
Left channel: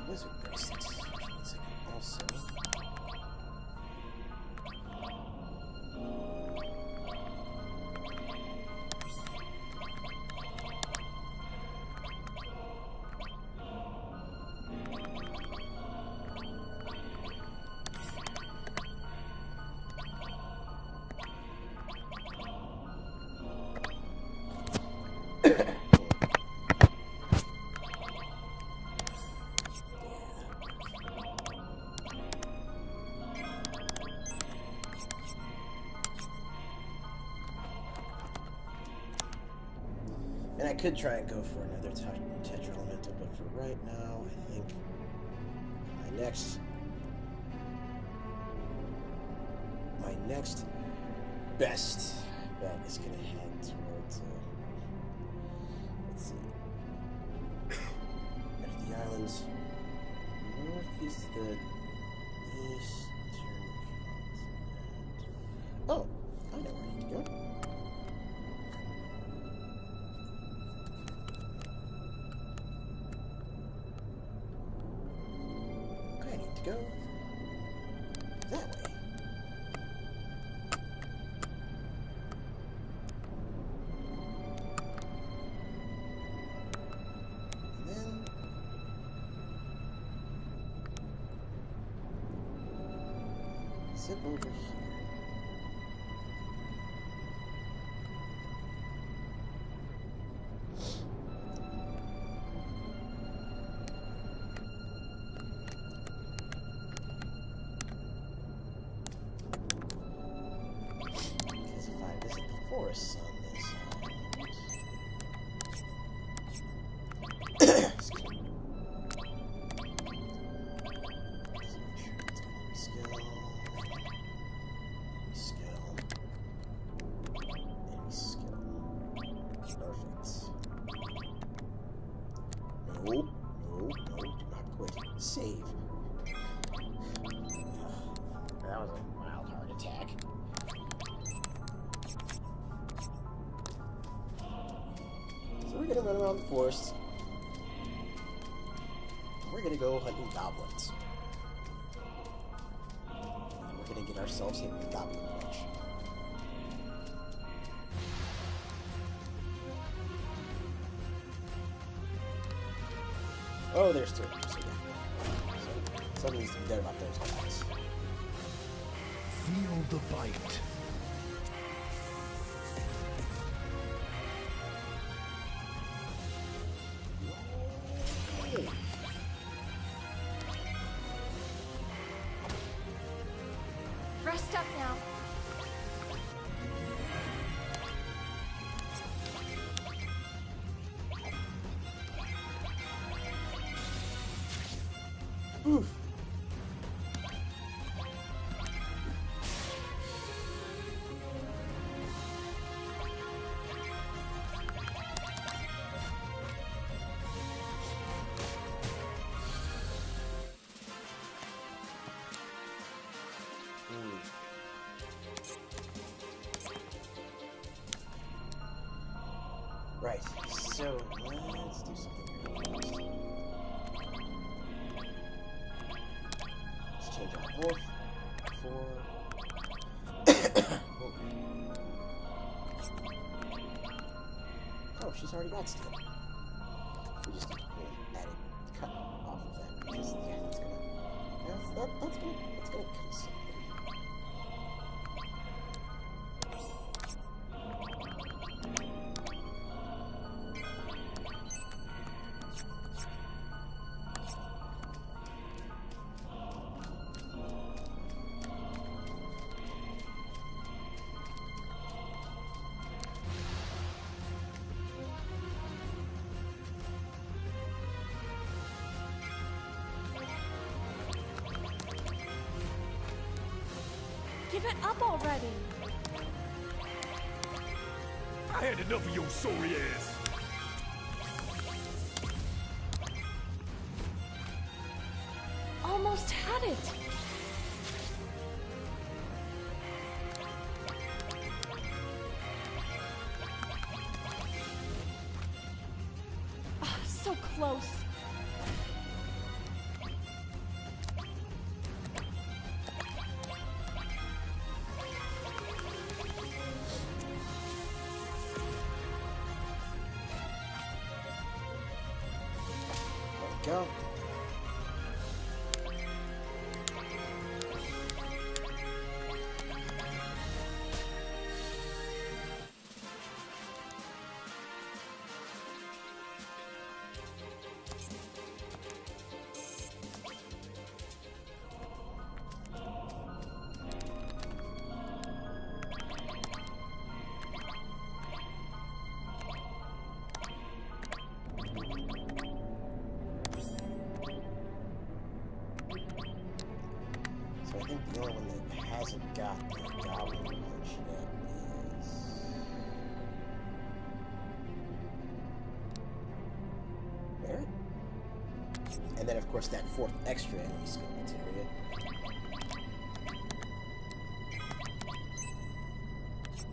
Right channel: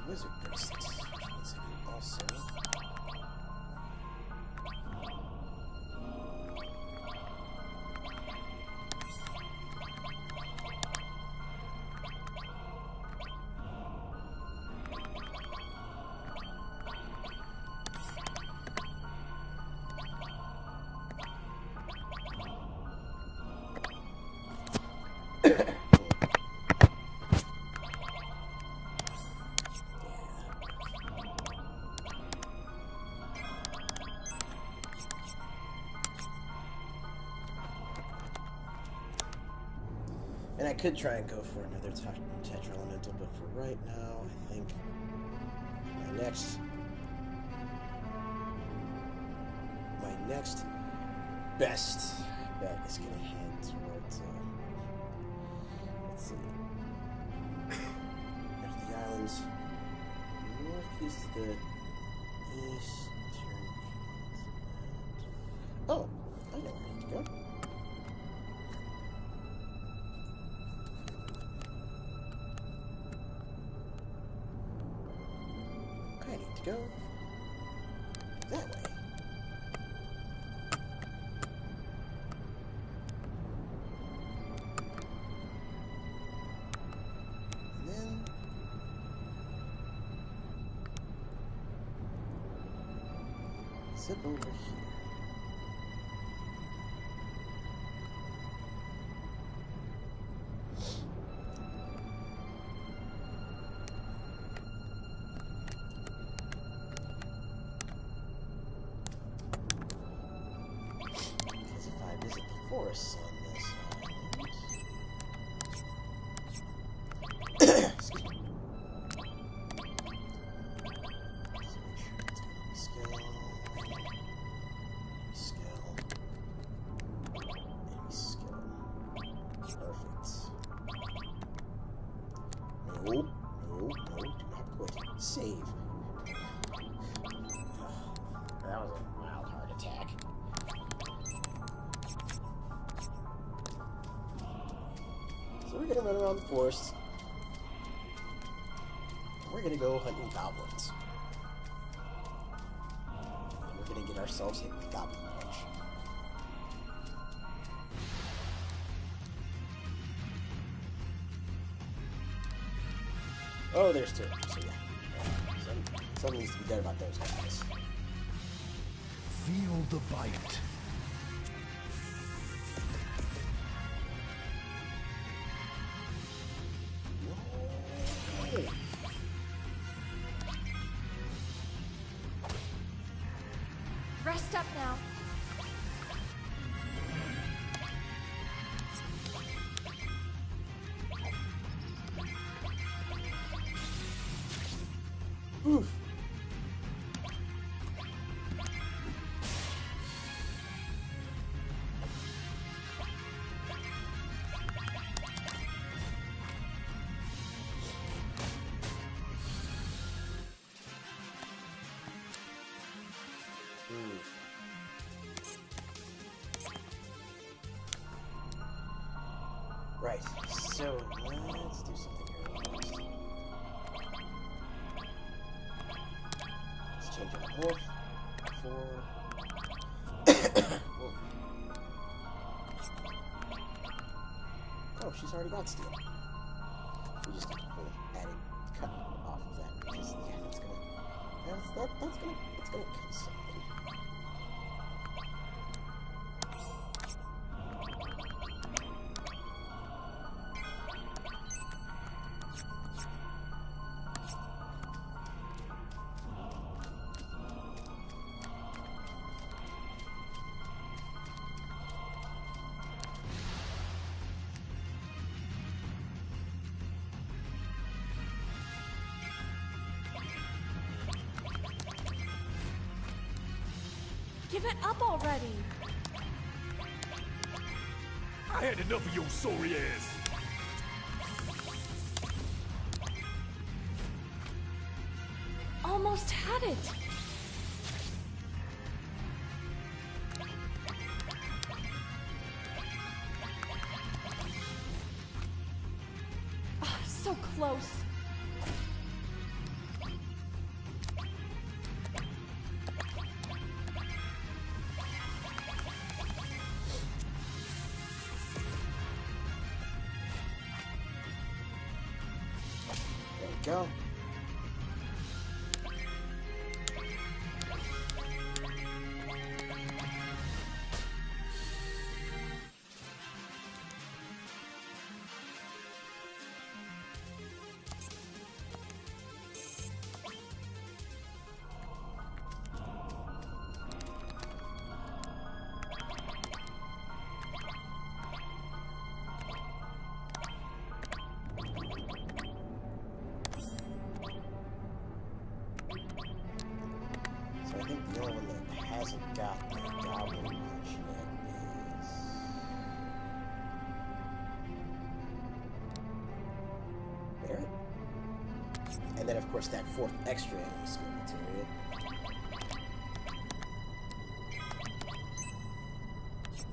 Wizard bracelets, which means I can also and I could try and go for another Tetra Elemental, but for right now, I think my next best bet is going to head towards, let's see, after the islands, northeast of the eastern continent. Oh, I know where I need to go. I need to go that way. And then zip over here. Visit the forests on this island. Excuse me. Let's make sure it's got any skill. Any skill. Any skill. Perfect. No, no, no, do not quit. Save. That was a mild heart attack. So we're gonna run around the forest. And we're gonna go hunting goblins. gonna get ourselves hit with Goblin Punch. Oh, there's two. So yeah. Something needs to be done about those guys. Feel the bite. Rest up now. Oof. Right, so let's do something here real fast. Let's change our morph for... Whoa. Oh, she's already got steel. We just need to pull added cut off of that because yeah, that's gonna kill something. Give it up already. I had enough of your sorry ass. Almost had it. So close. Go. So I think the only one that hasn't got the Goblin Punch yet is... Barret? And then of course that fourth extra enemy skill materia. So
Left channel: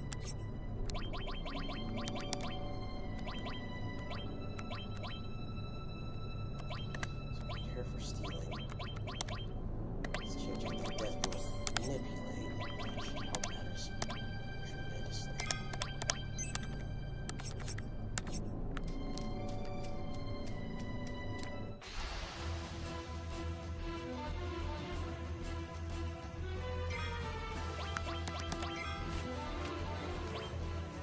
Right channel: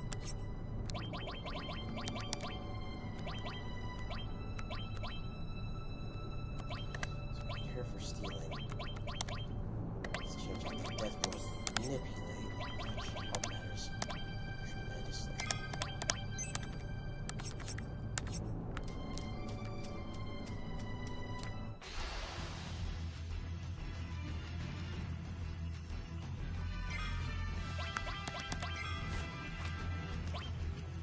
we're here for stealing. Change out that death blow with manipulate. That should help matters tremendously.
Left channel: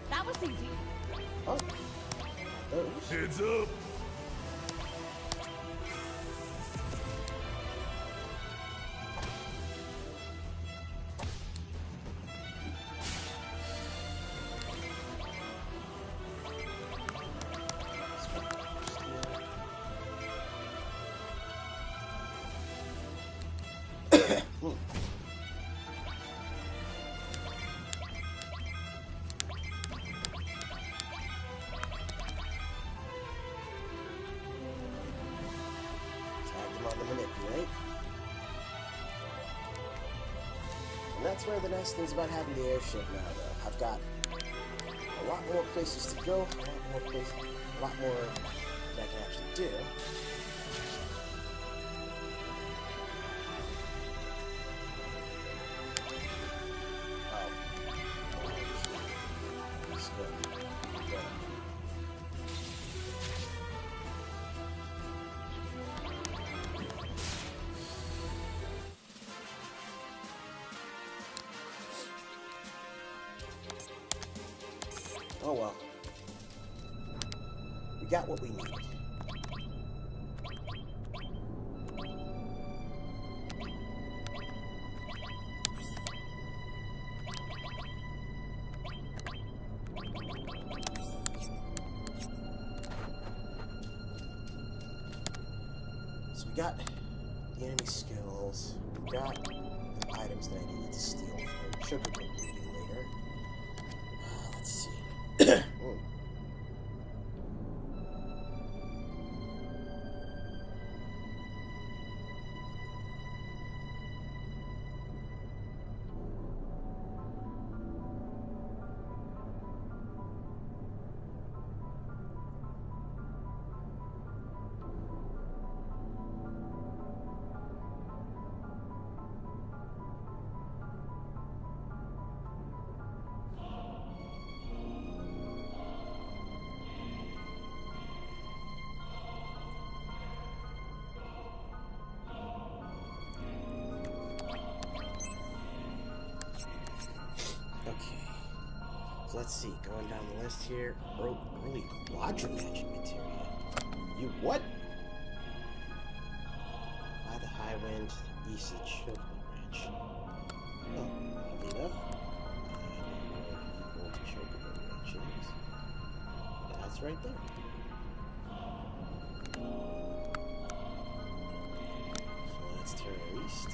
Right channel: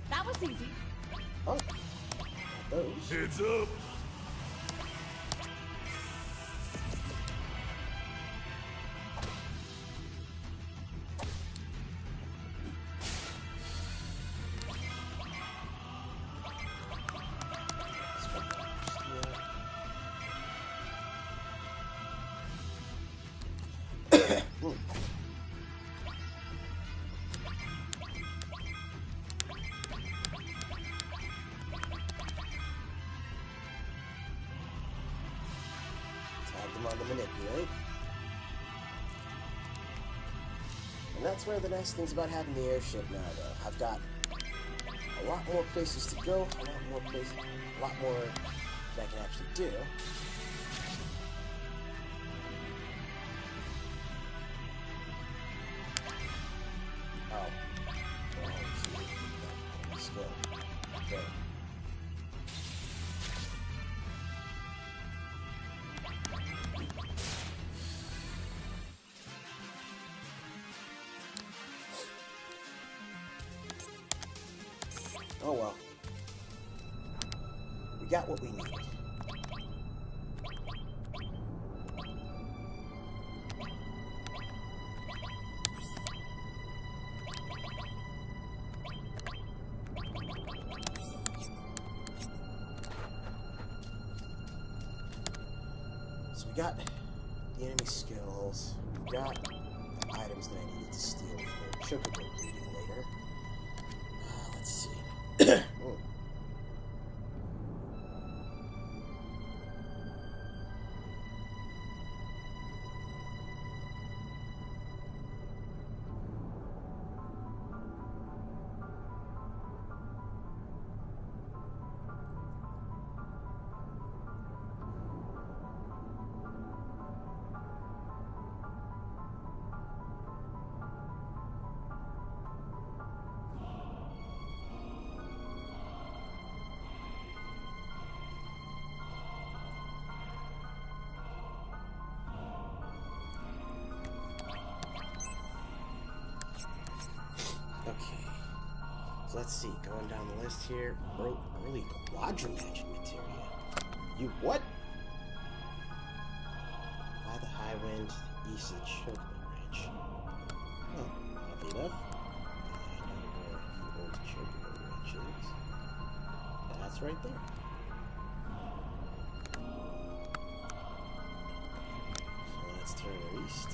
That was easy. Oh, got those. Heads up. Tag them on the manipulate. And that's one of the nice things about having the airship now, though. I've got a lot more places to go, a lot more that I can actually do. Oh well. We got what we needed. So we got the enemy skills. We got the items that I needed to steal for chocobo breeding later. Let's see. Oh. Okay, so let's see, going down the list here, early quadramagic materia. You what? Fly the high wind to the east of the Chocobo Ranch. Well, oddly enough, I know where the old Chocobo Ranch is. That's right there. So let's turn our east.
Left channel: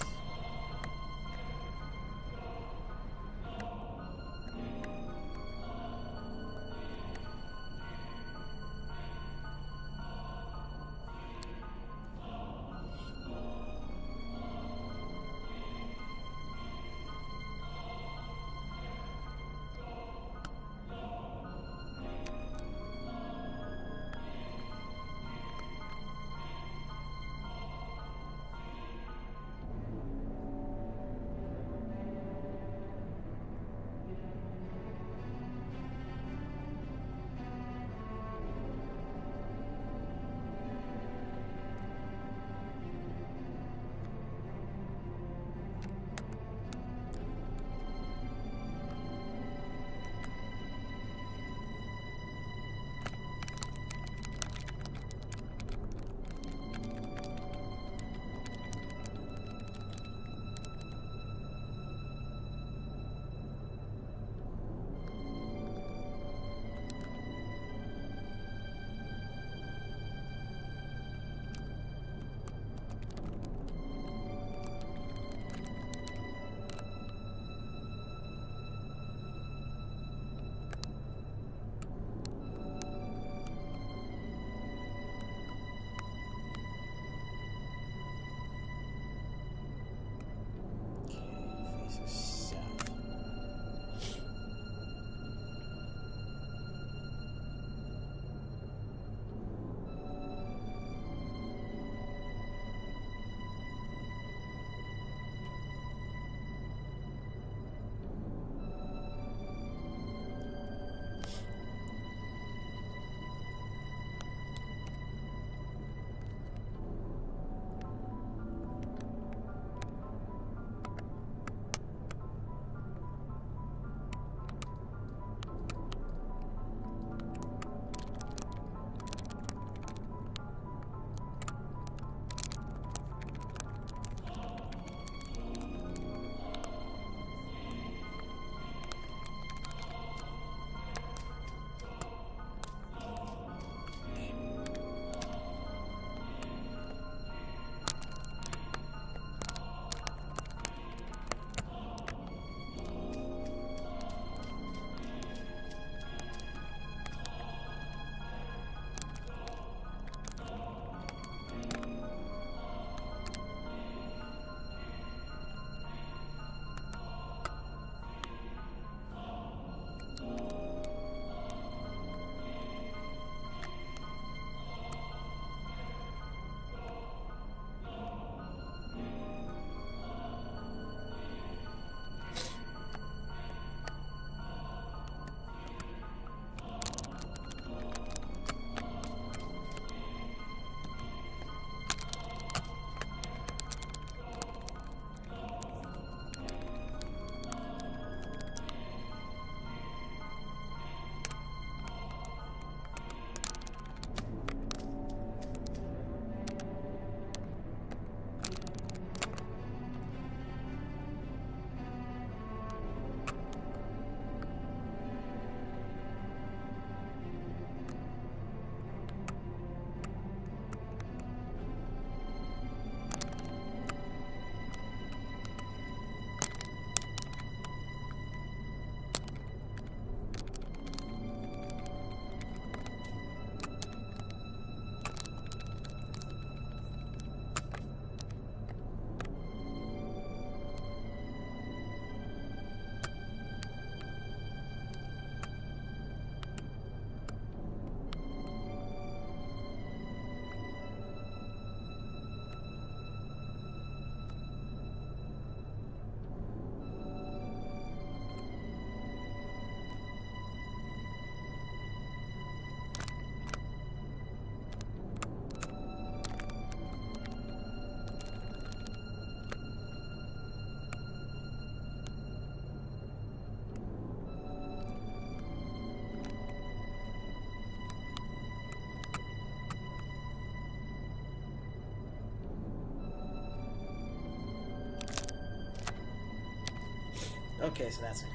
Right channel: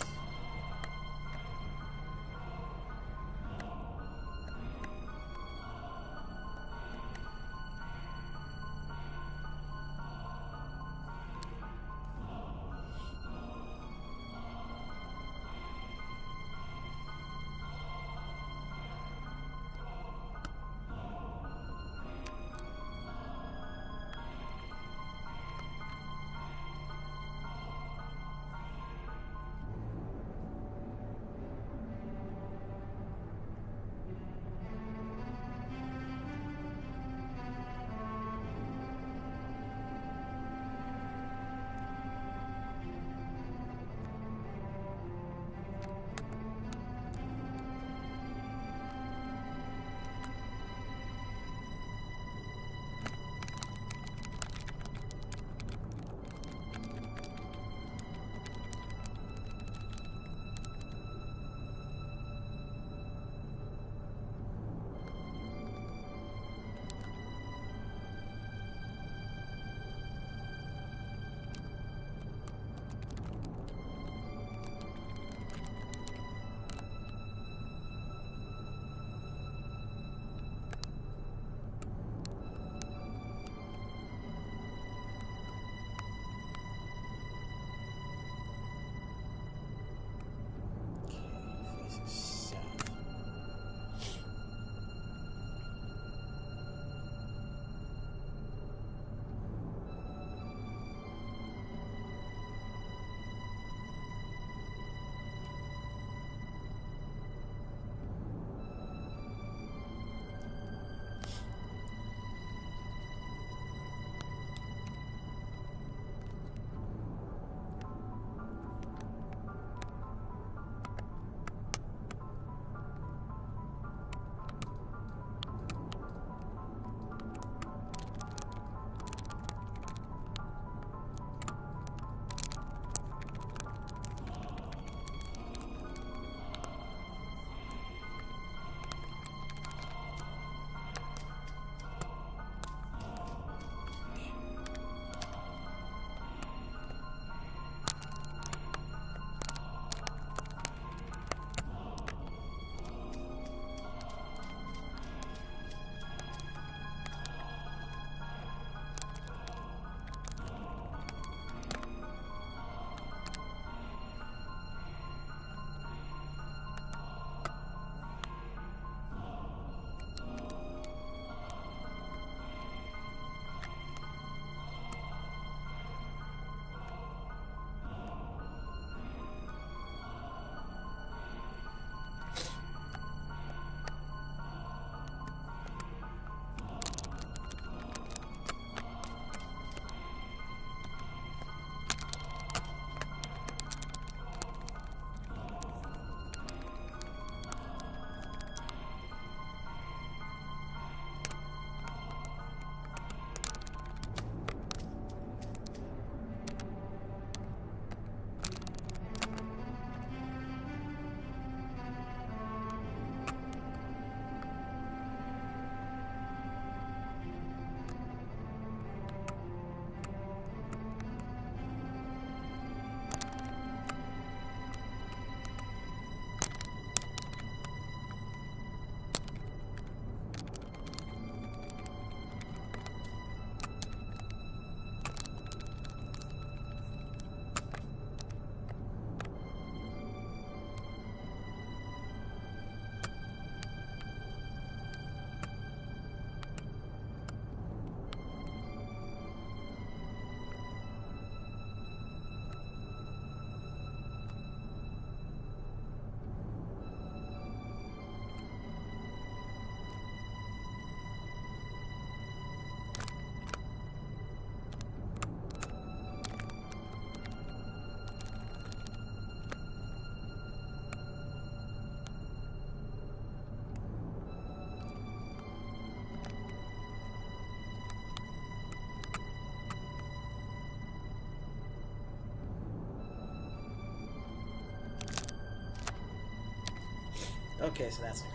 Okay, so that's not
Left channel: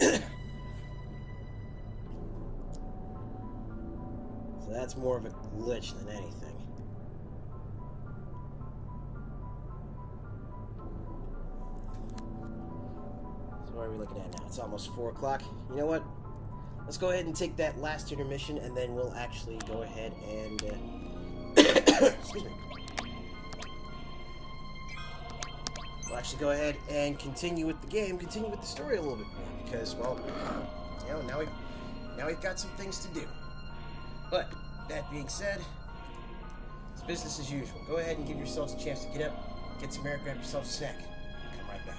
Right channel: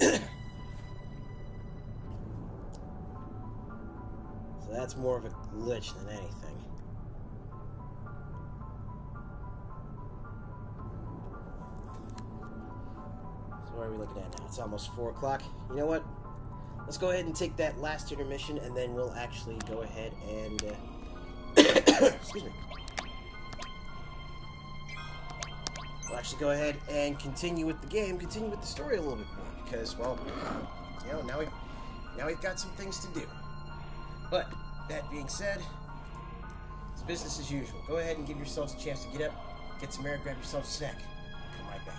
gonna happen. So that's more of a glitch than anything. So what are we looking at now? It's almost 4 o'clock. You know what? Let's go ahead and take that last intermission, and then we'll actually go ahead and... excuse me. We'll actually go ahead and continue with the game, continue with the story a little bit more, because, well, you know, now we've got some things to do. But, that being said, it's business as usual. Go ahead and give yourselves a chance to get up, get some air, grab yourself a snack. Come right back.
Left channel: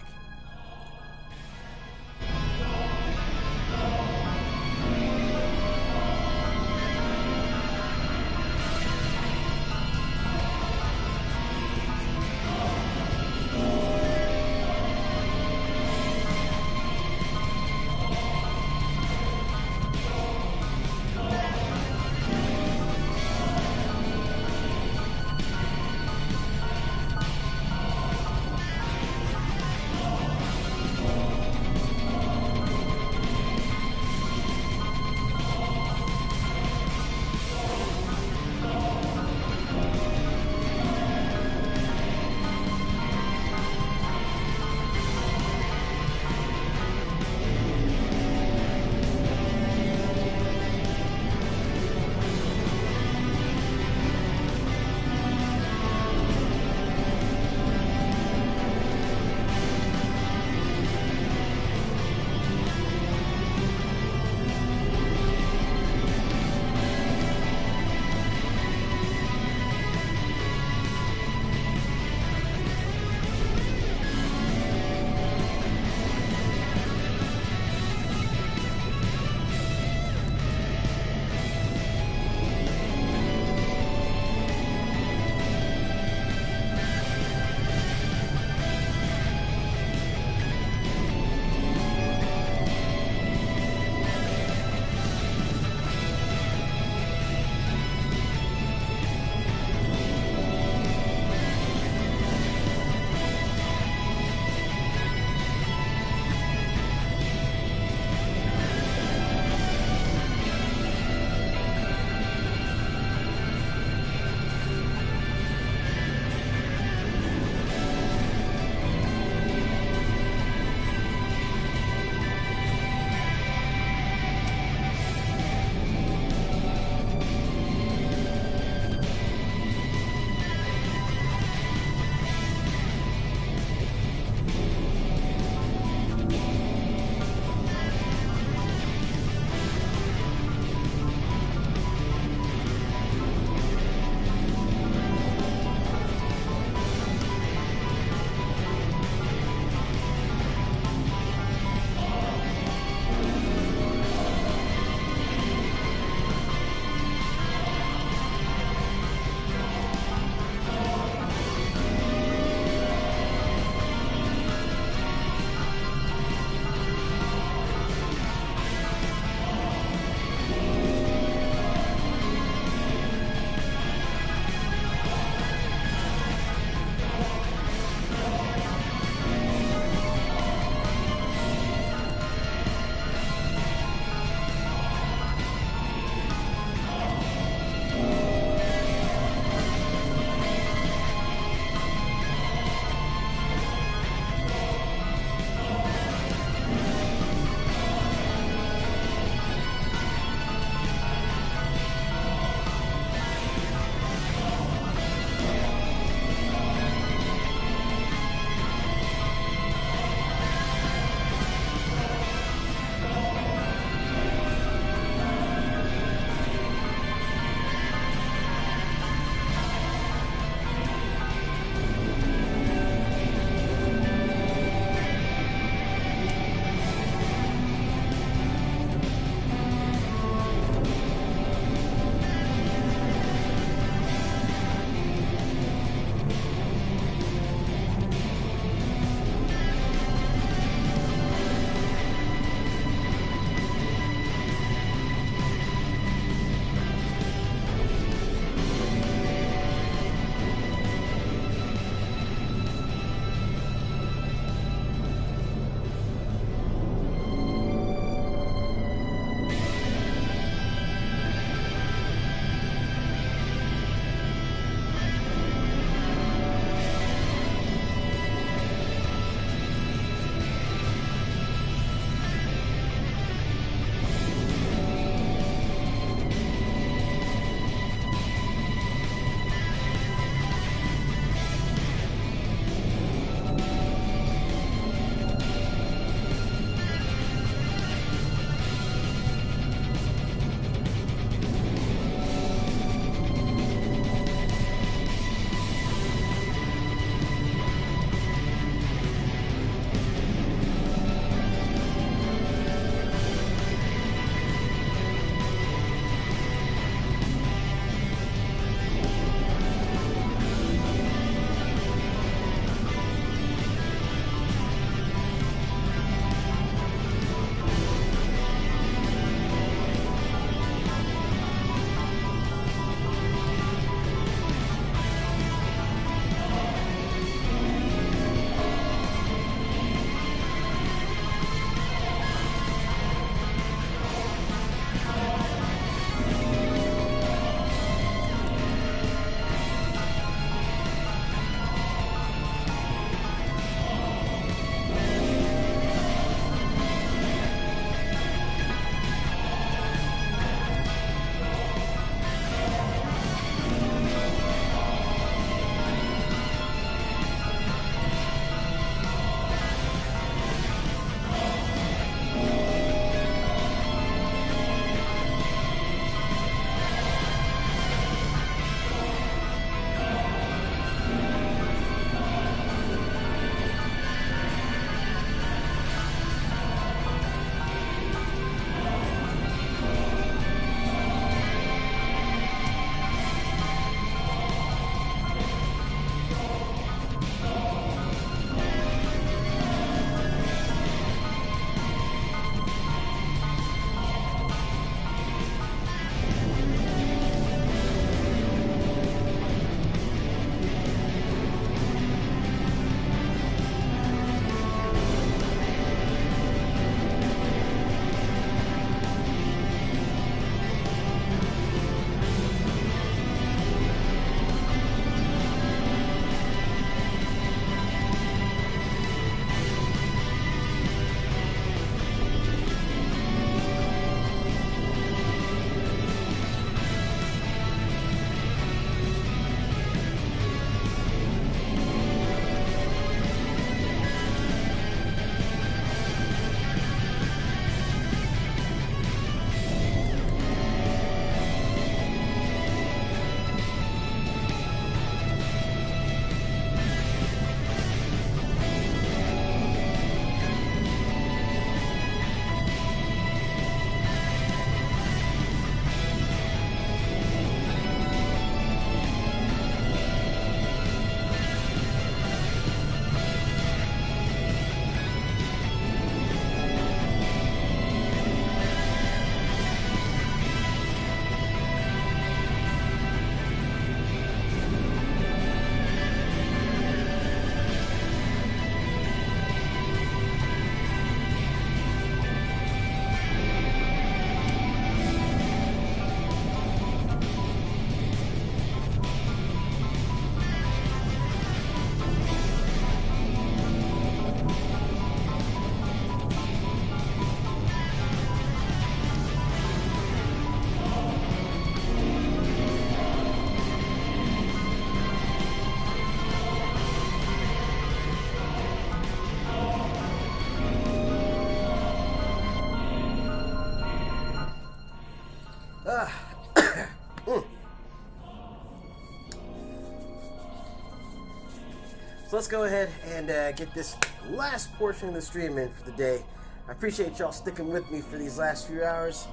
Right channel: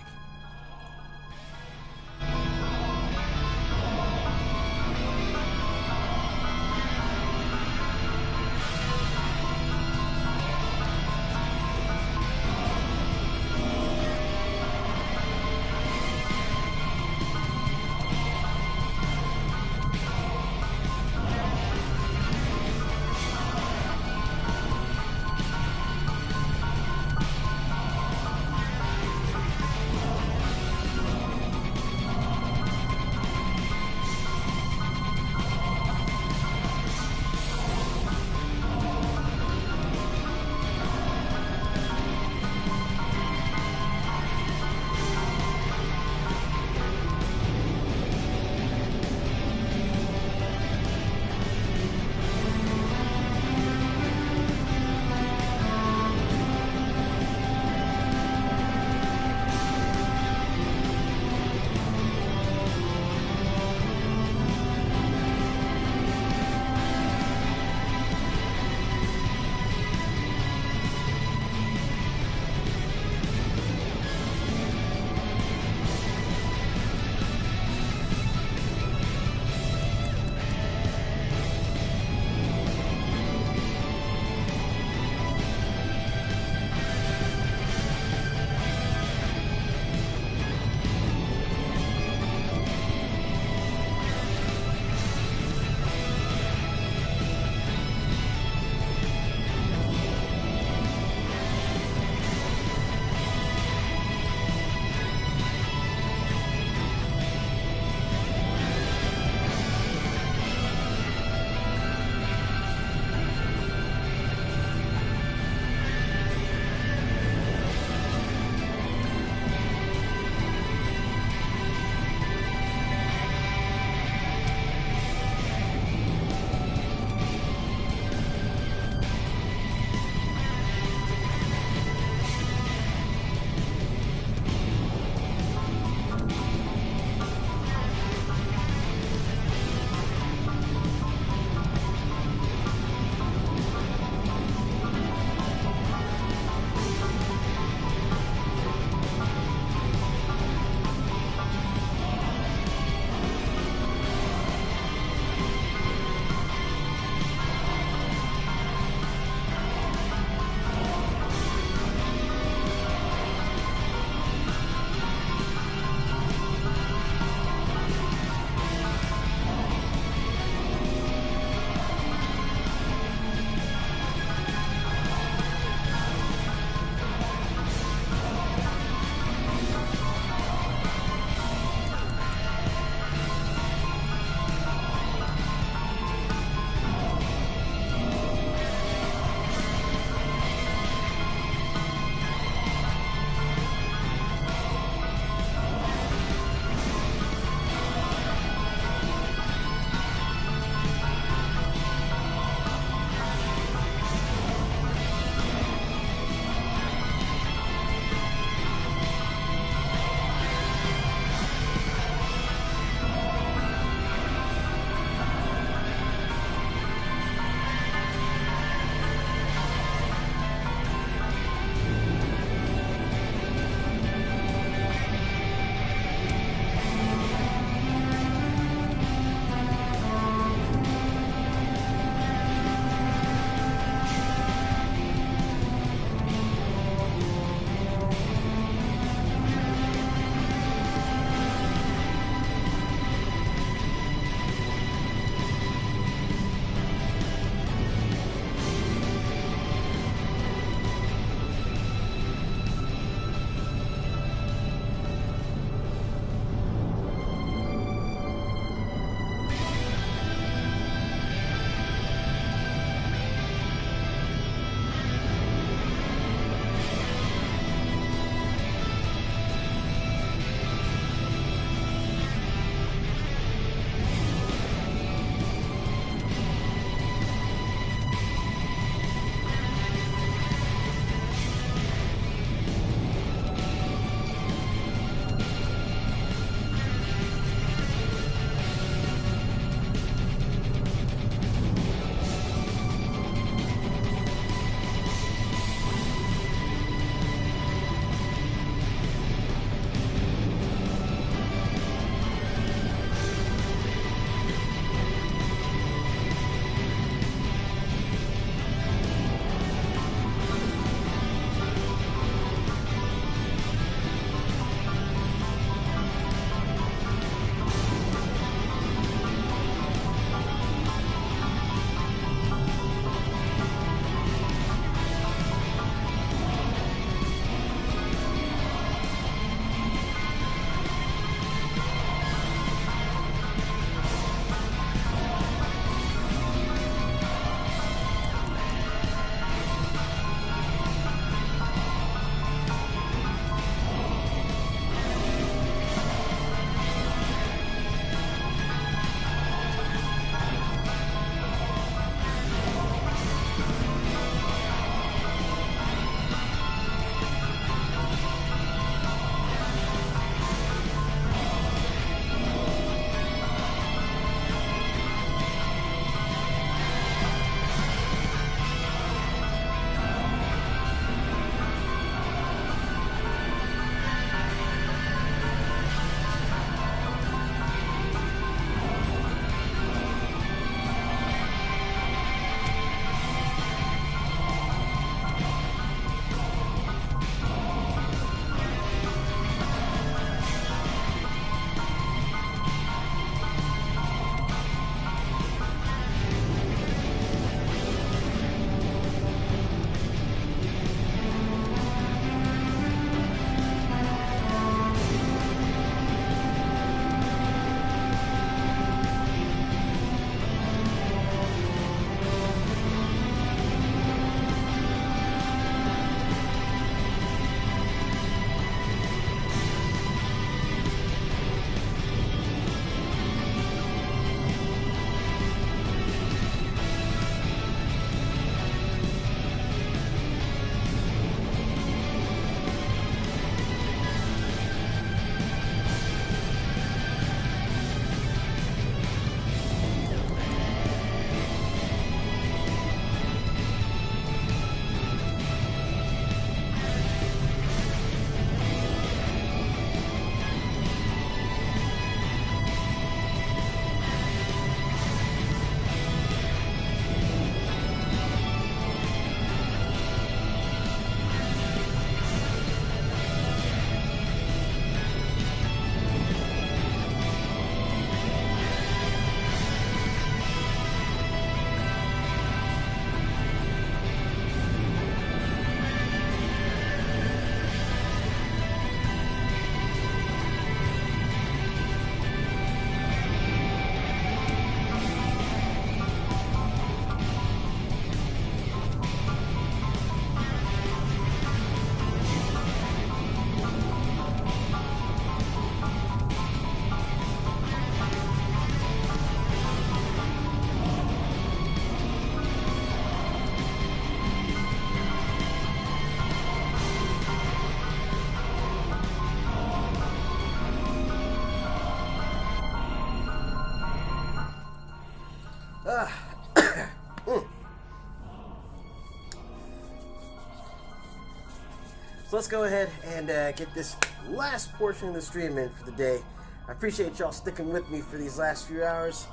let's go ahead and get this last portion of the stream in for the day. I appreciate y'all sticking with me for these last few hours.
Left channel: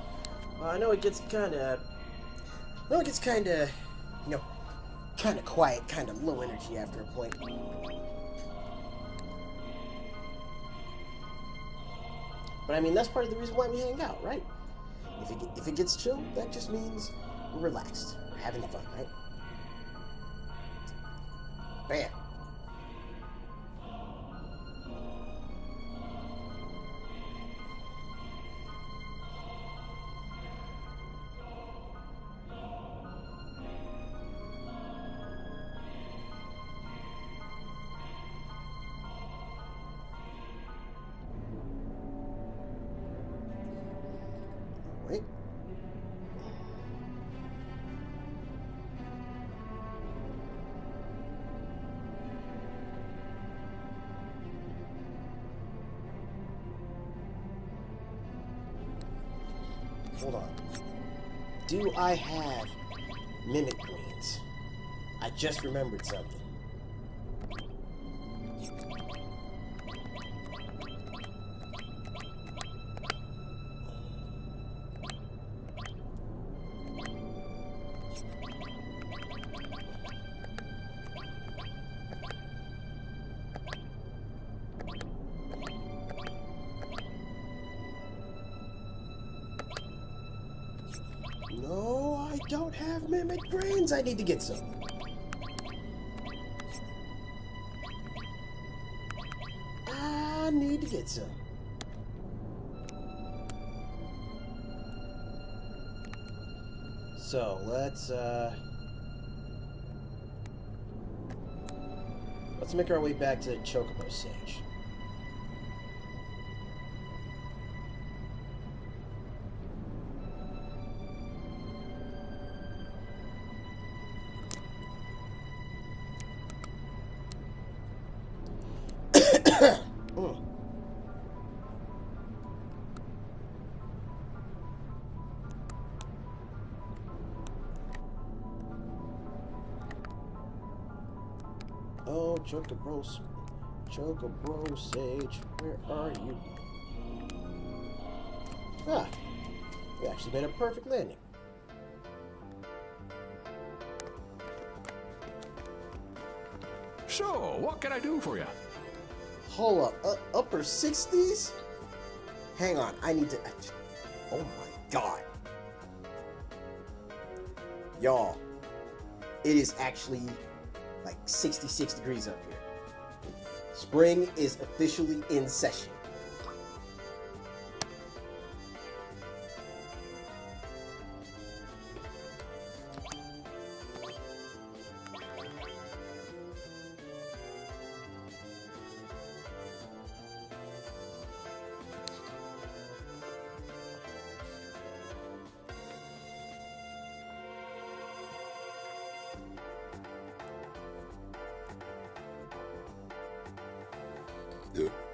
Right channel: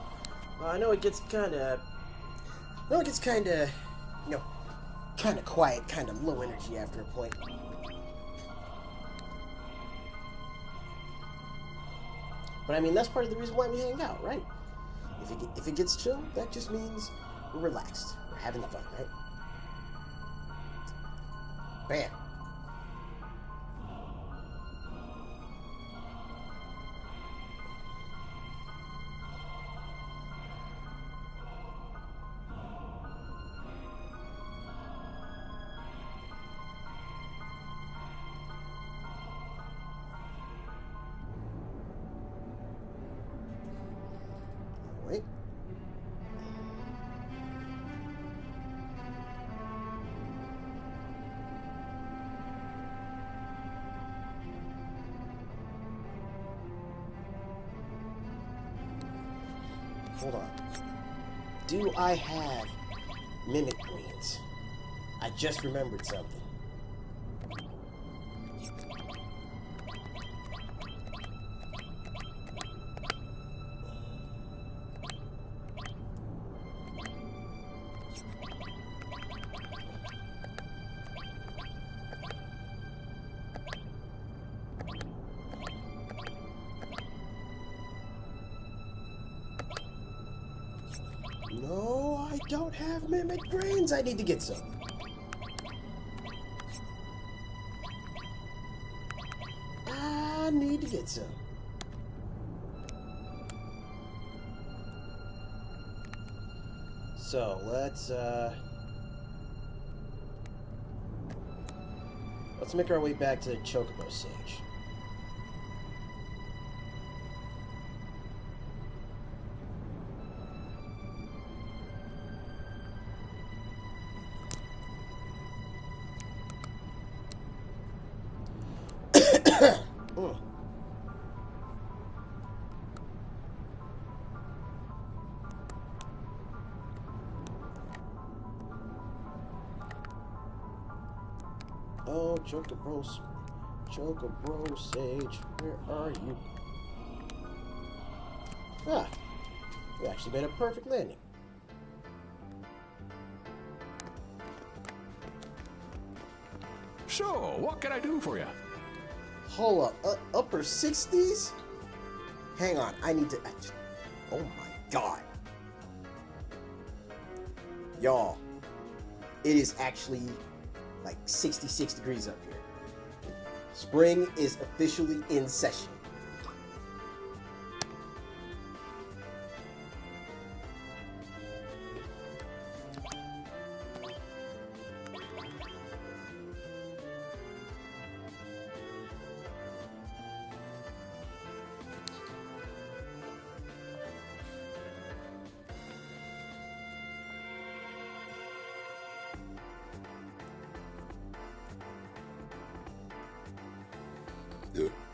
I know it gets kind of, you know, kind of quiet, kind of low energy after a point. But I mean, that's part of the reason why we hang out, right? If it gets chill, that just means we're relaxed, we're having fun, right? Bam. Wait. Hold on. Do I have mimic greens? I just remembered something. No, I don't have mimic grains. I need to get some. I need to get some. So, let's make our way back to the Chocobo Sage. Oh, Chocobo Sage, where are you? Ah, you actually made a perfect landing. So, what can I do for you? Hold up, upper 60s? Hang on, I need to... Oh my god. Y'all, it is actually like 66 degrees up here. Spring is officially in session.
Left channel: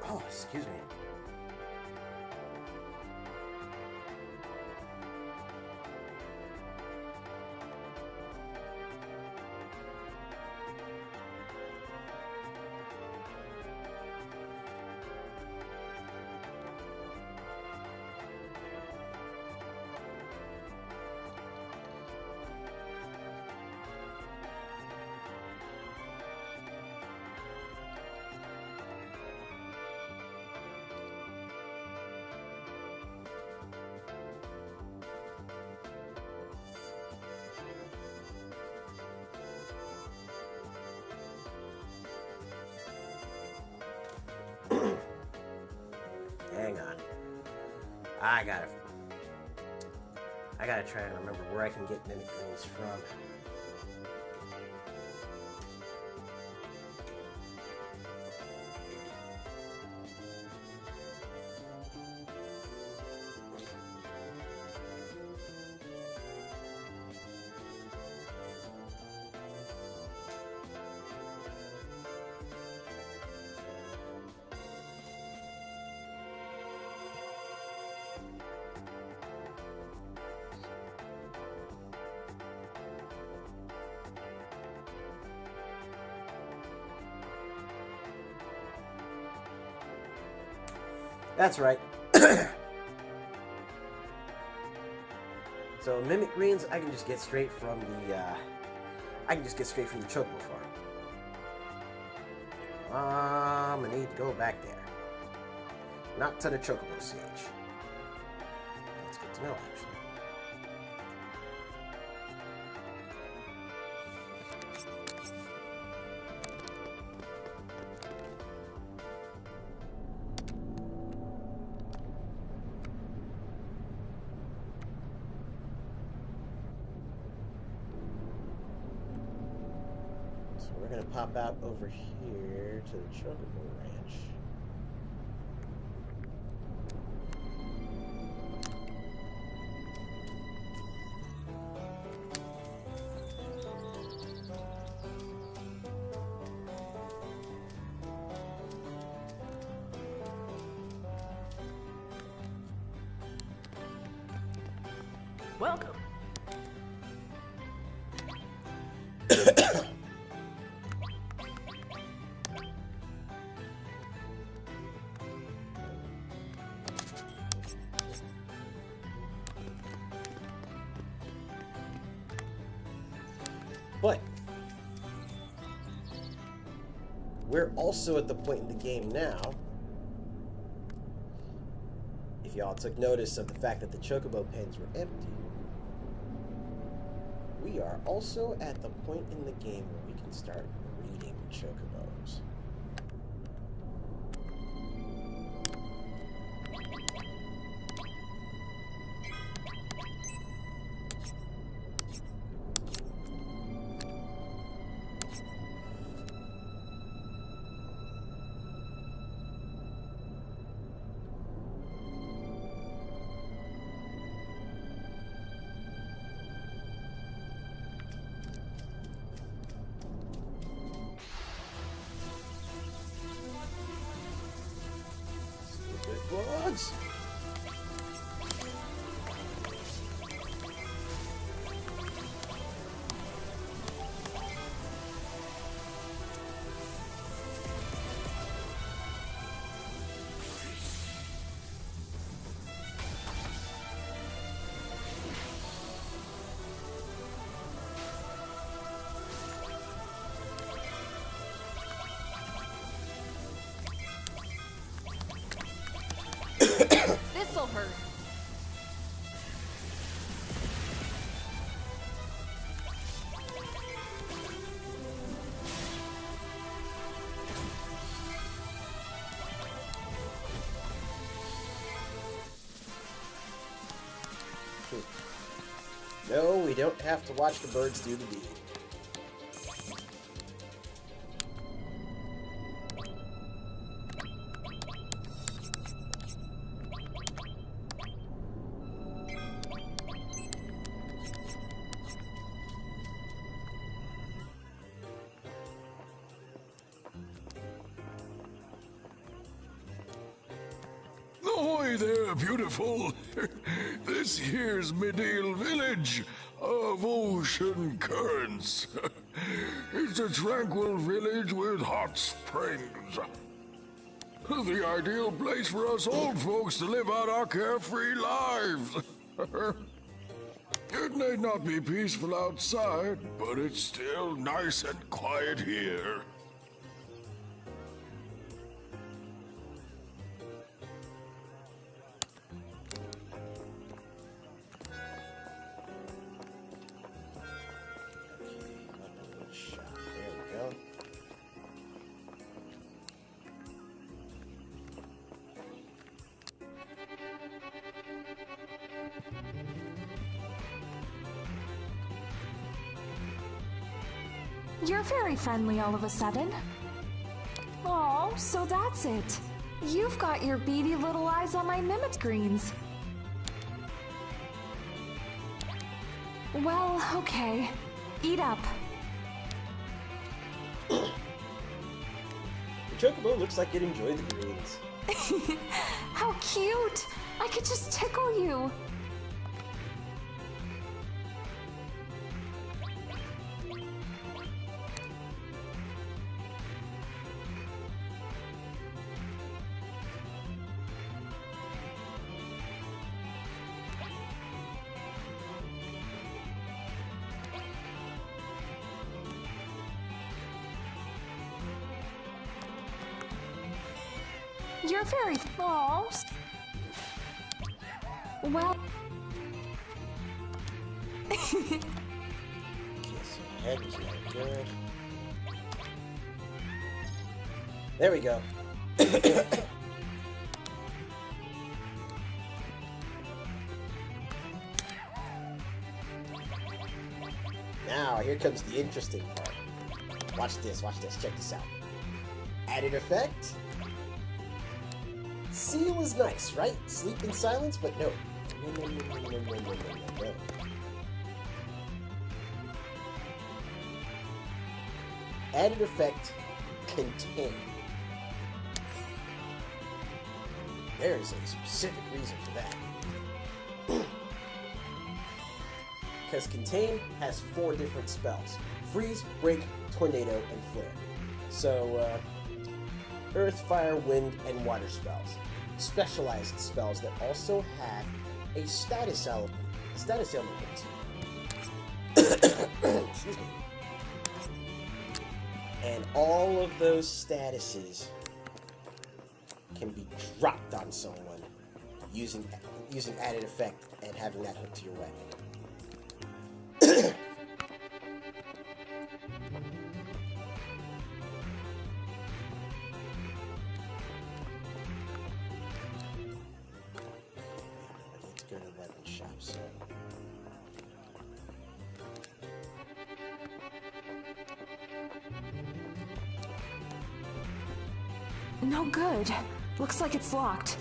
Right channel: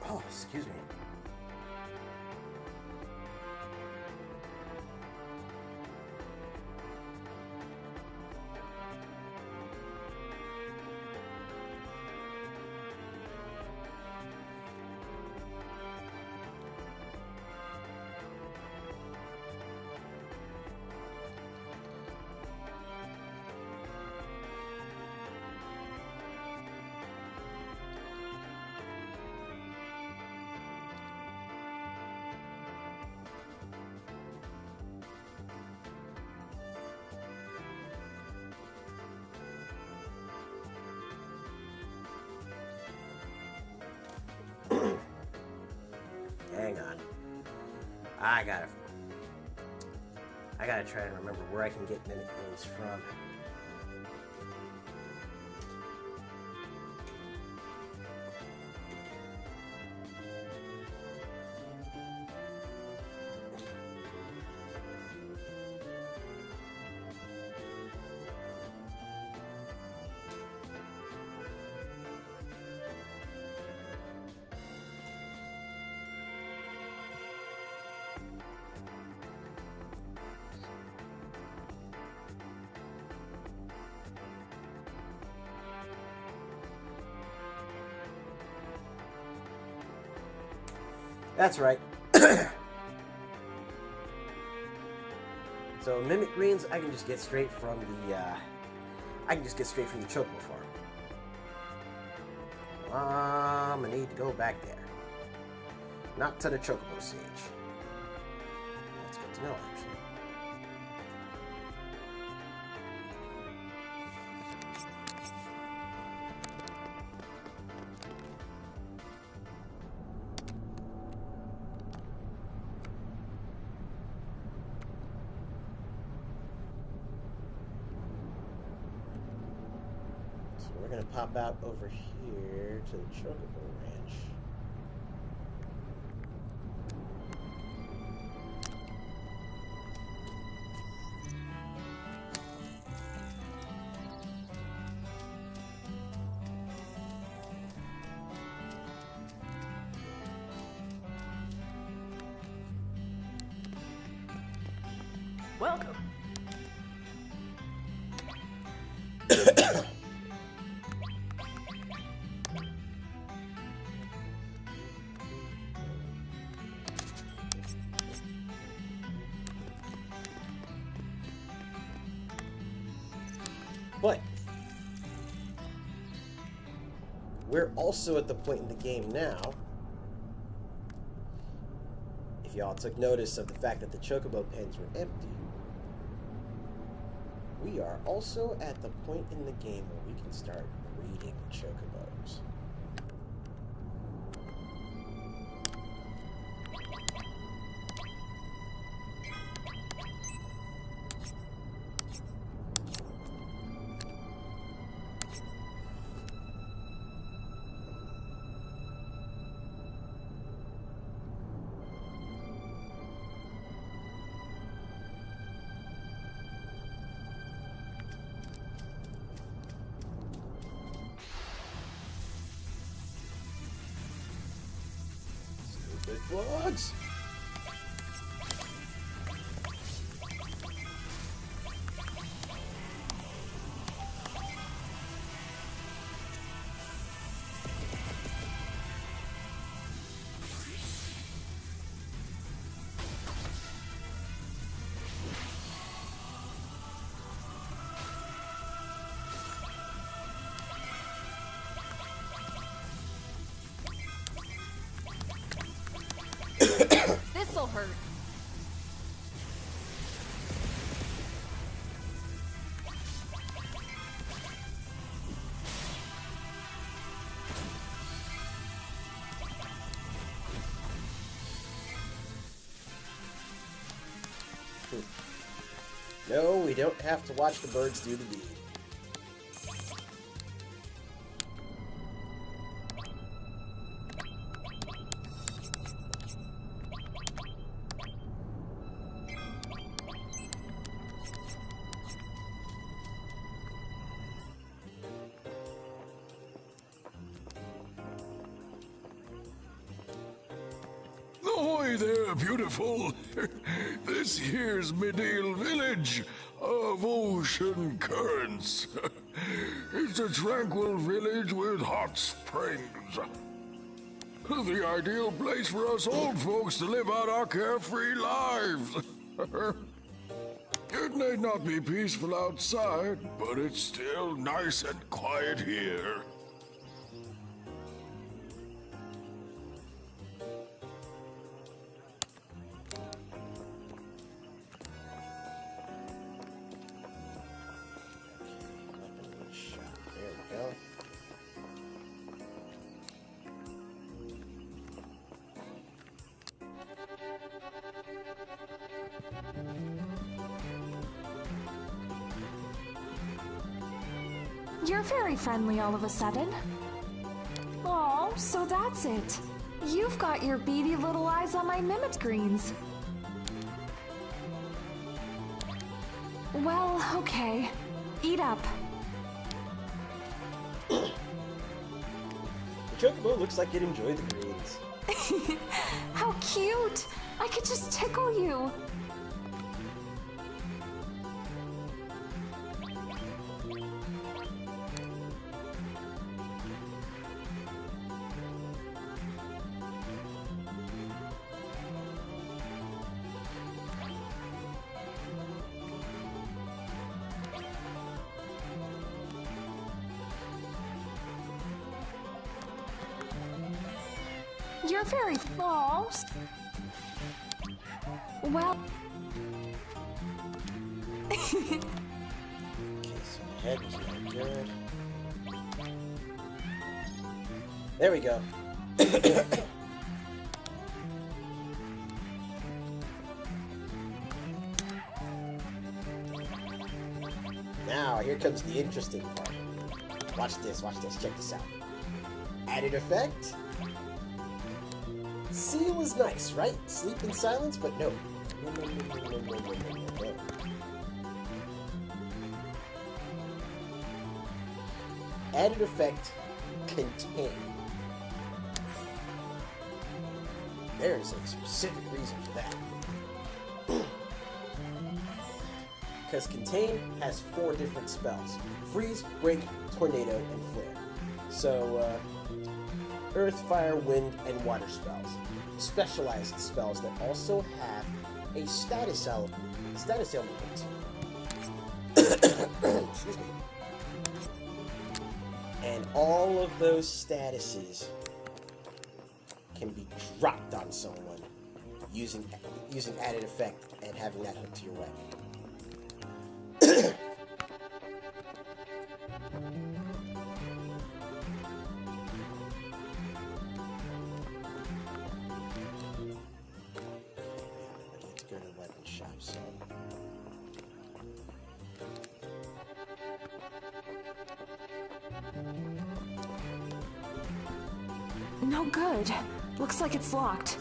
Oh, excuse me. Hang on. I gotta try and remember where I can get mimic greens from. That's right. So mimic greens, I can just get straight from the chocobo farm. I'm gonna need to go back there. Not to the chocobo stage. That's good to know, actually. So we're gonna pop out over here to the chocobo ranch. Welcome. But we're also at the point in the game now, if y'all took notice of the fact that the chocobo pens were empty, we are also at the point in the game where we can start breeding chocobos. Stupid bugs! This'll hurt. No, we don't have to watch the birds do the deed. Ahoy there, beautiful. This here's Medale Village of Ocean Currents. It's a tranquil village with hot springs. The ideal place for us old folks to live out our carefree lives. It may not be peaceful outside, but it's still nice and quiet here. There we go. You're very friendly all of a sudden. Oh, so that's it. You've got your beady little eyes on my mimic greens. Well, okay. Eat up. The chocobo looks like it enjoyed the greens. How cute! I could just tickle you. You're very false. Well. Okay, so the head was not good. There we go. Now, here comes the interesting part. Watch this, check this out. Added effect. Seal is nice, right? Sleep in silence, but no. No. Added effect, contain. There's a specific reason for that. Because contain has 4 different spells. Freeze, break, tornado, and flare. So, earth, fire, wind, and water spells. Specialized spells that also have a status element excuse me. And all of those statuses can be dropped on someone using added effect and having that hooked to your weapon. Go to the weapon shop, so No good. Looks like it's locked.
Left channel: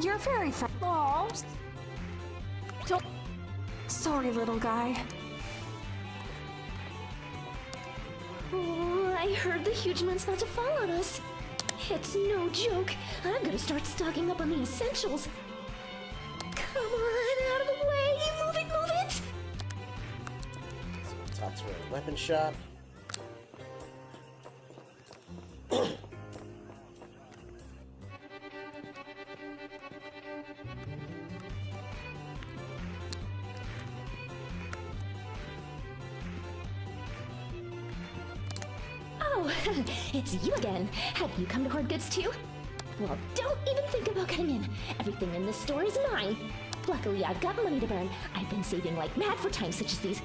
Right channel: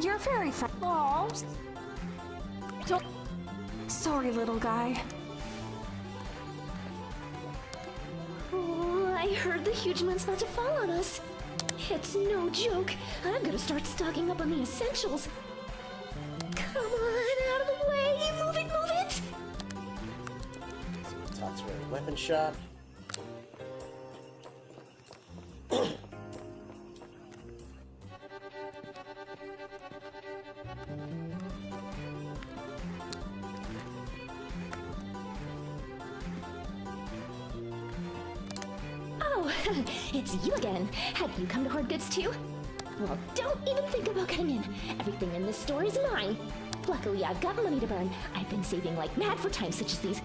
You're very false. Don't. Sorry, little guy. Oh, I heard the huge man's about to fall on us. It's no joke. I'm gonna start stocking up on the essentials. Come on, out of the way! Move it, move it! So talk to her at the weapon shop. Oh, it's you again. Have you come to hoard goods too? Well, don't even think about getting in. Everything in this store is mine. Luckily, I've got money to burn. I've been saving like mad for times such as these.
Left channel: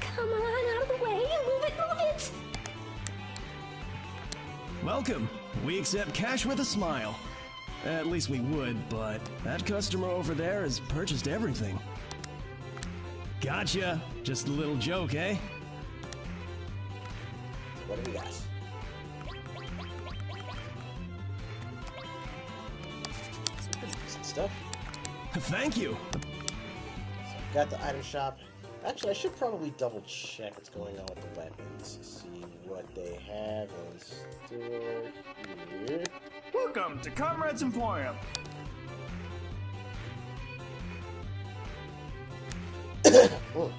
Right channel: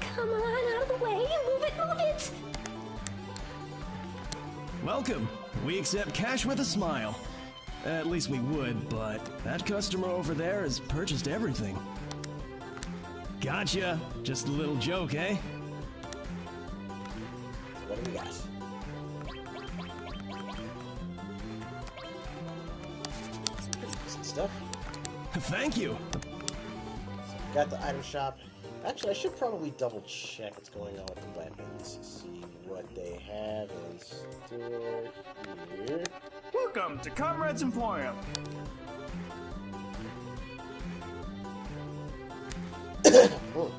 Come on, out of the way! Move it, move it! Welcome. We accept cash with a smile. At least we would, but that customer over there has purchased everything. Gotcha. Just a little joke, eh? What do we got? Some pretty decent stuff. Thank you. So we got the item shop. Actually, I should probably double check what's going on with the weapons. See what they have in store here. Welcome to Comrade's Emporium. Oh.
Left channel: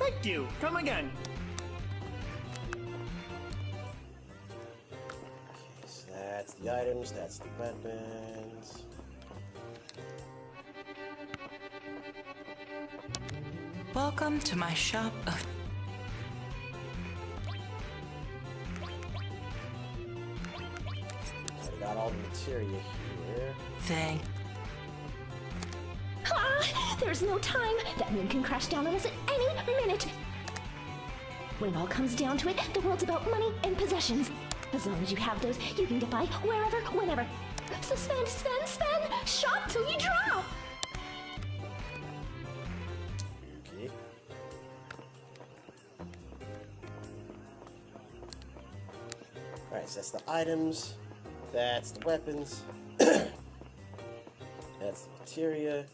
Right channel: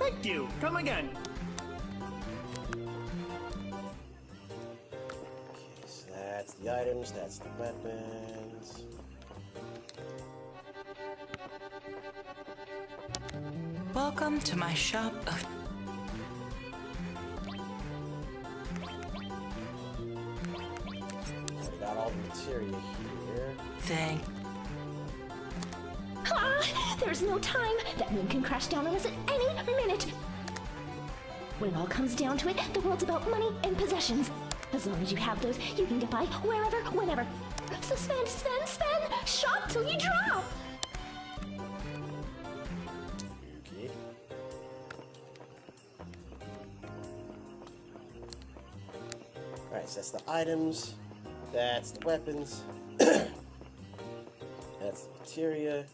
Thank you. Come again. Okay, so that's the items, that's the weapons. Welcome to my shop of... Already got all the materia here. Thank... Ah! There's no time! That moon can crash down on us at any minute! When it all comes down to it, the world's about money and possessions. As long as you have those, you can get by wherever, whenever. So spend, spend, spend! Shop till you drop! Okay. Alright, so that's the items. That's the weapons. That's the materia.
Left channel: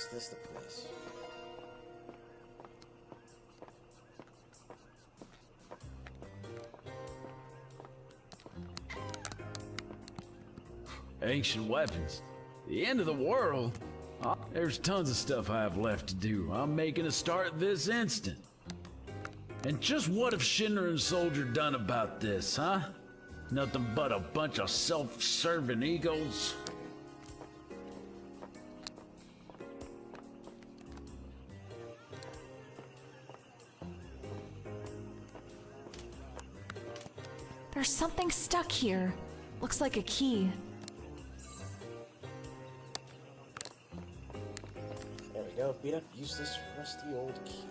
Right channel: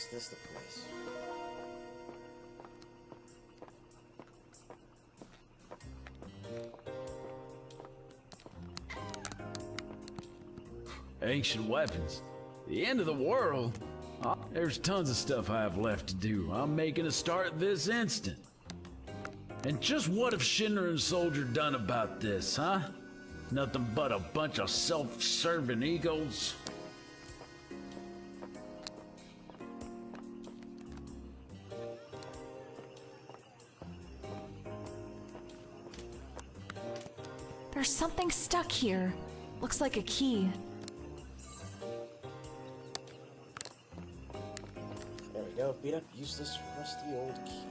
Is this the place? Ancient weapons. The end of the world? There's tons of stuff I have left to do. I'm making a start this instant. And just what have Shinra and Soldier done about this, huh? Nothing but a bunch of self-serving egos? There's something stuck here. Looks like a key. There we go. Beat up useless rusty old key.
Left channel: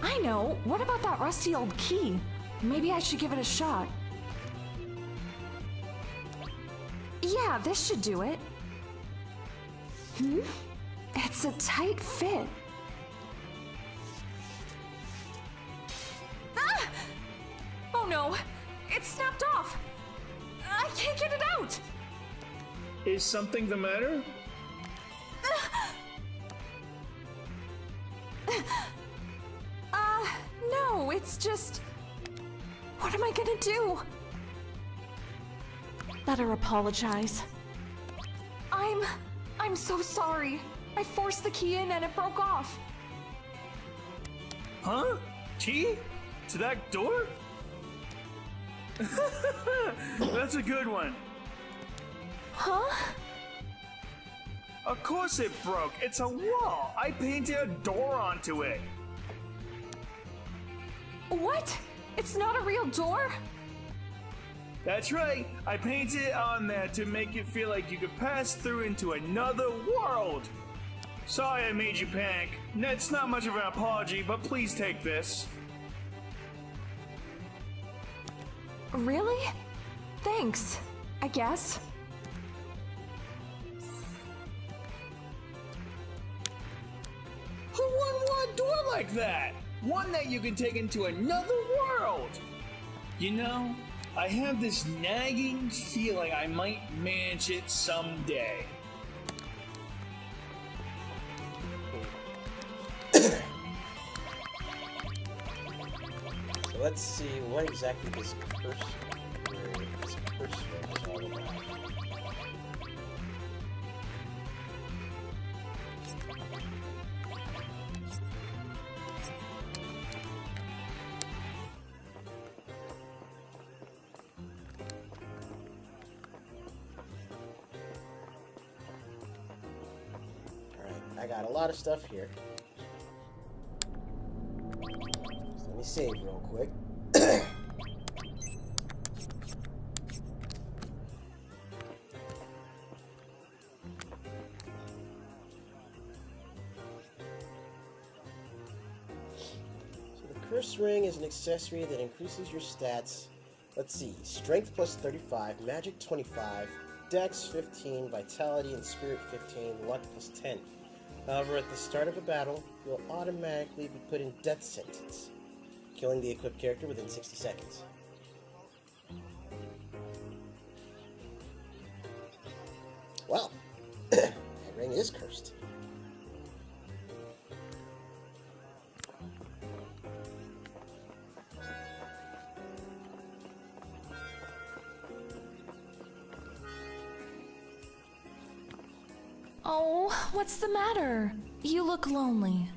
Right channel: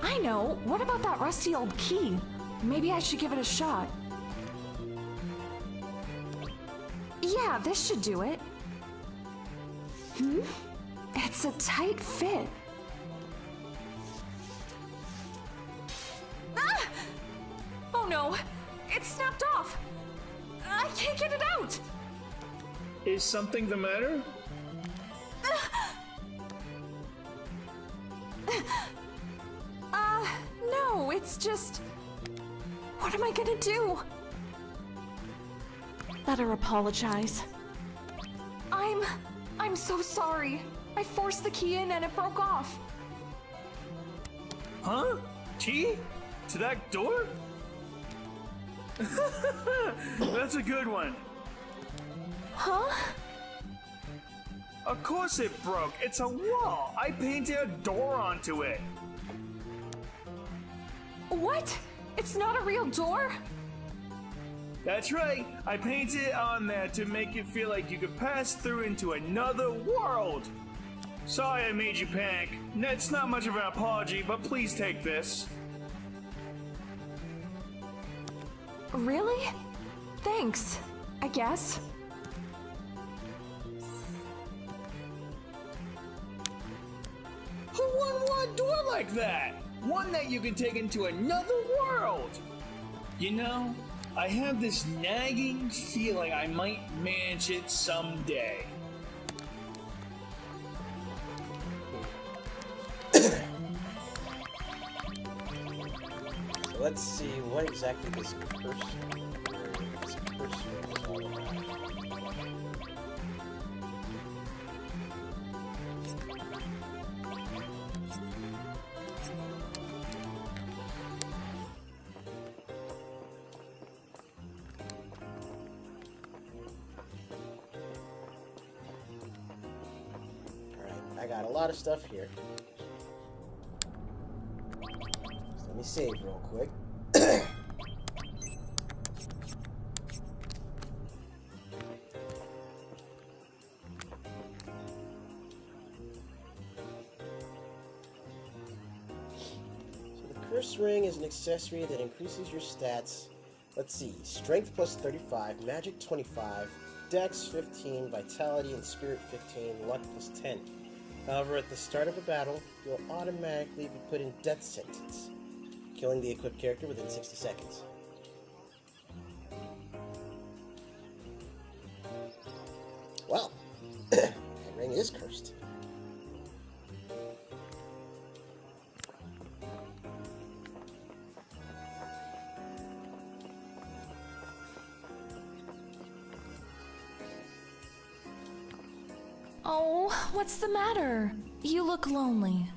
I know! What about that rusty old key? Maybe I should give it a shot. Yeah, this should do it. It's a tight fit. Ah! Oh no! It snapped off! I can't get it out! Is something the matter? No, it's just... What am I gonna do? Better apologize. I'm so sorry. I forced the key in and it broke off. Huh? Key? To that door? That's a good one. Huh? Of course it broke. It's a wall. I painted a door onto it. What? It's not a real door? That's right. I painted it on there to make it feel like you could pass through into another world. Sorry I made you panic. It's not much of an apology, but please take this. Really? Thanks, I guess. Who wouldn't want a door like that? One that you can take into another world. You know, I have this nagging feeling I might manage it someday. So let's see what exactly this curse ring is all about. I got a lot of stuff here. So let me save real quick. So the curse ring is an accessory that increases your stats. Let's see, strength plus 35, magic 25, dex 15, vitality and spirit 15, luck plus 10. However, at the start of a battle, you'll automatically be put in death sentence, killing the equipped character within 60 seconds. Well, that ring is cursed. Oh, what's the matter? You look lonely.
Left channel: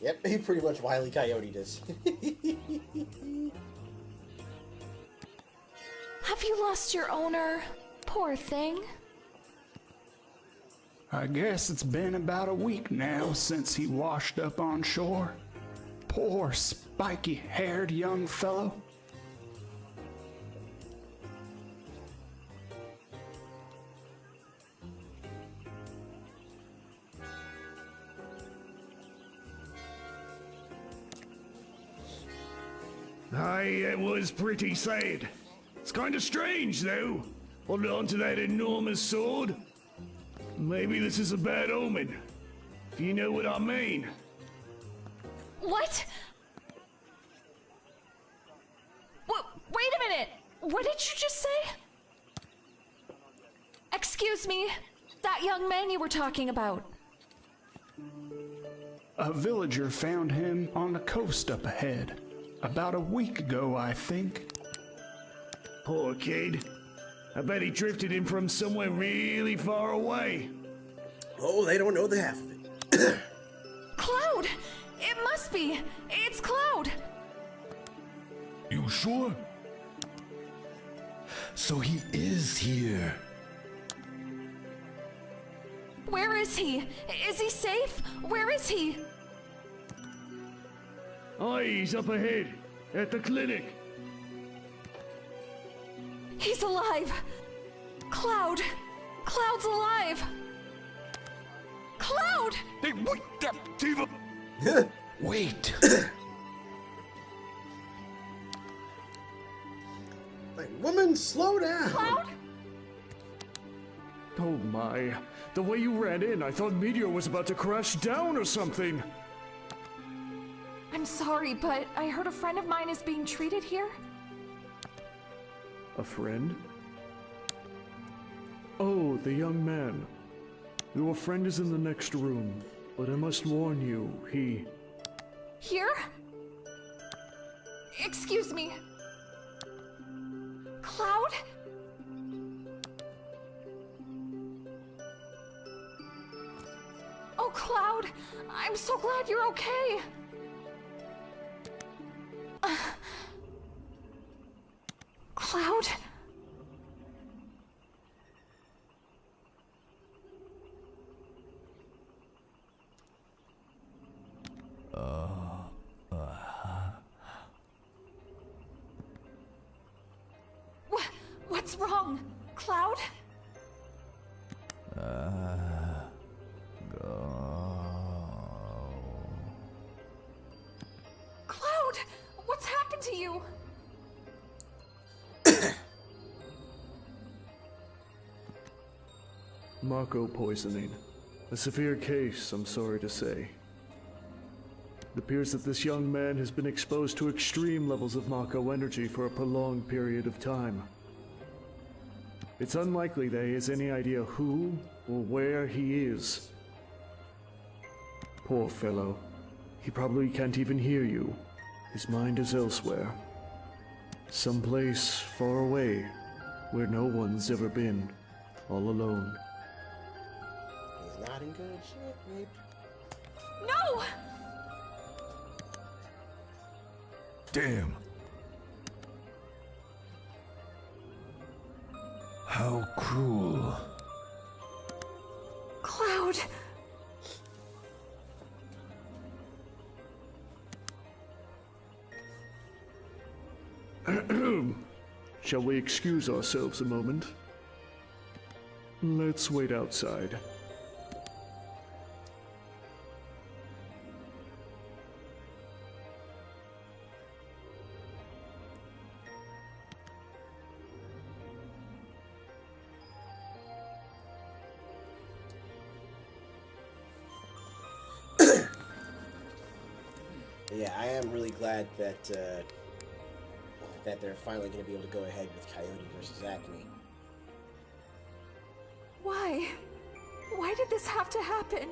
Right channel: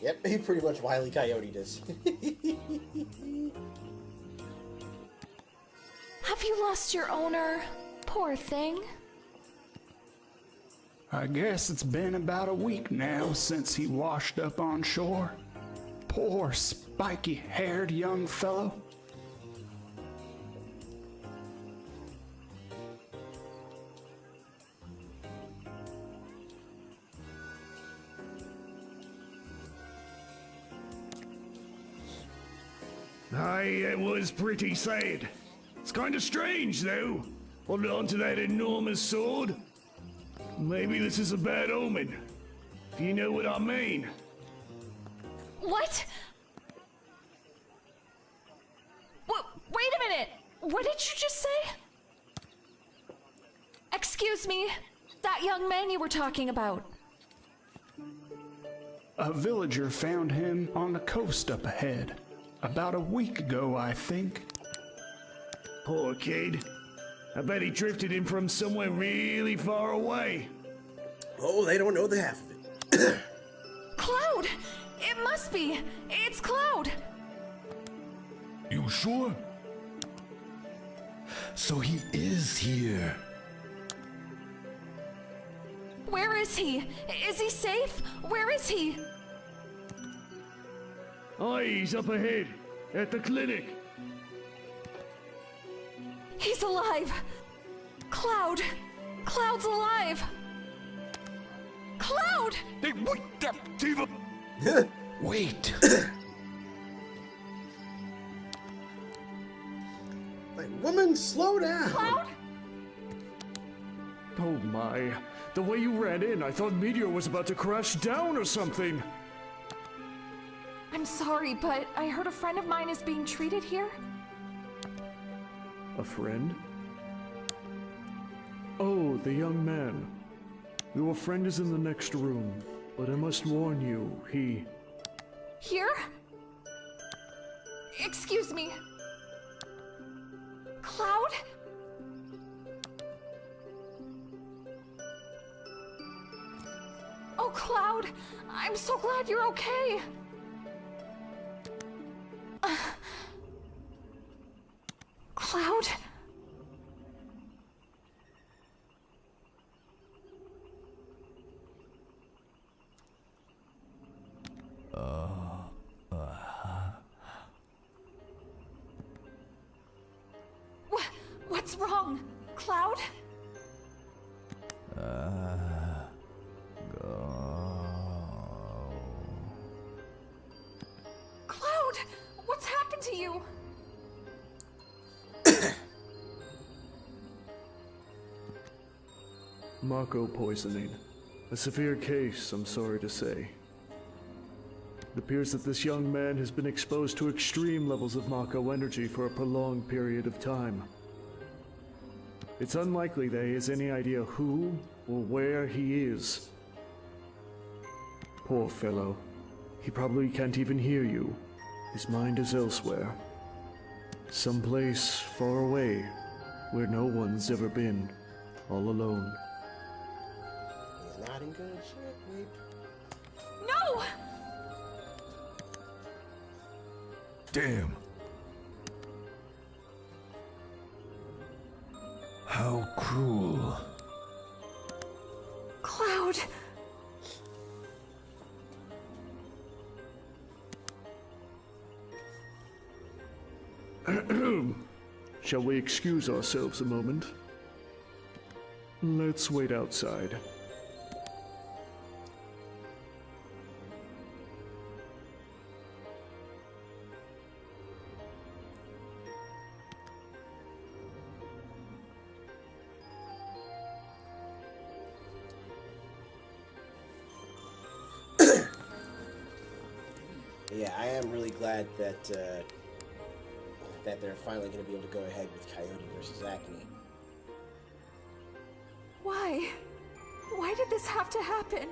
Yep, he pretty much Wile E. Coyote'd us. Have you lost your owner? Poor thing. I guess it's been about a week now since he washed up on shore. Poor spiky-haired young fellow. Aye, it was pretty sad. It's kind of strange, though. Holding on to that enormous sword. Maybe this is a bad omen, if you know what I mean. What? Wait a minute! What did you just say? Excuse me, that young man you were talking about. A villager found him on the coast up ahead. About a week ago, I think. Poor kid. I bet he drifted in from somewhere really far away. Oh, they don't know the half of it. Cloud! It must be! It's Cloud! You sure? So he is here. Where is he? Is he safe? Where is he? Oh, he's up ahead, at the clinic. He's alive! Cloud! Cloud's alive! Cloud! Hey, wait, Tifa! Wait! Like, woman, slow down! Cloud? Oh my. The way you ran in, I thought Meteor was about to crash down or something. I'm sorry, but I heard a friend of mine is being treated here. A friend? Oh, the young man. Your friend is in the next room, but I must warn you, he... Here? Excuse me. Cloud? Oh, Cloud! I'm so glad you're okay! Cloud? What's wrong? Cloud? Cloud! What's happened to you? Mako poisoning. A severe case, I'm sorry to say. It appears that this young man has been exposed to extreme levels of Mako energy for a prolonged period of time. It's unlikely that he has any idea who or where he is. Poor fellow. He probably can't even hear you. His mind is elsewhere. Someplace far away, where no one's ever been, all alone. He's not in good shape. No! Damn. How cruel. Cloud! Shall we excuse ourselves a moment? Let's wait outside. Yeah, I am really glad that that they're finally going to be able to go ahead with Coyote versus Acme. Why? Why did this have to happen?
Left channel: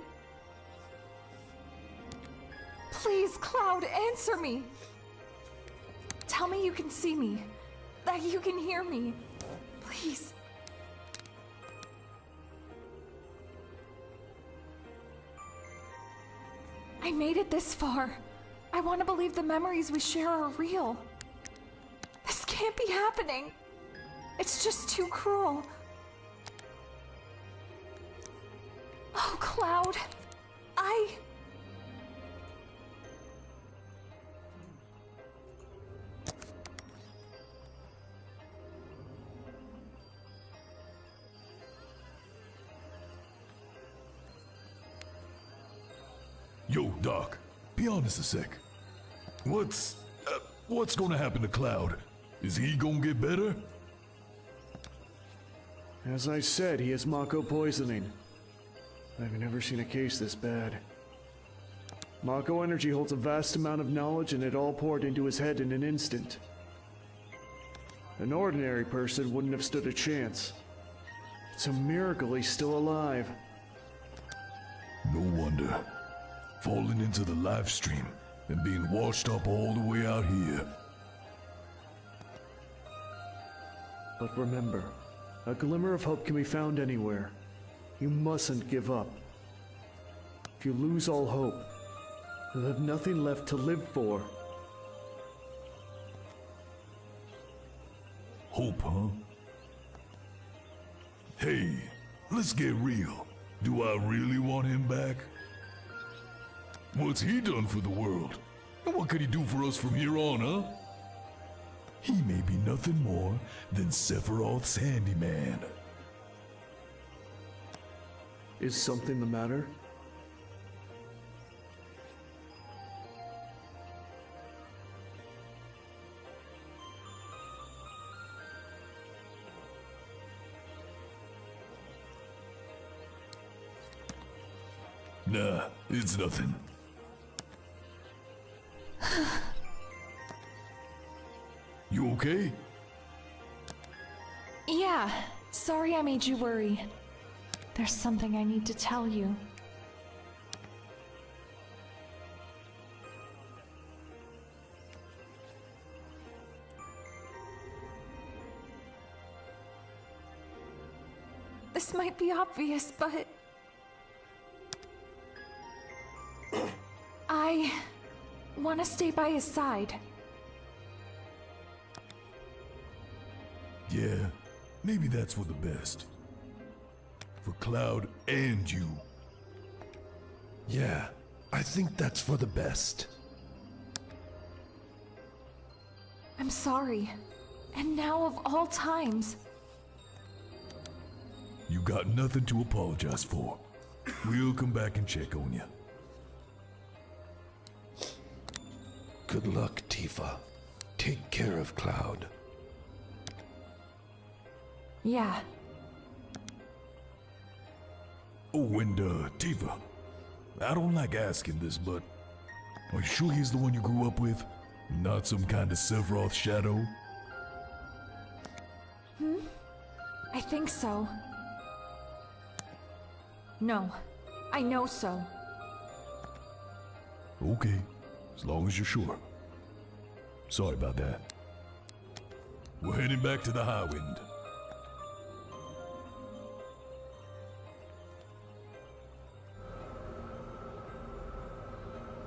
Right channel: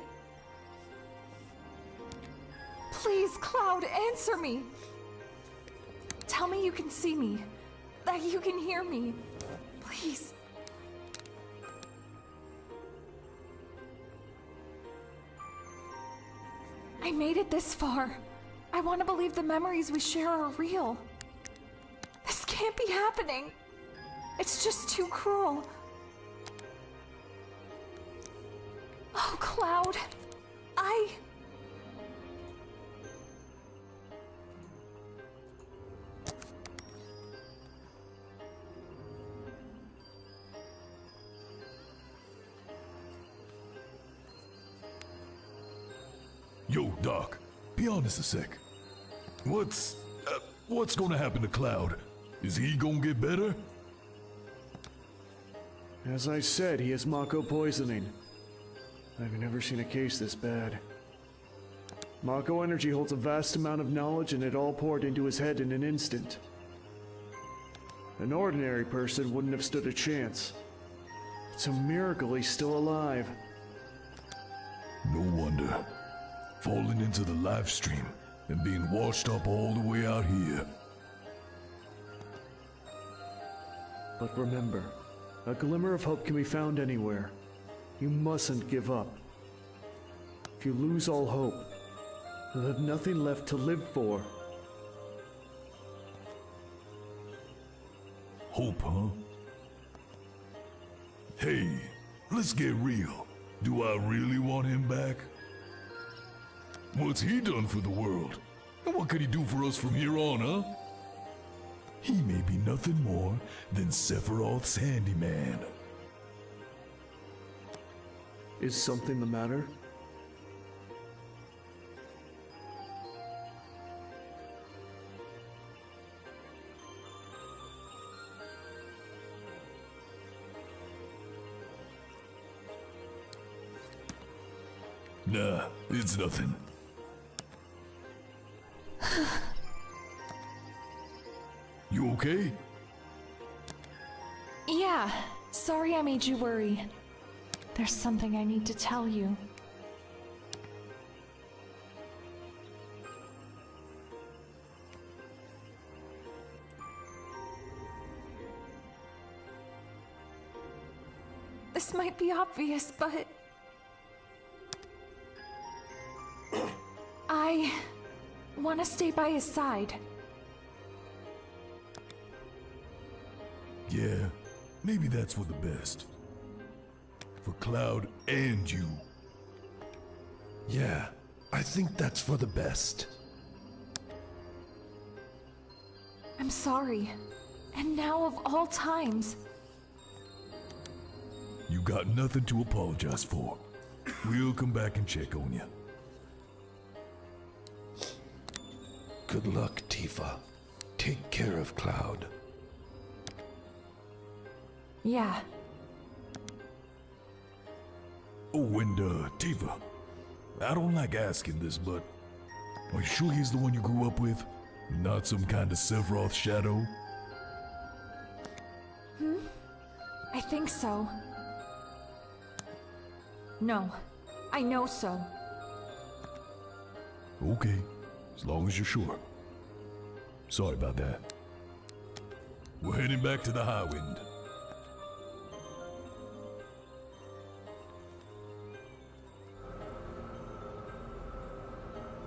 Please, Cloud, answer me. Tell me you can see me, that you can hear me. Please. I made it this far. I want to believe the memories we share are real. This can't be happening. It's just too cruel. Oh, Cloud. Yo, Doc, be honest a sec. What's gonna happen to Cloud? Is he gonna get better? As I said, he has Mako poisoning. I've never seen a case this bad. Mako energy holds a vast amount of knowledge, and it all poured into his head in an instant. An ordinary person wouldn't have stood a chance. It's a miracle he's still alive. No wonder. Falling into the live stream and being washed up all the way out here. But remember, a glimmer of hope can be found anywhere. You mustn't give up. If you lose all hope, you'll have nothing left to live for. Hope, huh? Hey, let's get real. Do I really want him back? What's he done for the world? And what could he do for us from here on, huh? He may be nothing more than Sephiroth's handyman. Is something the matter? Nah, it's nothing. You okay? Yeah, sorry I made you worry. There's something I need to tell you. This might be obvious, but I want to stay by his side. Yeah, maybe that's for the best. For Cloud and you. Yeah, I think that's for the best. I'm sorry. And now of all times. You got nothing to apologize for. We'll come back and check on you. Good luck, Tifa. Take care of Cloud. Yeah. Oh, and Tifa, I don't like asking this, but are you sure he's the one you grew up with? Not some kind of Sephiroth shadow? I think so. No, I know so. Okay, as long as you're sure. Sorry about that. We're heading back to the Highwind.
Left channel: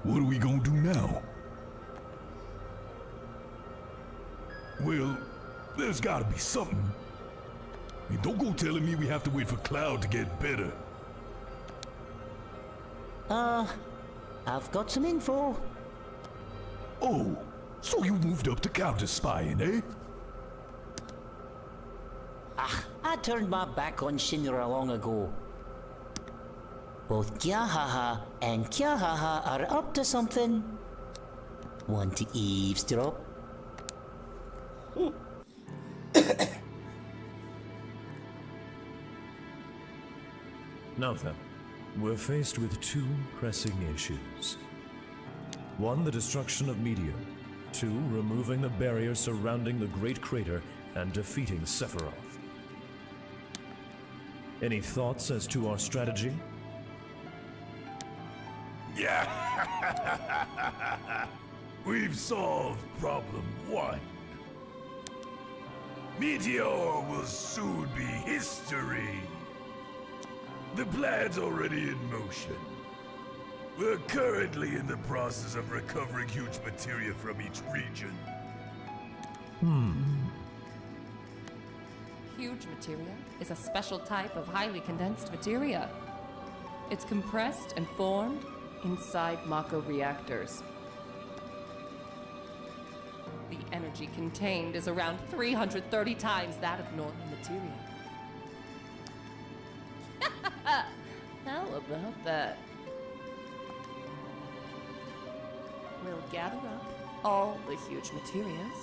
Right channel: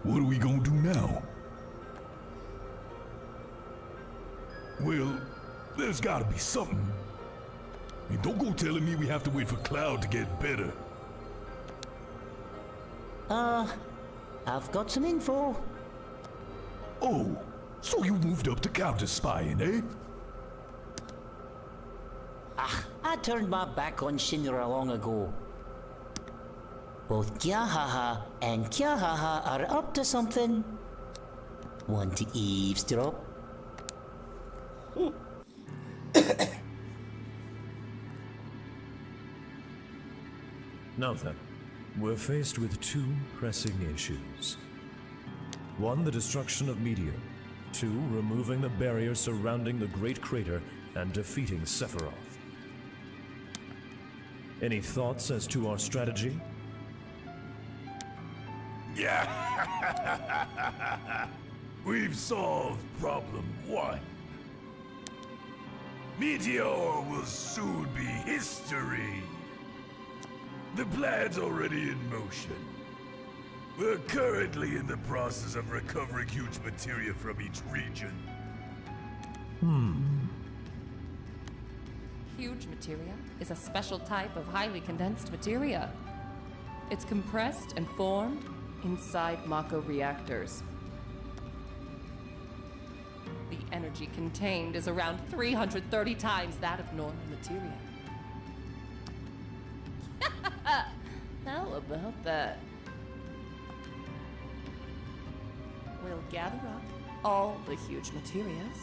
What are we gonna do now? Well, there's gotta be something. And don't go telling me we have to wait for Cloud to get better. I've got some info. Oh, so you moved up to counter spying, eh? I turned my back on Shinra long ago. Both Kyahaha and Kyahaha are up to something. Want to eavesdrop? Now then, we're faced with two pressing issues. One, the destruction of Meteor. Two, removing the barrier surrounding the Great Crater and defeating Sephiroth. Any thoughts as to our strategy? Yeah. We've solved problem one. Meteor will soon be history. The plan's already in motion. We're currently in the process of recovering huge materia from each region. Huge materia is a special type of highly condensed materia. It's compressed and formed inside Mako reactors. The energy contained is around 330 times that of normal materia. How about that? We'll gather up all the huge materias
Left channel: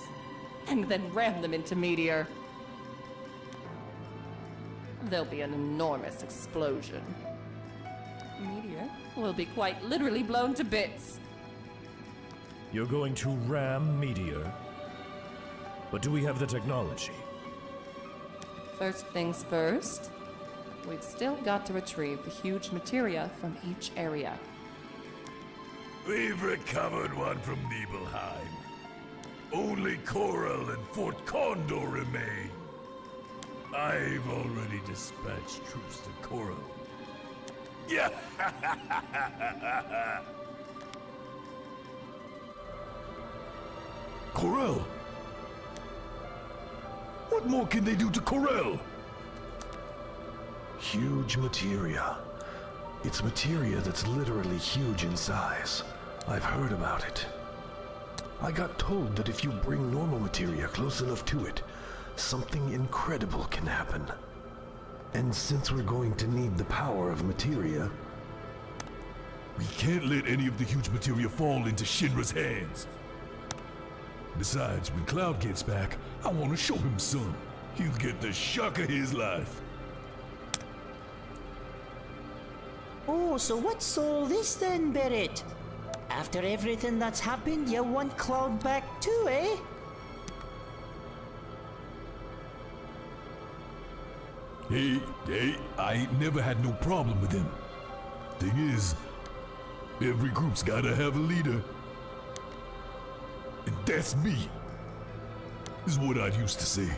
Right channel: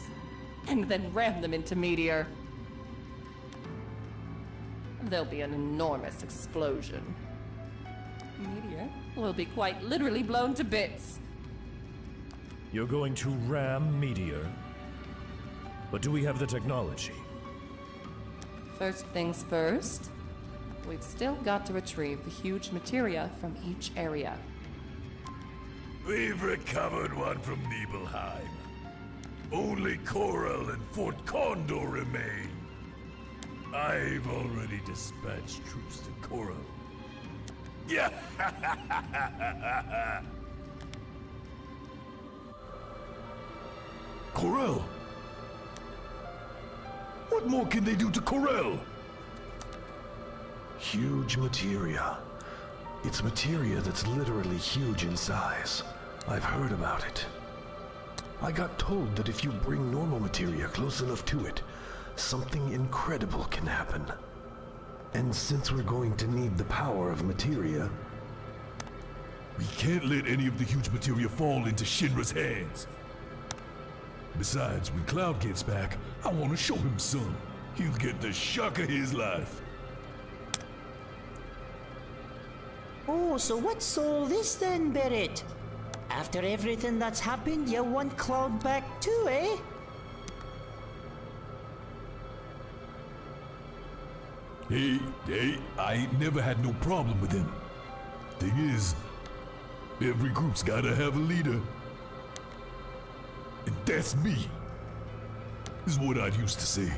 and then ram them into Meteor. there'll be an enormous explosion. Meteor will be quite literally blown to bits. You're going to ram Meteor? But do we have the technology? First things first, we've still got to retrieve the huge materia from each area. We've recovered one from Nibelheim. Only Coral and Fort Condor remain. I've already dispatched troops to Coral. Yeah. Corel? What more can they do to Corel? Huge materia. It's materia that's literally huge in size. I've heard about it. I got told that if you bring normal materia close enough to it, something incredible can happen. And since we're going to need the power of materia... We can't let any of the huge materia fall into Shinra's hands. Besides, when Cloud gets back, I want to show him some. He'll get the shock of his life. Oh, so what's all this then, Barrett? After everything that's happened, you want Cloud back too, eh? Hey, I ain't never had no problem with him. Thing is, every group's gotta have a leader. And that's me. Is what I used to say.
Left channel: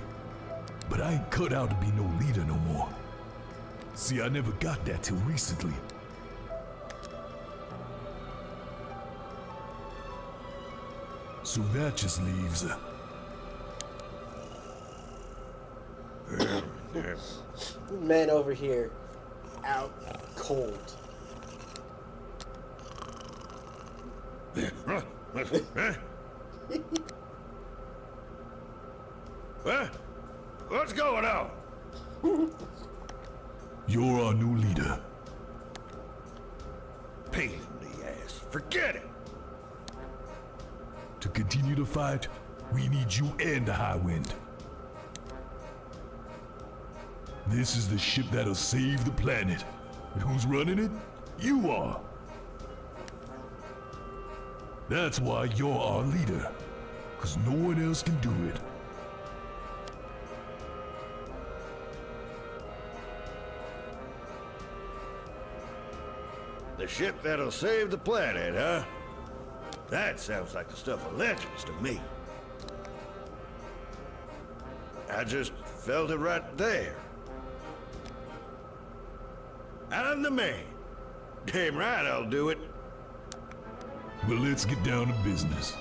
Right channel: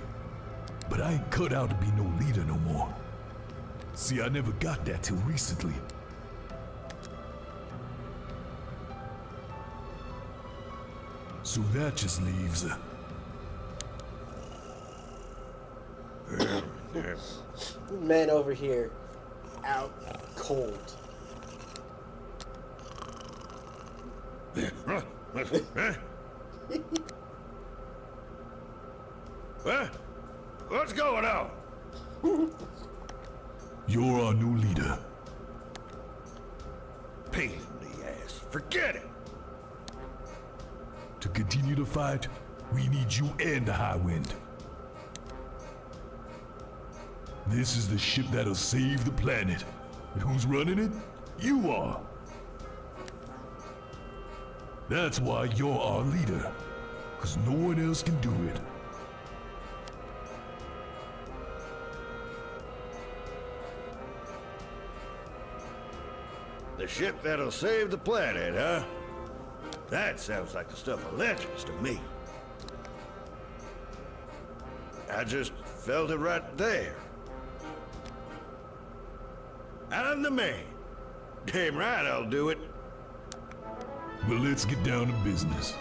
But I ain't cut out to be no leader no more. See, I never got that till recently. So that just leaves Man over here, out cold. What's going on? You're our new leader. Pain in the ass. Forget it. To continue the fight, we need you and the High Wind. This is the ship that'll save the planet. And who's running it? You are. That's why you're our leader. 'Cause no one else can do it. The ship that'll save the planet, huh? That sounds like the stuff of legends to me. I just felt it right there. I'm the man. Damn right I'll do it. Well, let's get down to business.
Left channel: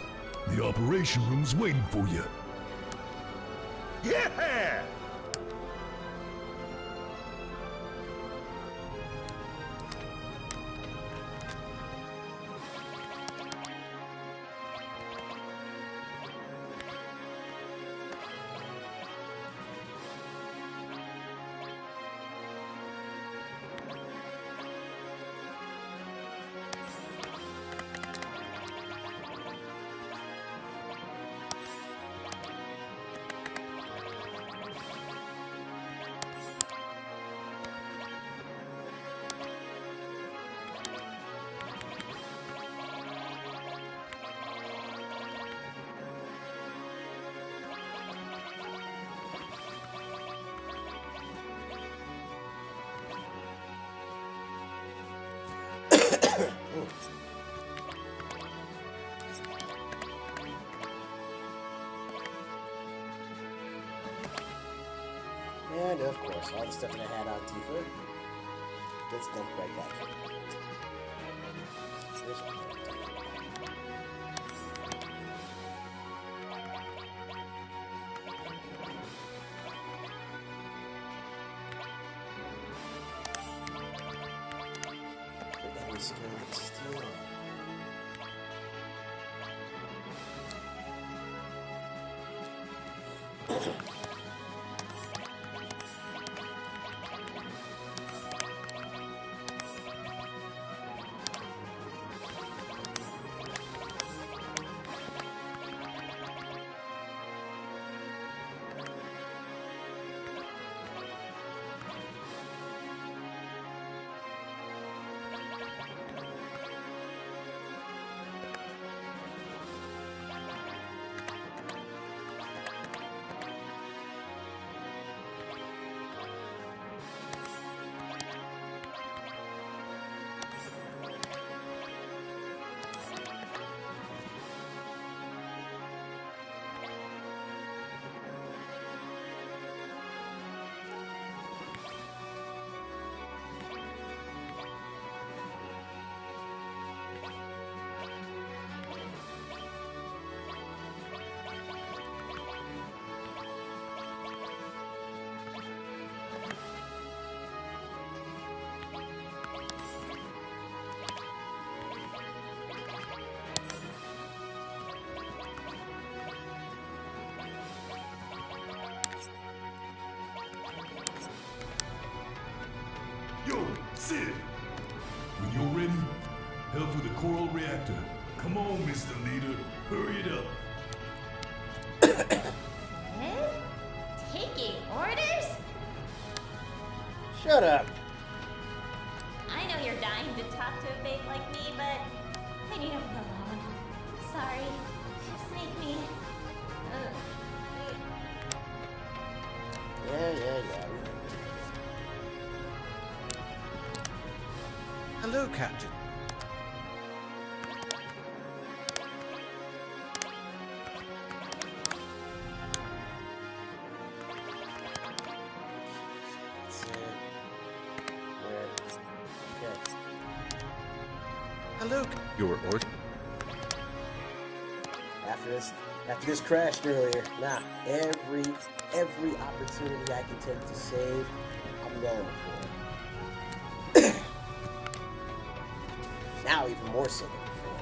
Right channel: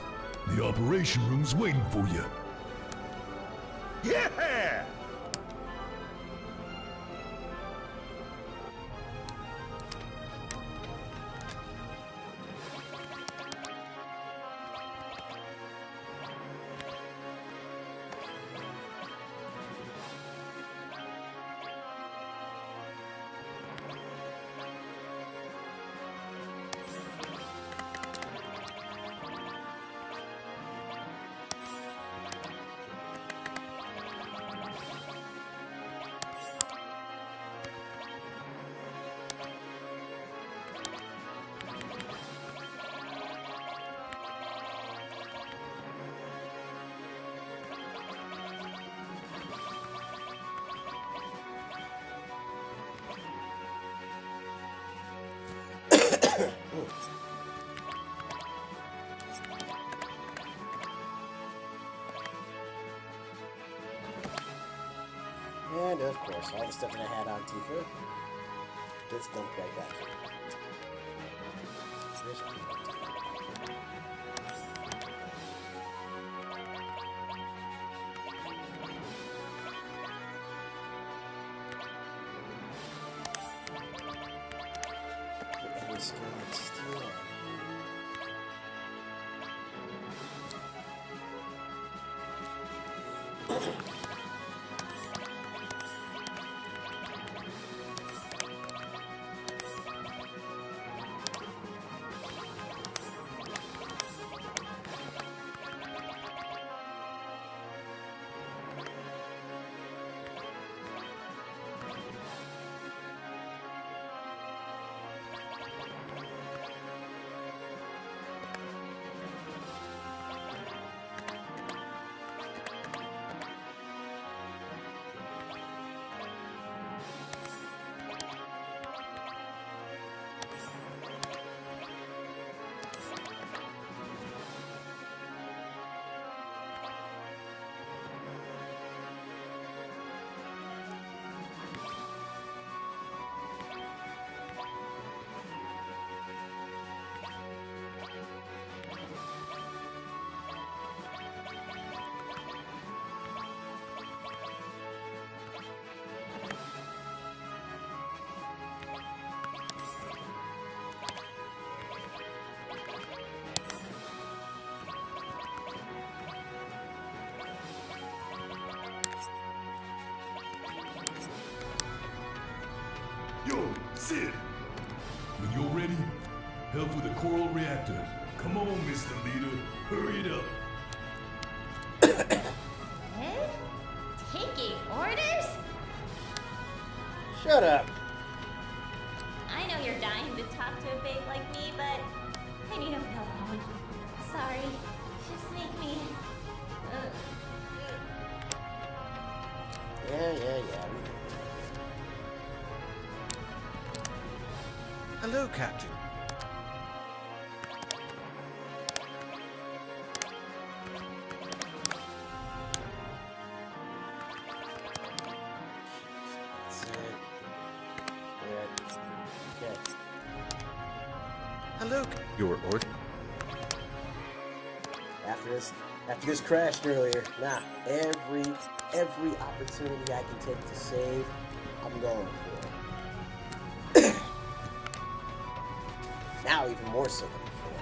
The operation room's waiting for you. Yeah! And of course, all the stuff that I had on Tifa gets dumped right back here. There's a every skill and steal. off with a coral reactor. Come on, Mr. Leader. Hurry it up. Taking orders? Shut up. I know you're dying to talk to a babe like me, but I need to be alone. Sorry. Just make me... Yeah, we know. Hello, Captain. That's it. There. Okay. Hello. Your order? After this crashed earlier, every opportunity I can take to save, I'm going for. Now even more so than before.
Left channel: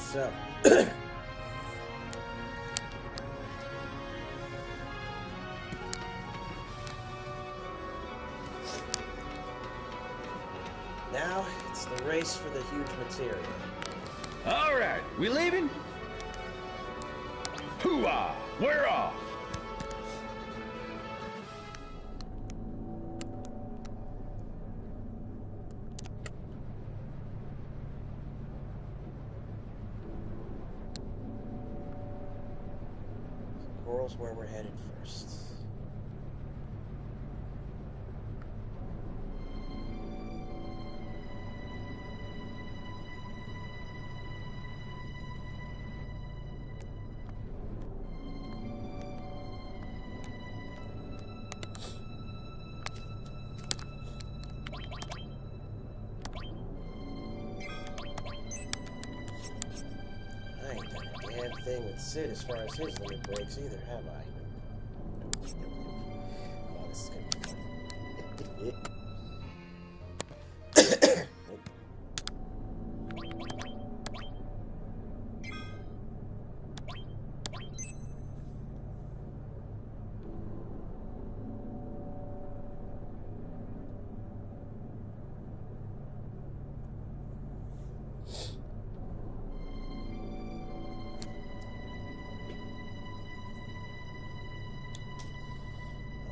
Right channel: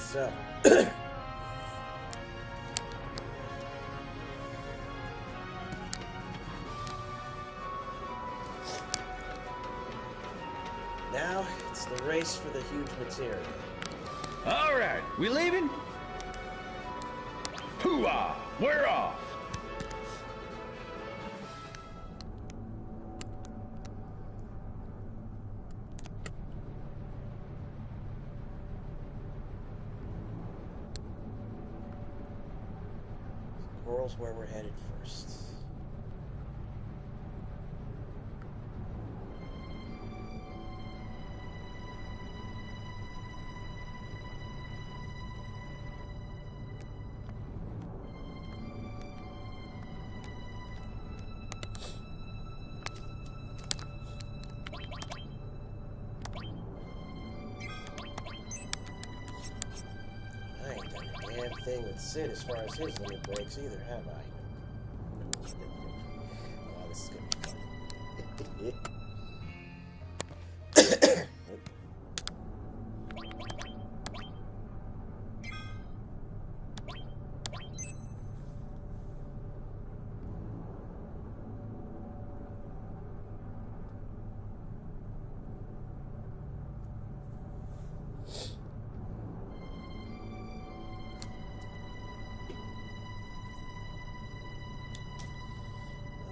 So, now it's the race for the huge material. All right, we leaving? Hoo-ah! We're off! Coral's where we're headed first. I ain't done a damn thing with Sid as far as his limit breaks either, have I? Nope. Oh, this is gonna be fun.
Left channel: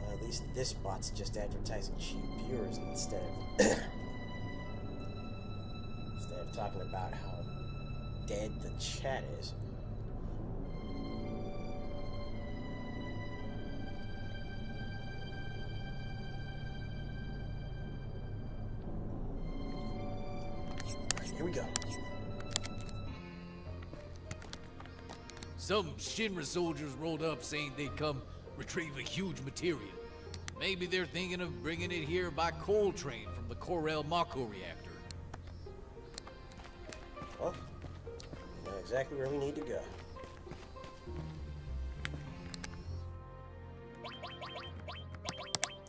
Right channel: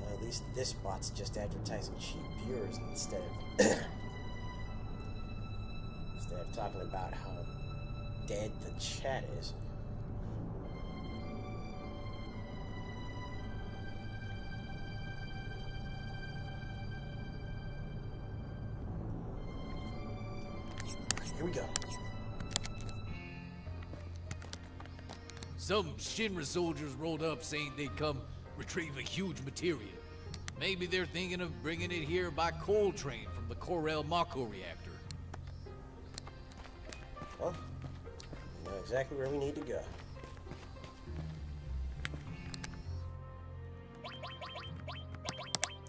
At least this bot's just advertising cheap viewers instead of talking about how dead the chat is. Alright, here we go. Some Shinra soldiers rolled up saying they'd come retrieve a huge material. Maybe they're thinking of bringing it here by coal train from the Corel Mako reactor. Well, we know exactly where we need to go.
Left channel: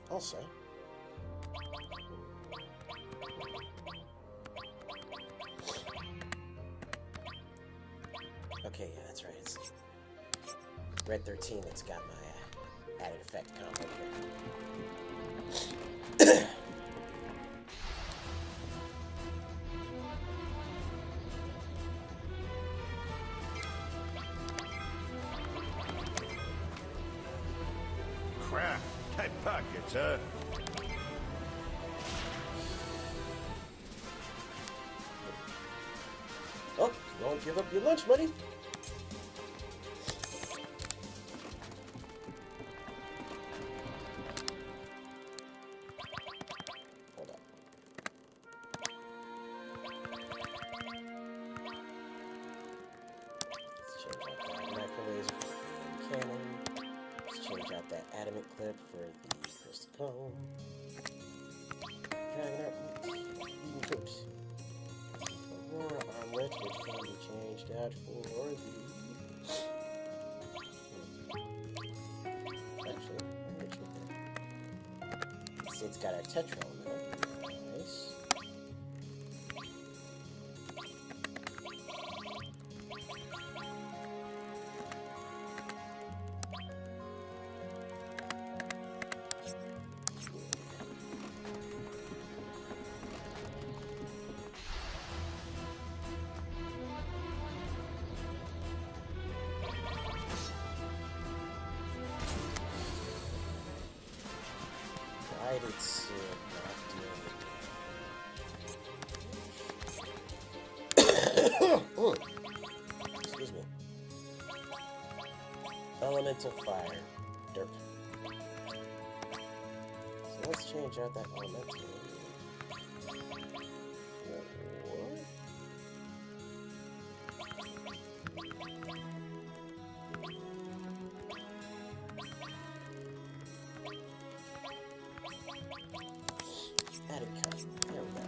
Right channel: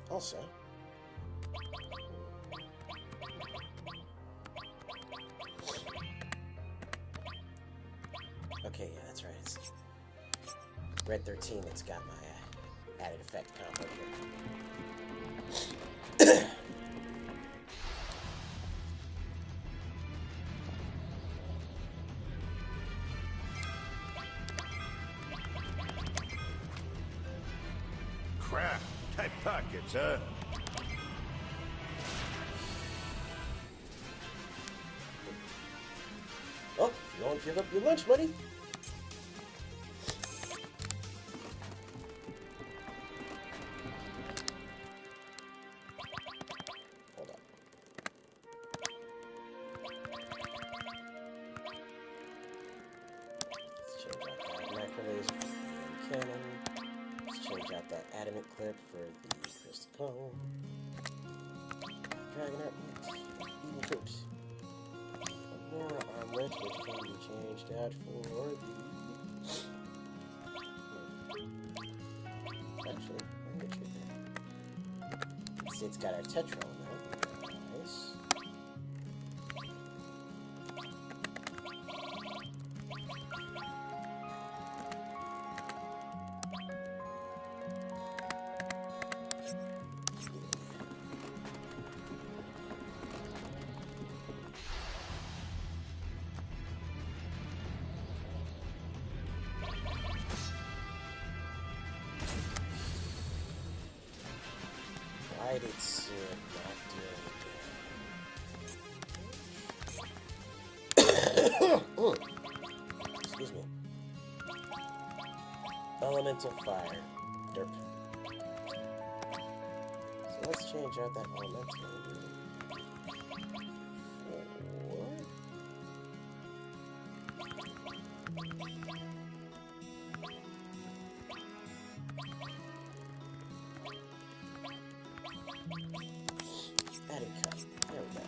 Also, okay, yeah, that's right. It's Red 13 that's got my added effect combo here. Crap, tight pockets, huh? Oh, you don't give up your lunch money. Hold up. Let's change out that macro laser for the cannon. Let's change out that adamant clip for the crystal cone. Dragon out eating coat. Aurora armlet, which can be changed out for the... Actually, I'm gonna check that. It's got our Tetra now. Nice. Right, it's not doing it. Excuse me. Elemental fire. Derp. So let's change out that elemental. Added cut. There we go.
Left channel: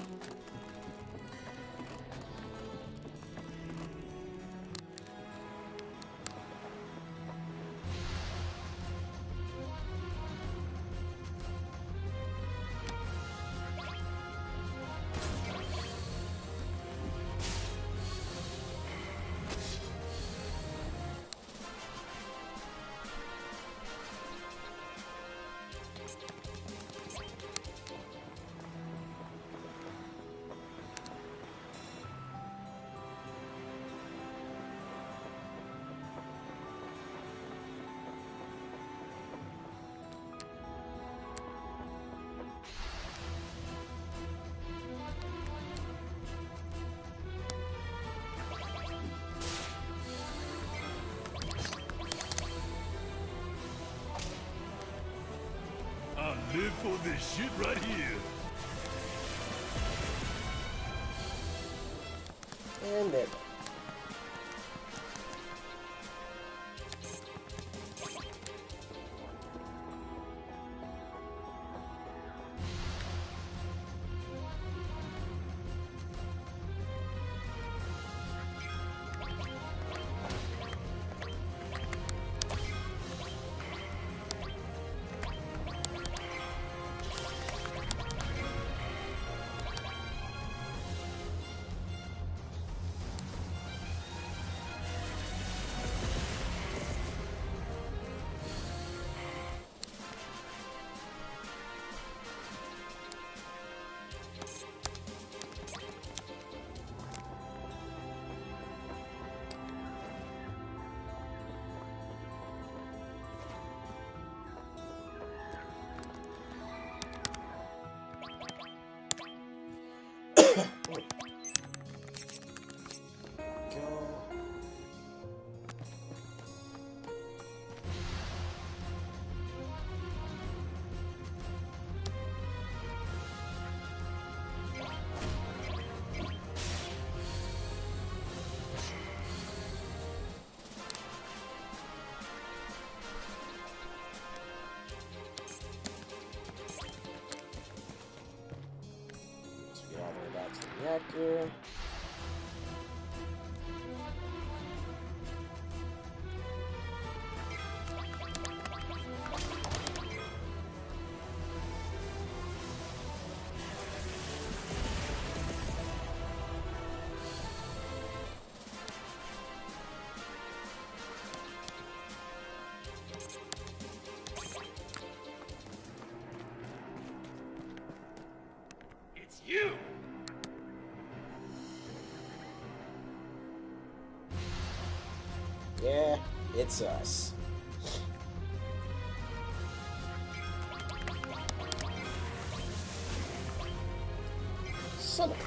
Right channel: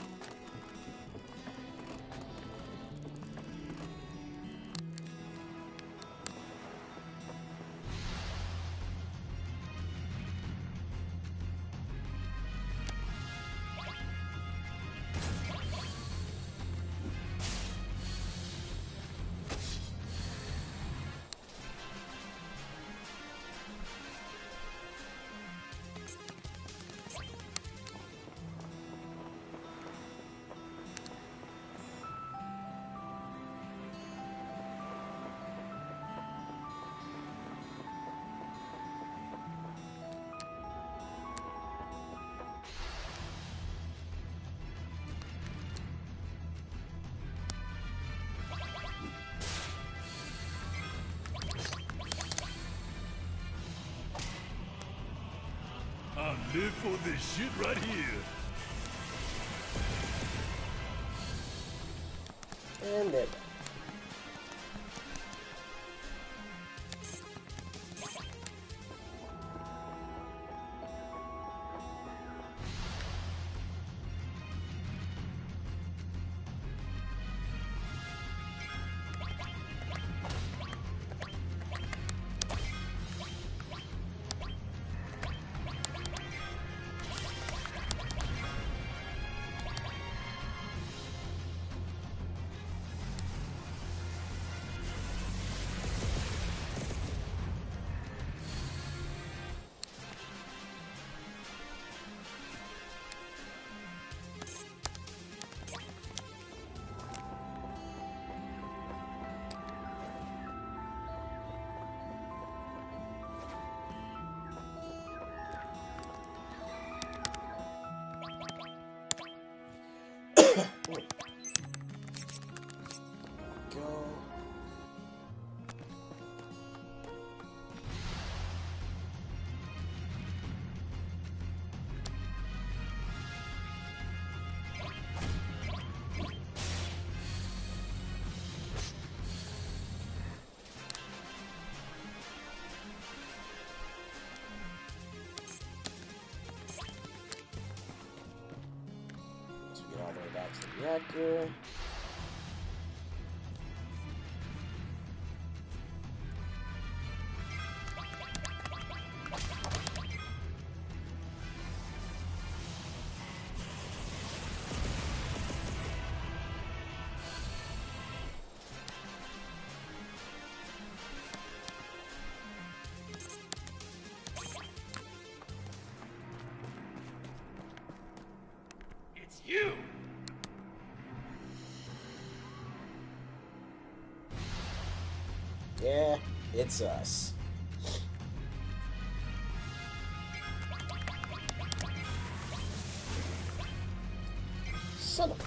I live for this shit right here. And there. Go. Once we get all the way back to the reactor. It's you! Yeah, it's us. Son of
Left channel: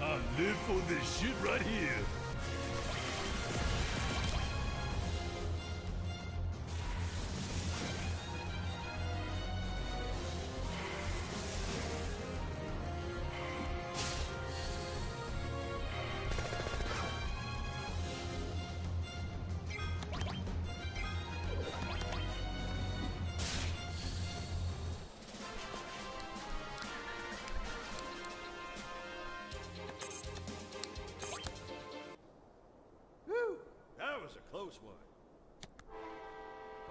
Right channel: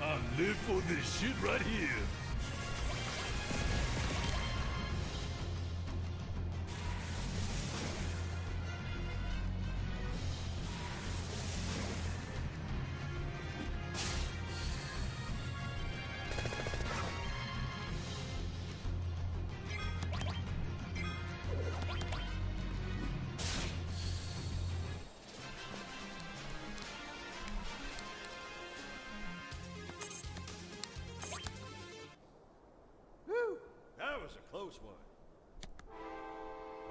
a... I live for this shit right here. That was a close one.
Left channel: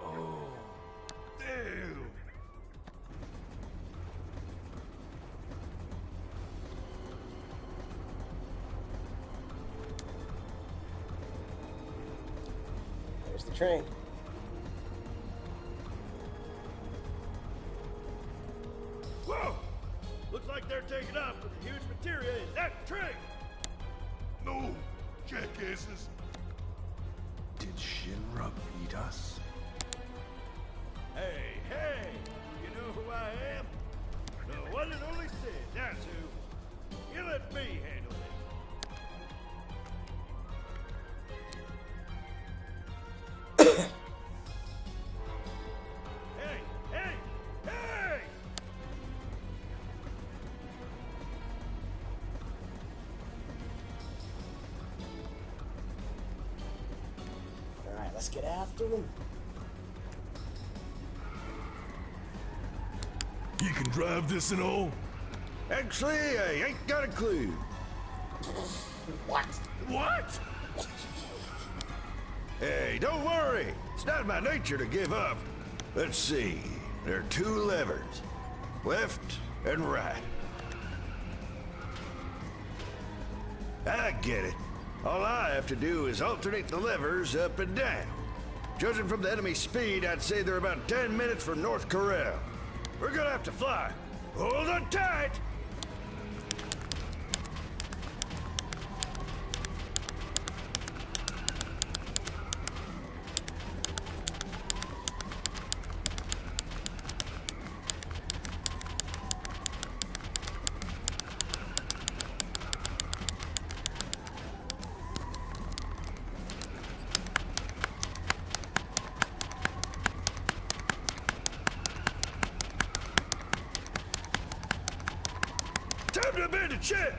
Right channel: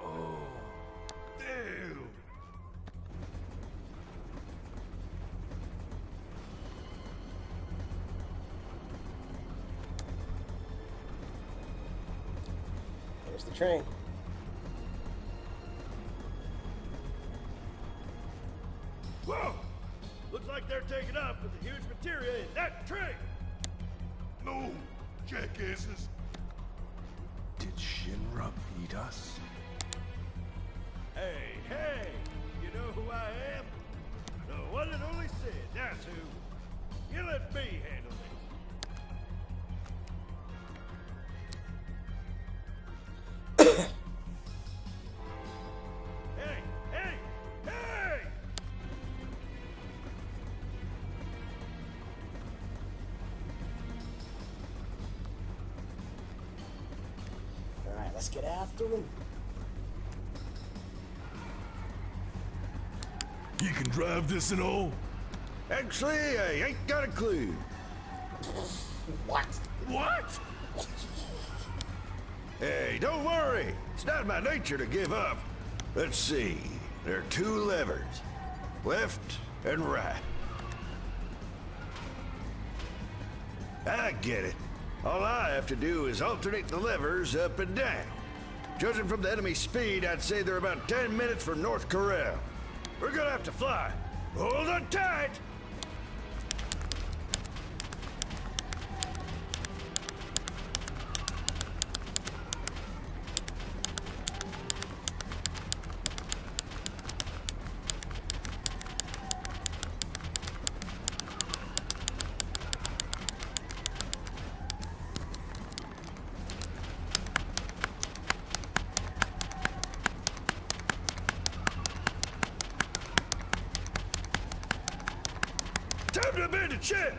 Oh, damn! There's the train. Whoa! Looks like they're taking off with the huge materia in that train! No, jackasses. Did Shinra beat us? Hey, hey! You know who I am? The one and only Sid, that's who. You let me handle this. Hey, hey, hey! Alright, let's get after him. You can drive this and all? Actually, I ain't got a clue. What? What? Hey, don't worry. It's not my nature to give up. Let's see. There are two levers. Left and right. I get it. All I have to do is alternate the levers up and down. Judging from the enemy speed, I'd say they're about 10 minutes from North Corel. We're gonna have to fly. Hold on tight! Time to abandon ship!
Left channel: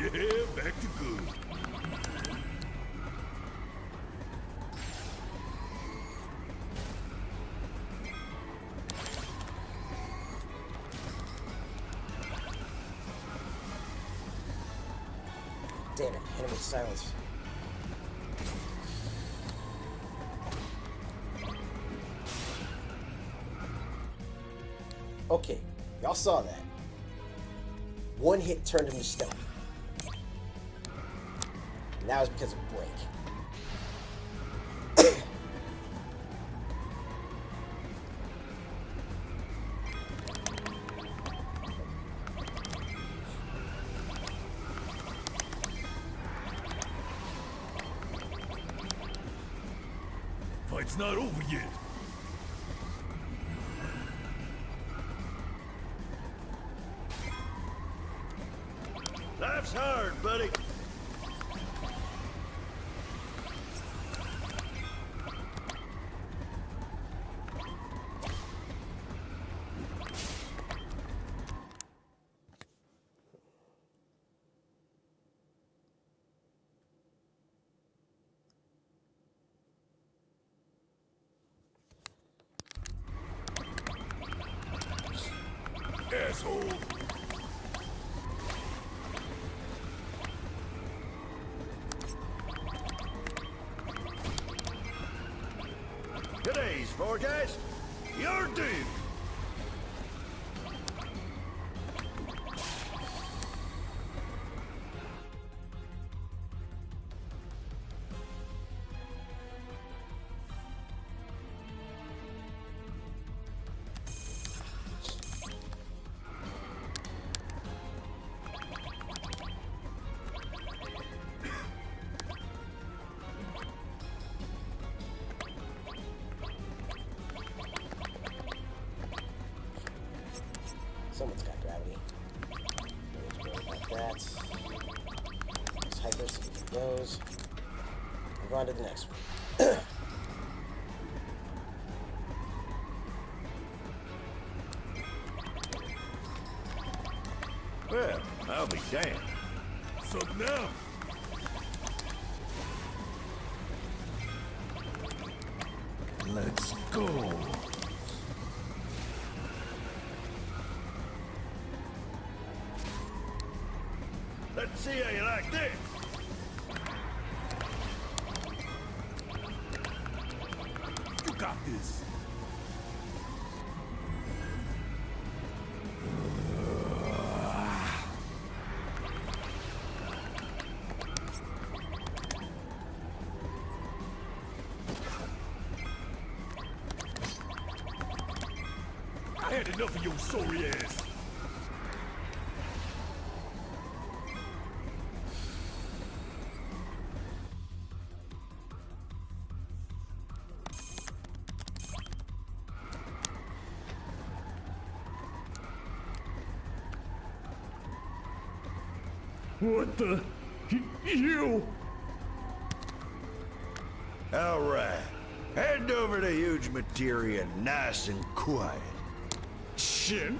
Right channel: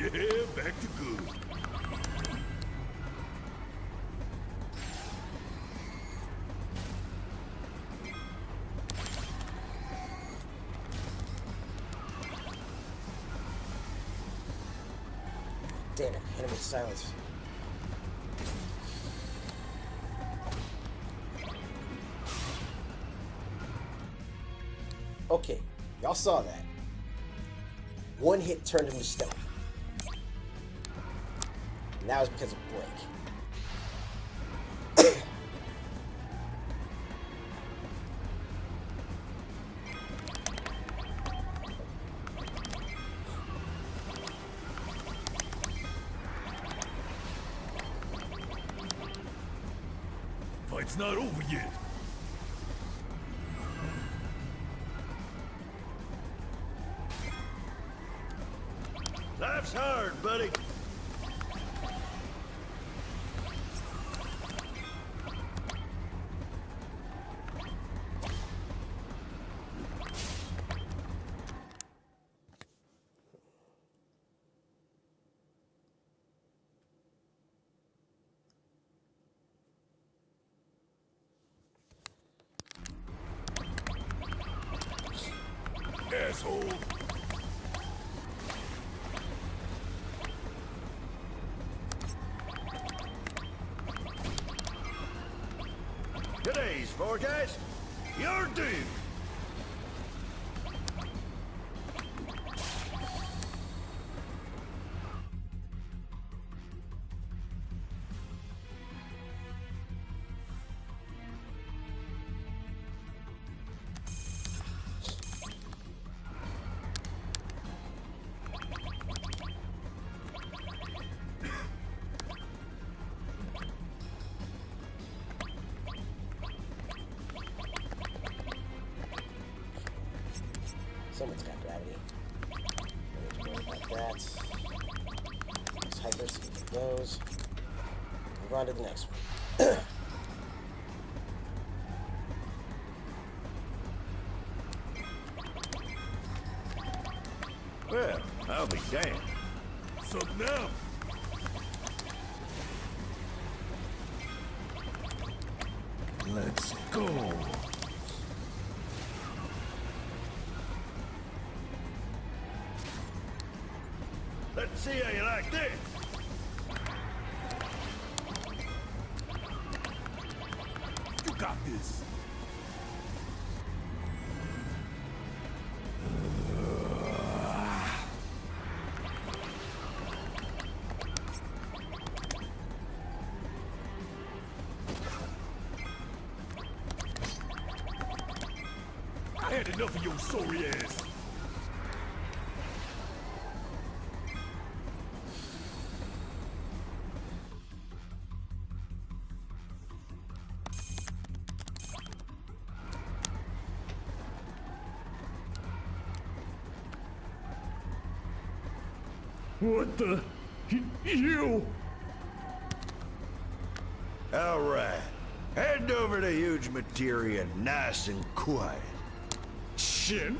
Yeah, back to good. Damn it, hit him with silence. Okay, y'all saw that. One hit turned him to stone. And that was because of break. Fight's not over yet. Life's hard, buddy. asshole! Today's forecast, you're due. Someone's got gravity. No need to worry about that. Let's hyper, see if it goes. Move on to the next one. Well, I'll be damned. Something now. Let's go. Let's see how you like this. You got this. I had enough of your sorry ass. What the? You? All right. Head over to Huge Materia nice and quiet. Shin?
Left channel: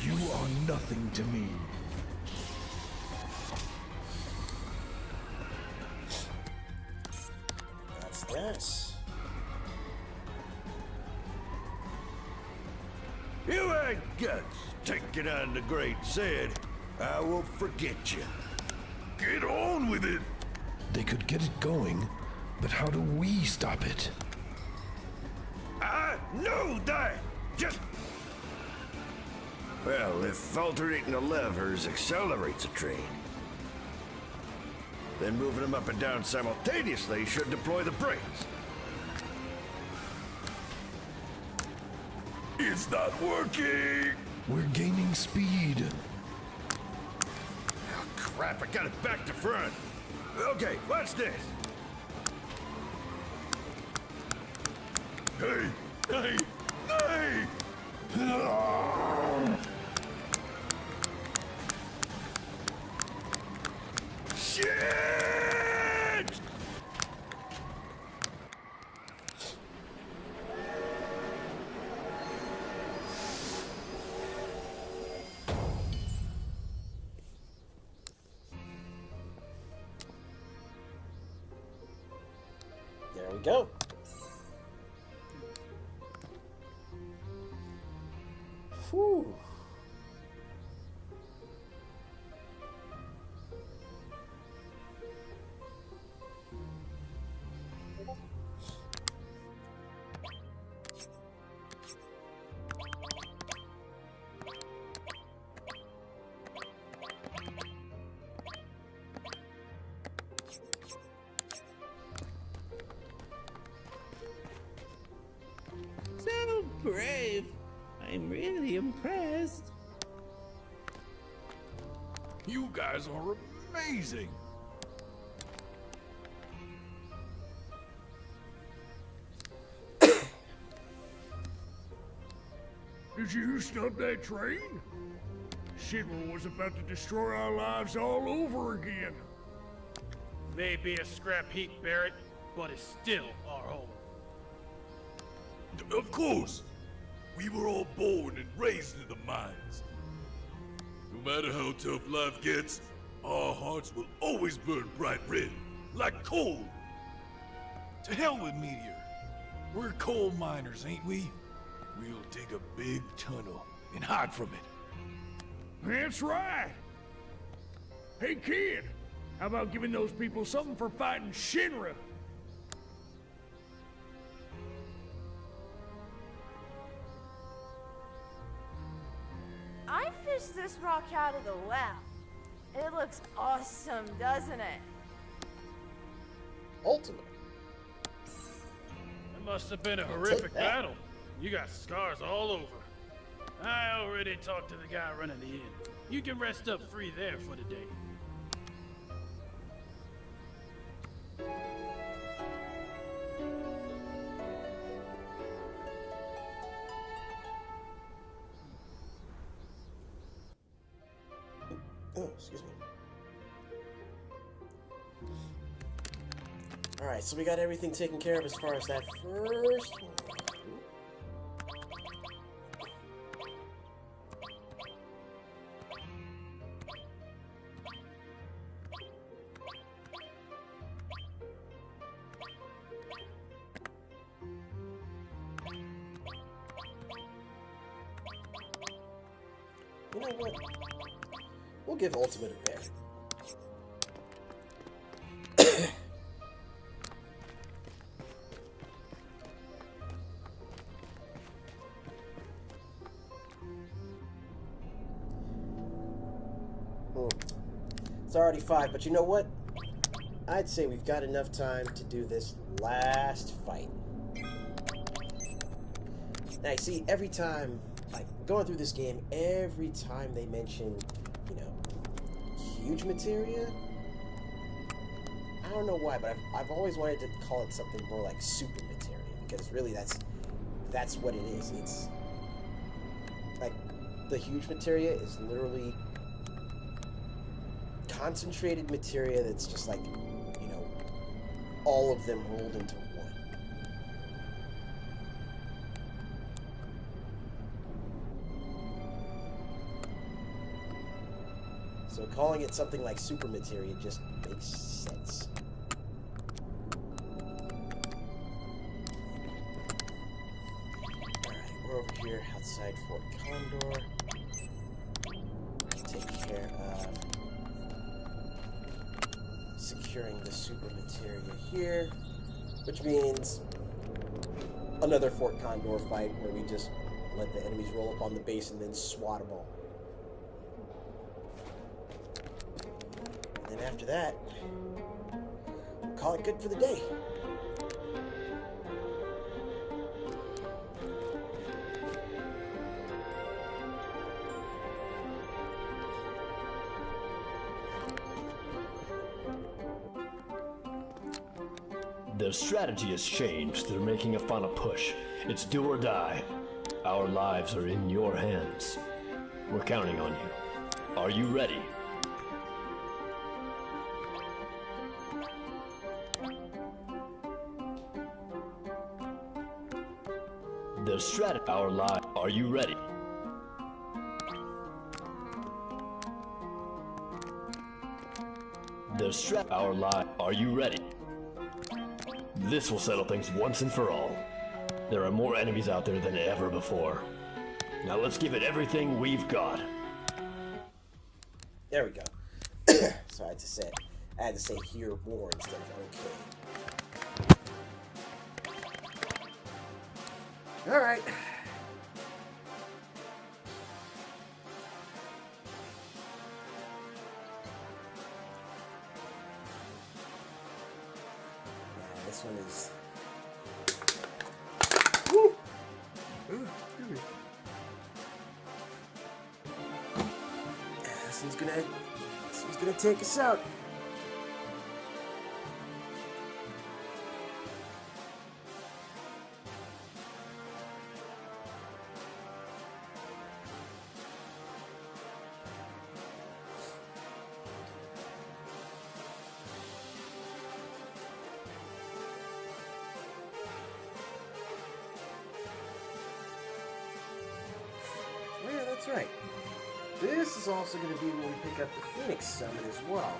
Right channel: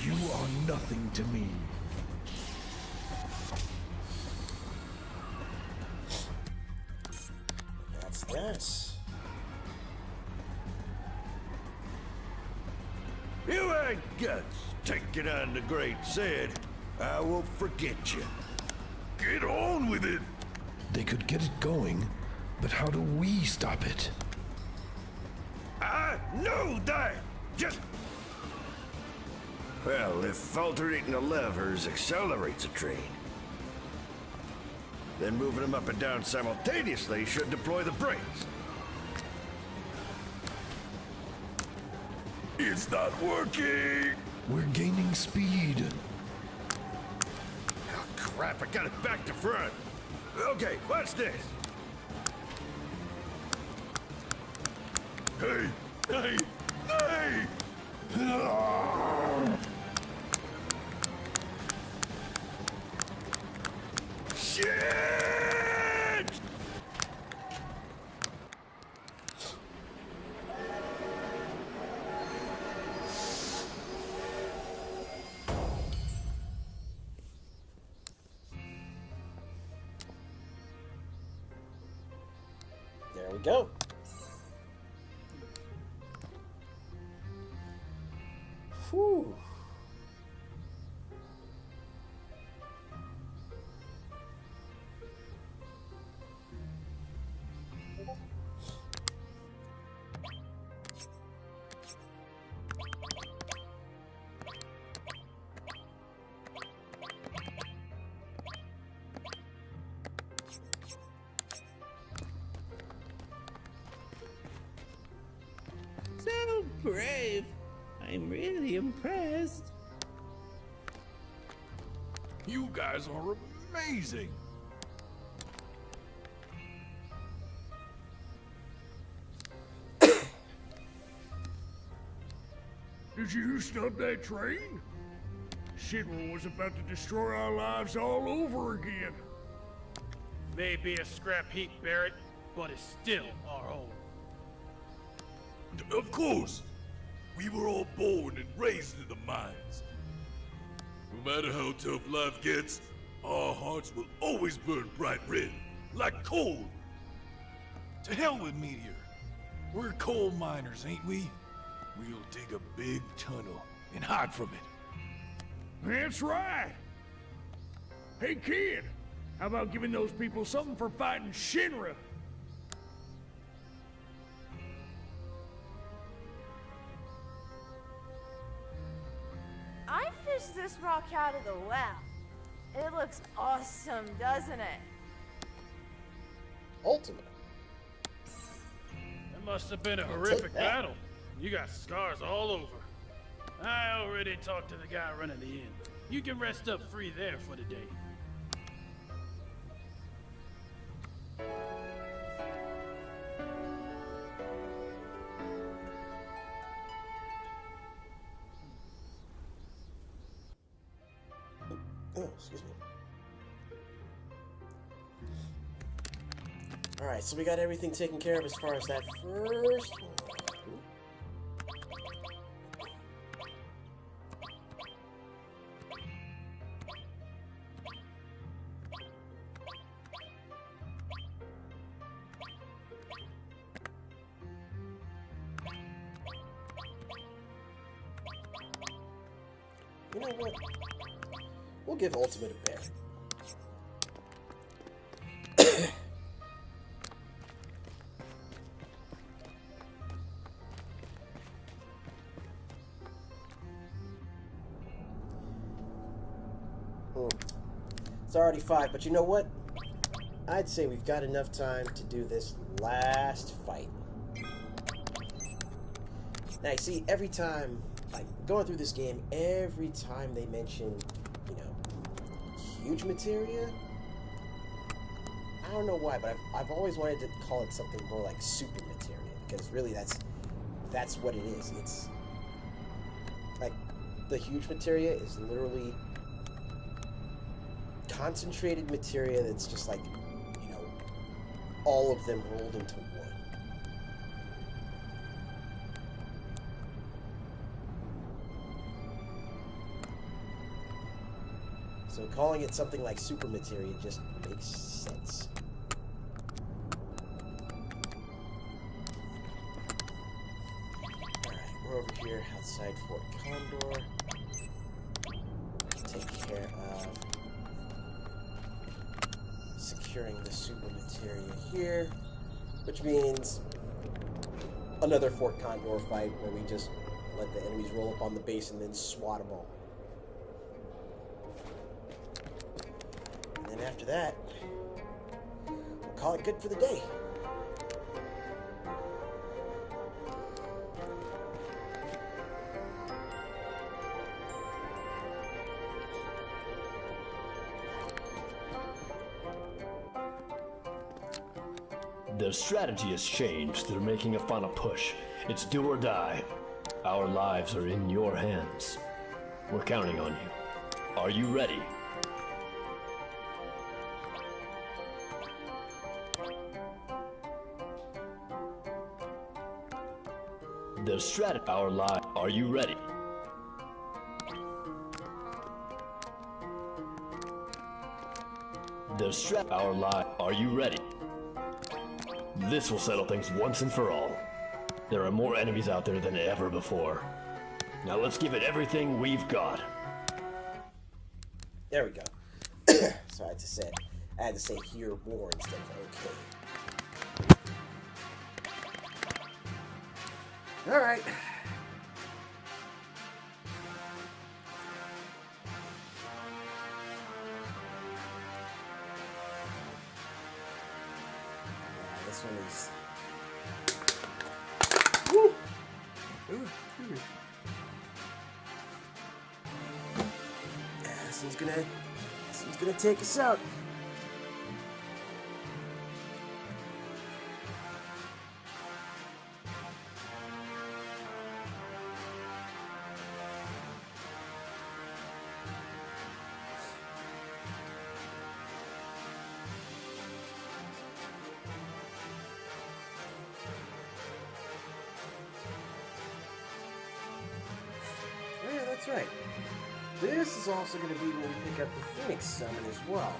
You are nothing to me. That's this. You ain't guts. Taking on the great Sid. I won't forget you. Get on with it. They could get it going, but how do we stop it? I know that. Just... Well, if alternating the levers accelerates a train, then moving them up and down simultaneously should deploy the brakes. It's not working. We're gaining speed. Oh, crap, I got it back to front. Okay, watch this. Hey, hey, hey! Shit! There we go. Whew. So brave. I'm really impressed. You guys are amazing. Did you stop that train? Shinra was about to destroy our lives all over again. May be a scrap heap, Barrett, but it's still our home. Of course. We were all born and raised in the mines. No matter how tough life gets, our hearts will always burn bright red, like coal. To hell with Meteor. We're coal miners, ain't we? We'll dig a big tunnel and hide from it. That's right. Hey, kid, how about giving those people something for fighting Shinra? I fished this rock out of the well. It looks awesome, doesn't it? Ultimate. That must have been a horrific battle. You got scars all over. I already talked to the guy running the inn. You can rest up free there for the day. Oh, excuse me. Alright, so we got everything taken care of as far as that first one. You know what? We'll give Ultimate a bear. It's already 5, but you know what? I'd say we've got enough time to do this last fight. Now, you see, every time, like, going through this game, every time they mention, you know, huge materia, I don't know why, but I've always wanted to call it something more like super materia, because really that's what it is. It's like the huge materia is literally concentrated materia that's just like, you know, all of them rolled into one. So calling it something like super materia just makes sense. Alright, we're over here outside Fort Condor. Take care of securing the super materia here, which means another Fort Condor fight where we just let the enemies roll up on the base and then swat them all. And then after that, we'll call it good for the day. Their strategy has changed. They're making a final push. It's do or die. Our lives are in your hands. We're counting on you. Are you ready? Their strategy. Our life. Are you ready? Their strat. Our life. Are you ready? This will settle things once and for all. There are more enemies out there than ever before. Now let's give it everything we've got. There we go. So I had to say hear more instead of okay. Alright. Yeah, this one is... Woo! Ooh, excuse me. Yeah, this one's gonna take us out. That's right. This is also going to be where we pick up the Phoenix Summon as well.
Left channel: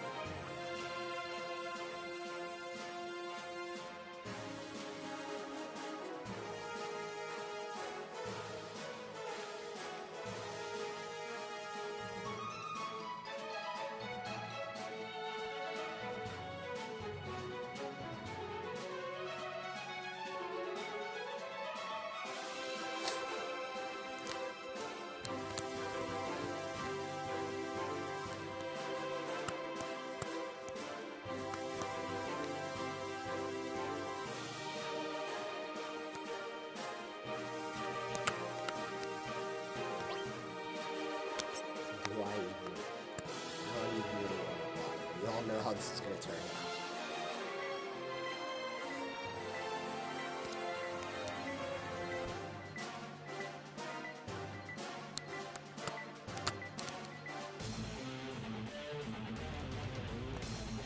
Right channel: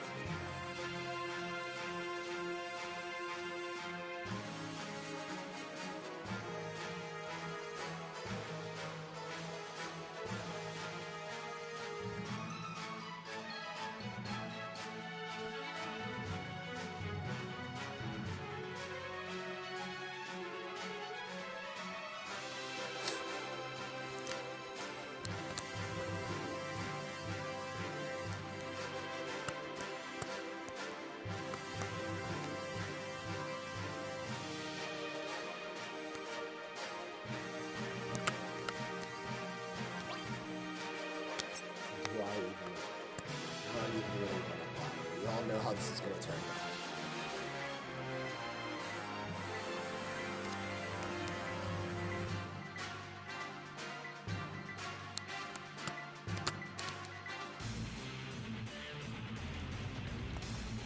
How do you really want to bother? We all know how this is going to turn out.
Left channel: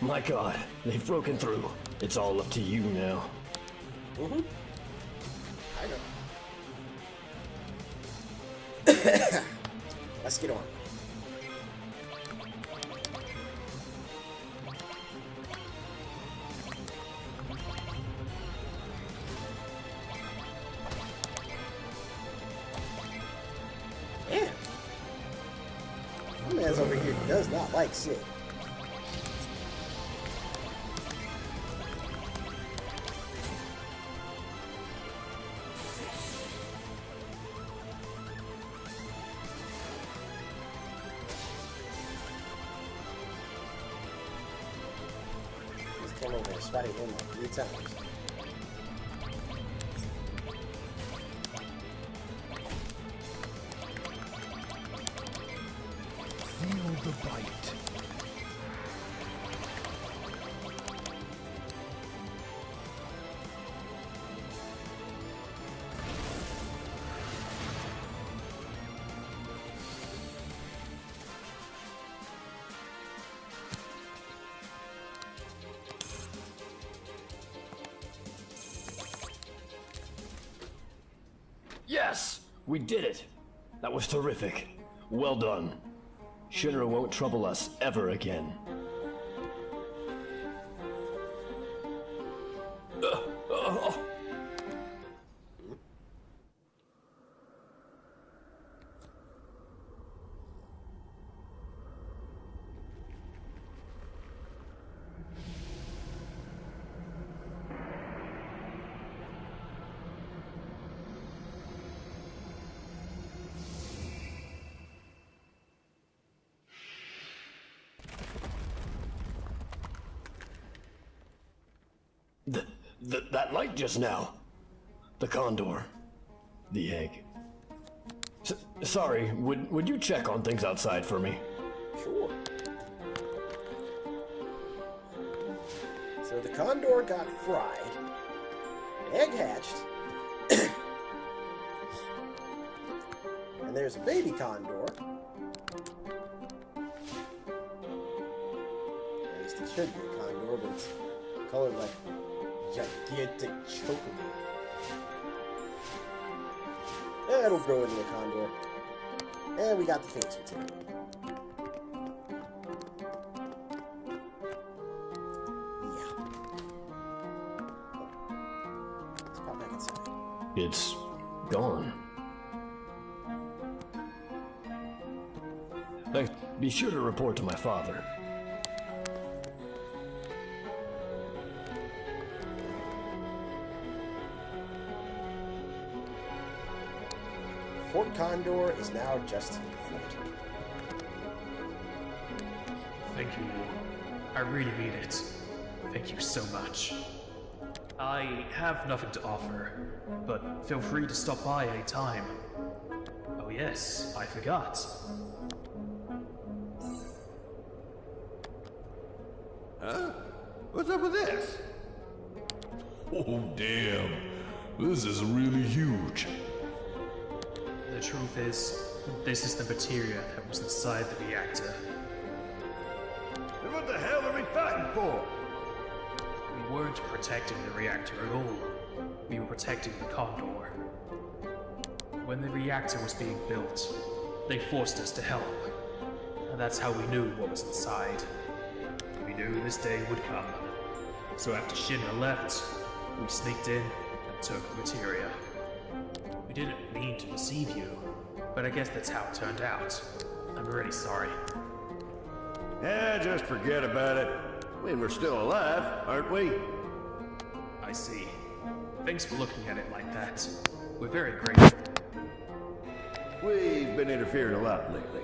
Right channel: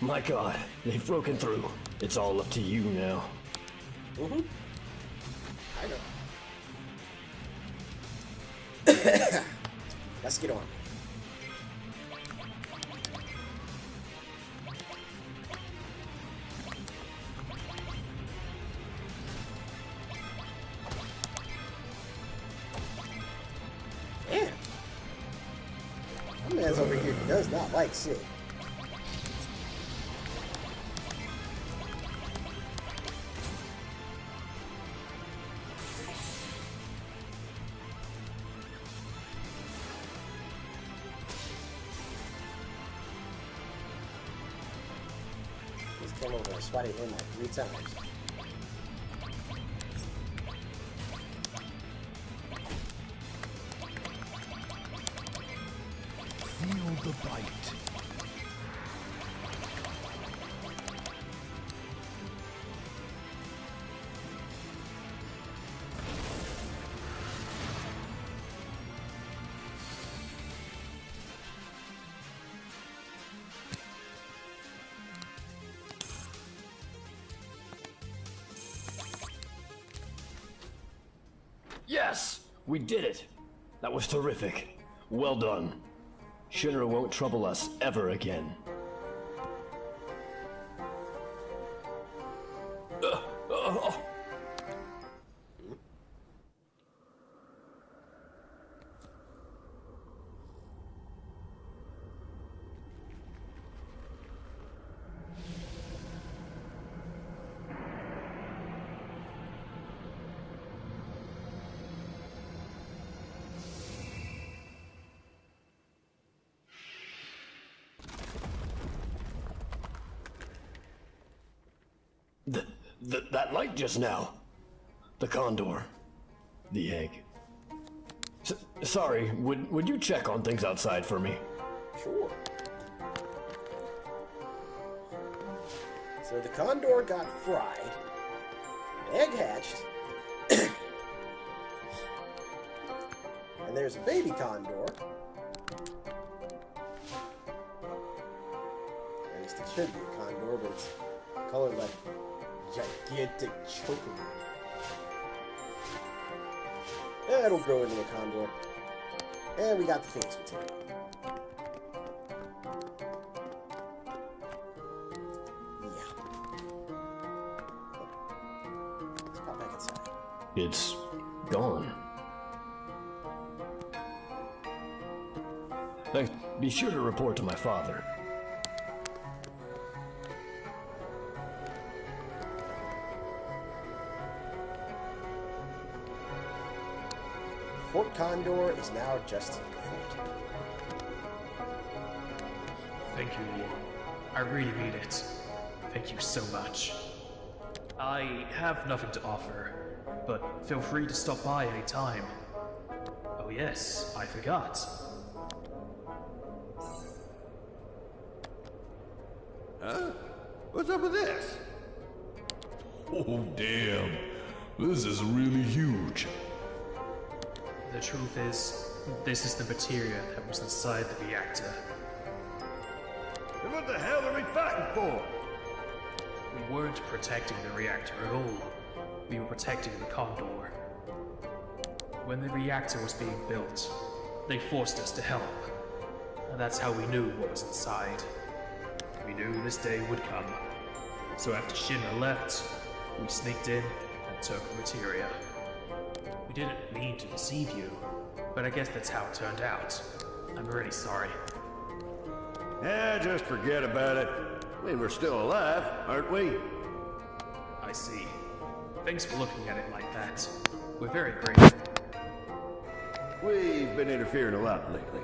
My god, they've broken through. It's all up to you now. Mm-hmm. I know. Let's get on. Man. My man's over here does not like Sid. Came over and swatted him like 3 times. Feel the bite. Yes! We did it! That was terrific. Well done. Shinra won't trouble us ever again. That light just now. The condor. The egg. Sorry, would you check on things outside for me? Sure. So the condor got fried. An egg hatched. And there's a baby condor. At least it should be a condor, but it's colored like gigantic chocobo. It'll grow into a condor. And we got the Phoenix material. Yeah. Let's pop back inside. It's gone. Thanks. Be sure to report to my father. Fort Condor is now just a fort. Thank you all. I really mean it. Thank you so much. I have nothing to offer, but feel free to stop by any time. Oh yes, I forgot. Huh? What's up with this? Oh, damn. This is really huge. The truth is, this is the materia that was inside the reactor. Then what the hell are we fighting for? We weren't protecting the reactor at all. We were protecting the Condor. When the reactor was being built, They forced us to help. And that's how we knew what was inside. We knew this day would come. So after Shinra left, we sneaked in and took the materia. We didn't mean to deceive you, but I guess that's how it turned out. I'm really sorry. Yeah, just forget about it. I mean, we're still alive, aren't we? I see. Thanks for looking at it like that. We're very grateful. We've been interfering a lot lately.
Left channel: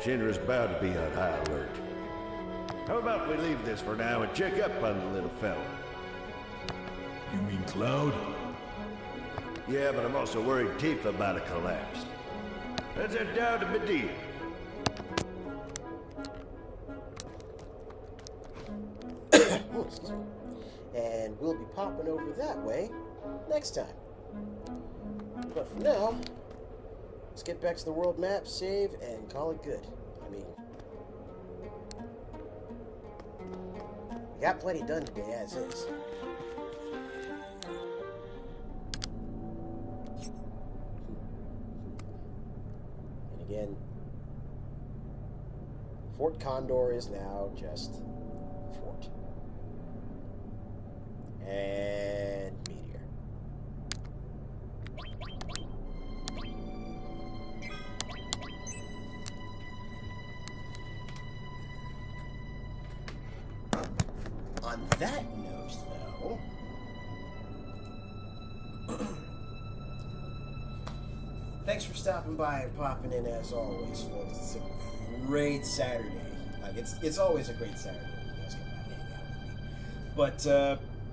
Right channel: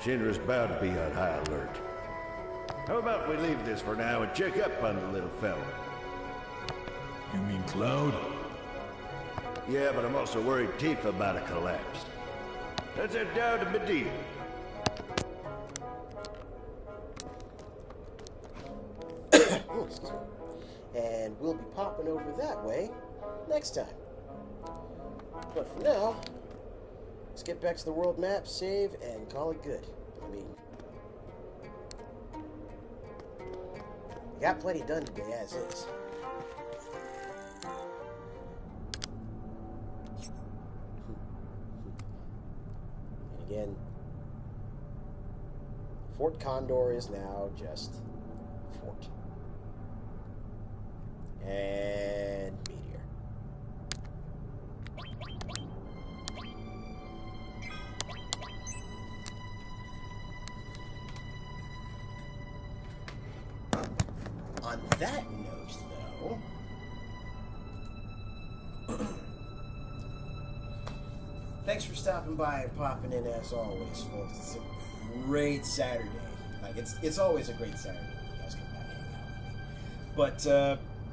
Shinra's bound to be on high alert. How about we leave this for now and check up on the little fella? You mean Cloud? Yeah, but I'm also worried Tifa might have collapsed. Let's head down to Medea. Oh, excuse me. And we'll be popping over that way next time. But for now, let's get back to the world map, save, and call it good. I mean, we got plenty done today as is. And again, Fort Condor is now just Fort. And Meteor. On that note, though, thanks for stopping by and popping in as always, folks. It's a great Saturday. Like it's always a great Saturday when you guys come by and hang out with me. But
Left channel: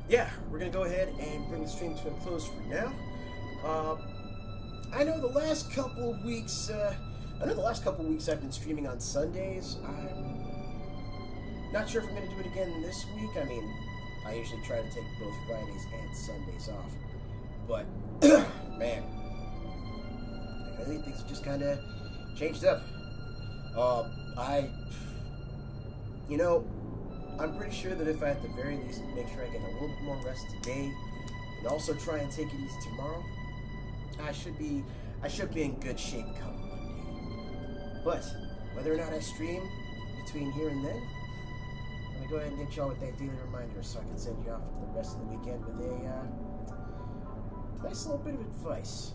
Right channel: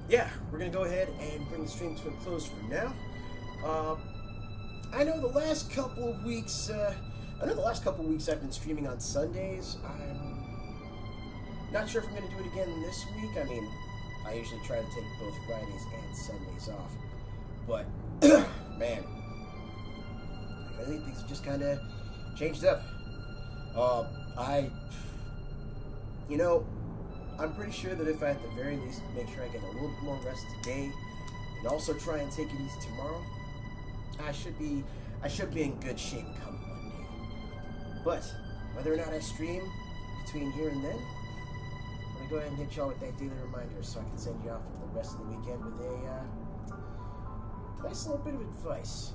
yeah, we're gonna go ahead and bring the stream to a close for now. I know the last couple of weeks. I've been streaming on Sundays. I'm not sure if I'm going to do it again this week. I mean, I usually try to take both Fridays and Sundays off. But, man, I think things have just kind of changed up. I'm pretty sure that if I at the very least make sure I get a little bit more rest today and also try and take it easy tomorrow, I should be in good shape come Monday. But whether or not I stream between here and then, let me go ahead and hit y'all with that daily reminder so I can send you off for the rest of the weekend with a nice little bit of advice.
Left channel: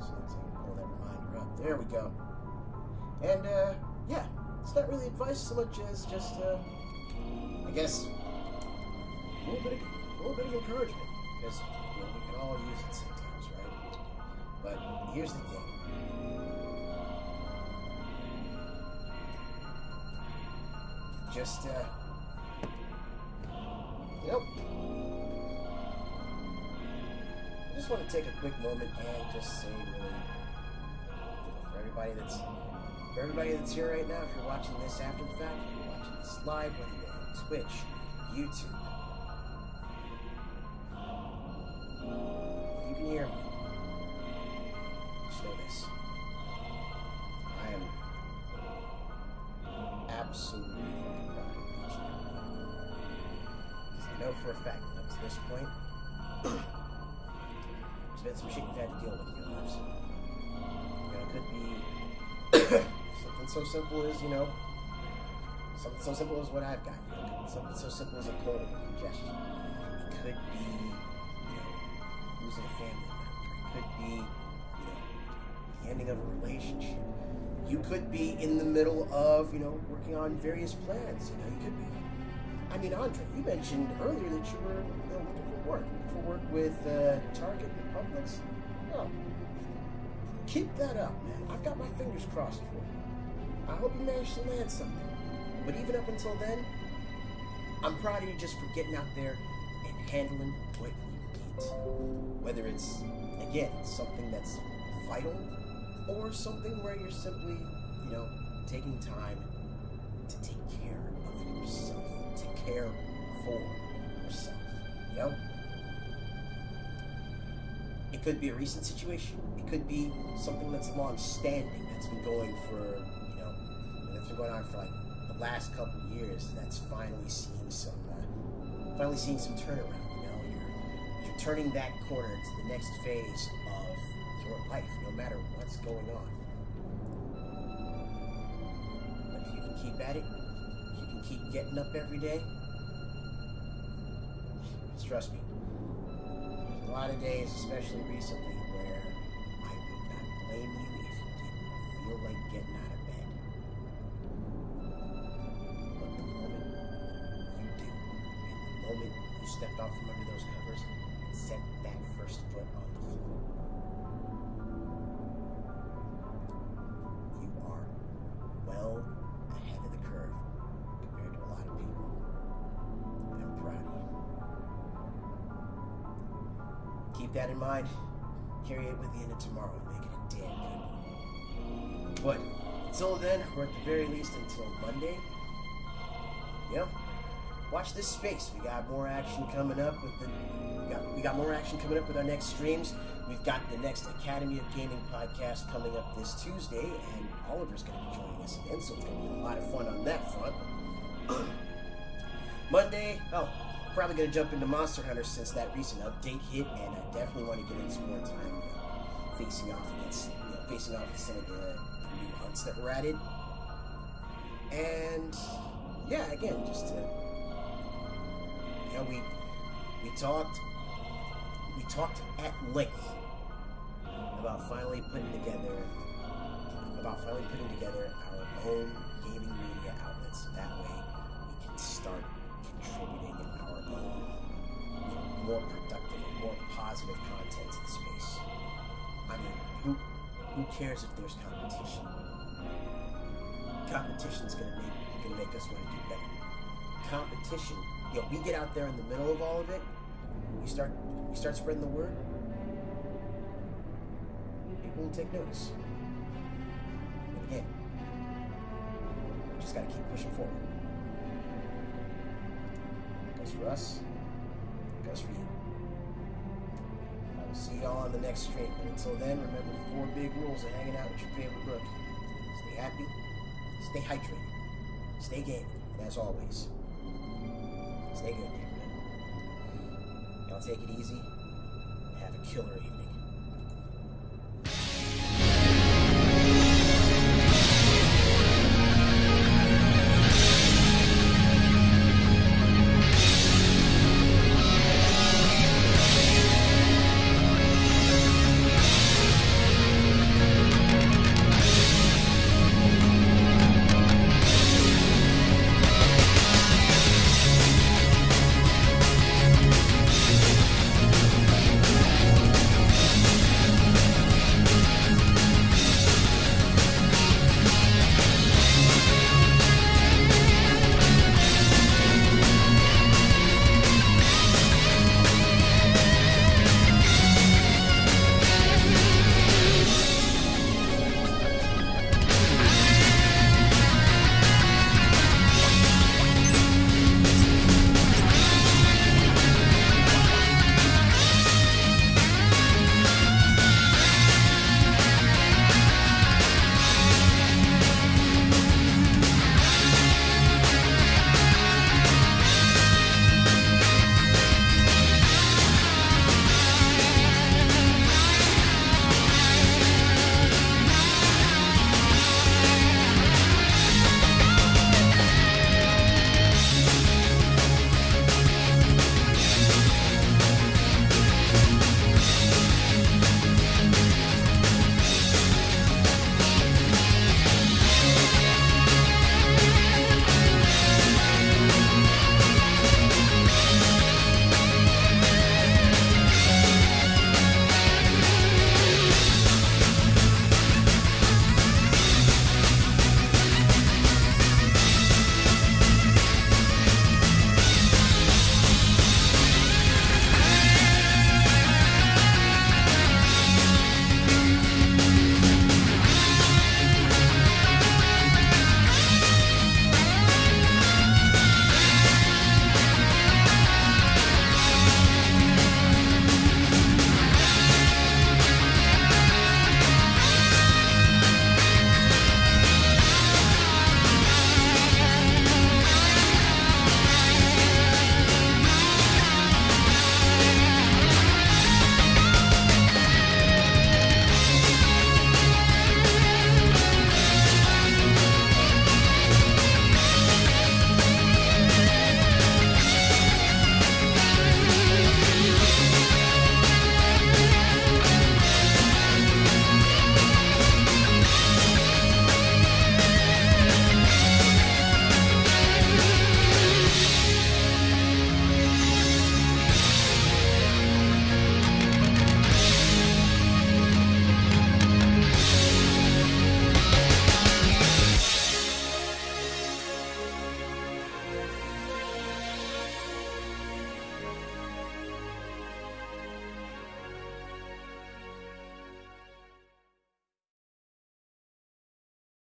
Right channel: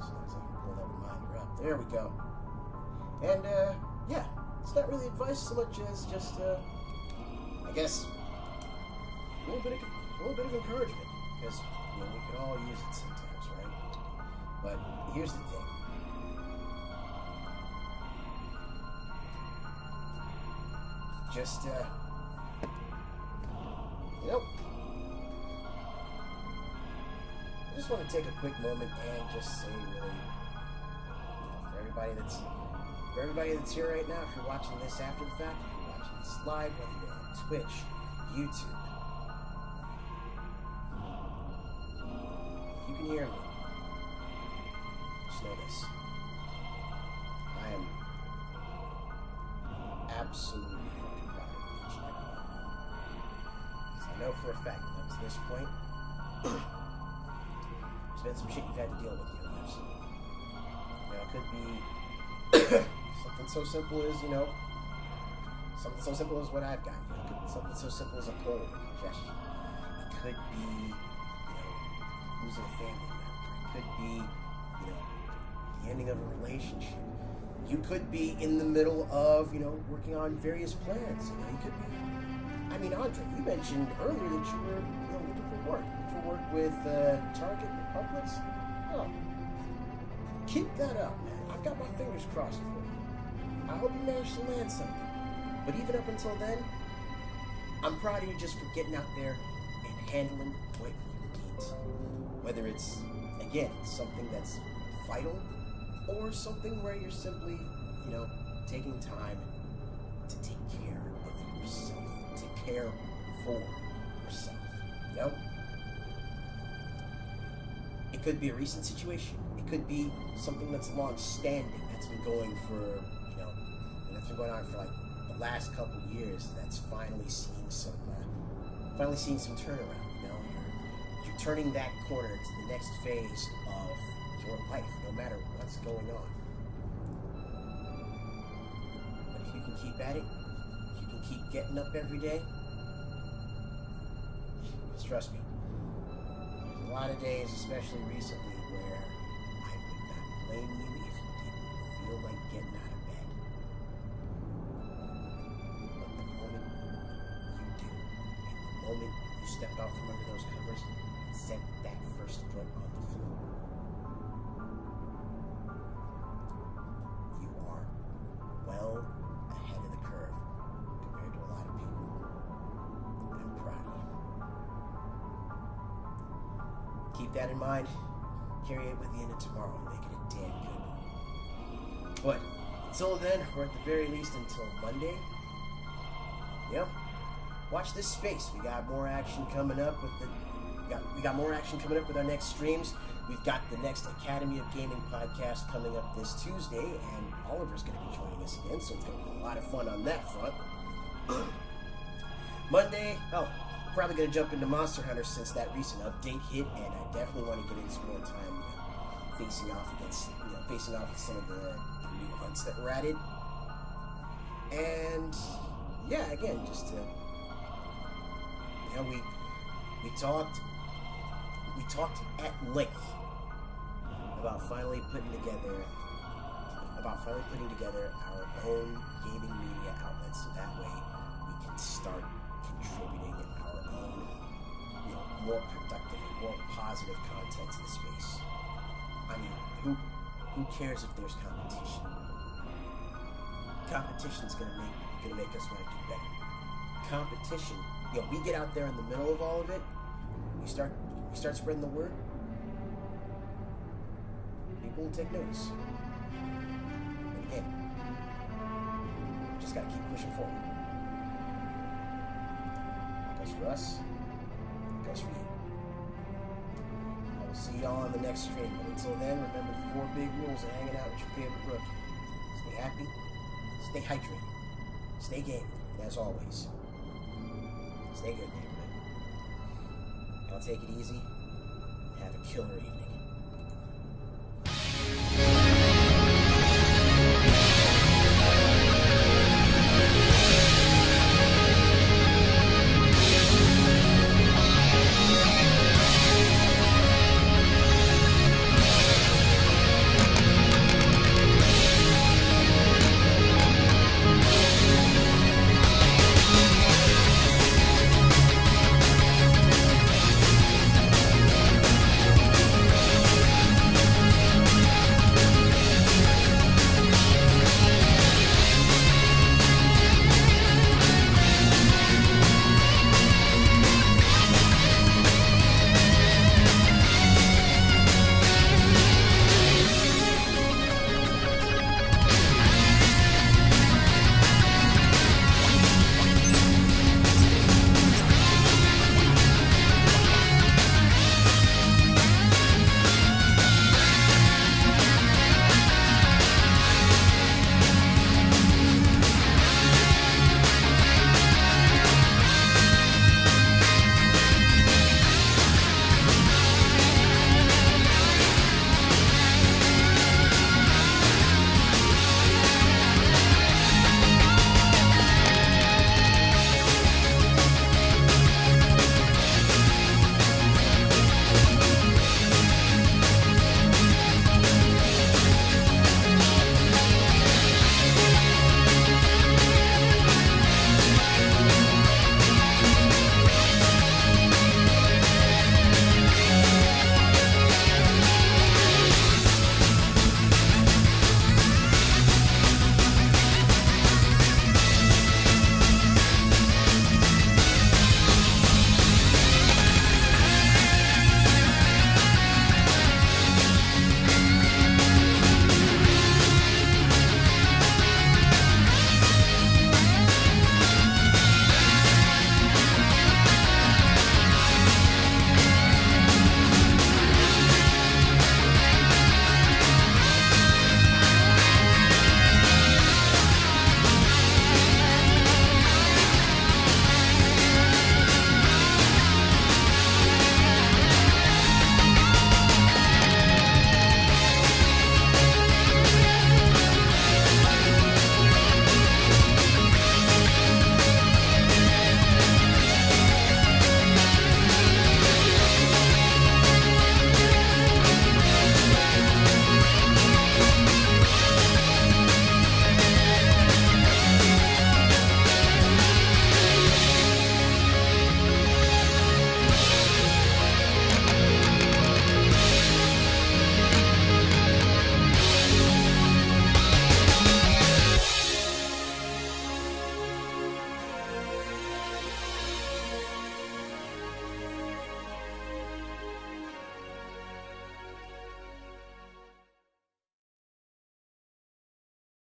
So as I can pull that reminder up. There we go. And yeah, it's not really advice so much as just I guess a little bit of encouragement, because we can all use it sometimes, right? But here's the thing. Just, I just want to take a quick moment and just say, really, for everybody that's here right now, if you're watching this after the fact, if you're watching this live, whether you're on Twitch, YouTube, if you can hear me, just know this. I am absolutely fucking proud of each and every one of you. Because I know for a fact that up to this point, there's been some shit you've had to deal with in your lives. It could be something so simple as, something so simple as what I've got. Something so simple as a cold or congestion. It could be, losing a family member. It could be, the ending of a relationship. You could be in the middle of, working on various plans. You could be, Andre, you mentioned earlier that you were, looking for work with Target and Publix. Oh, keep that up, man. I've got my fingers crossed for you. I hope you manage to land something. But even up until then, I'm proud of you just for getting out there and handling what you need. Whether it's, again, something that's vital, or something where you're simply, taking time to take care of yourself, to care for yourself, It could be a recent situation. It could be something that's long-standing, that's been going for, that's been going on for like the last couple of years. That's finally seeing some turnaround. you're turning that corner to the next phase of your life, no matter what's going on. But if you can keep at it, if you can keep getting up every day, just trust me, there's a lot of days, especially recently, where I would not blame you if you didn't feel like getting out of bed. But the moment you do, and the moment you step out from under those covers and set that first foot on the floor, you are well ahead of the curve compared to a lot of people. And I'm proud of you. Keep that in mind. Carry it with you into tomorrow and make it a damn good one. But until then, or at the very least until Monday, watch this space. We got more action coming up with we got more action coming up with our next streams. We've got the next Academy of Gaming podcast coming up this Tuesday, and Oliver's going to be joining us again, so it's going to be a lot of fun on that front. Monday, probably going to jump into Monster Hunter since that recent update hit, and I definitely want to get in some more time, facing off with some of the new hunts that were added. And yeah, again, just to we talked at length about finally putting together our own gaming media outlet, so that way we can start contributing our own, more productive and more positive content to the space. I mean, who cares if there's competition? Competition's gonna make us want to do better. Competition, we get out there in the middle of all of it. We start spreading the word. People will take notice. But again, we just got to keep pushing forward. That goes for us. That goes for you. I will see y'all on the next stream. But until then, remember the 4 big rules of hanging out with your favorite rookie. Stay happy. Stay hydrated. Stay gaming. And as always, stay good, neighborhood. Y'all take it easy and have a killer evening.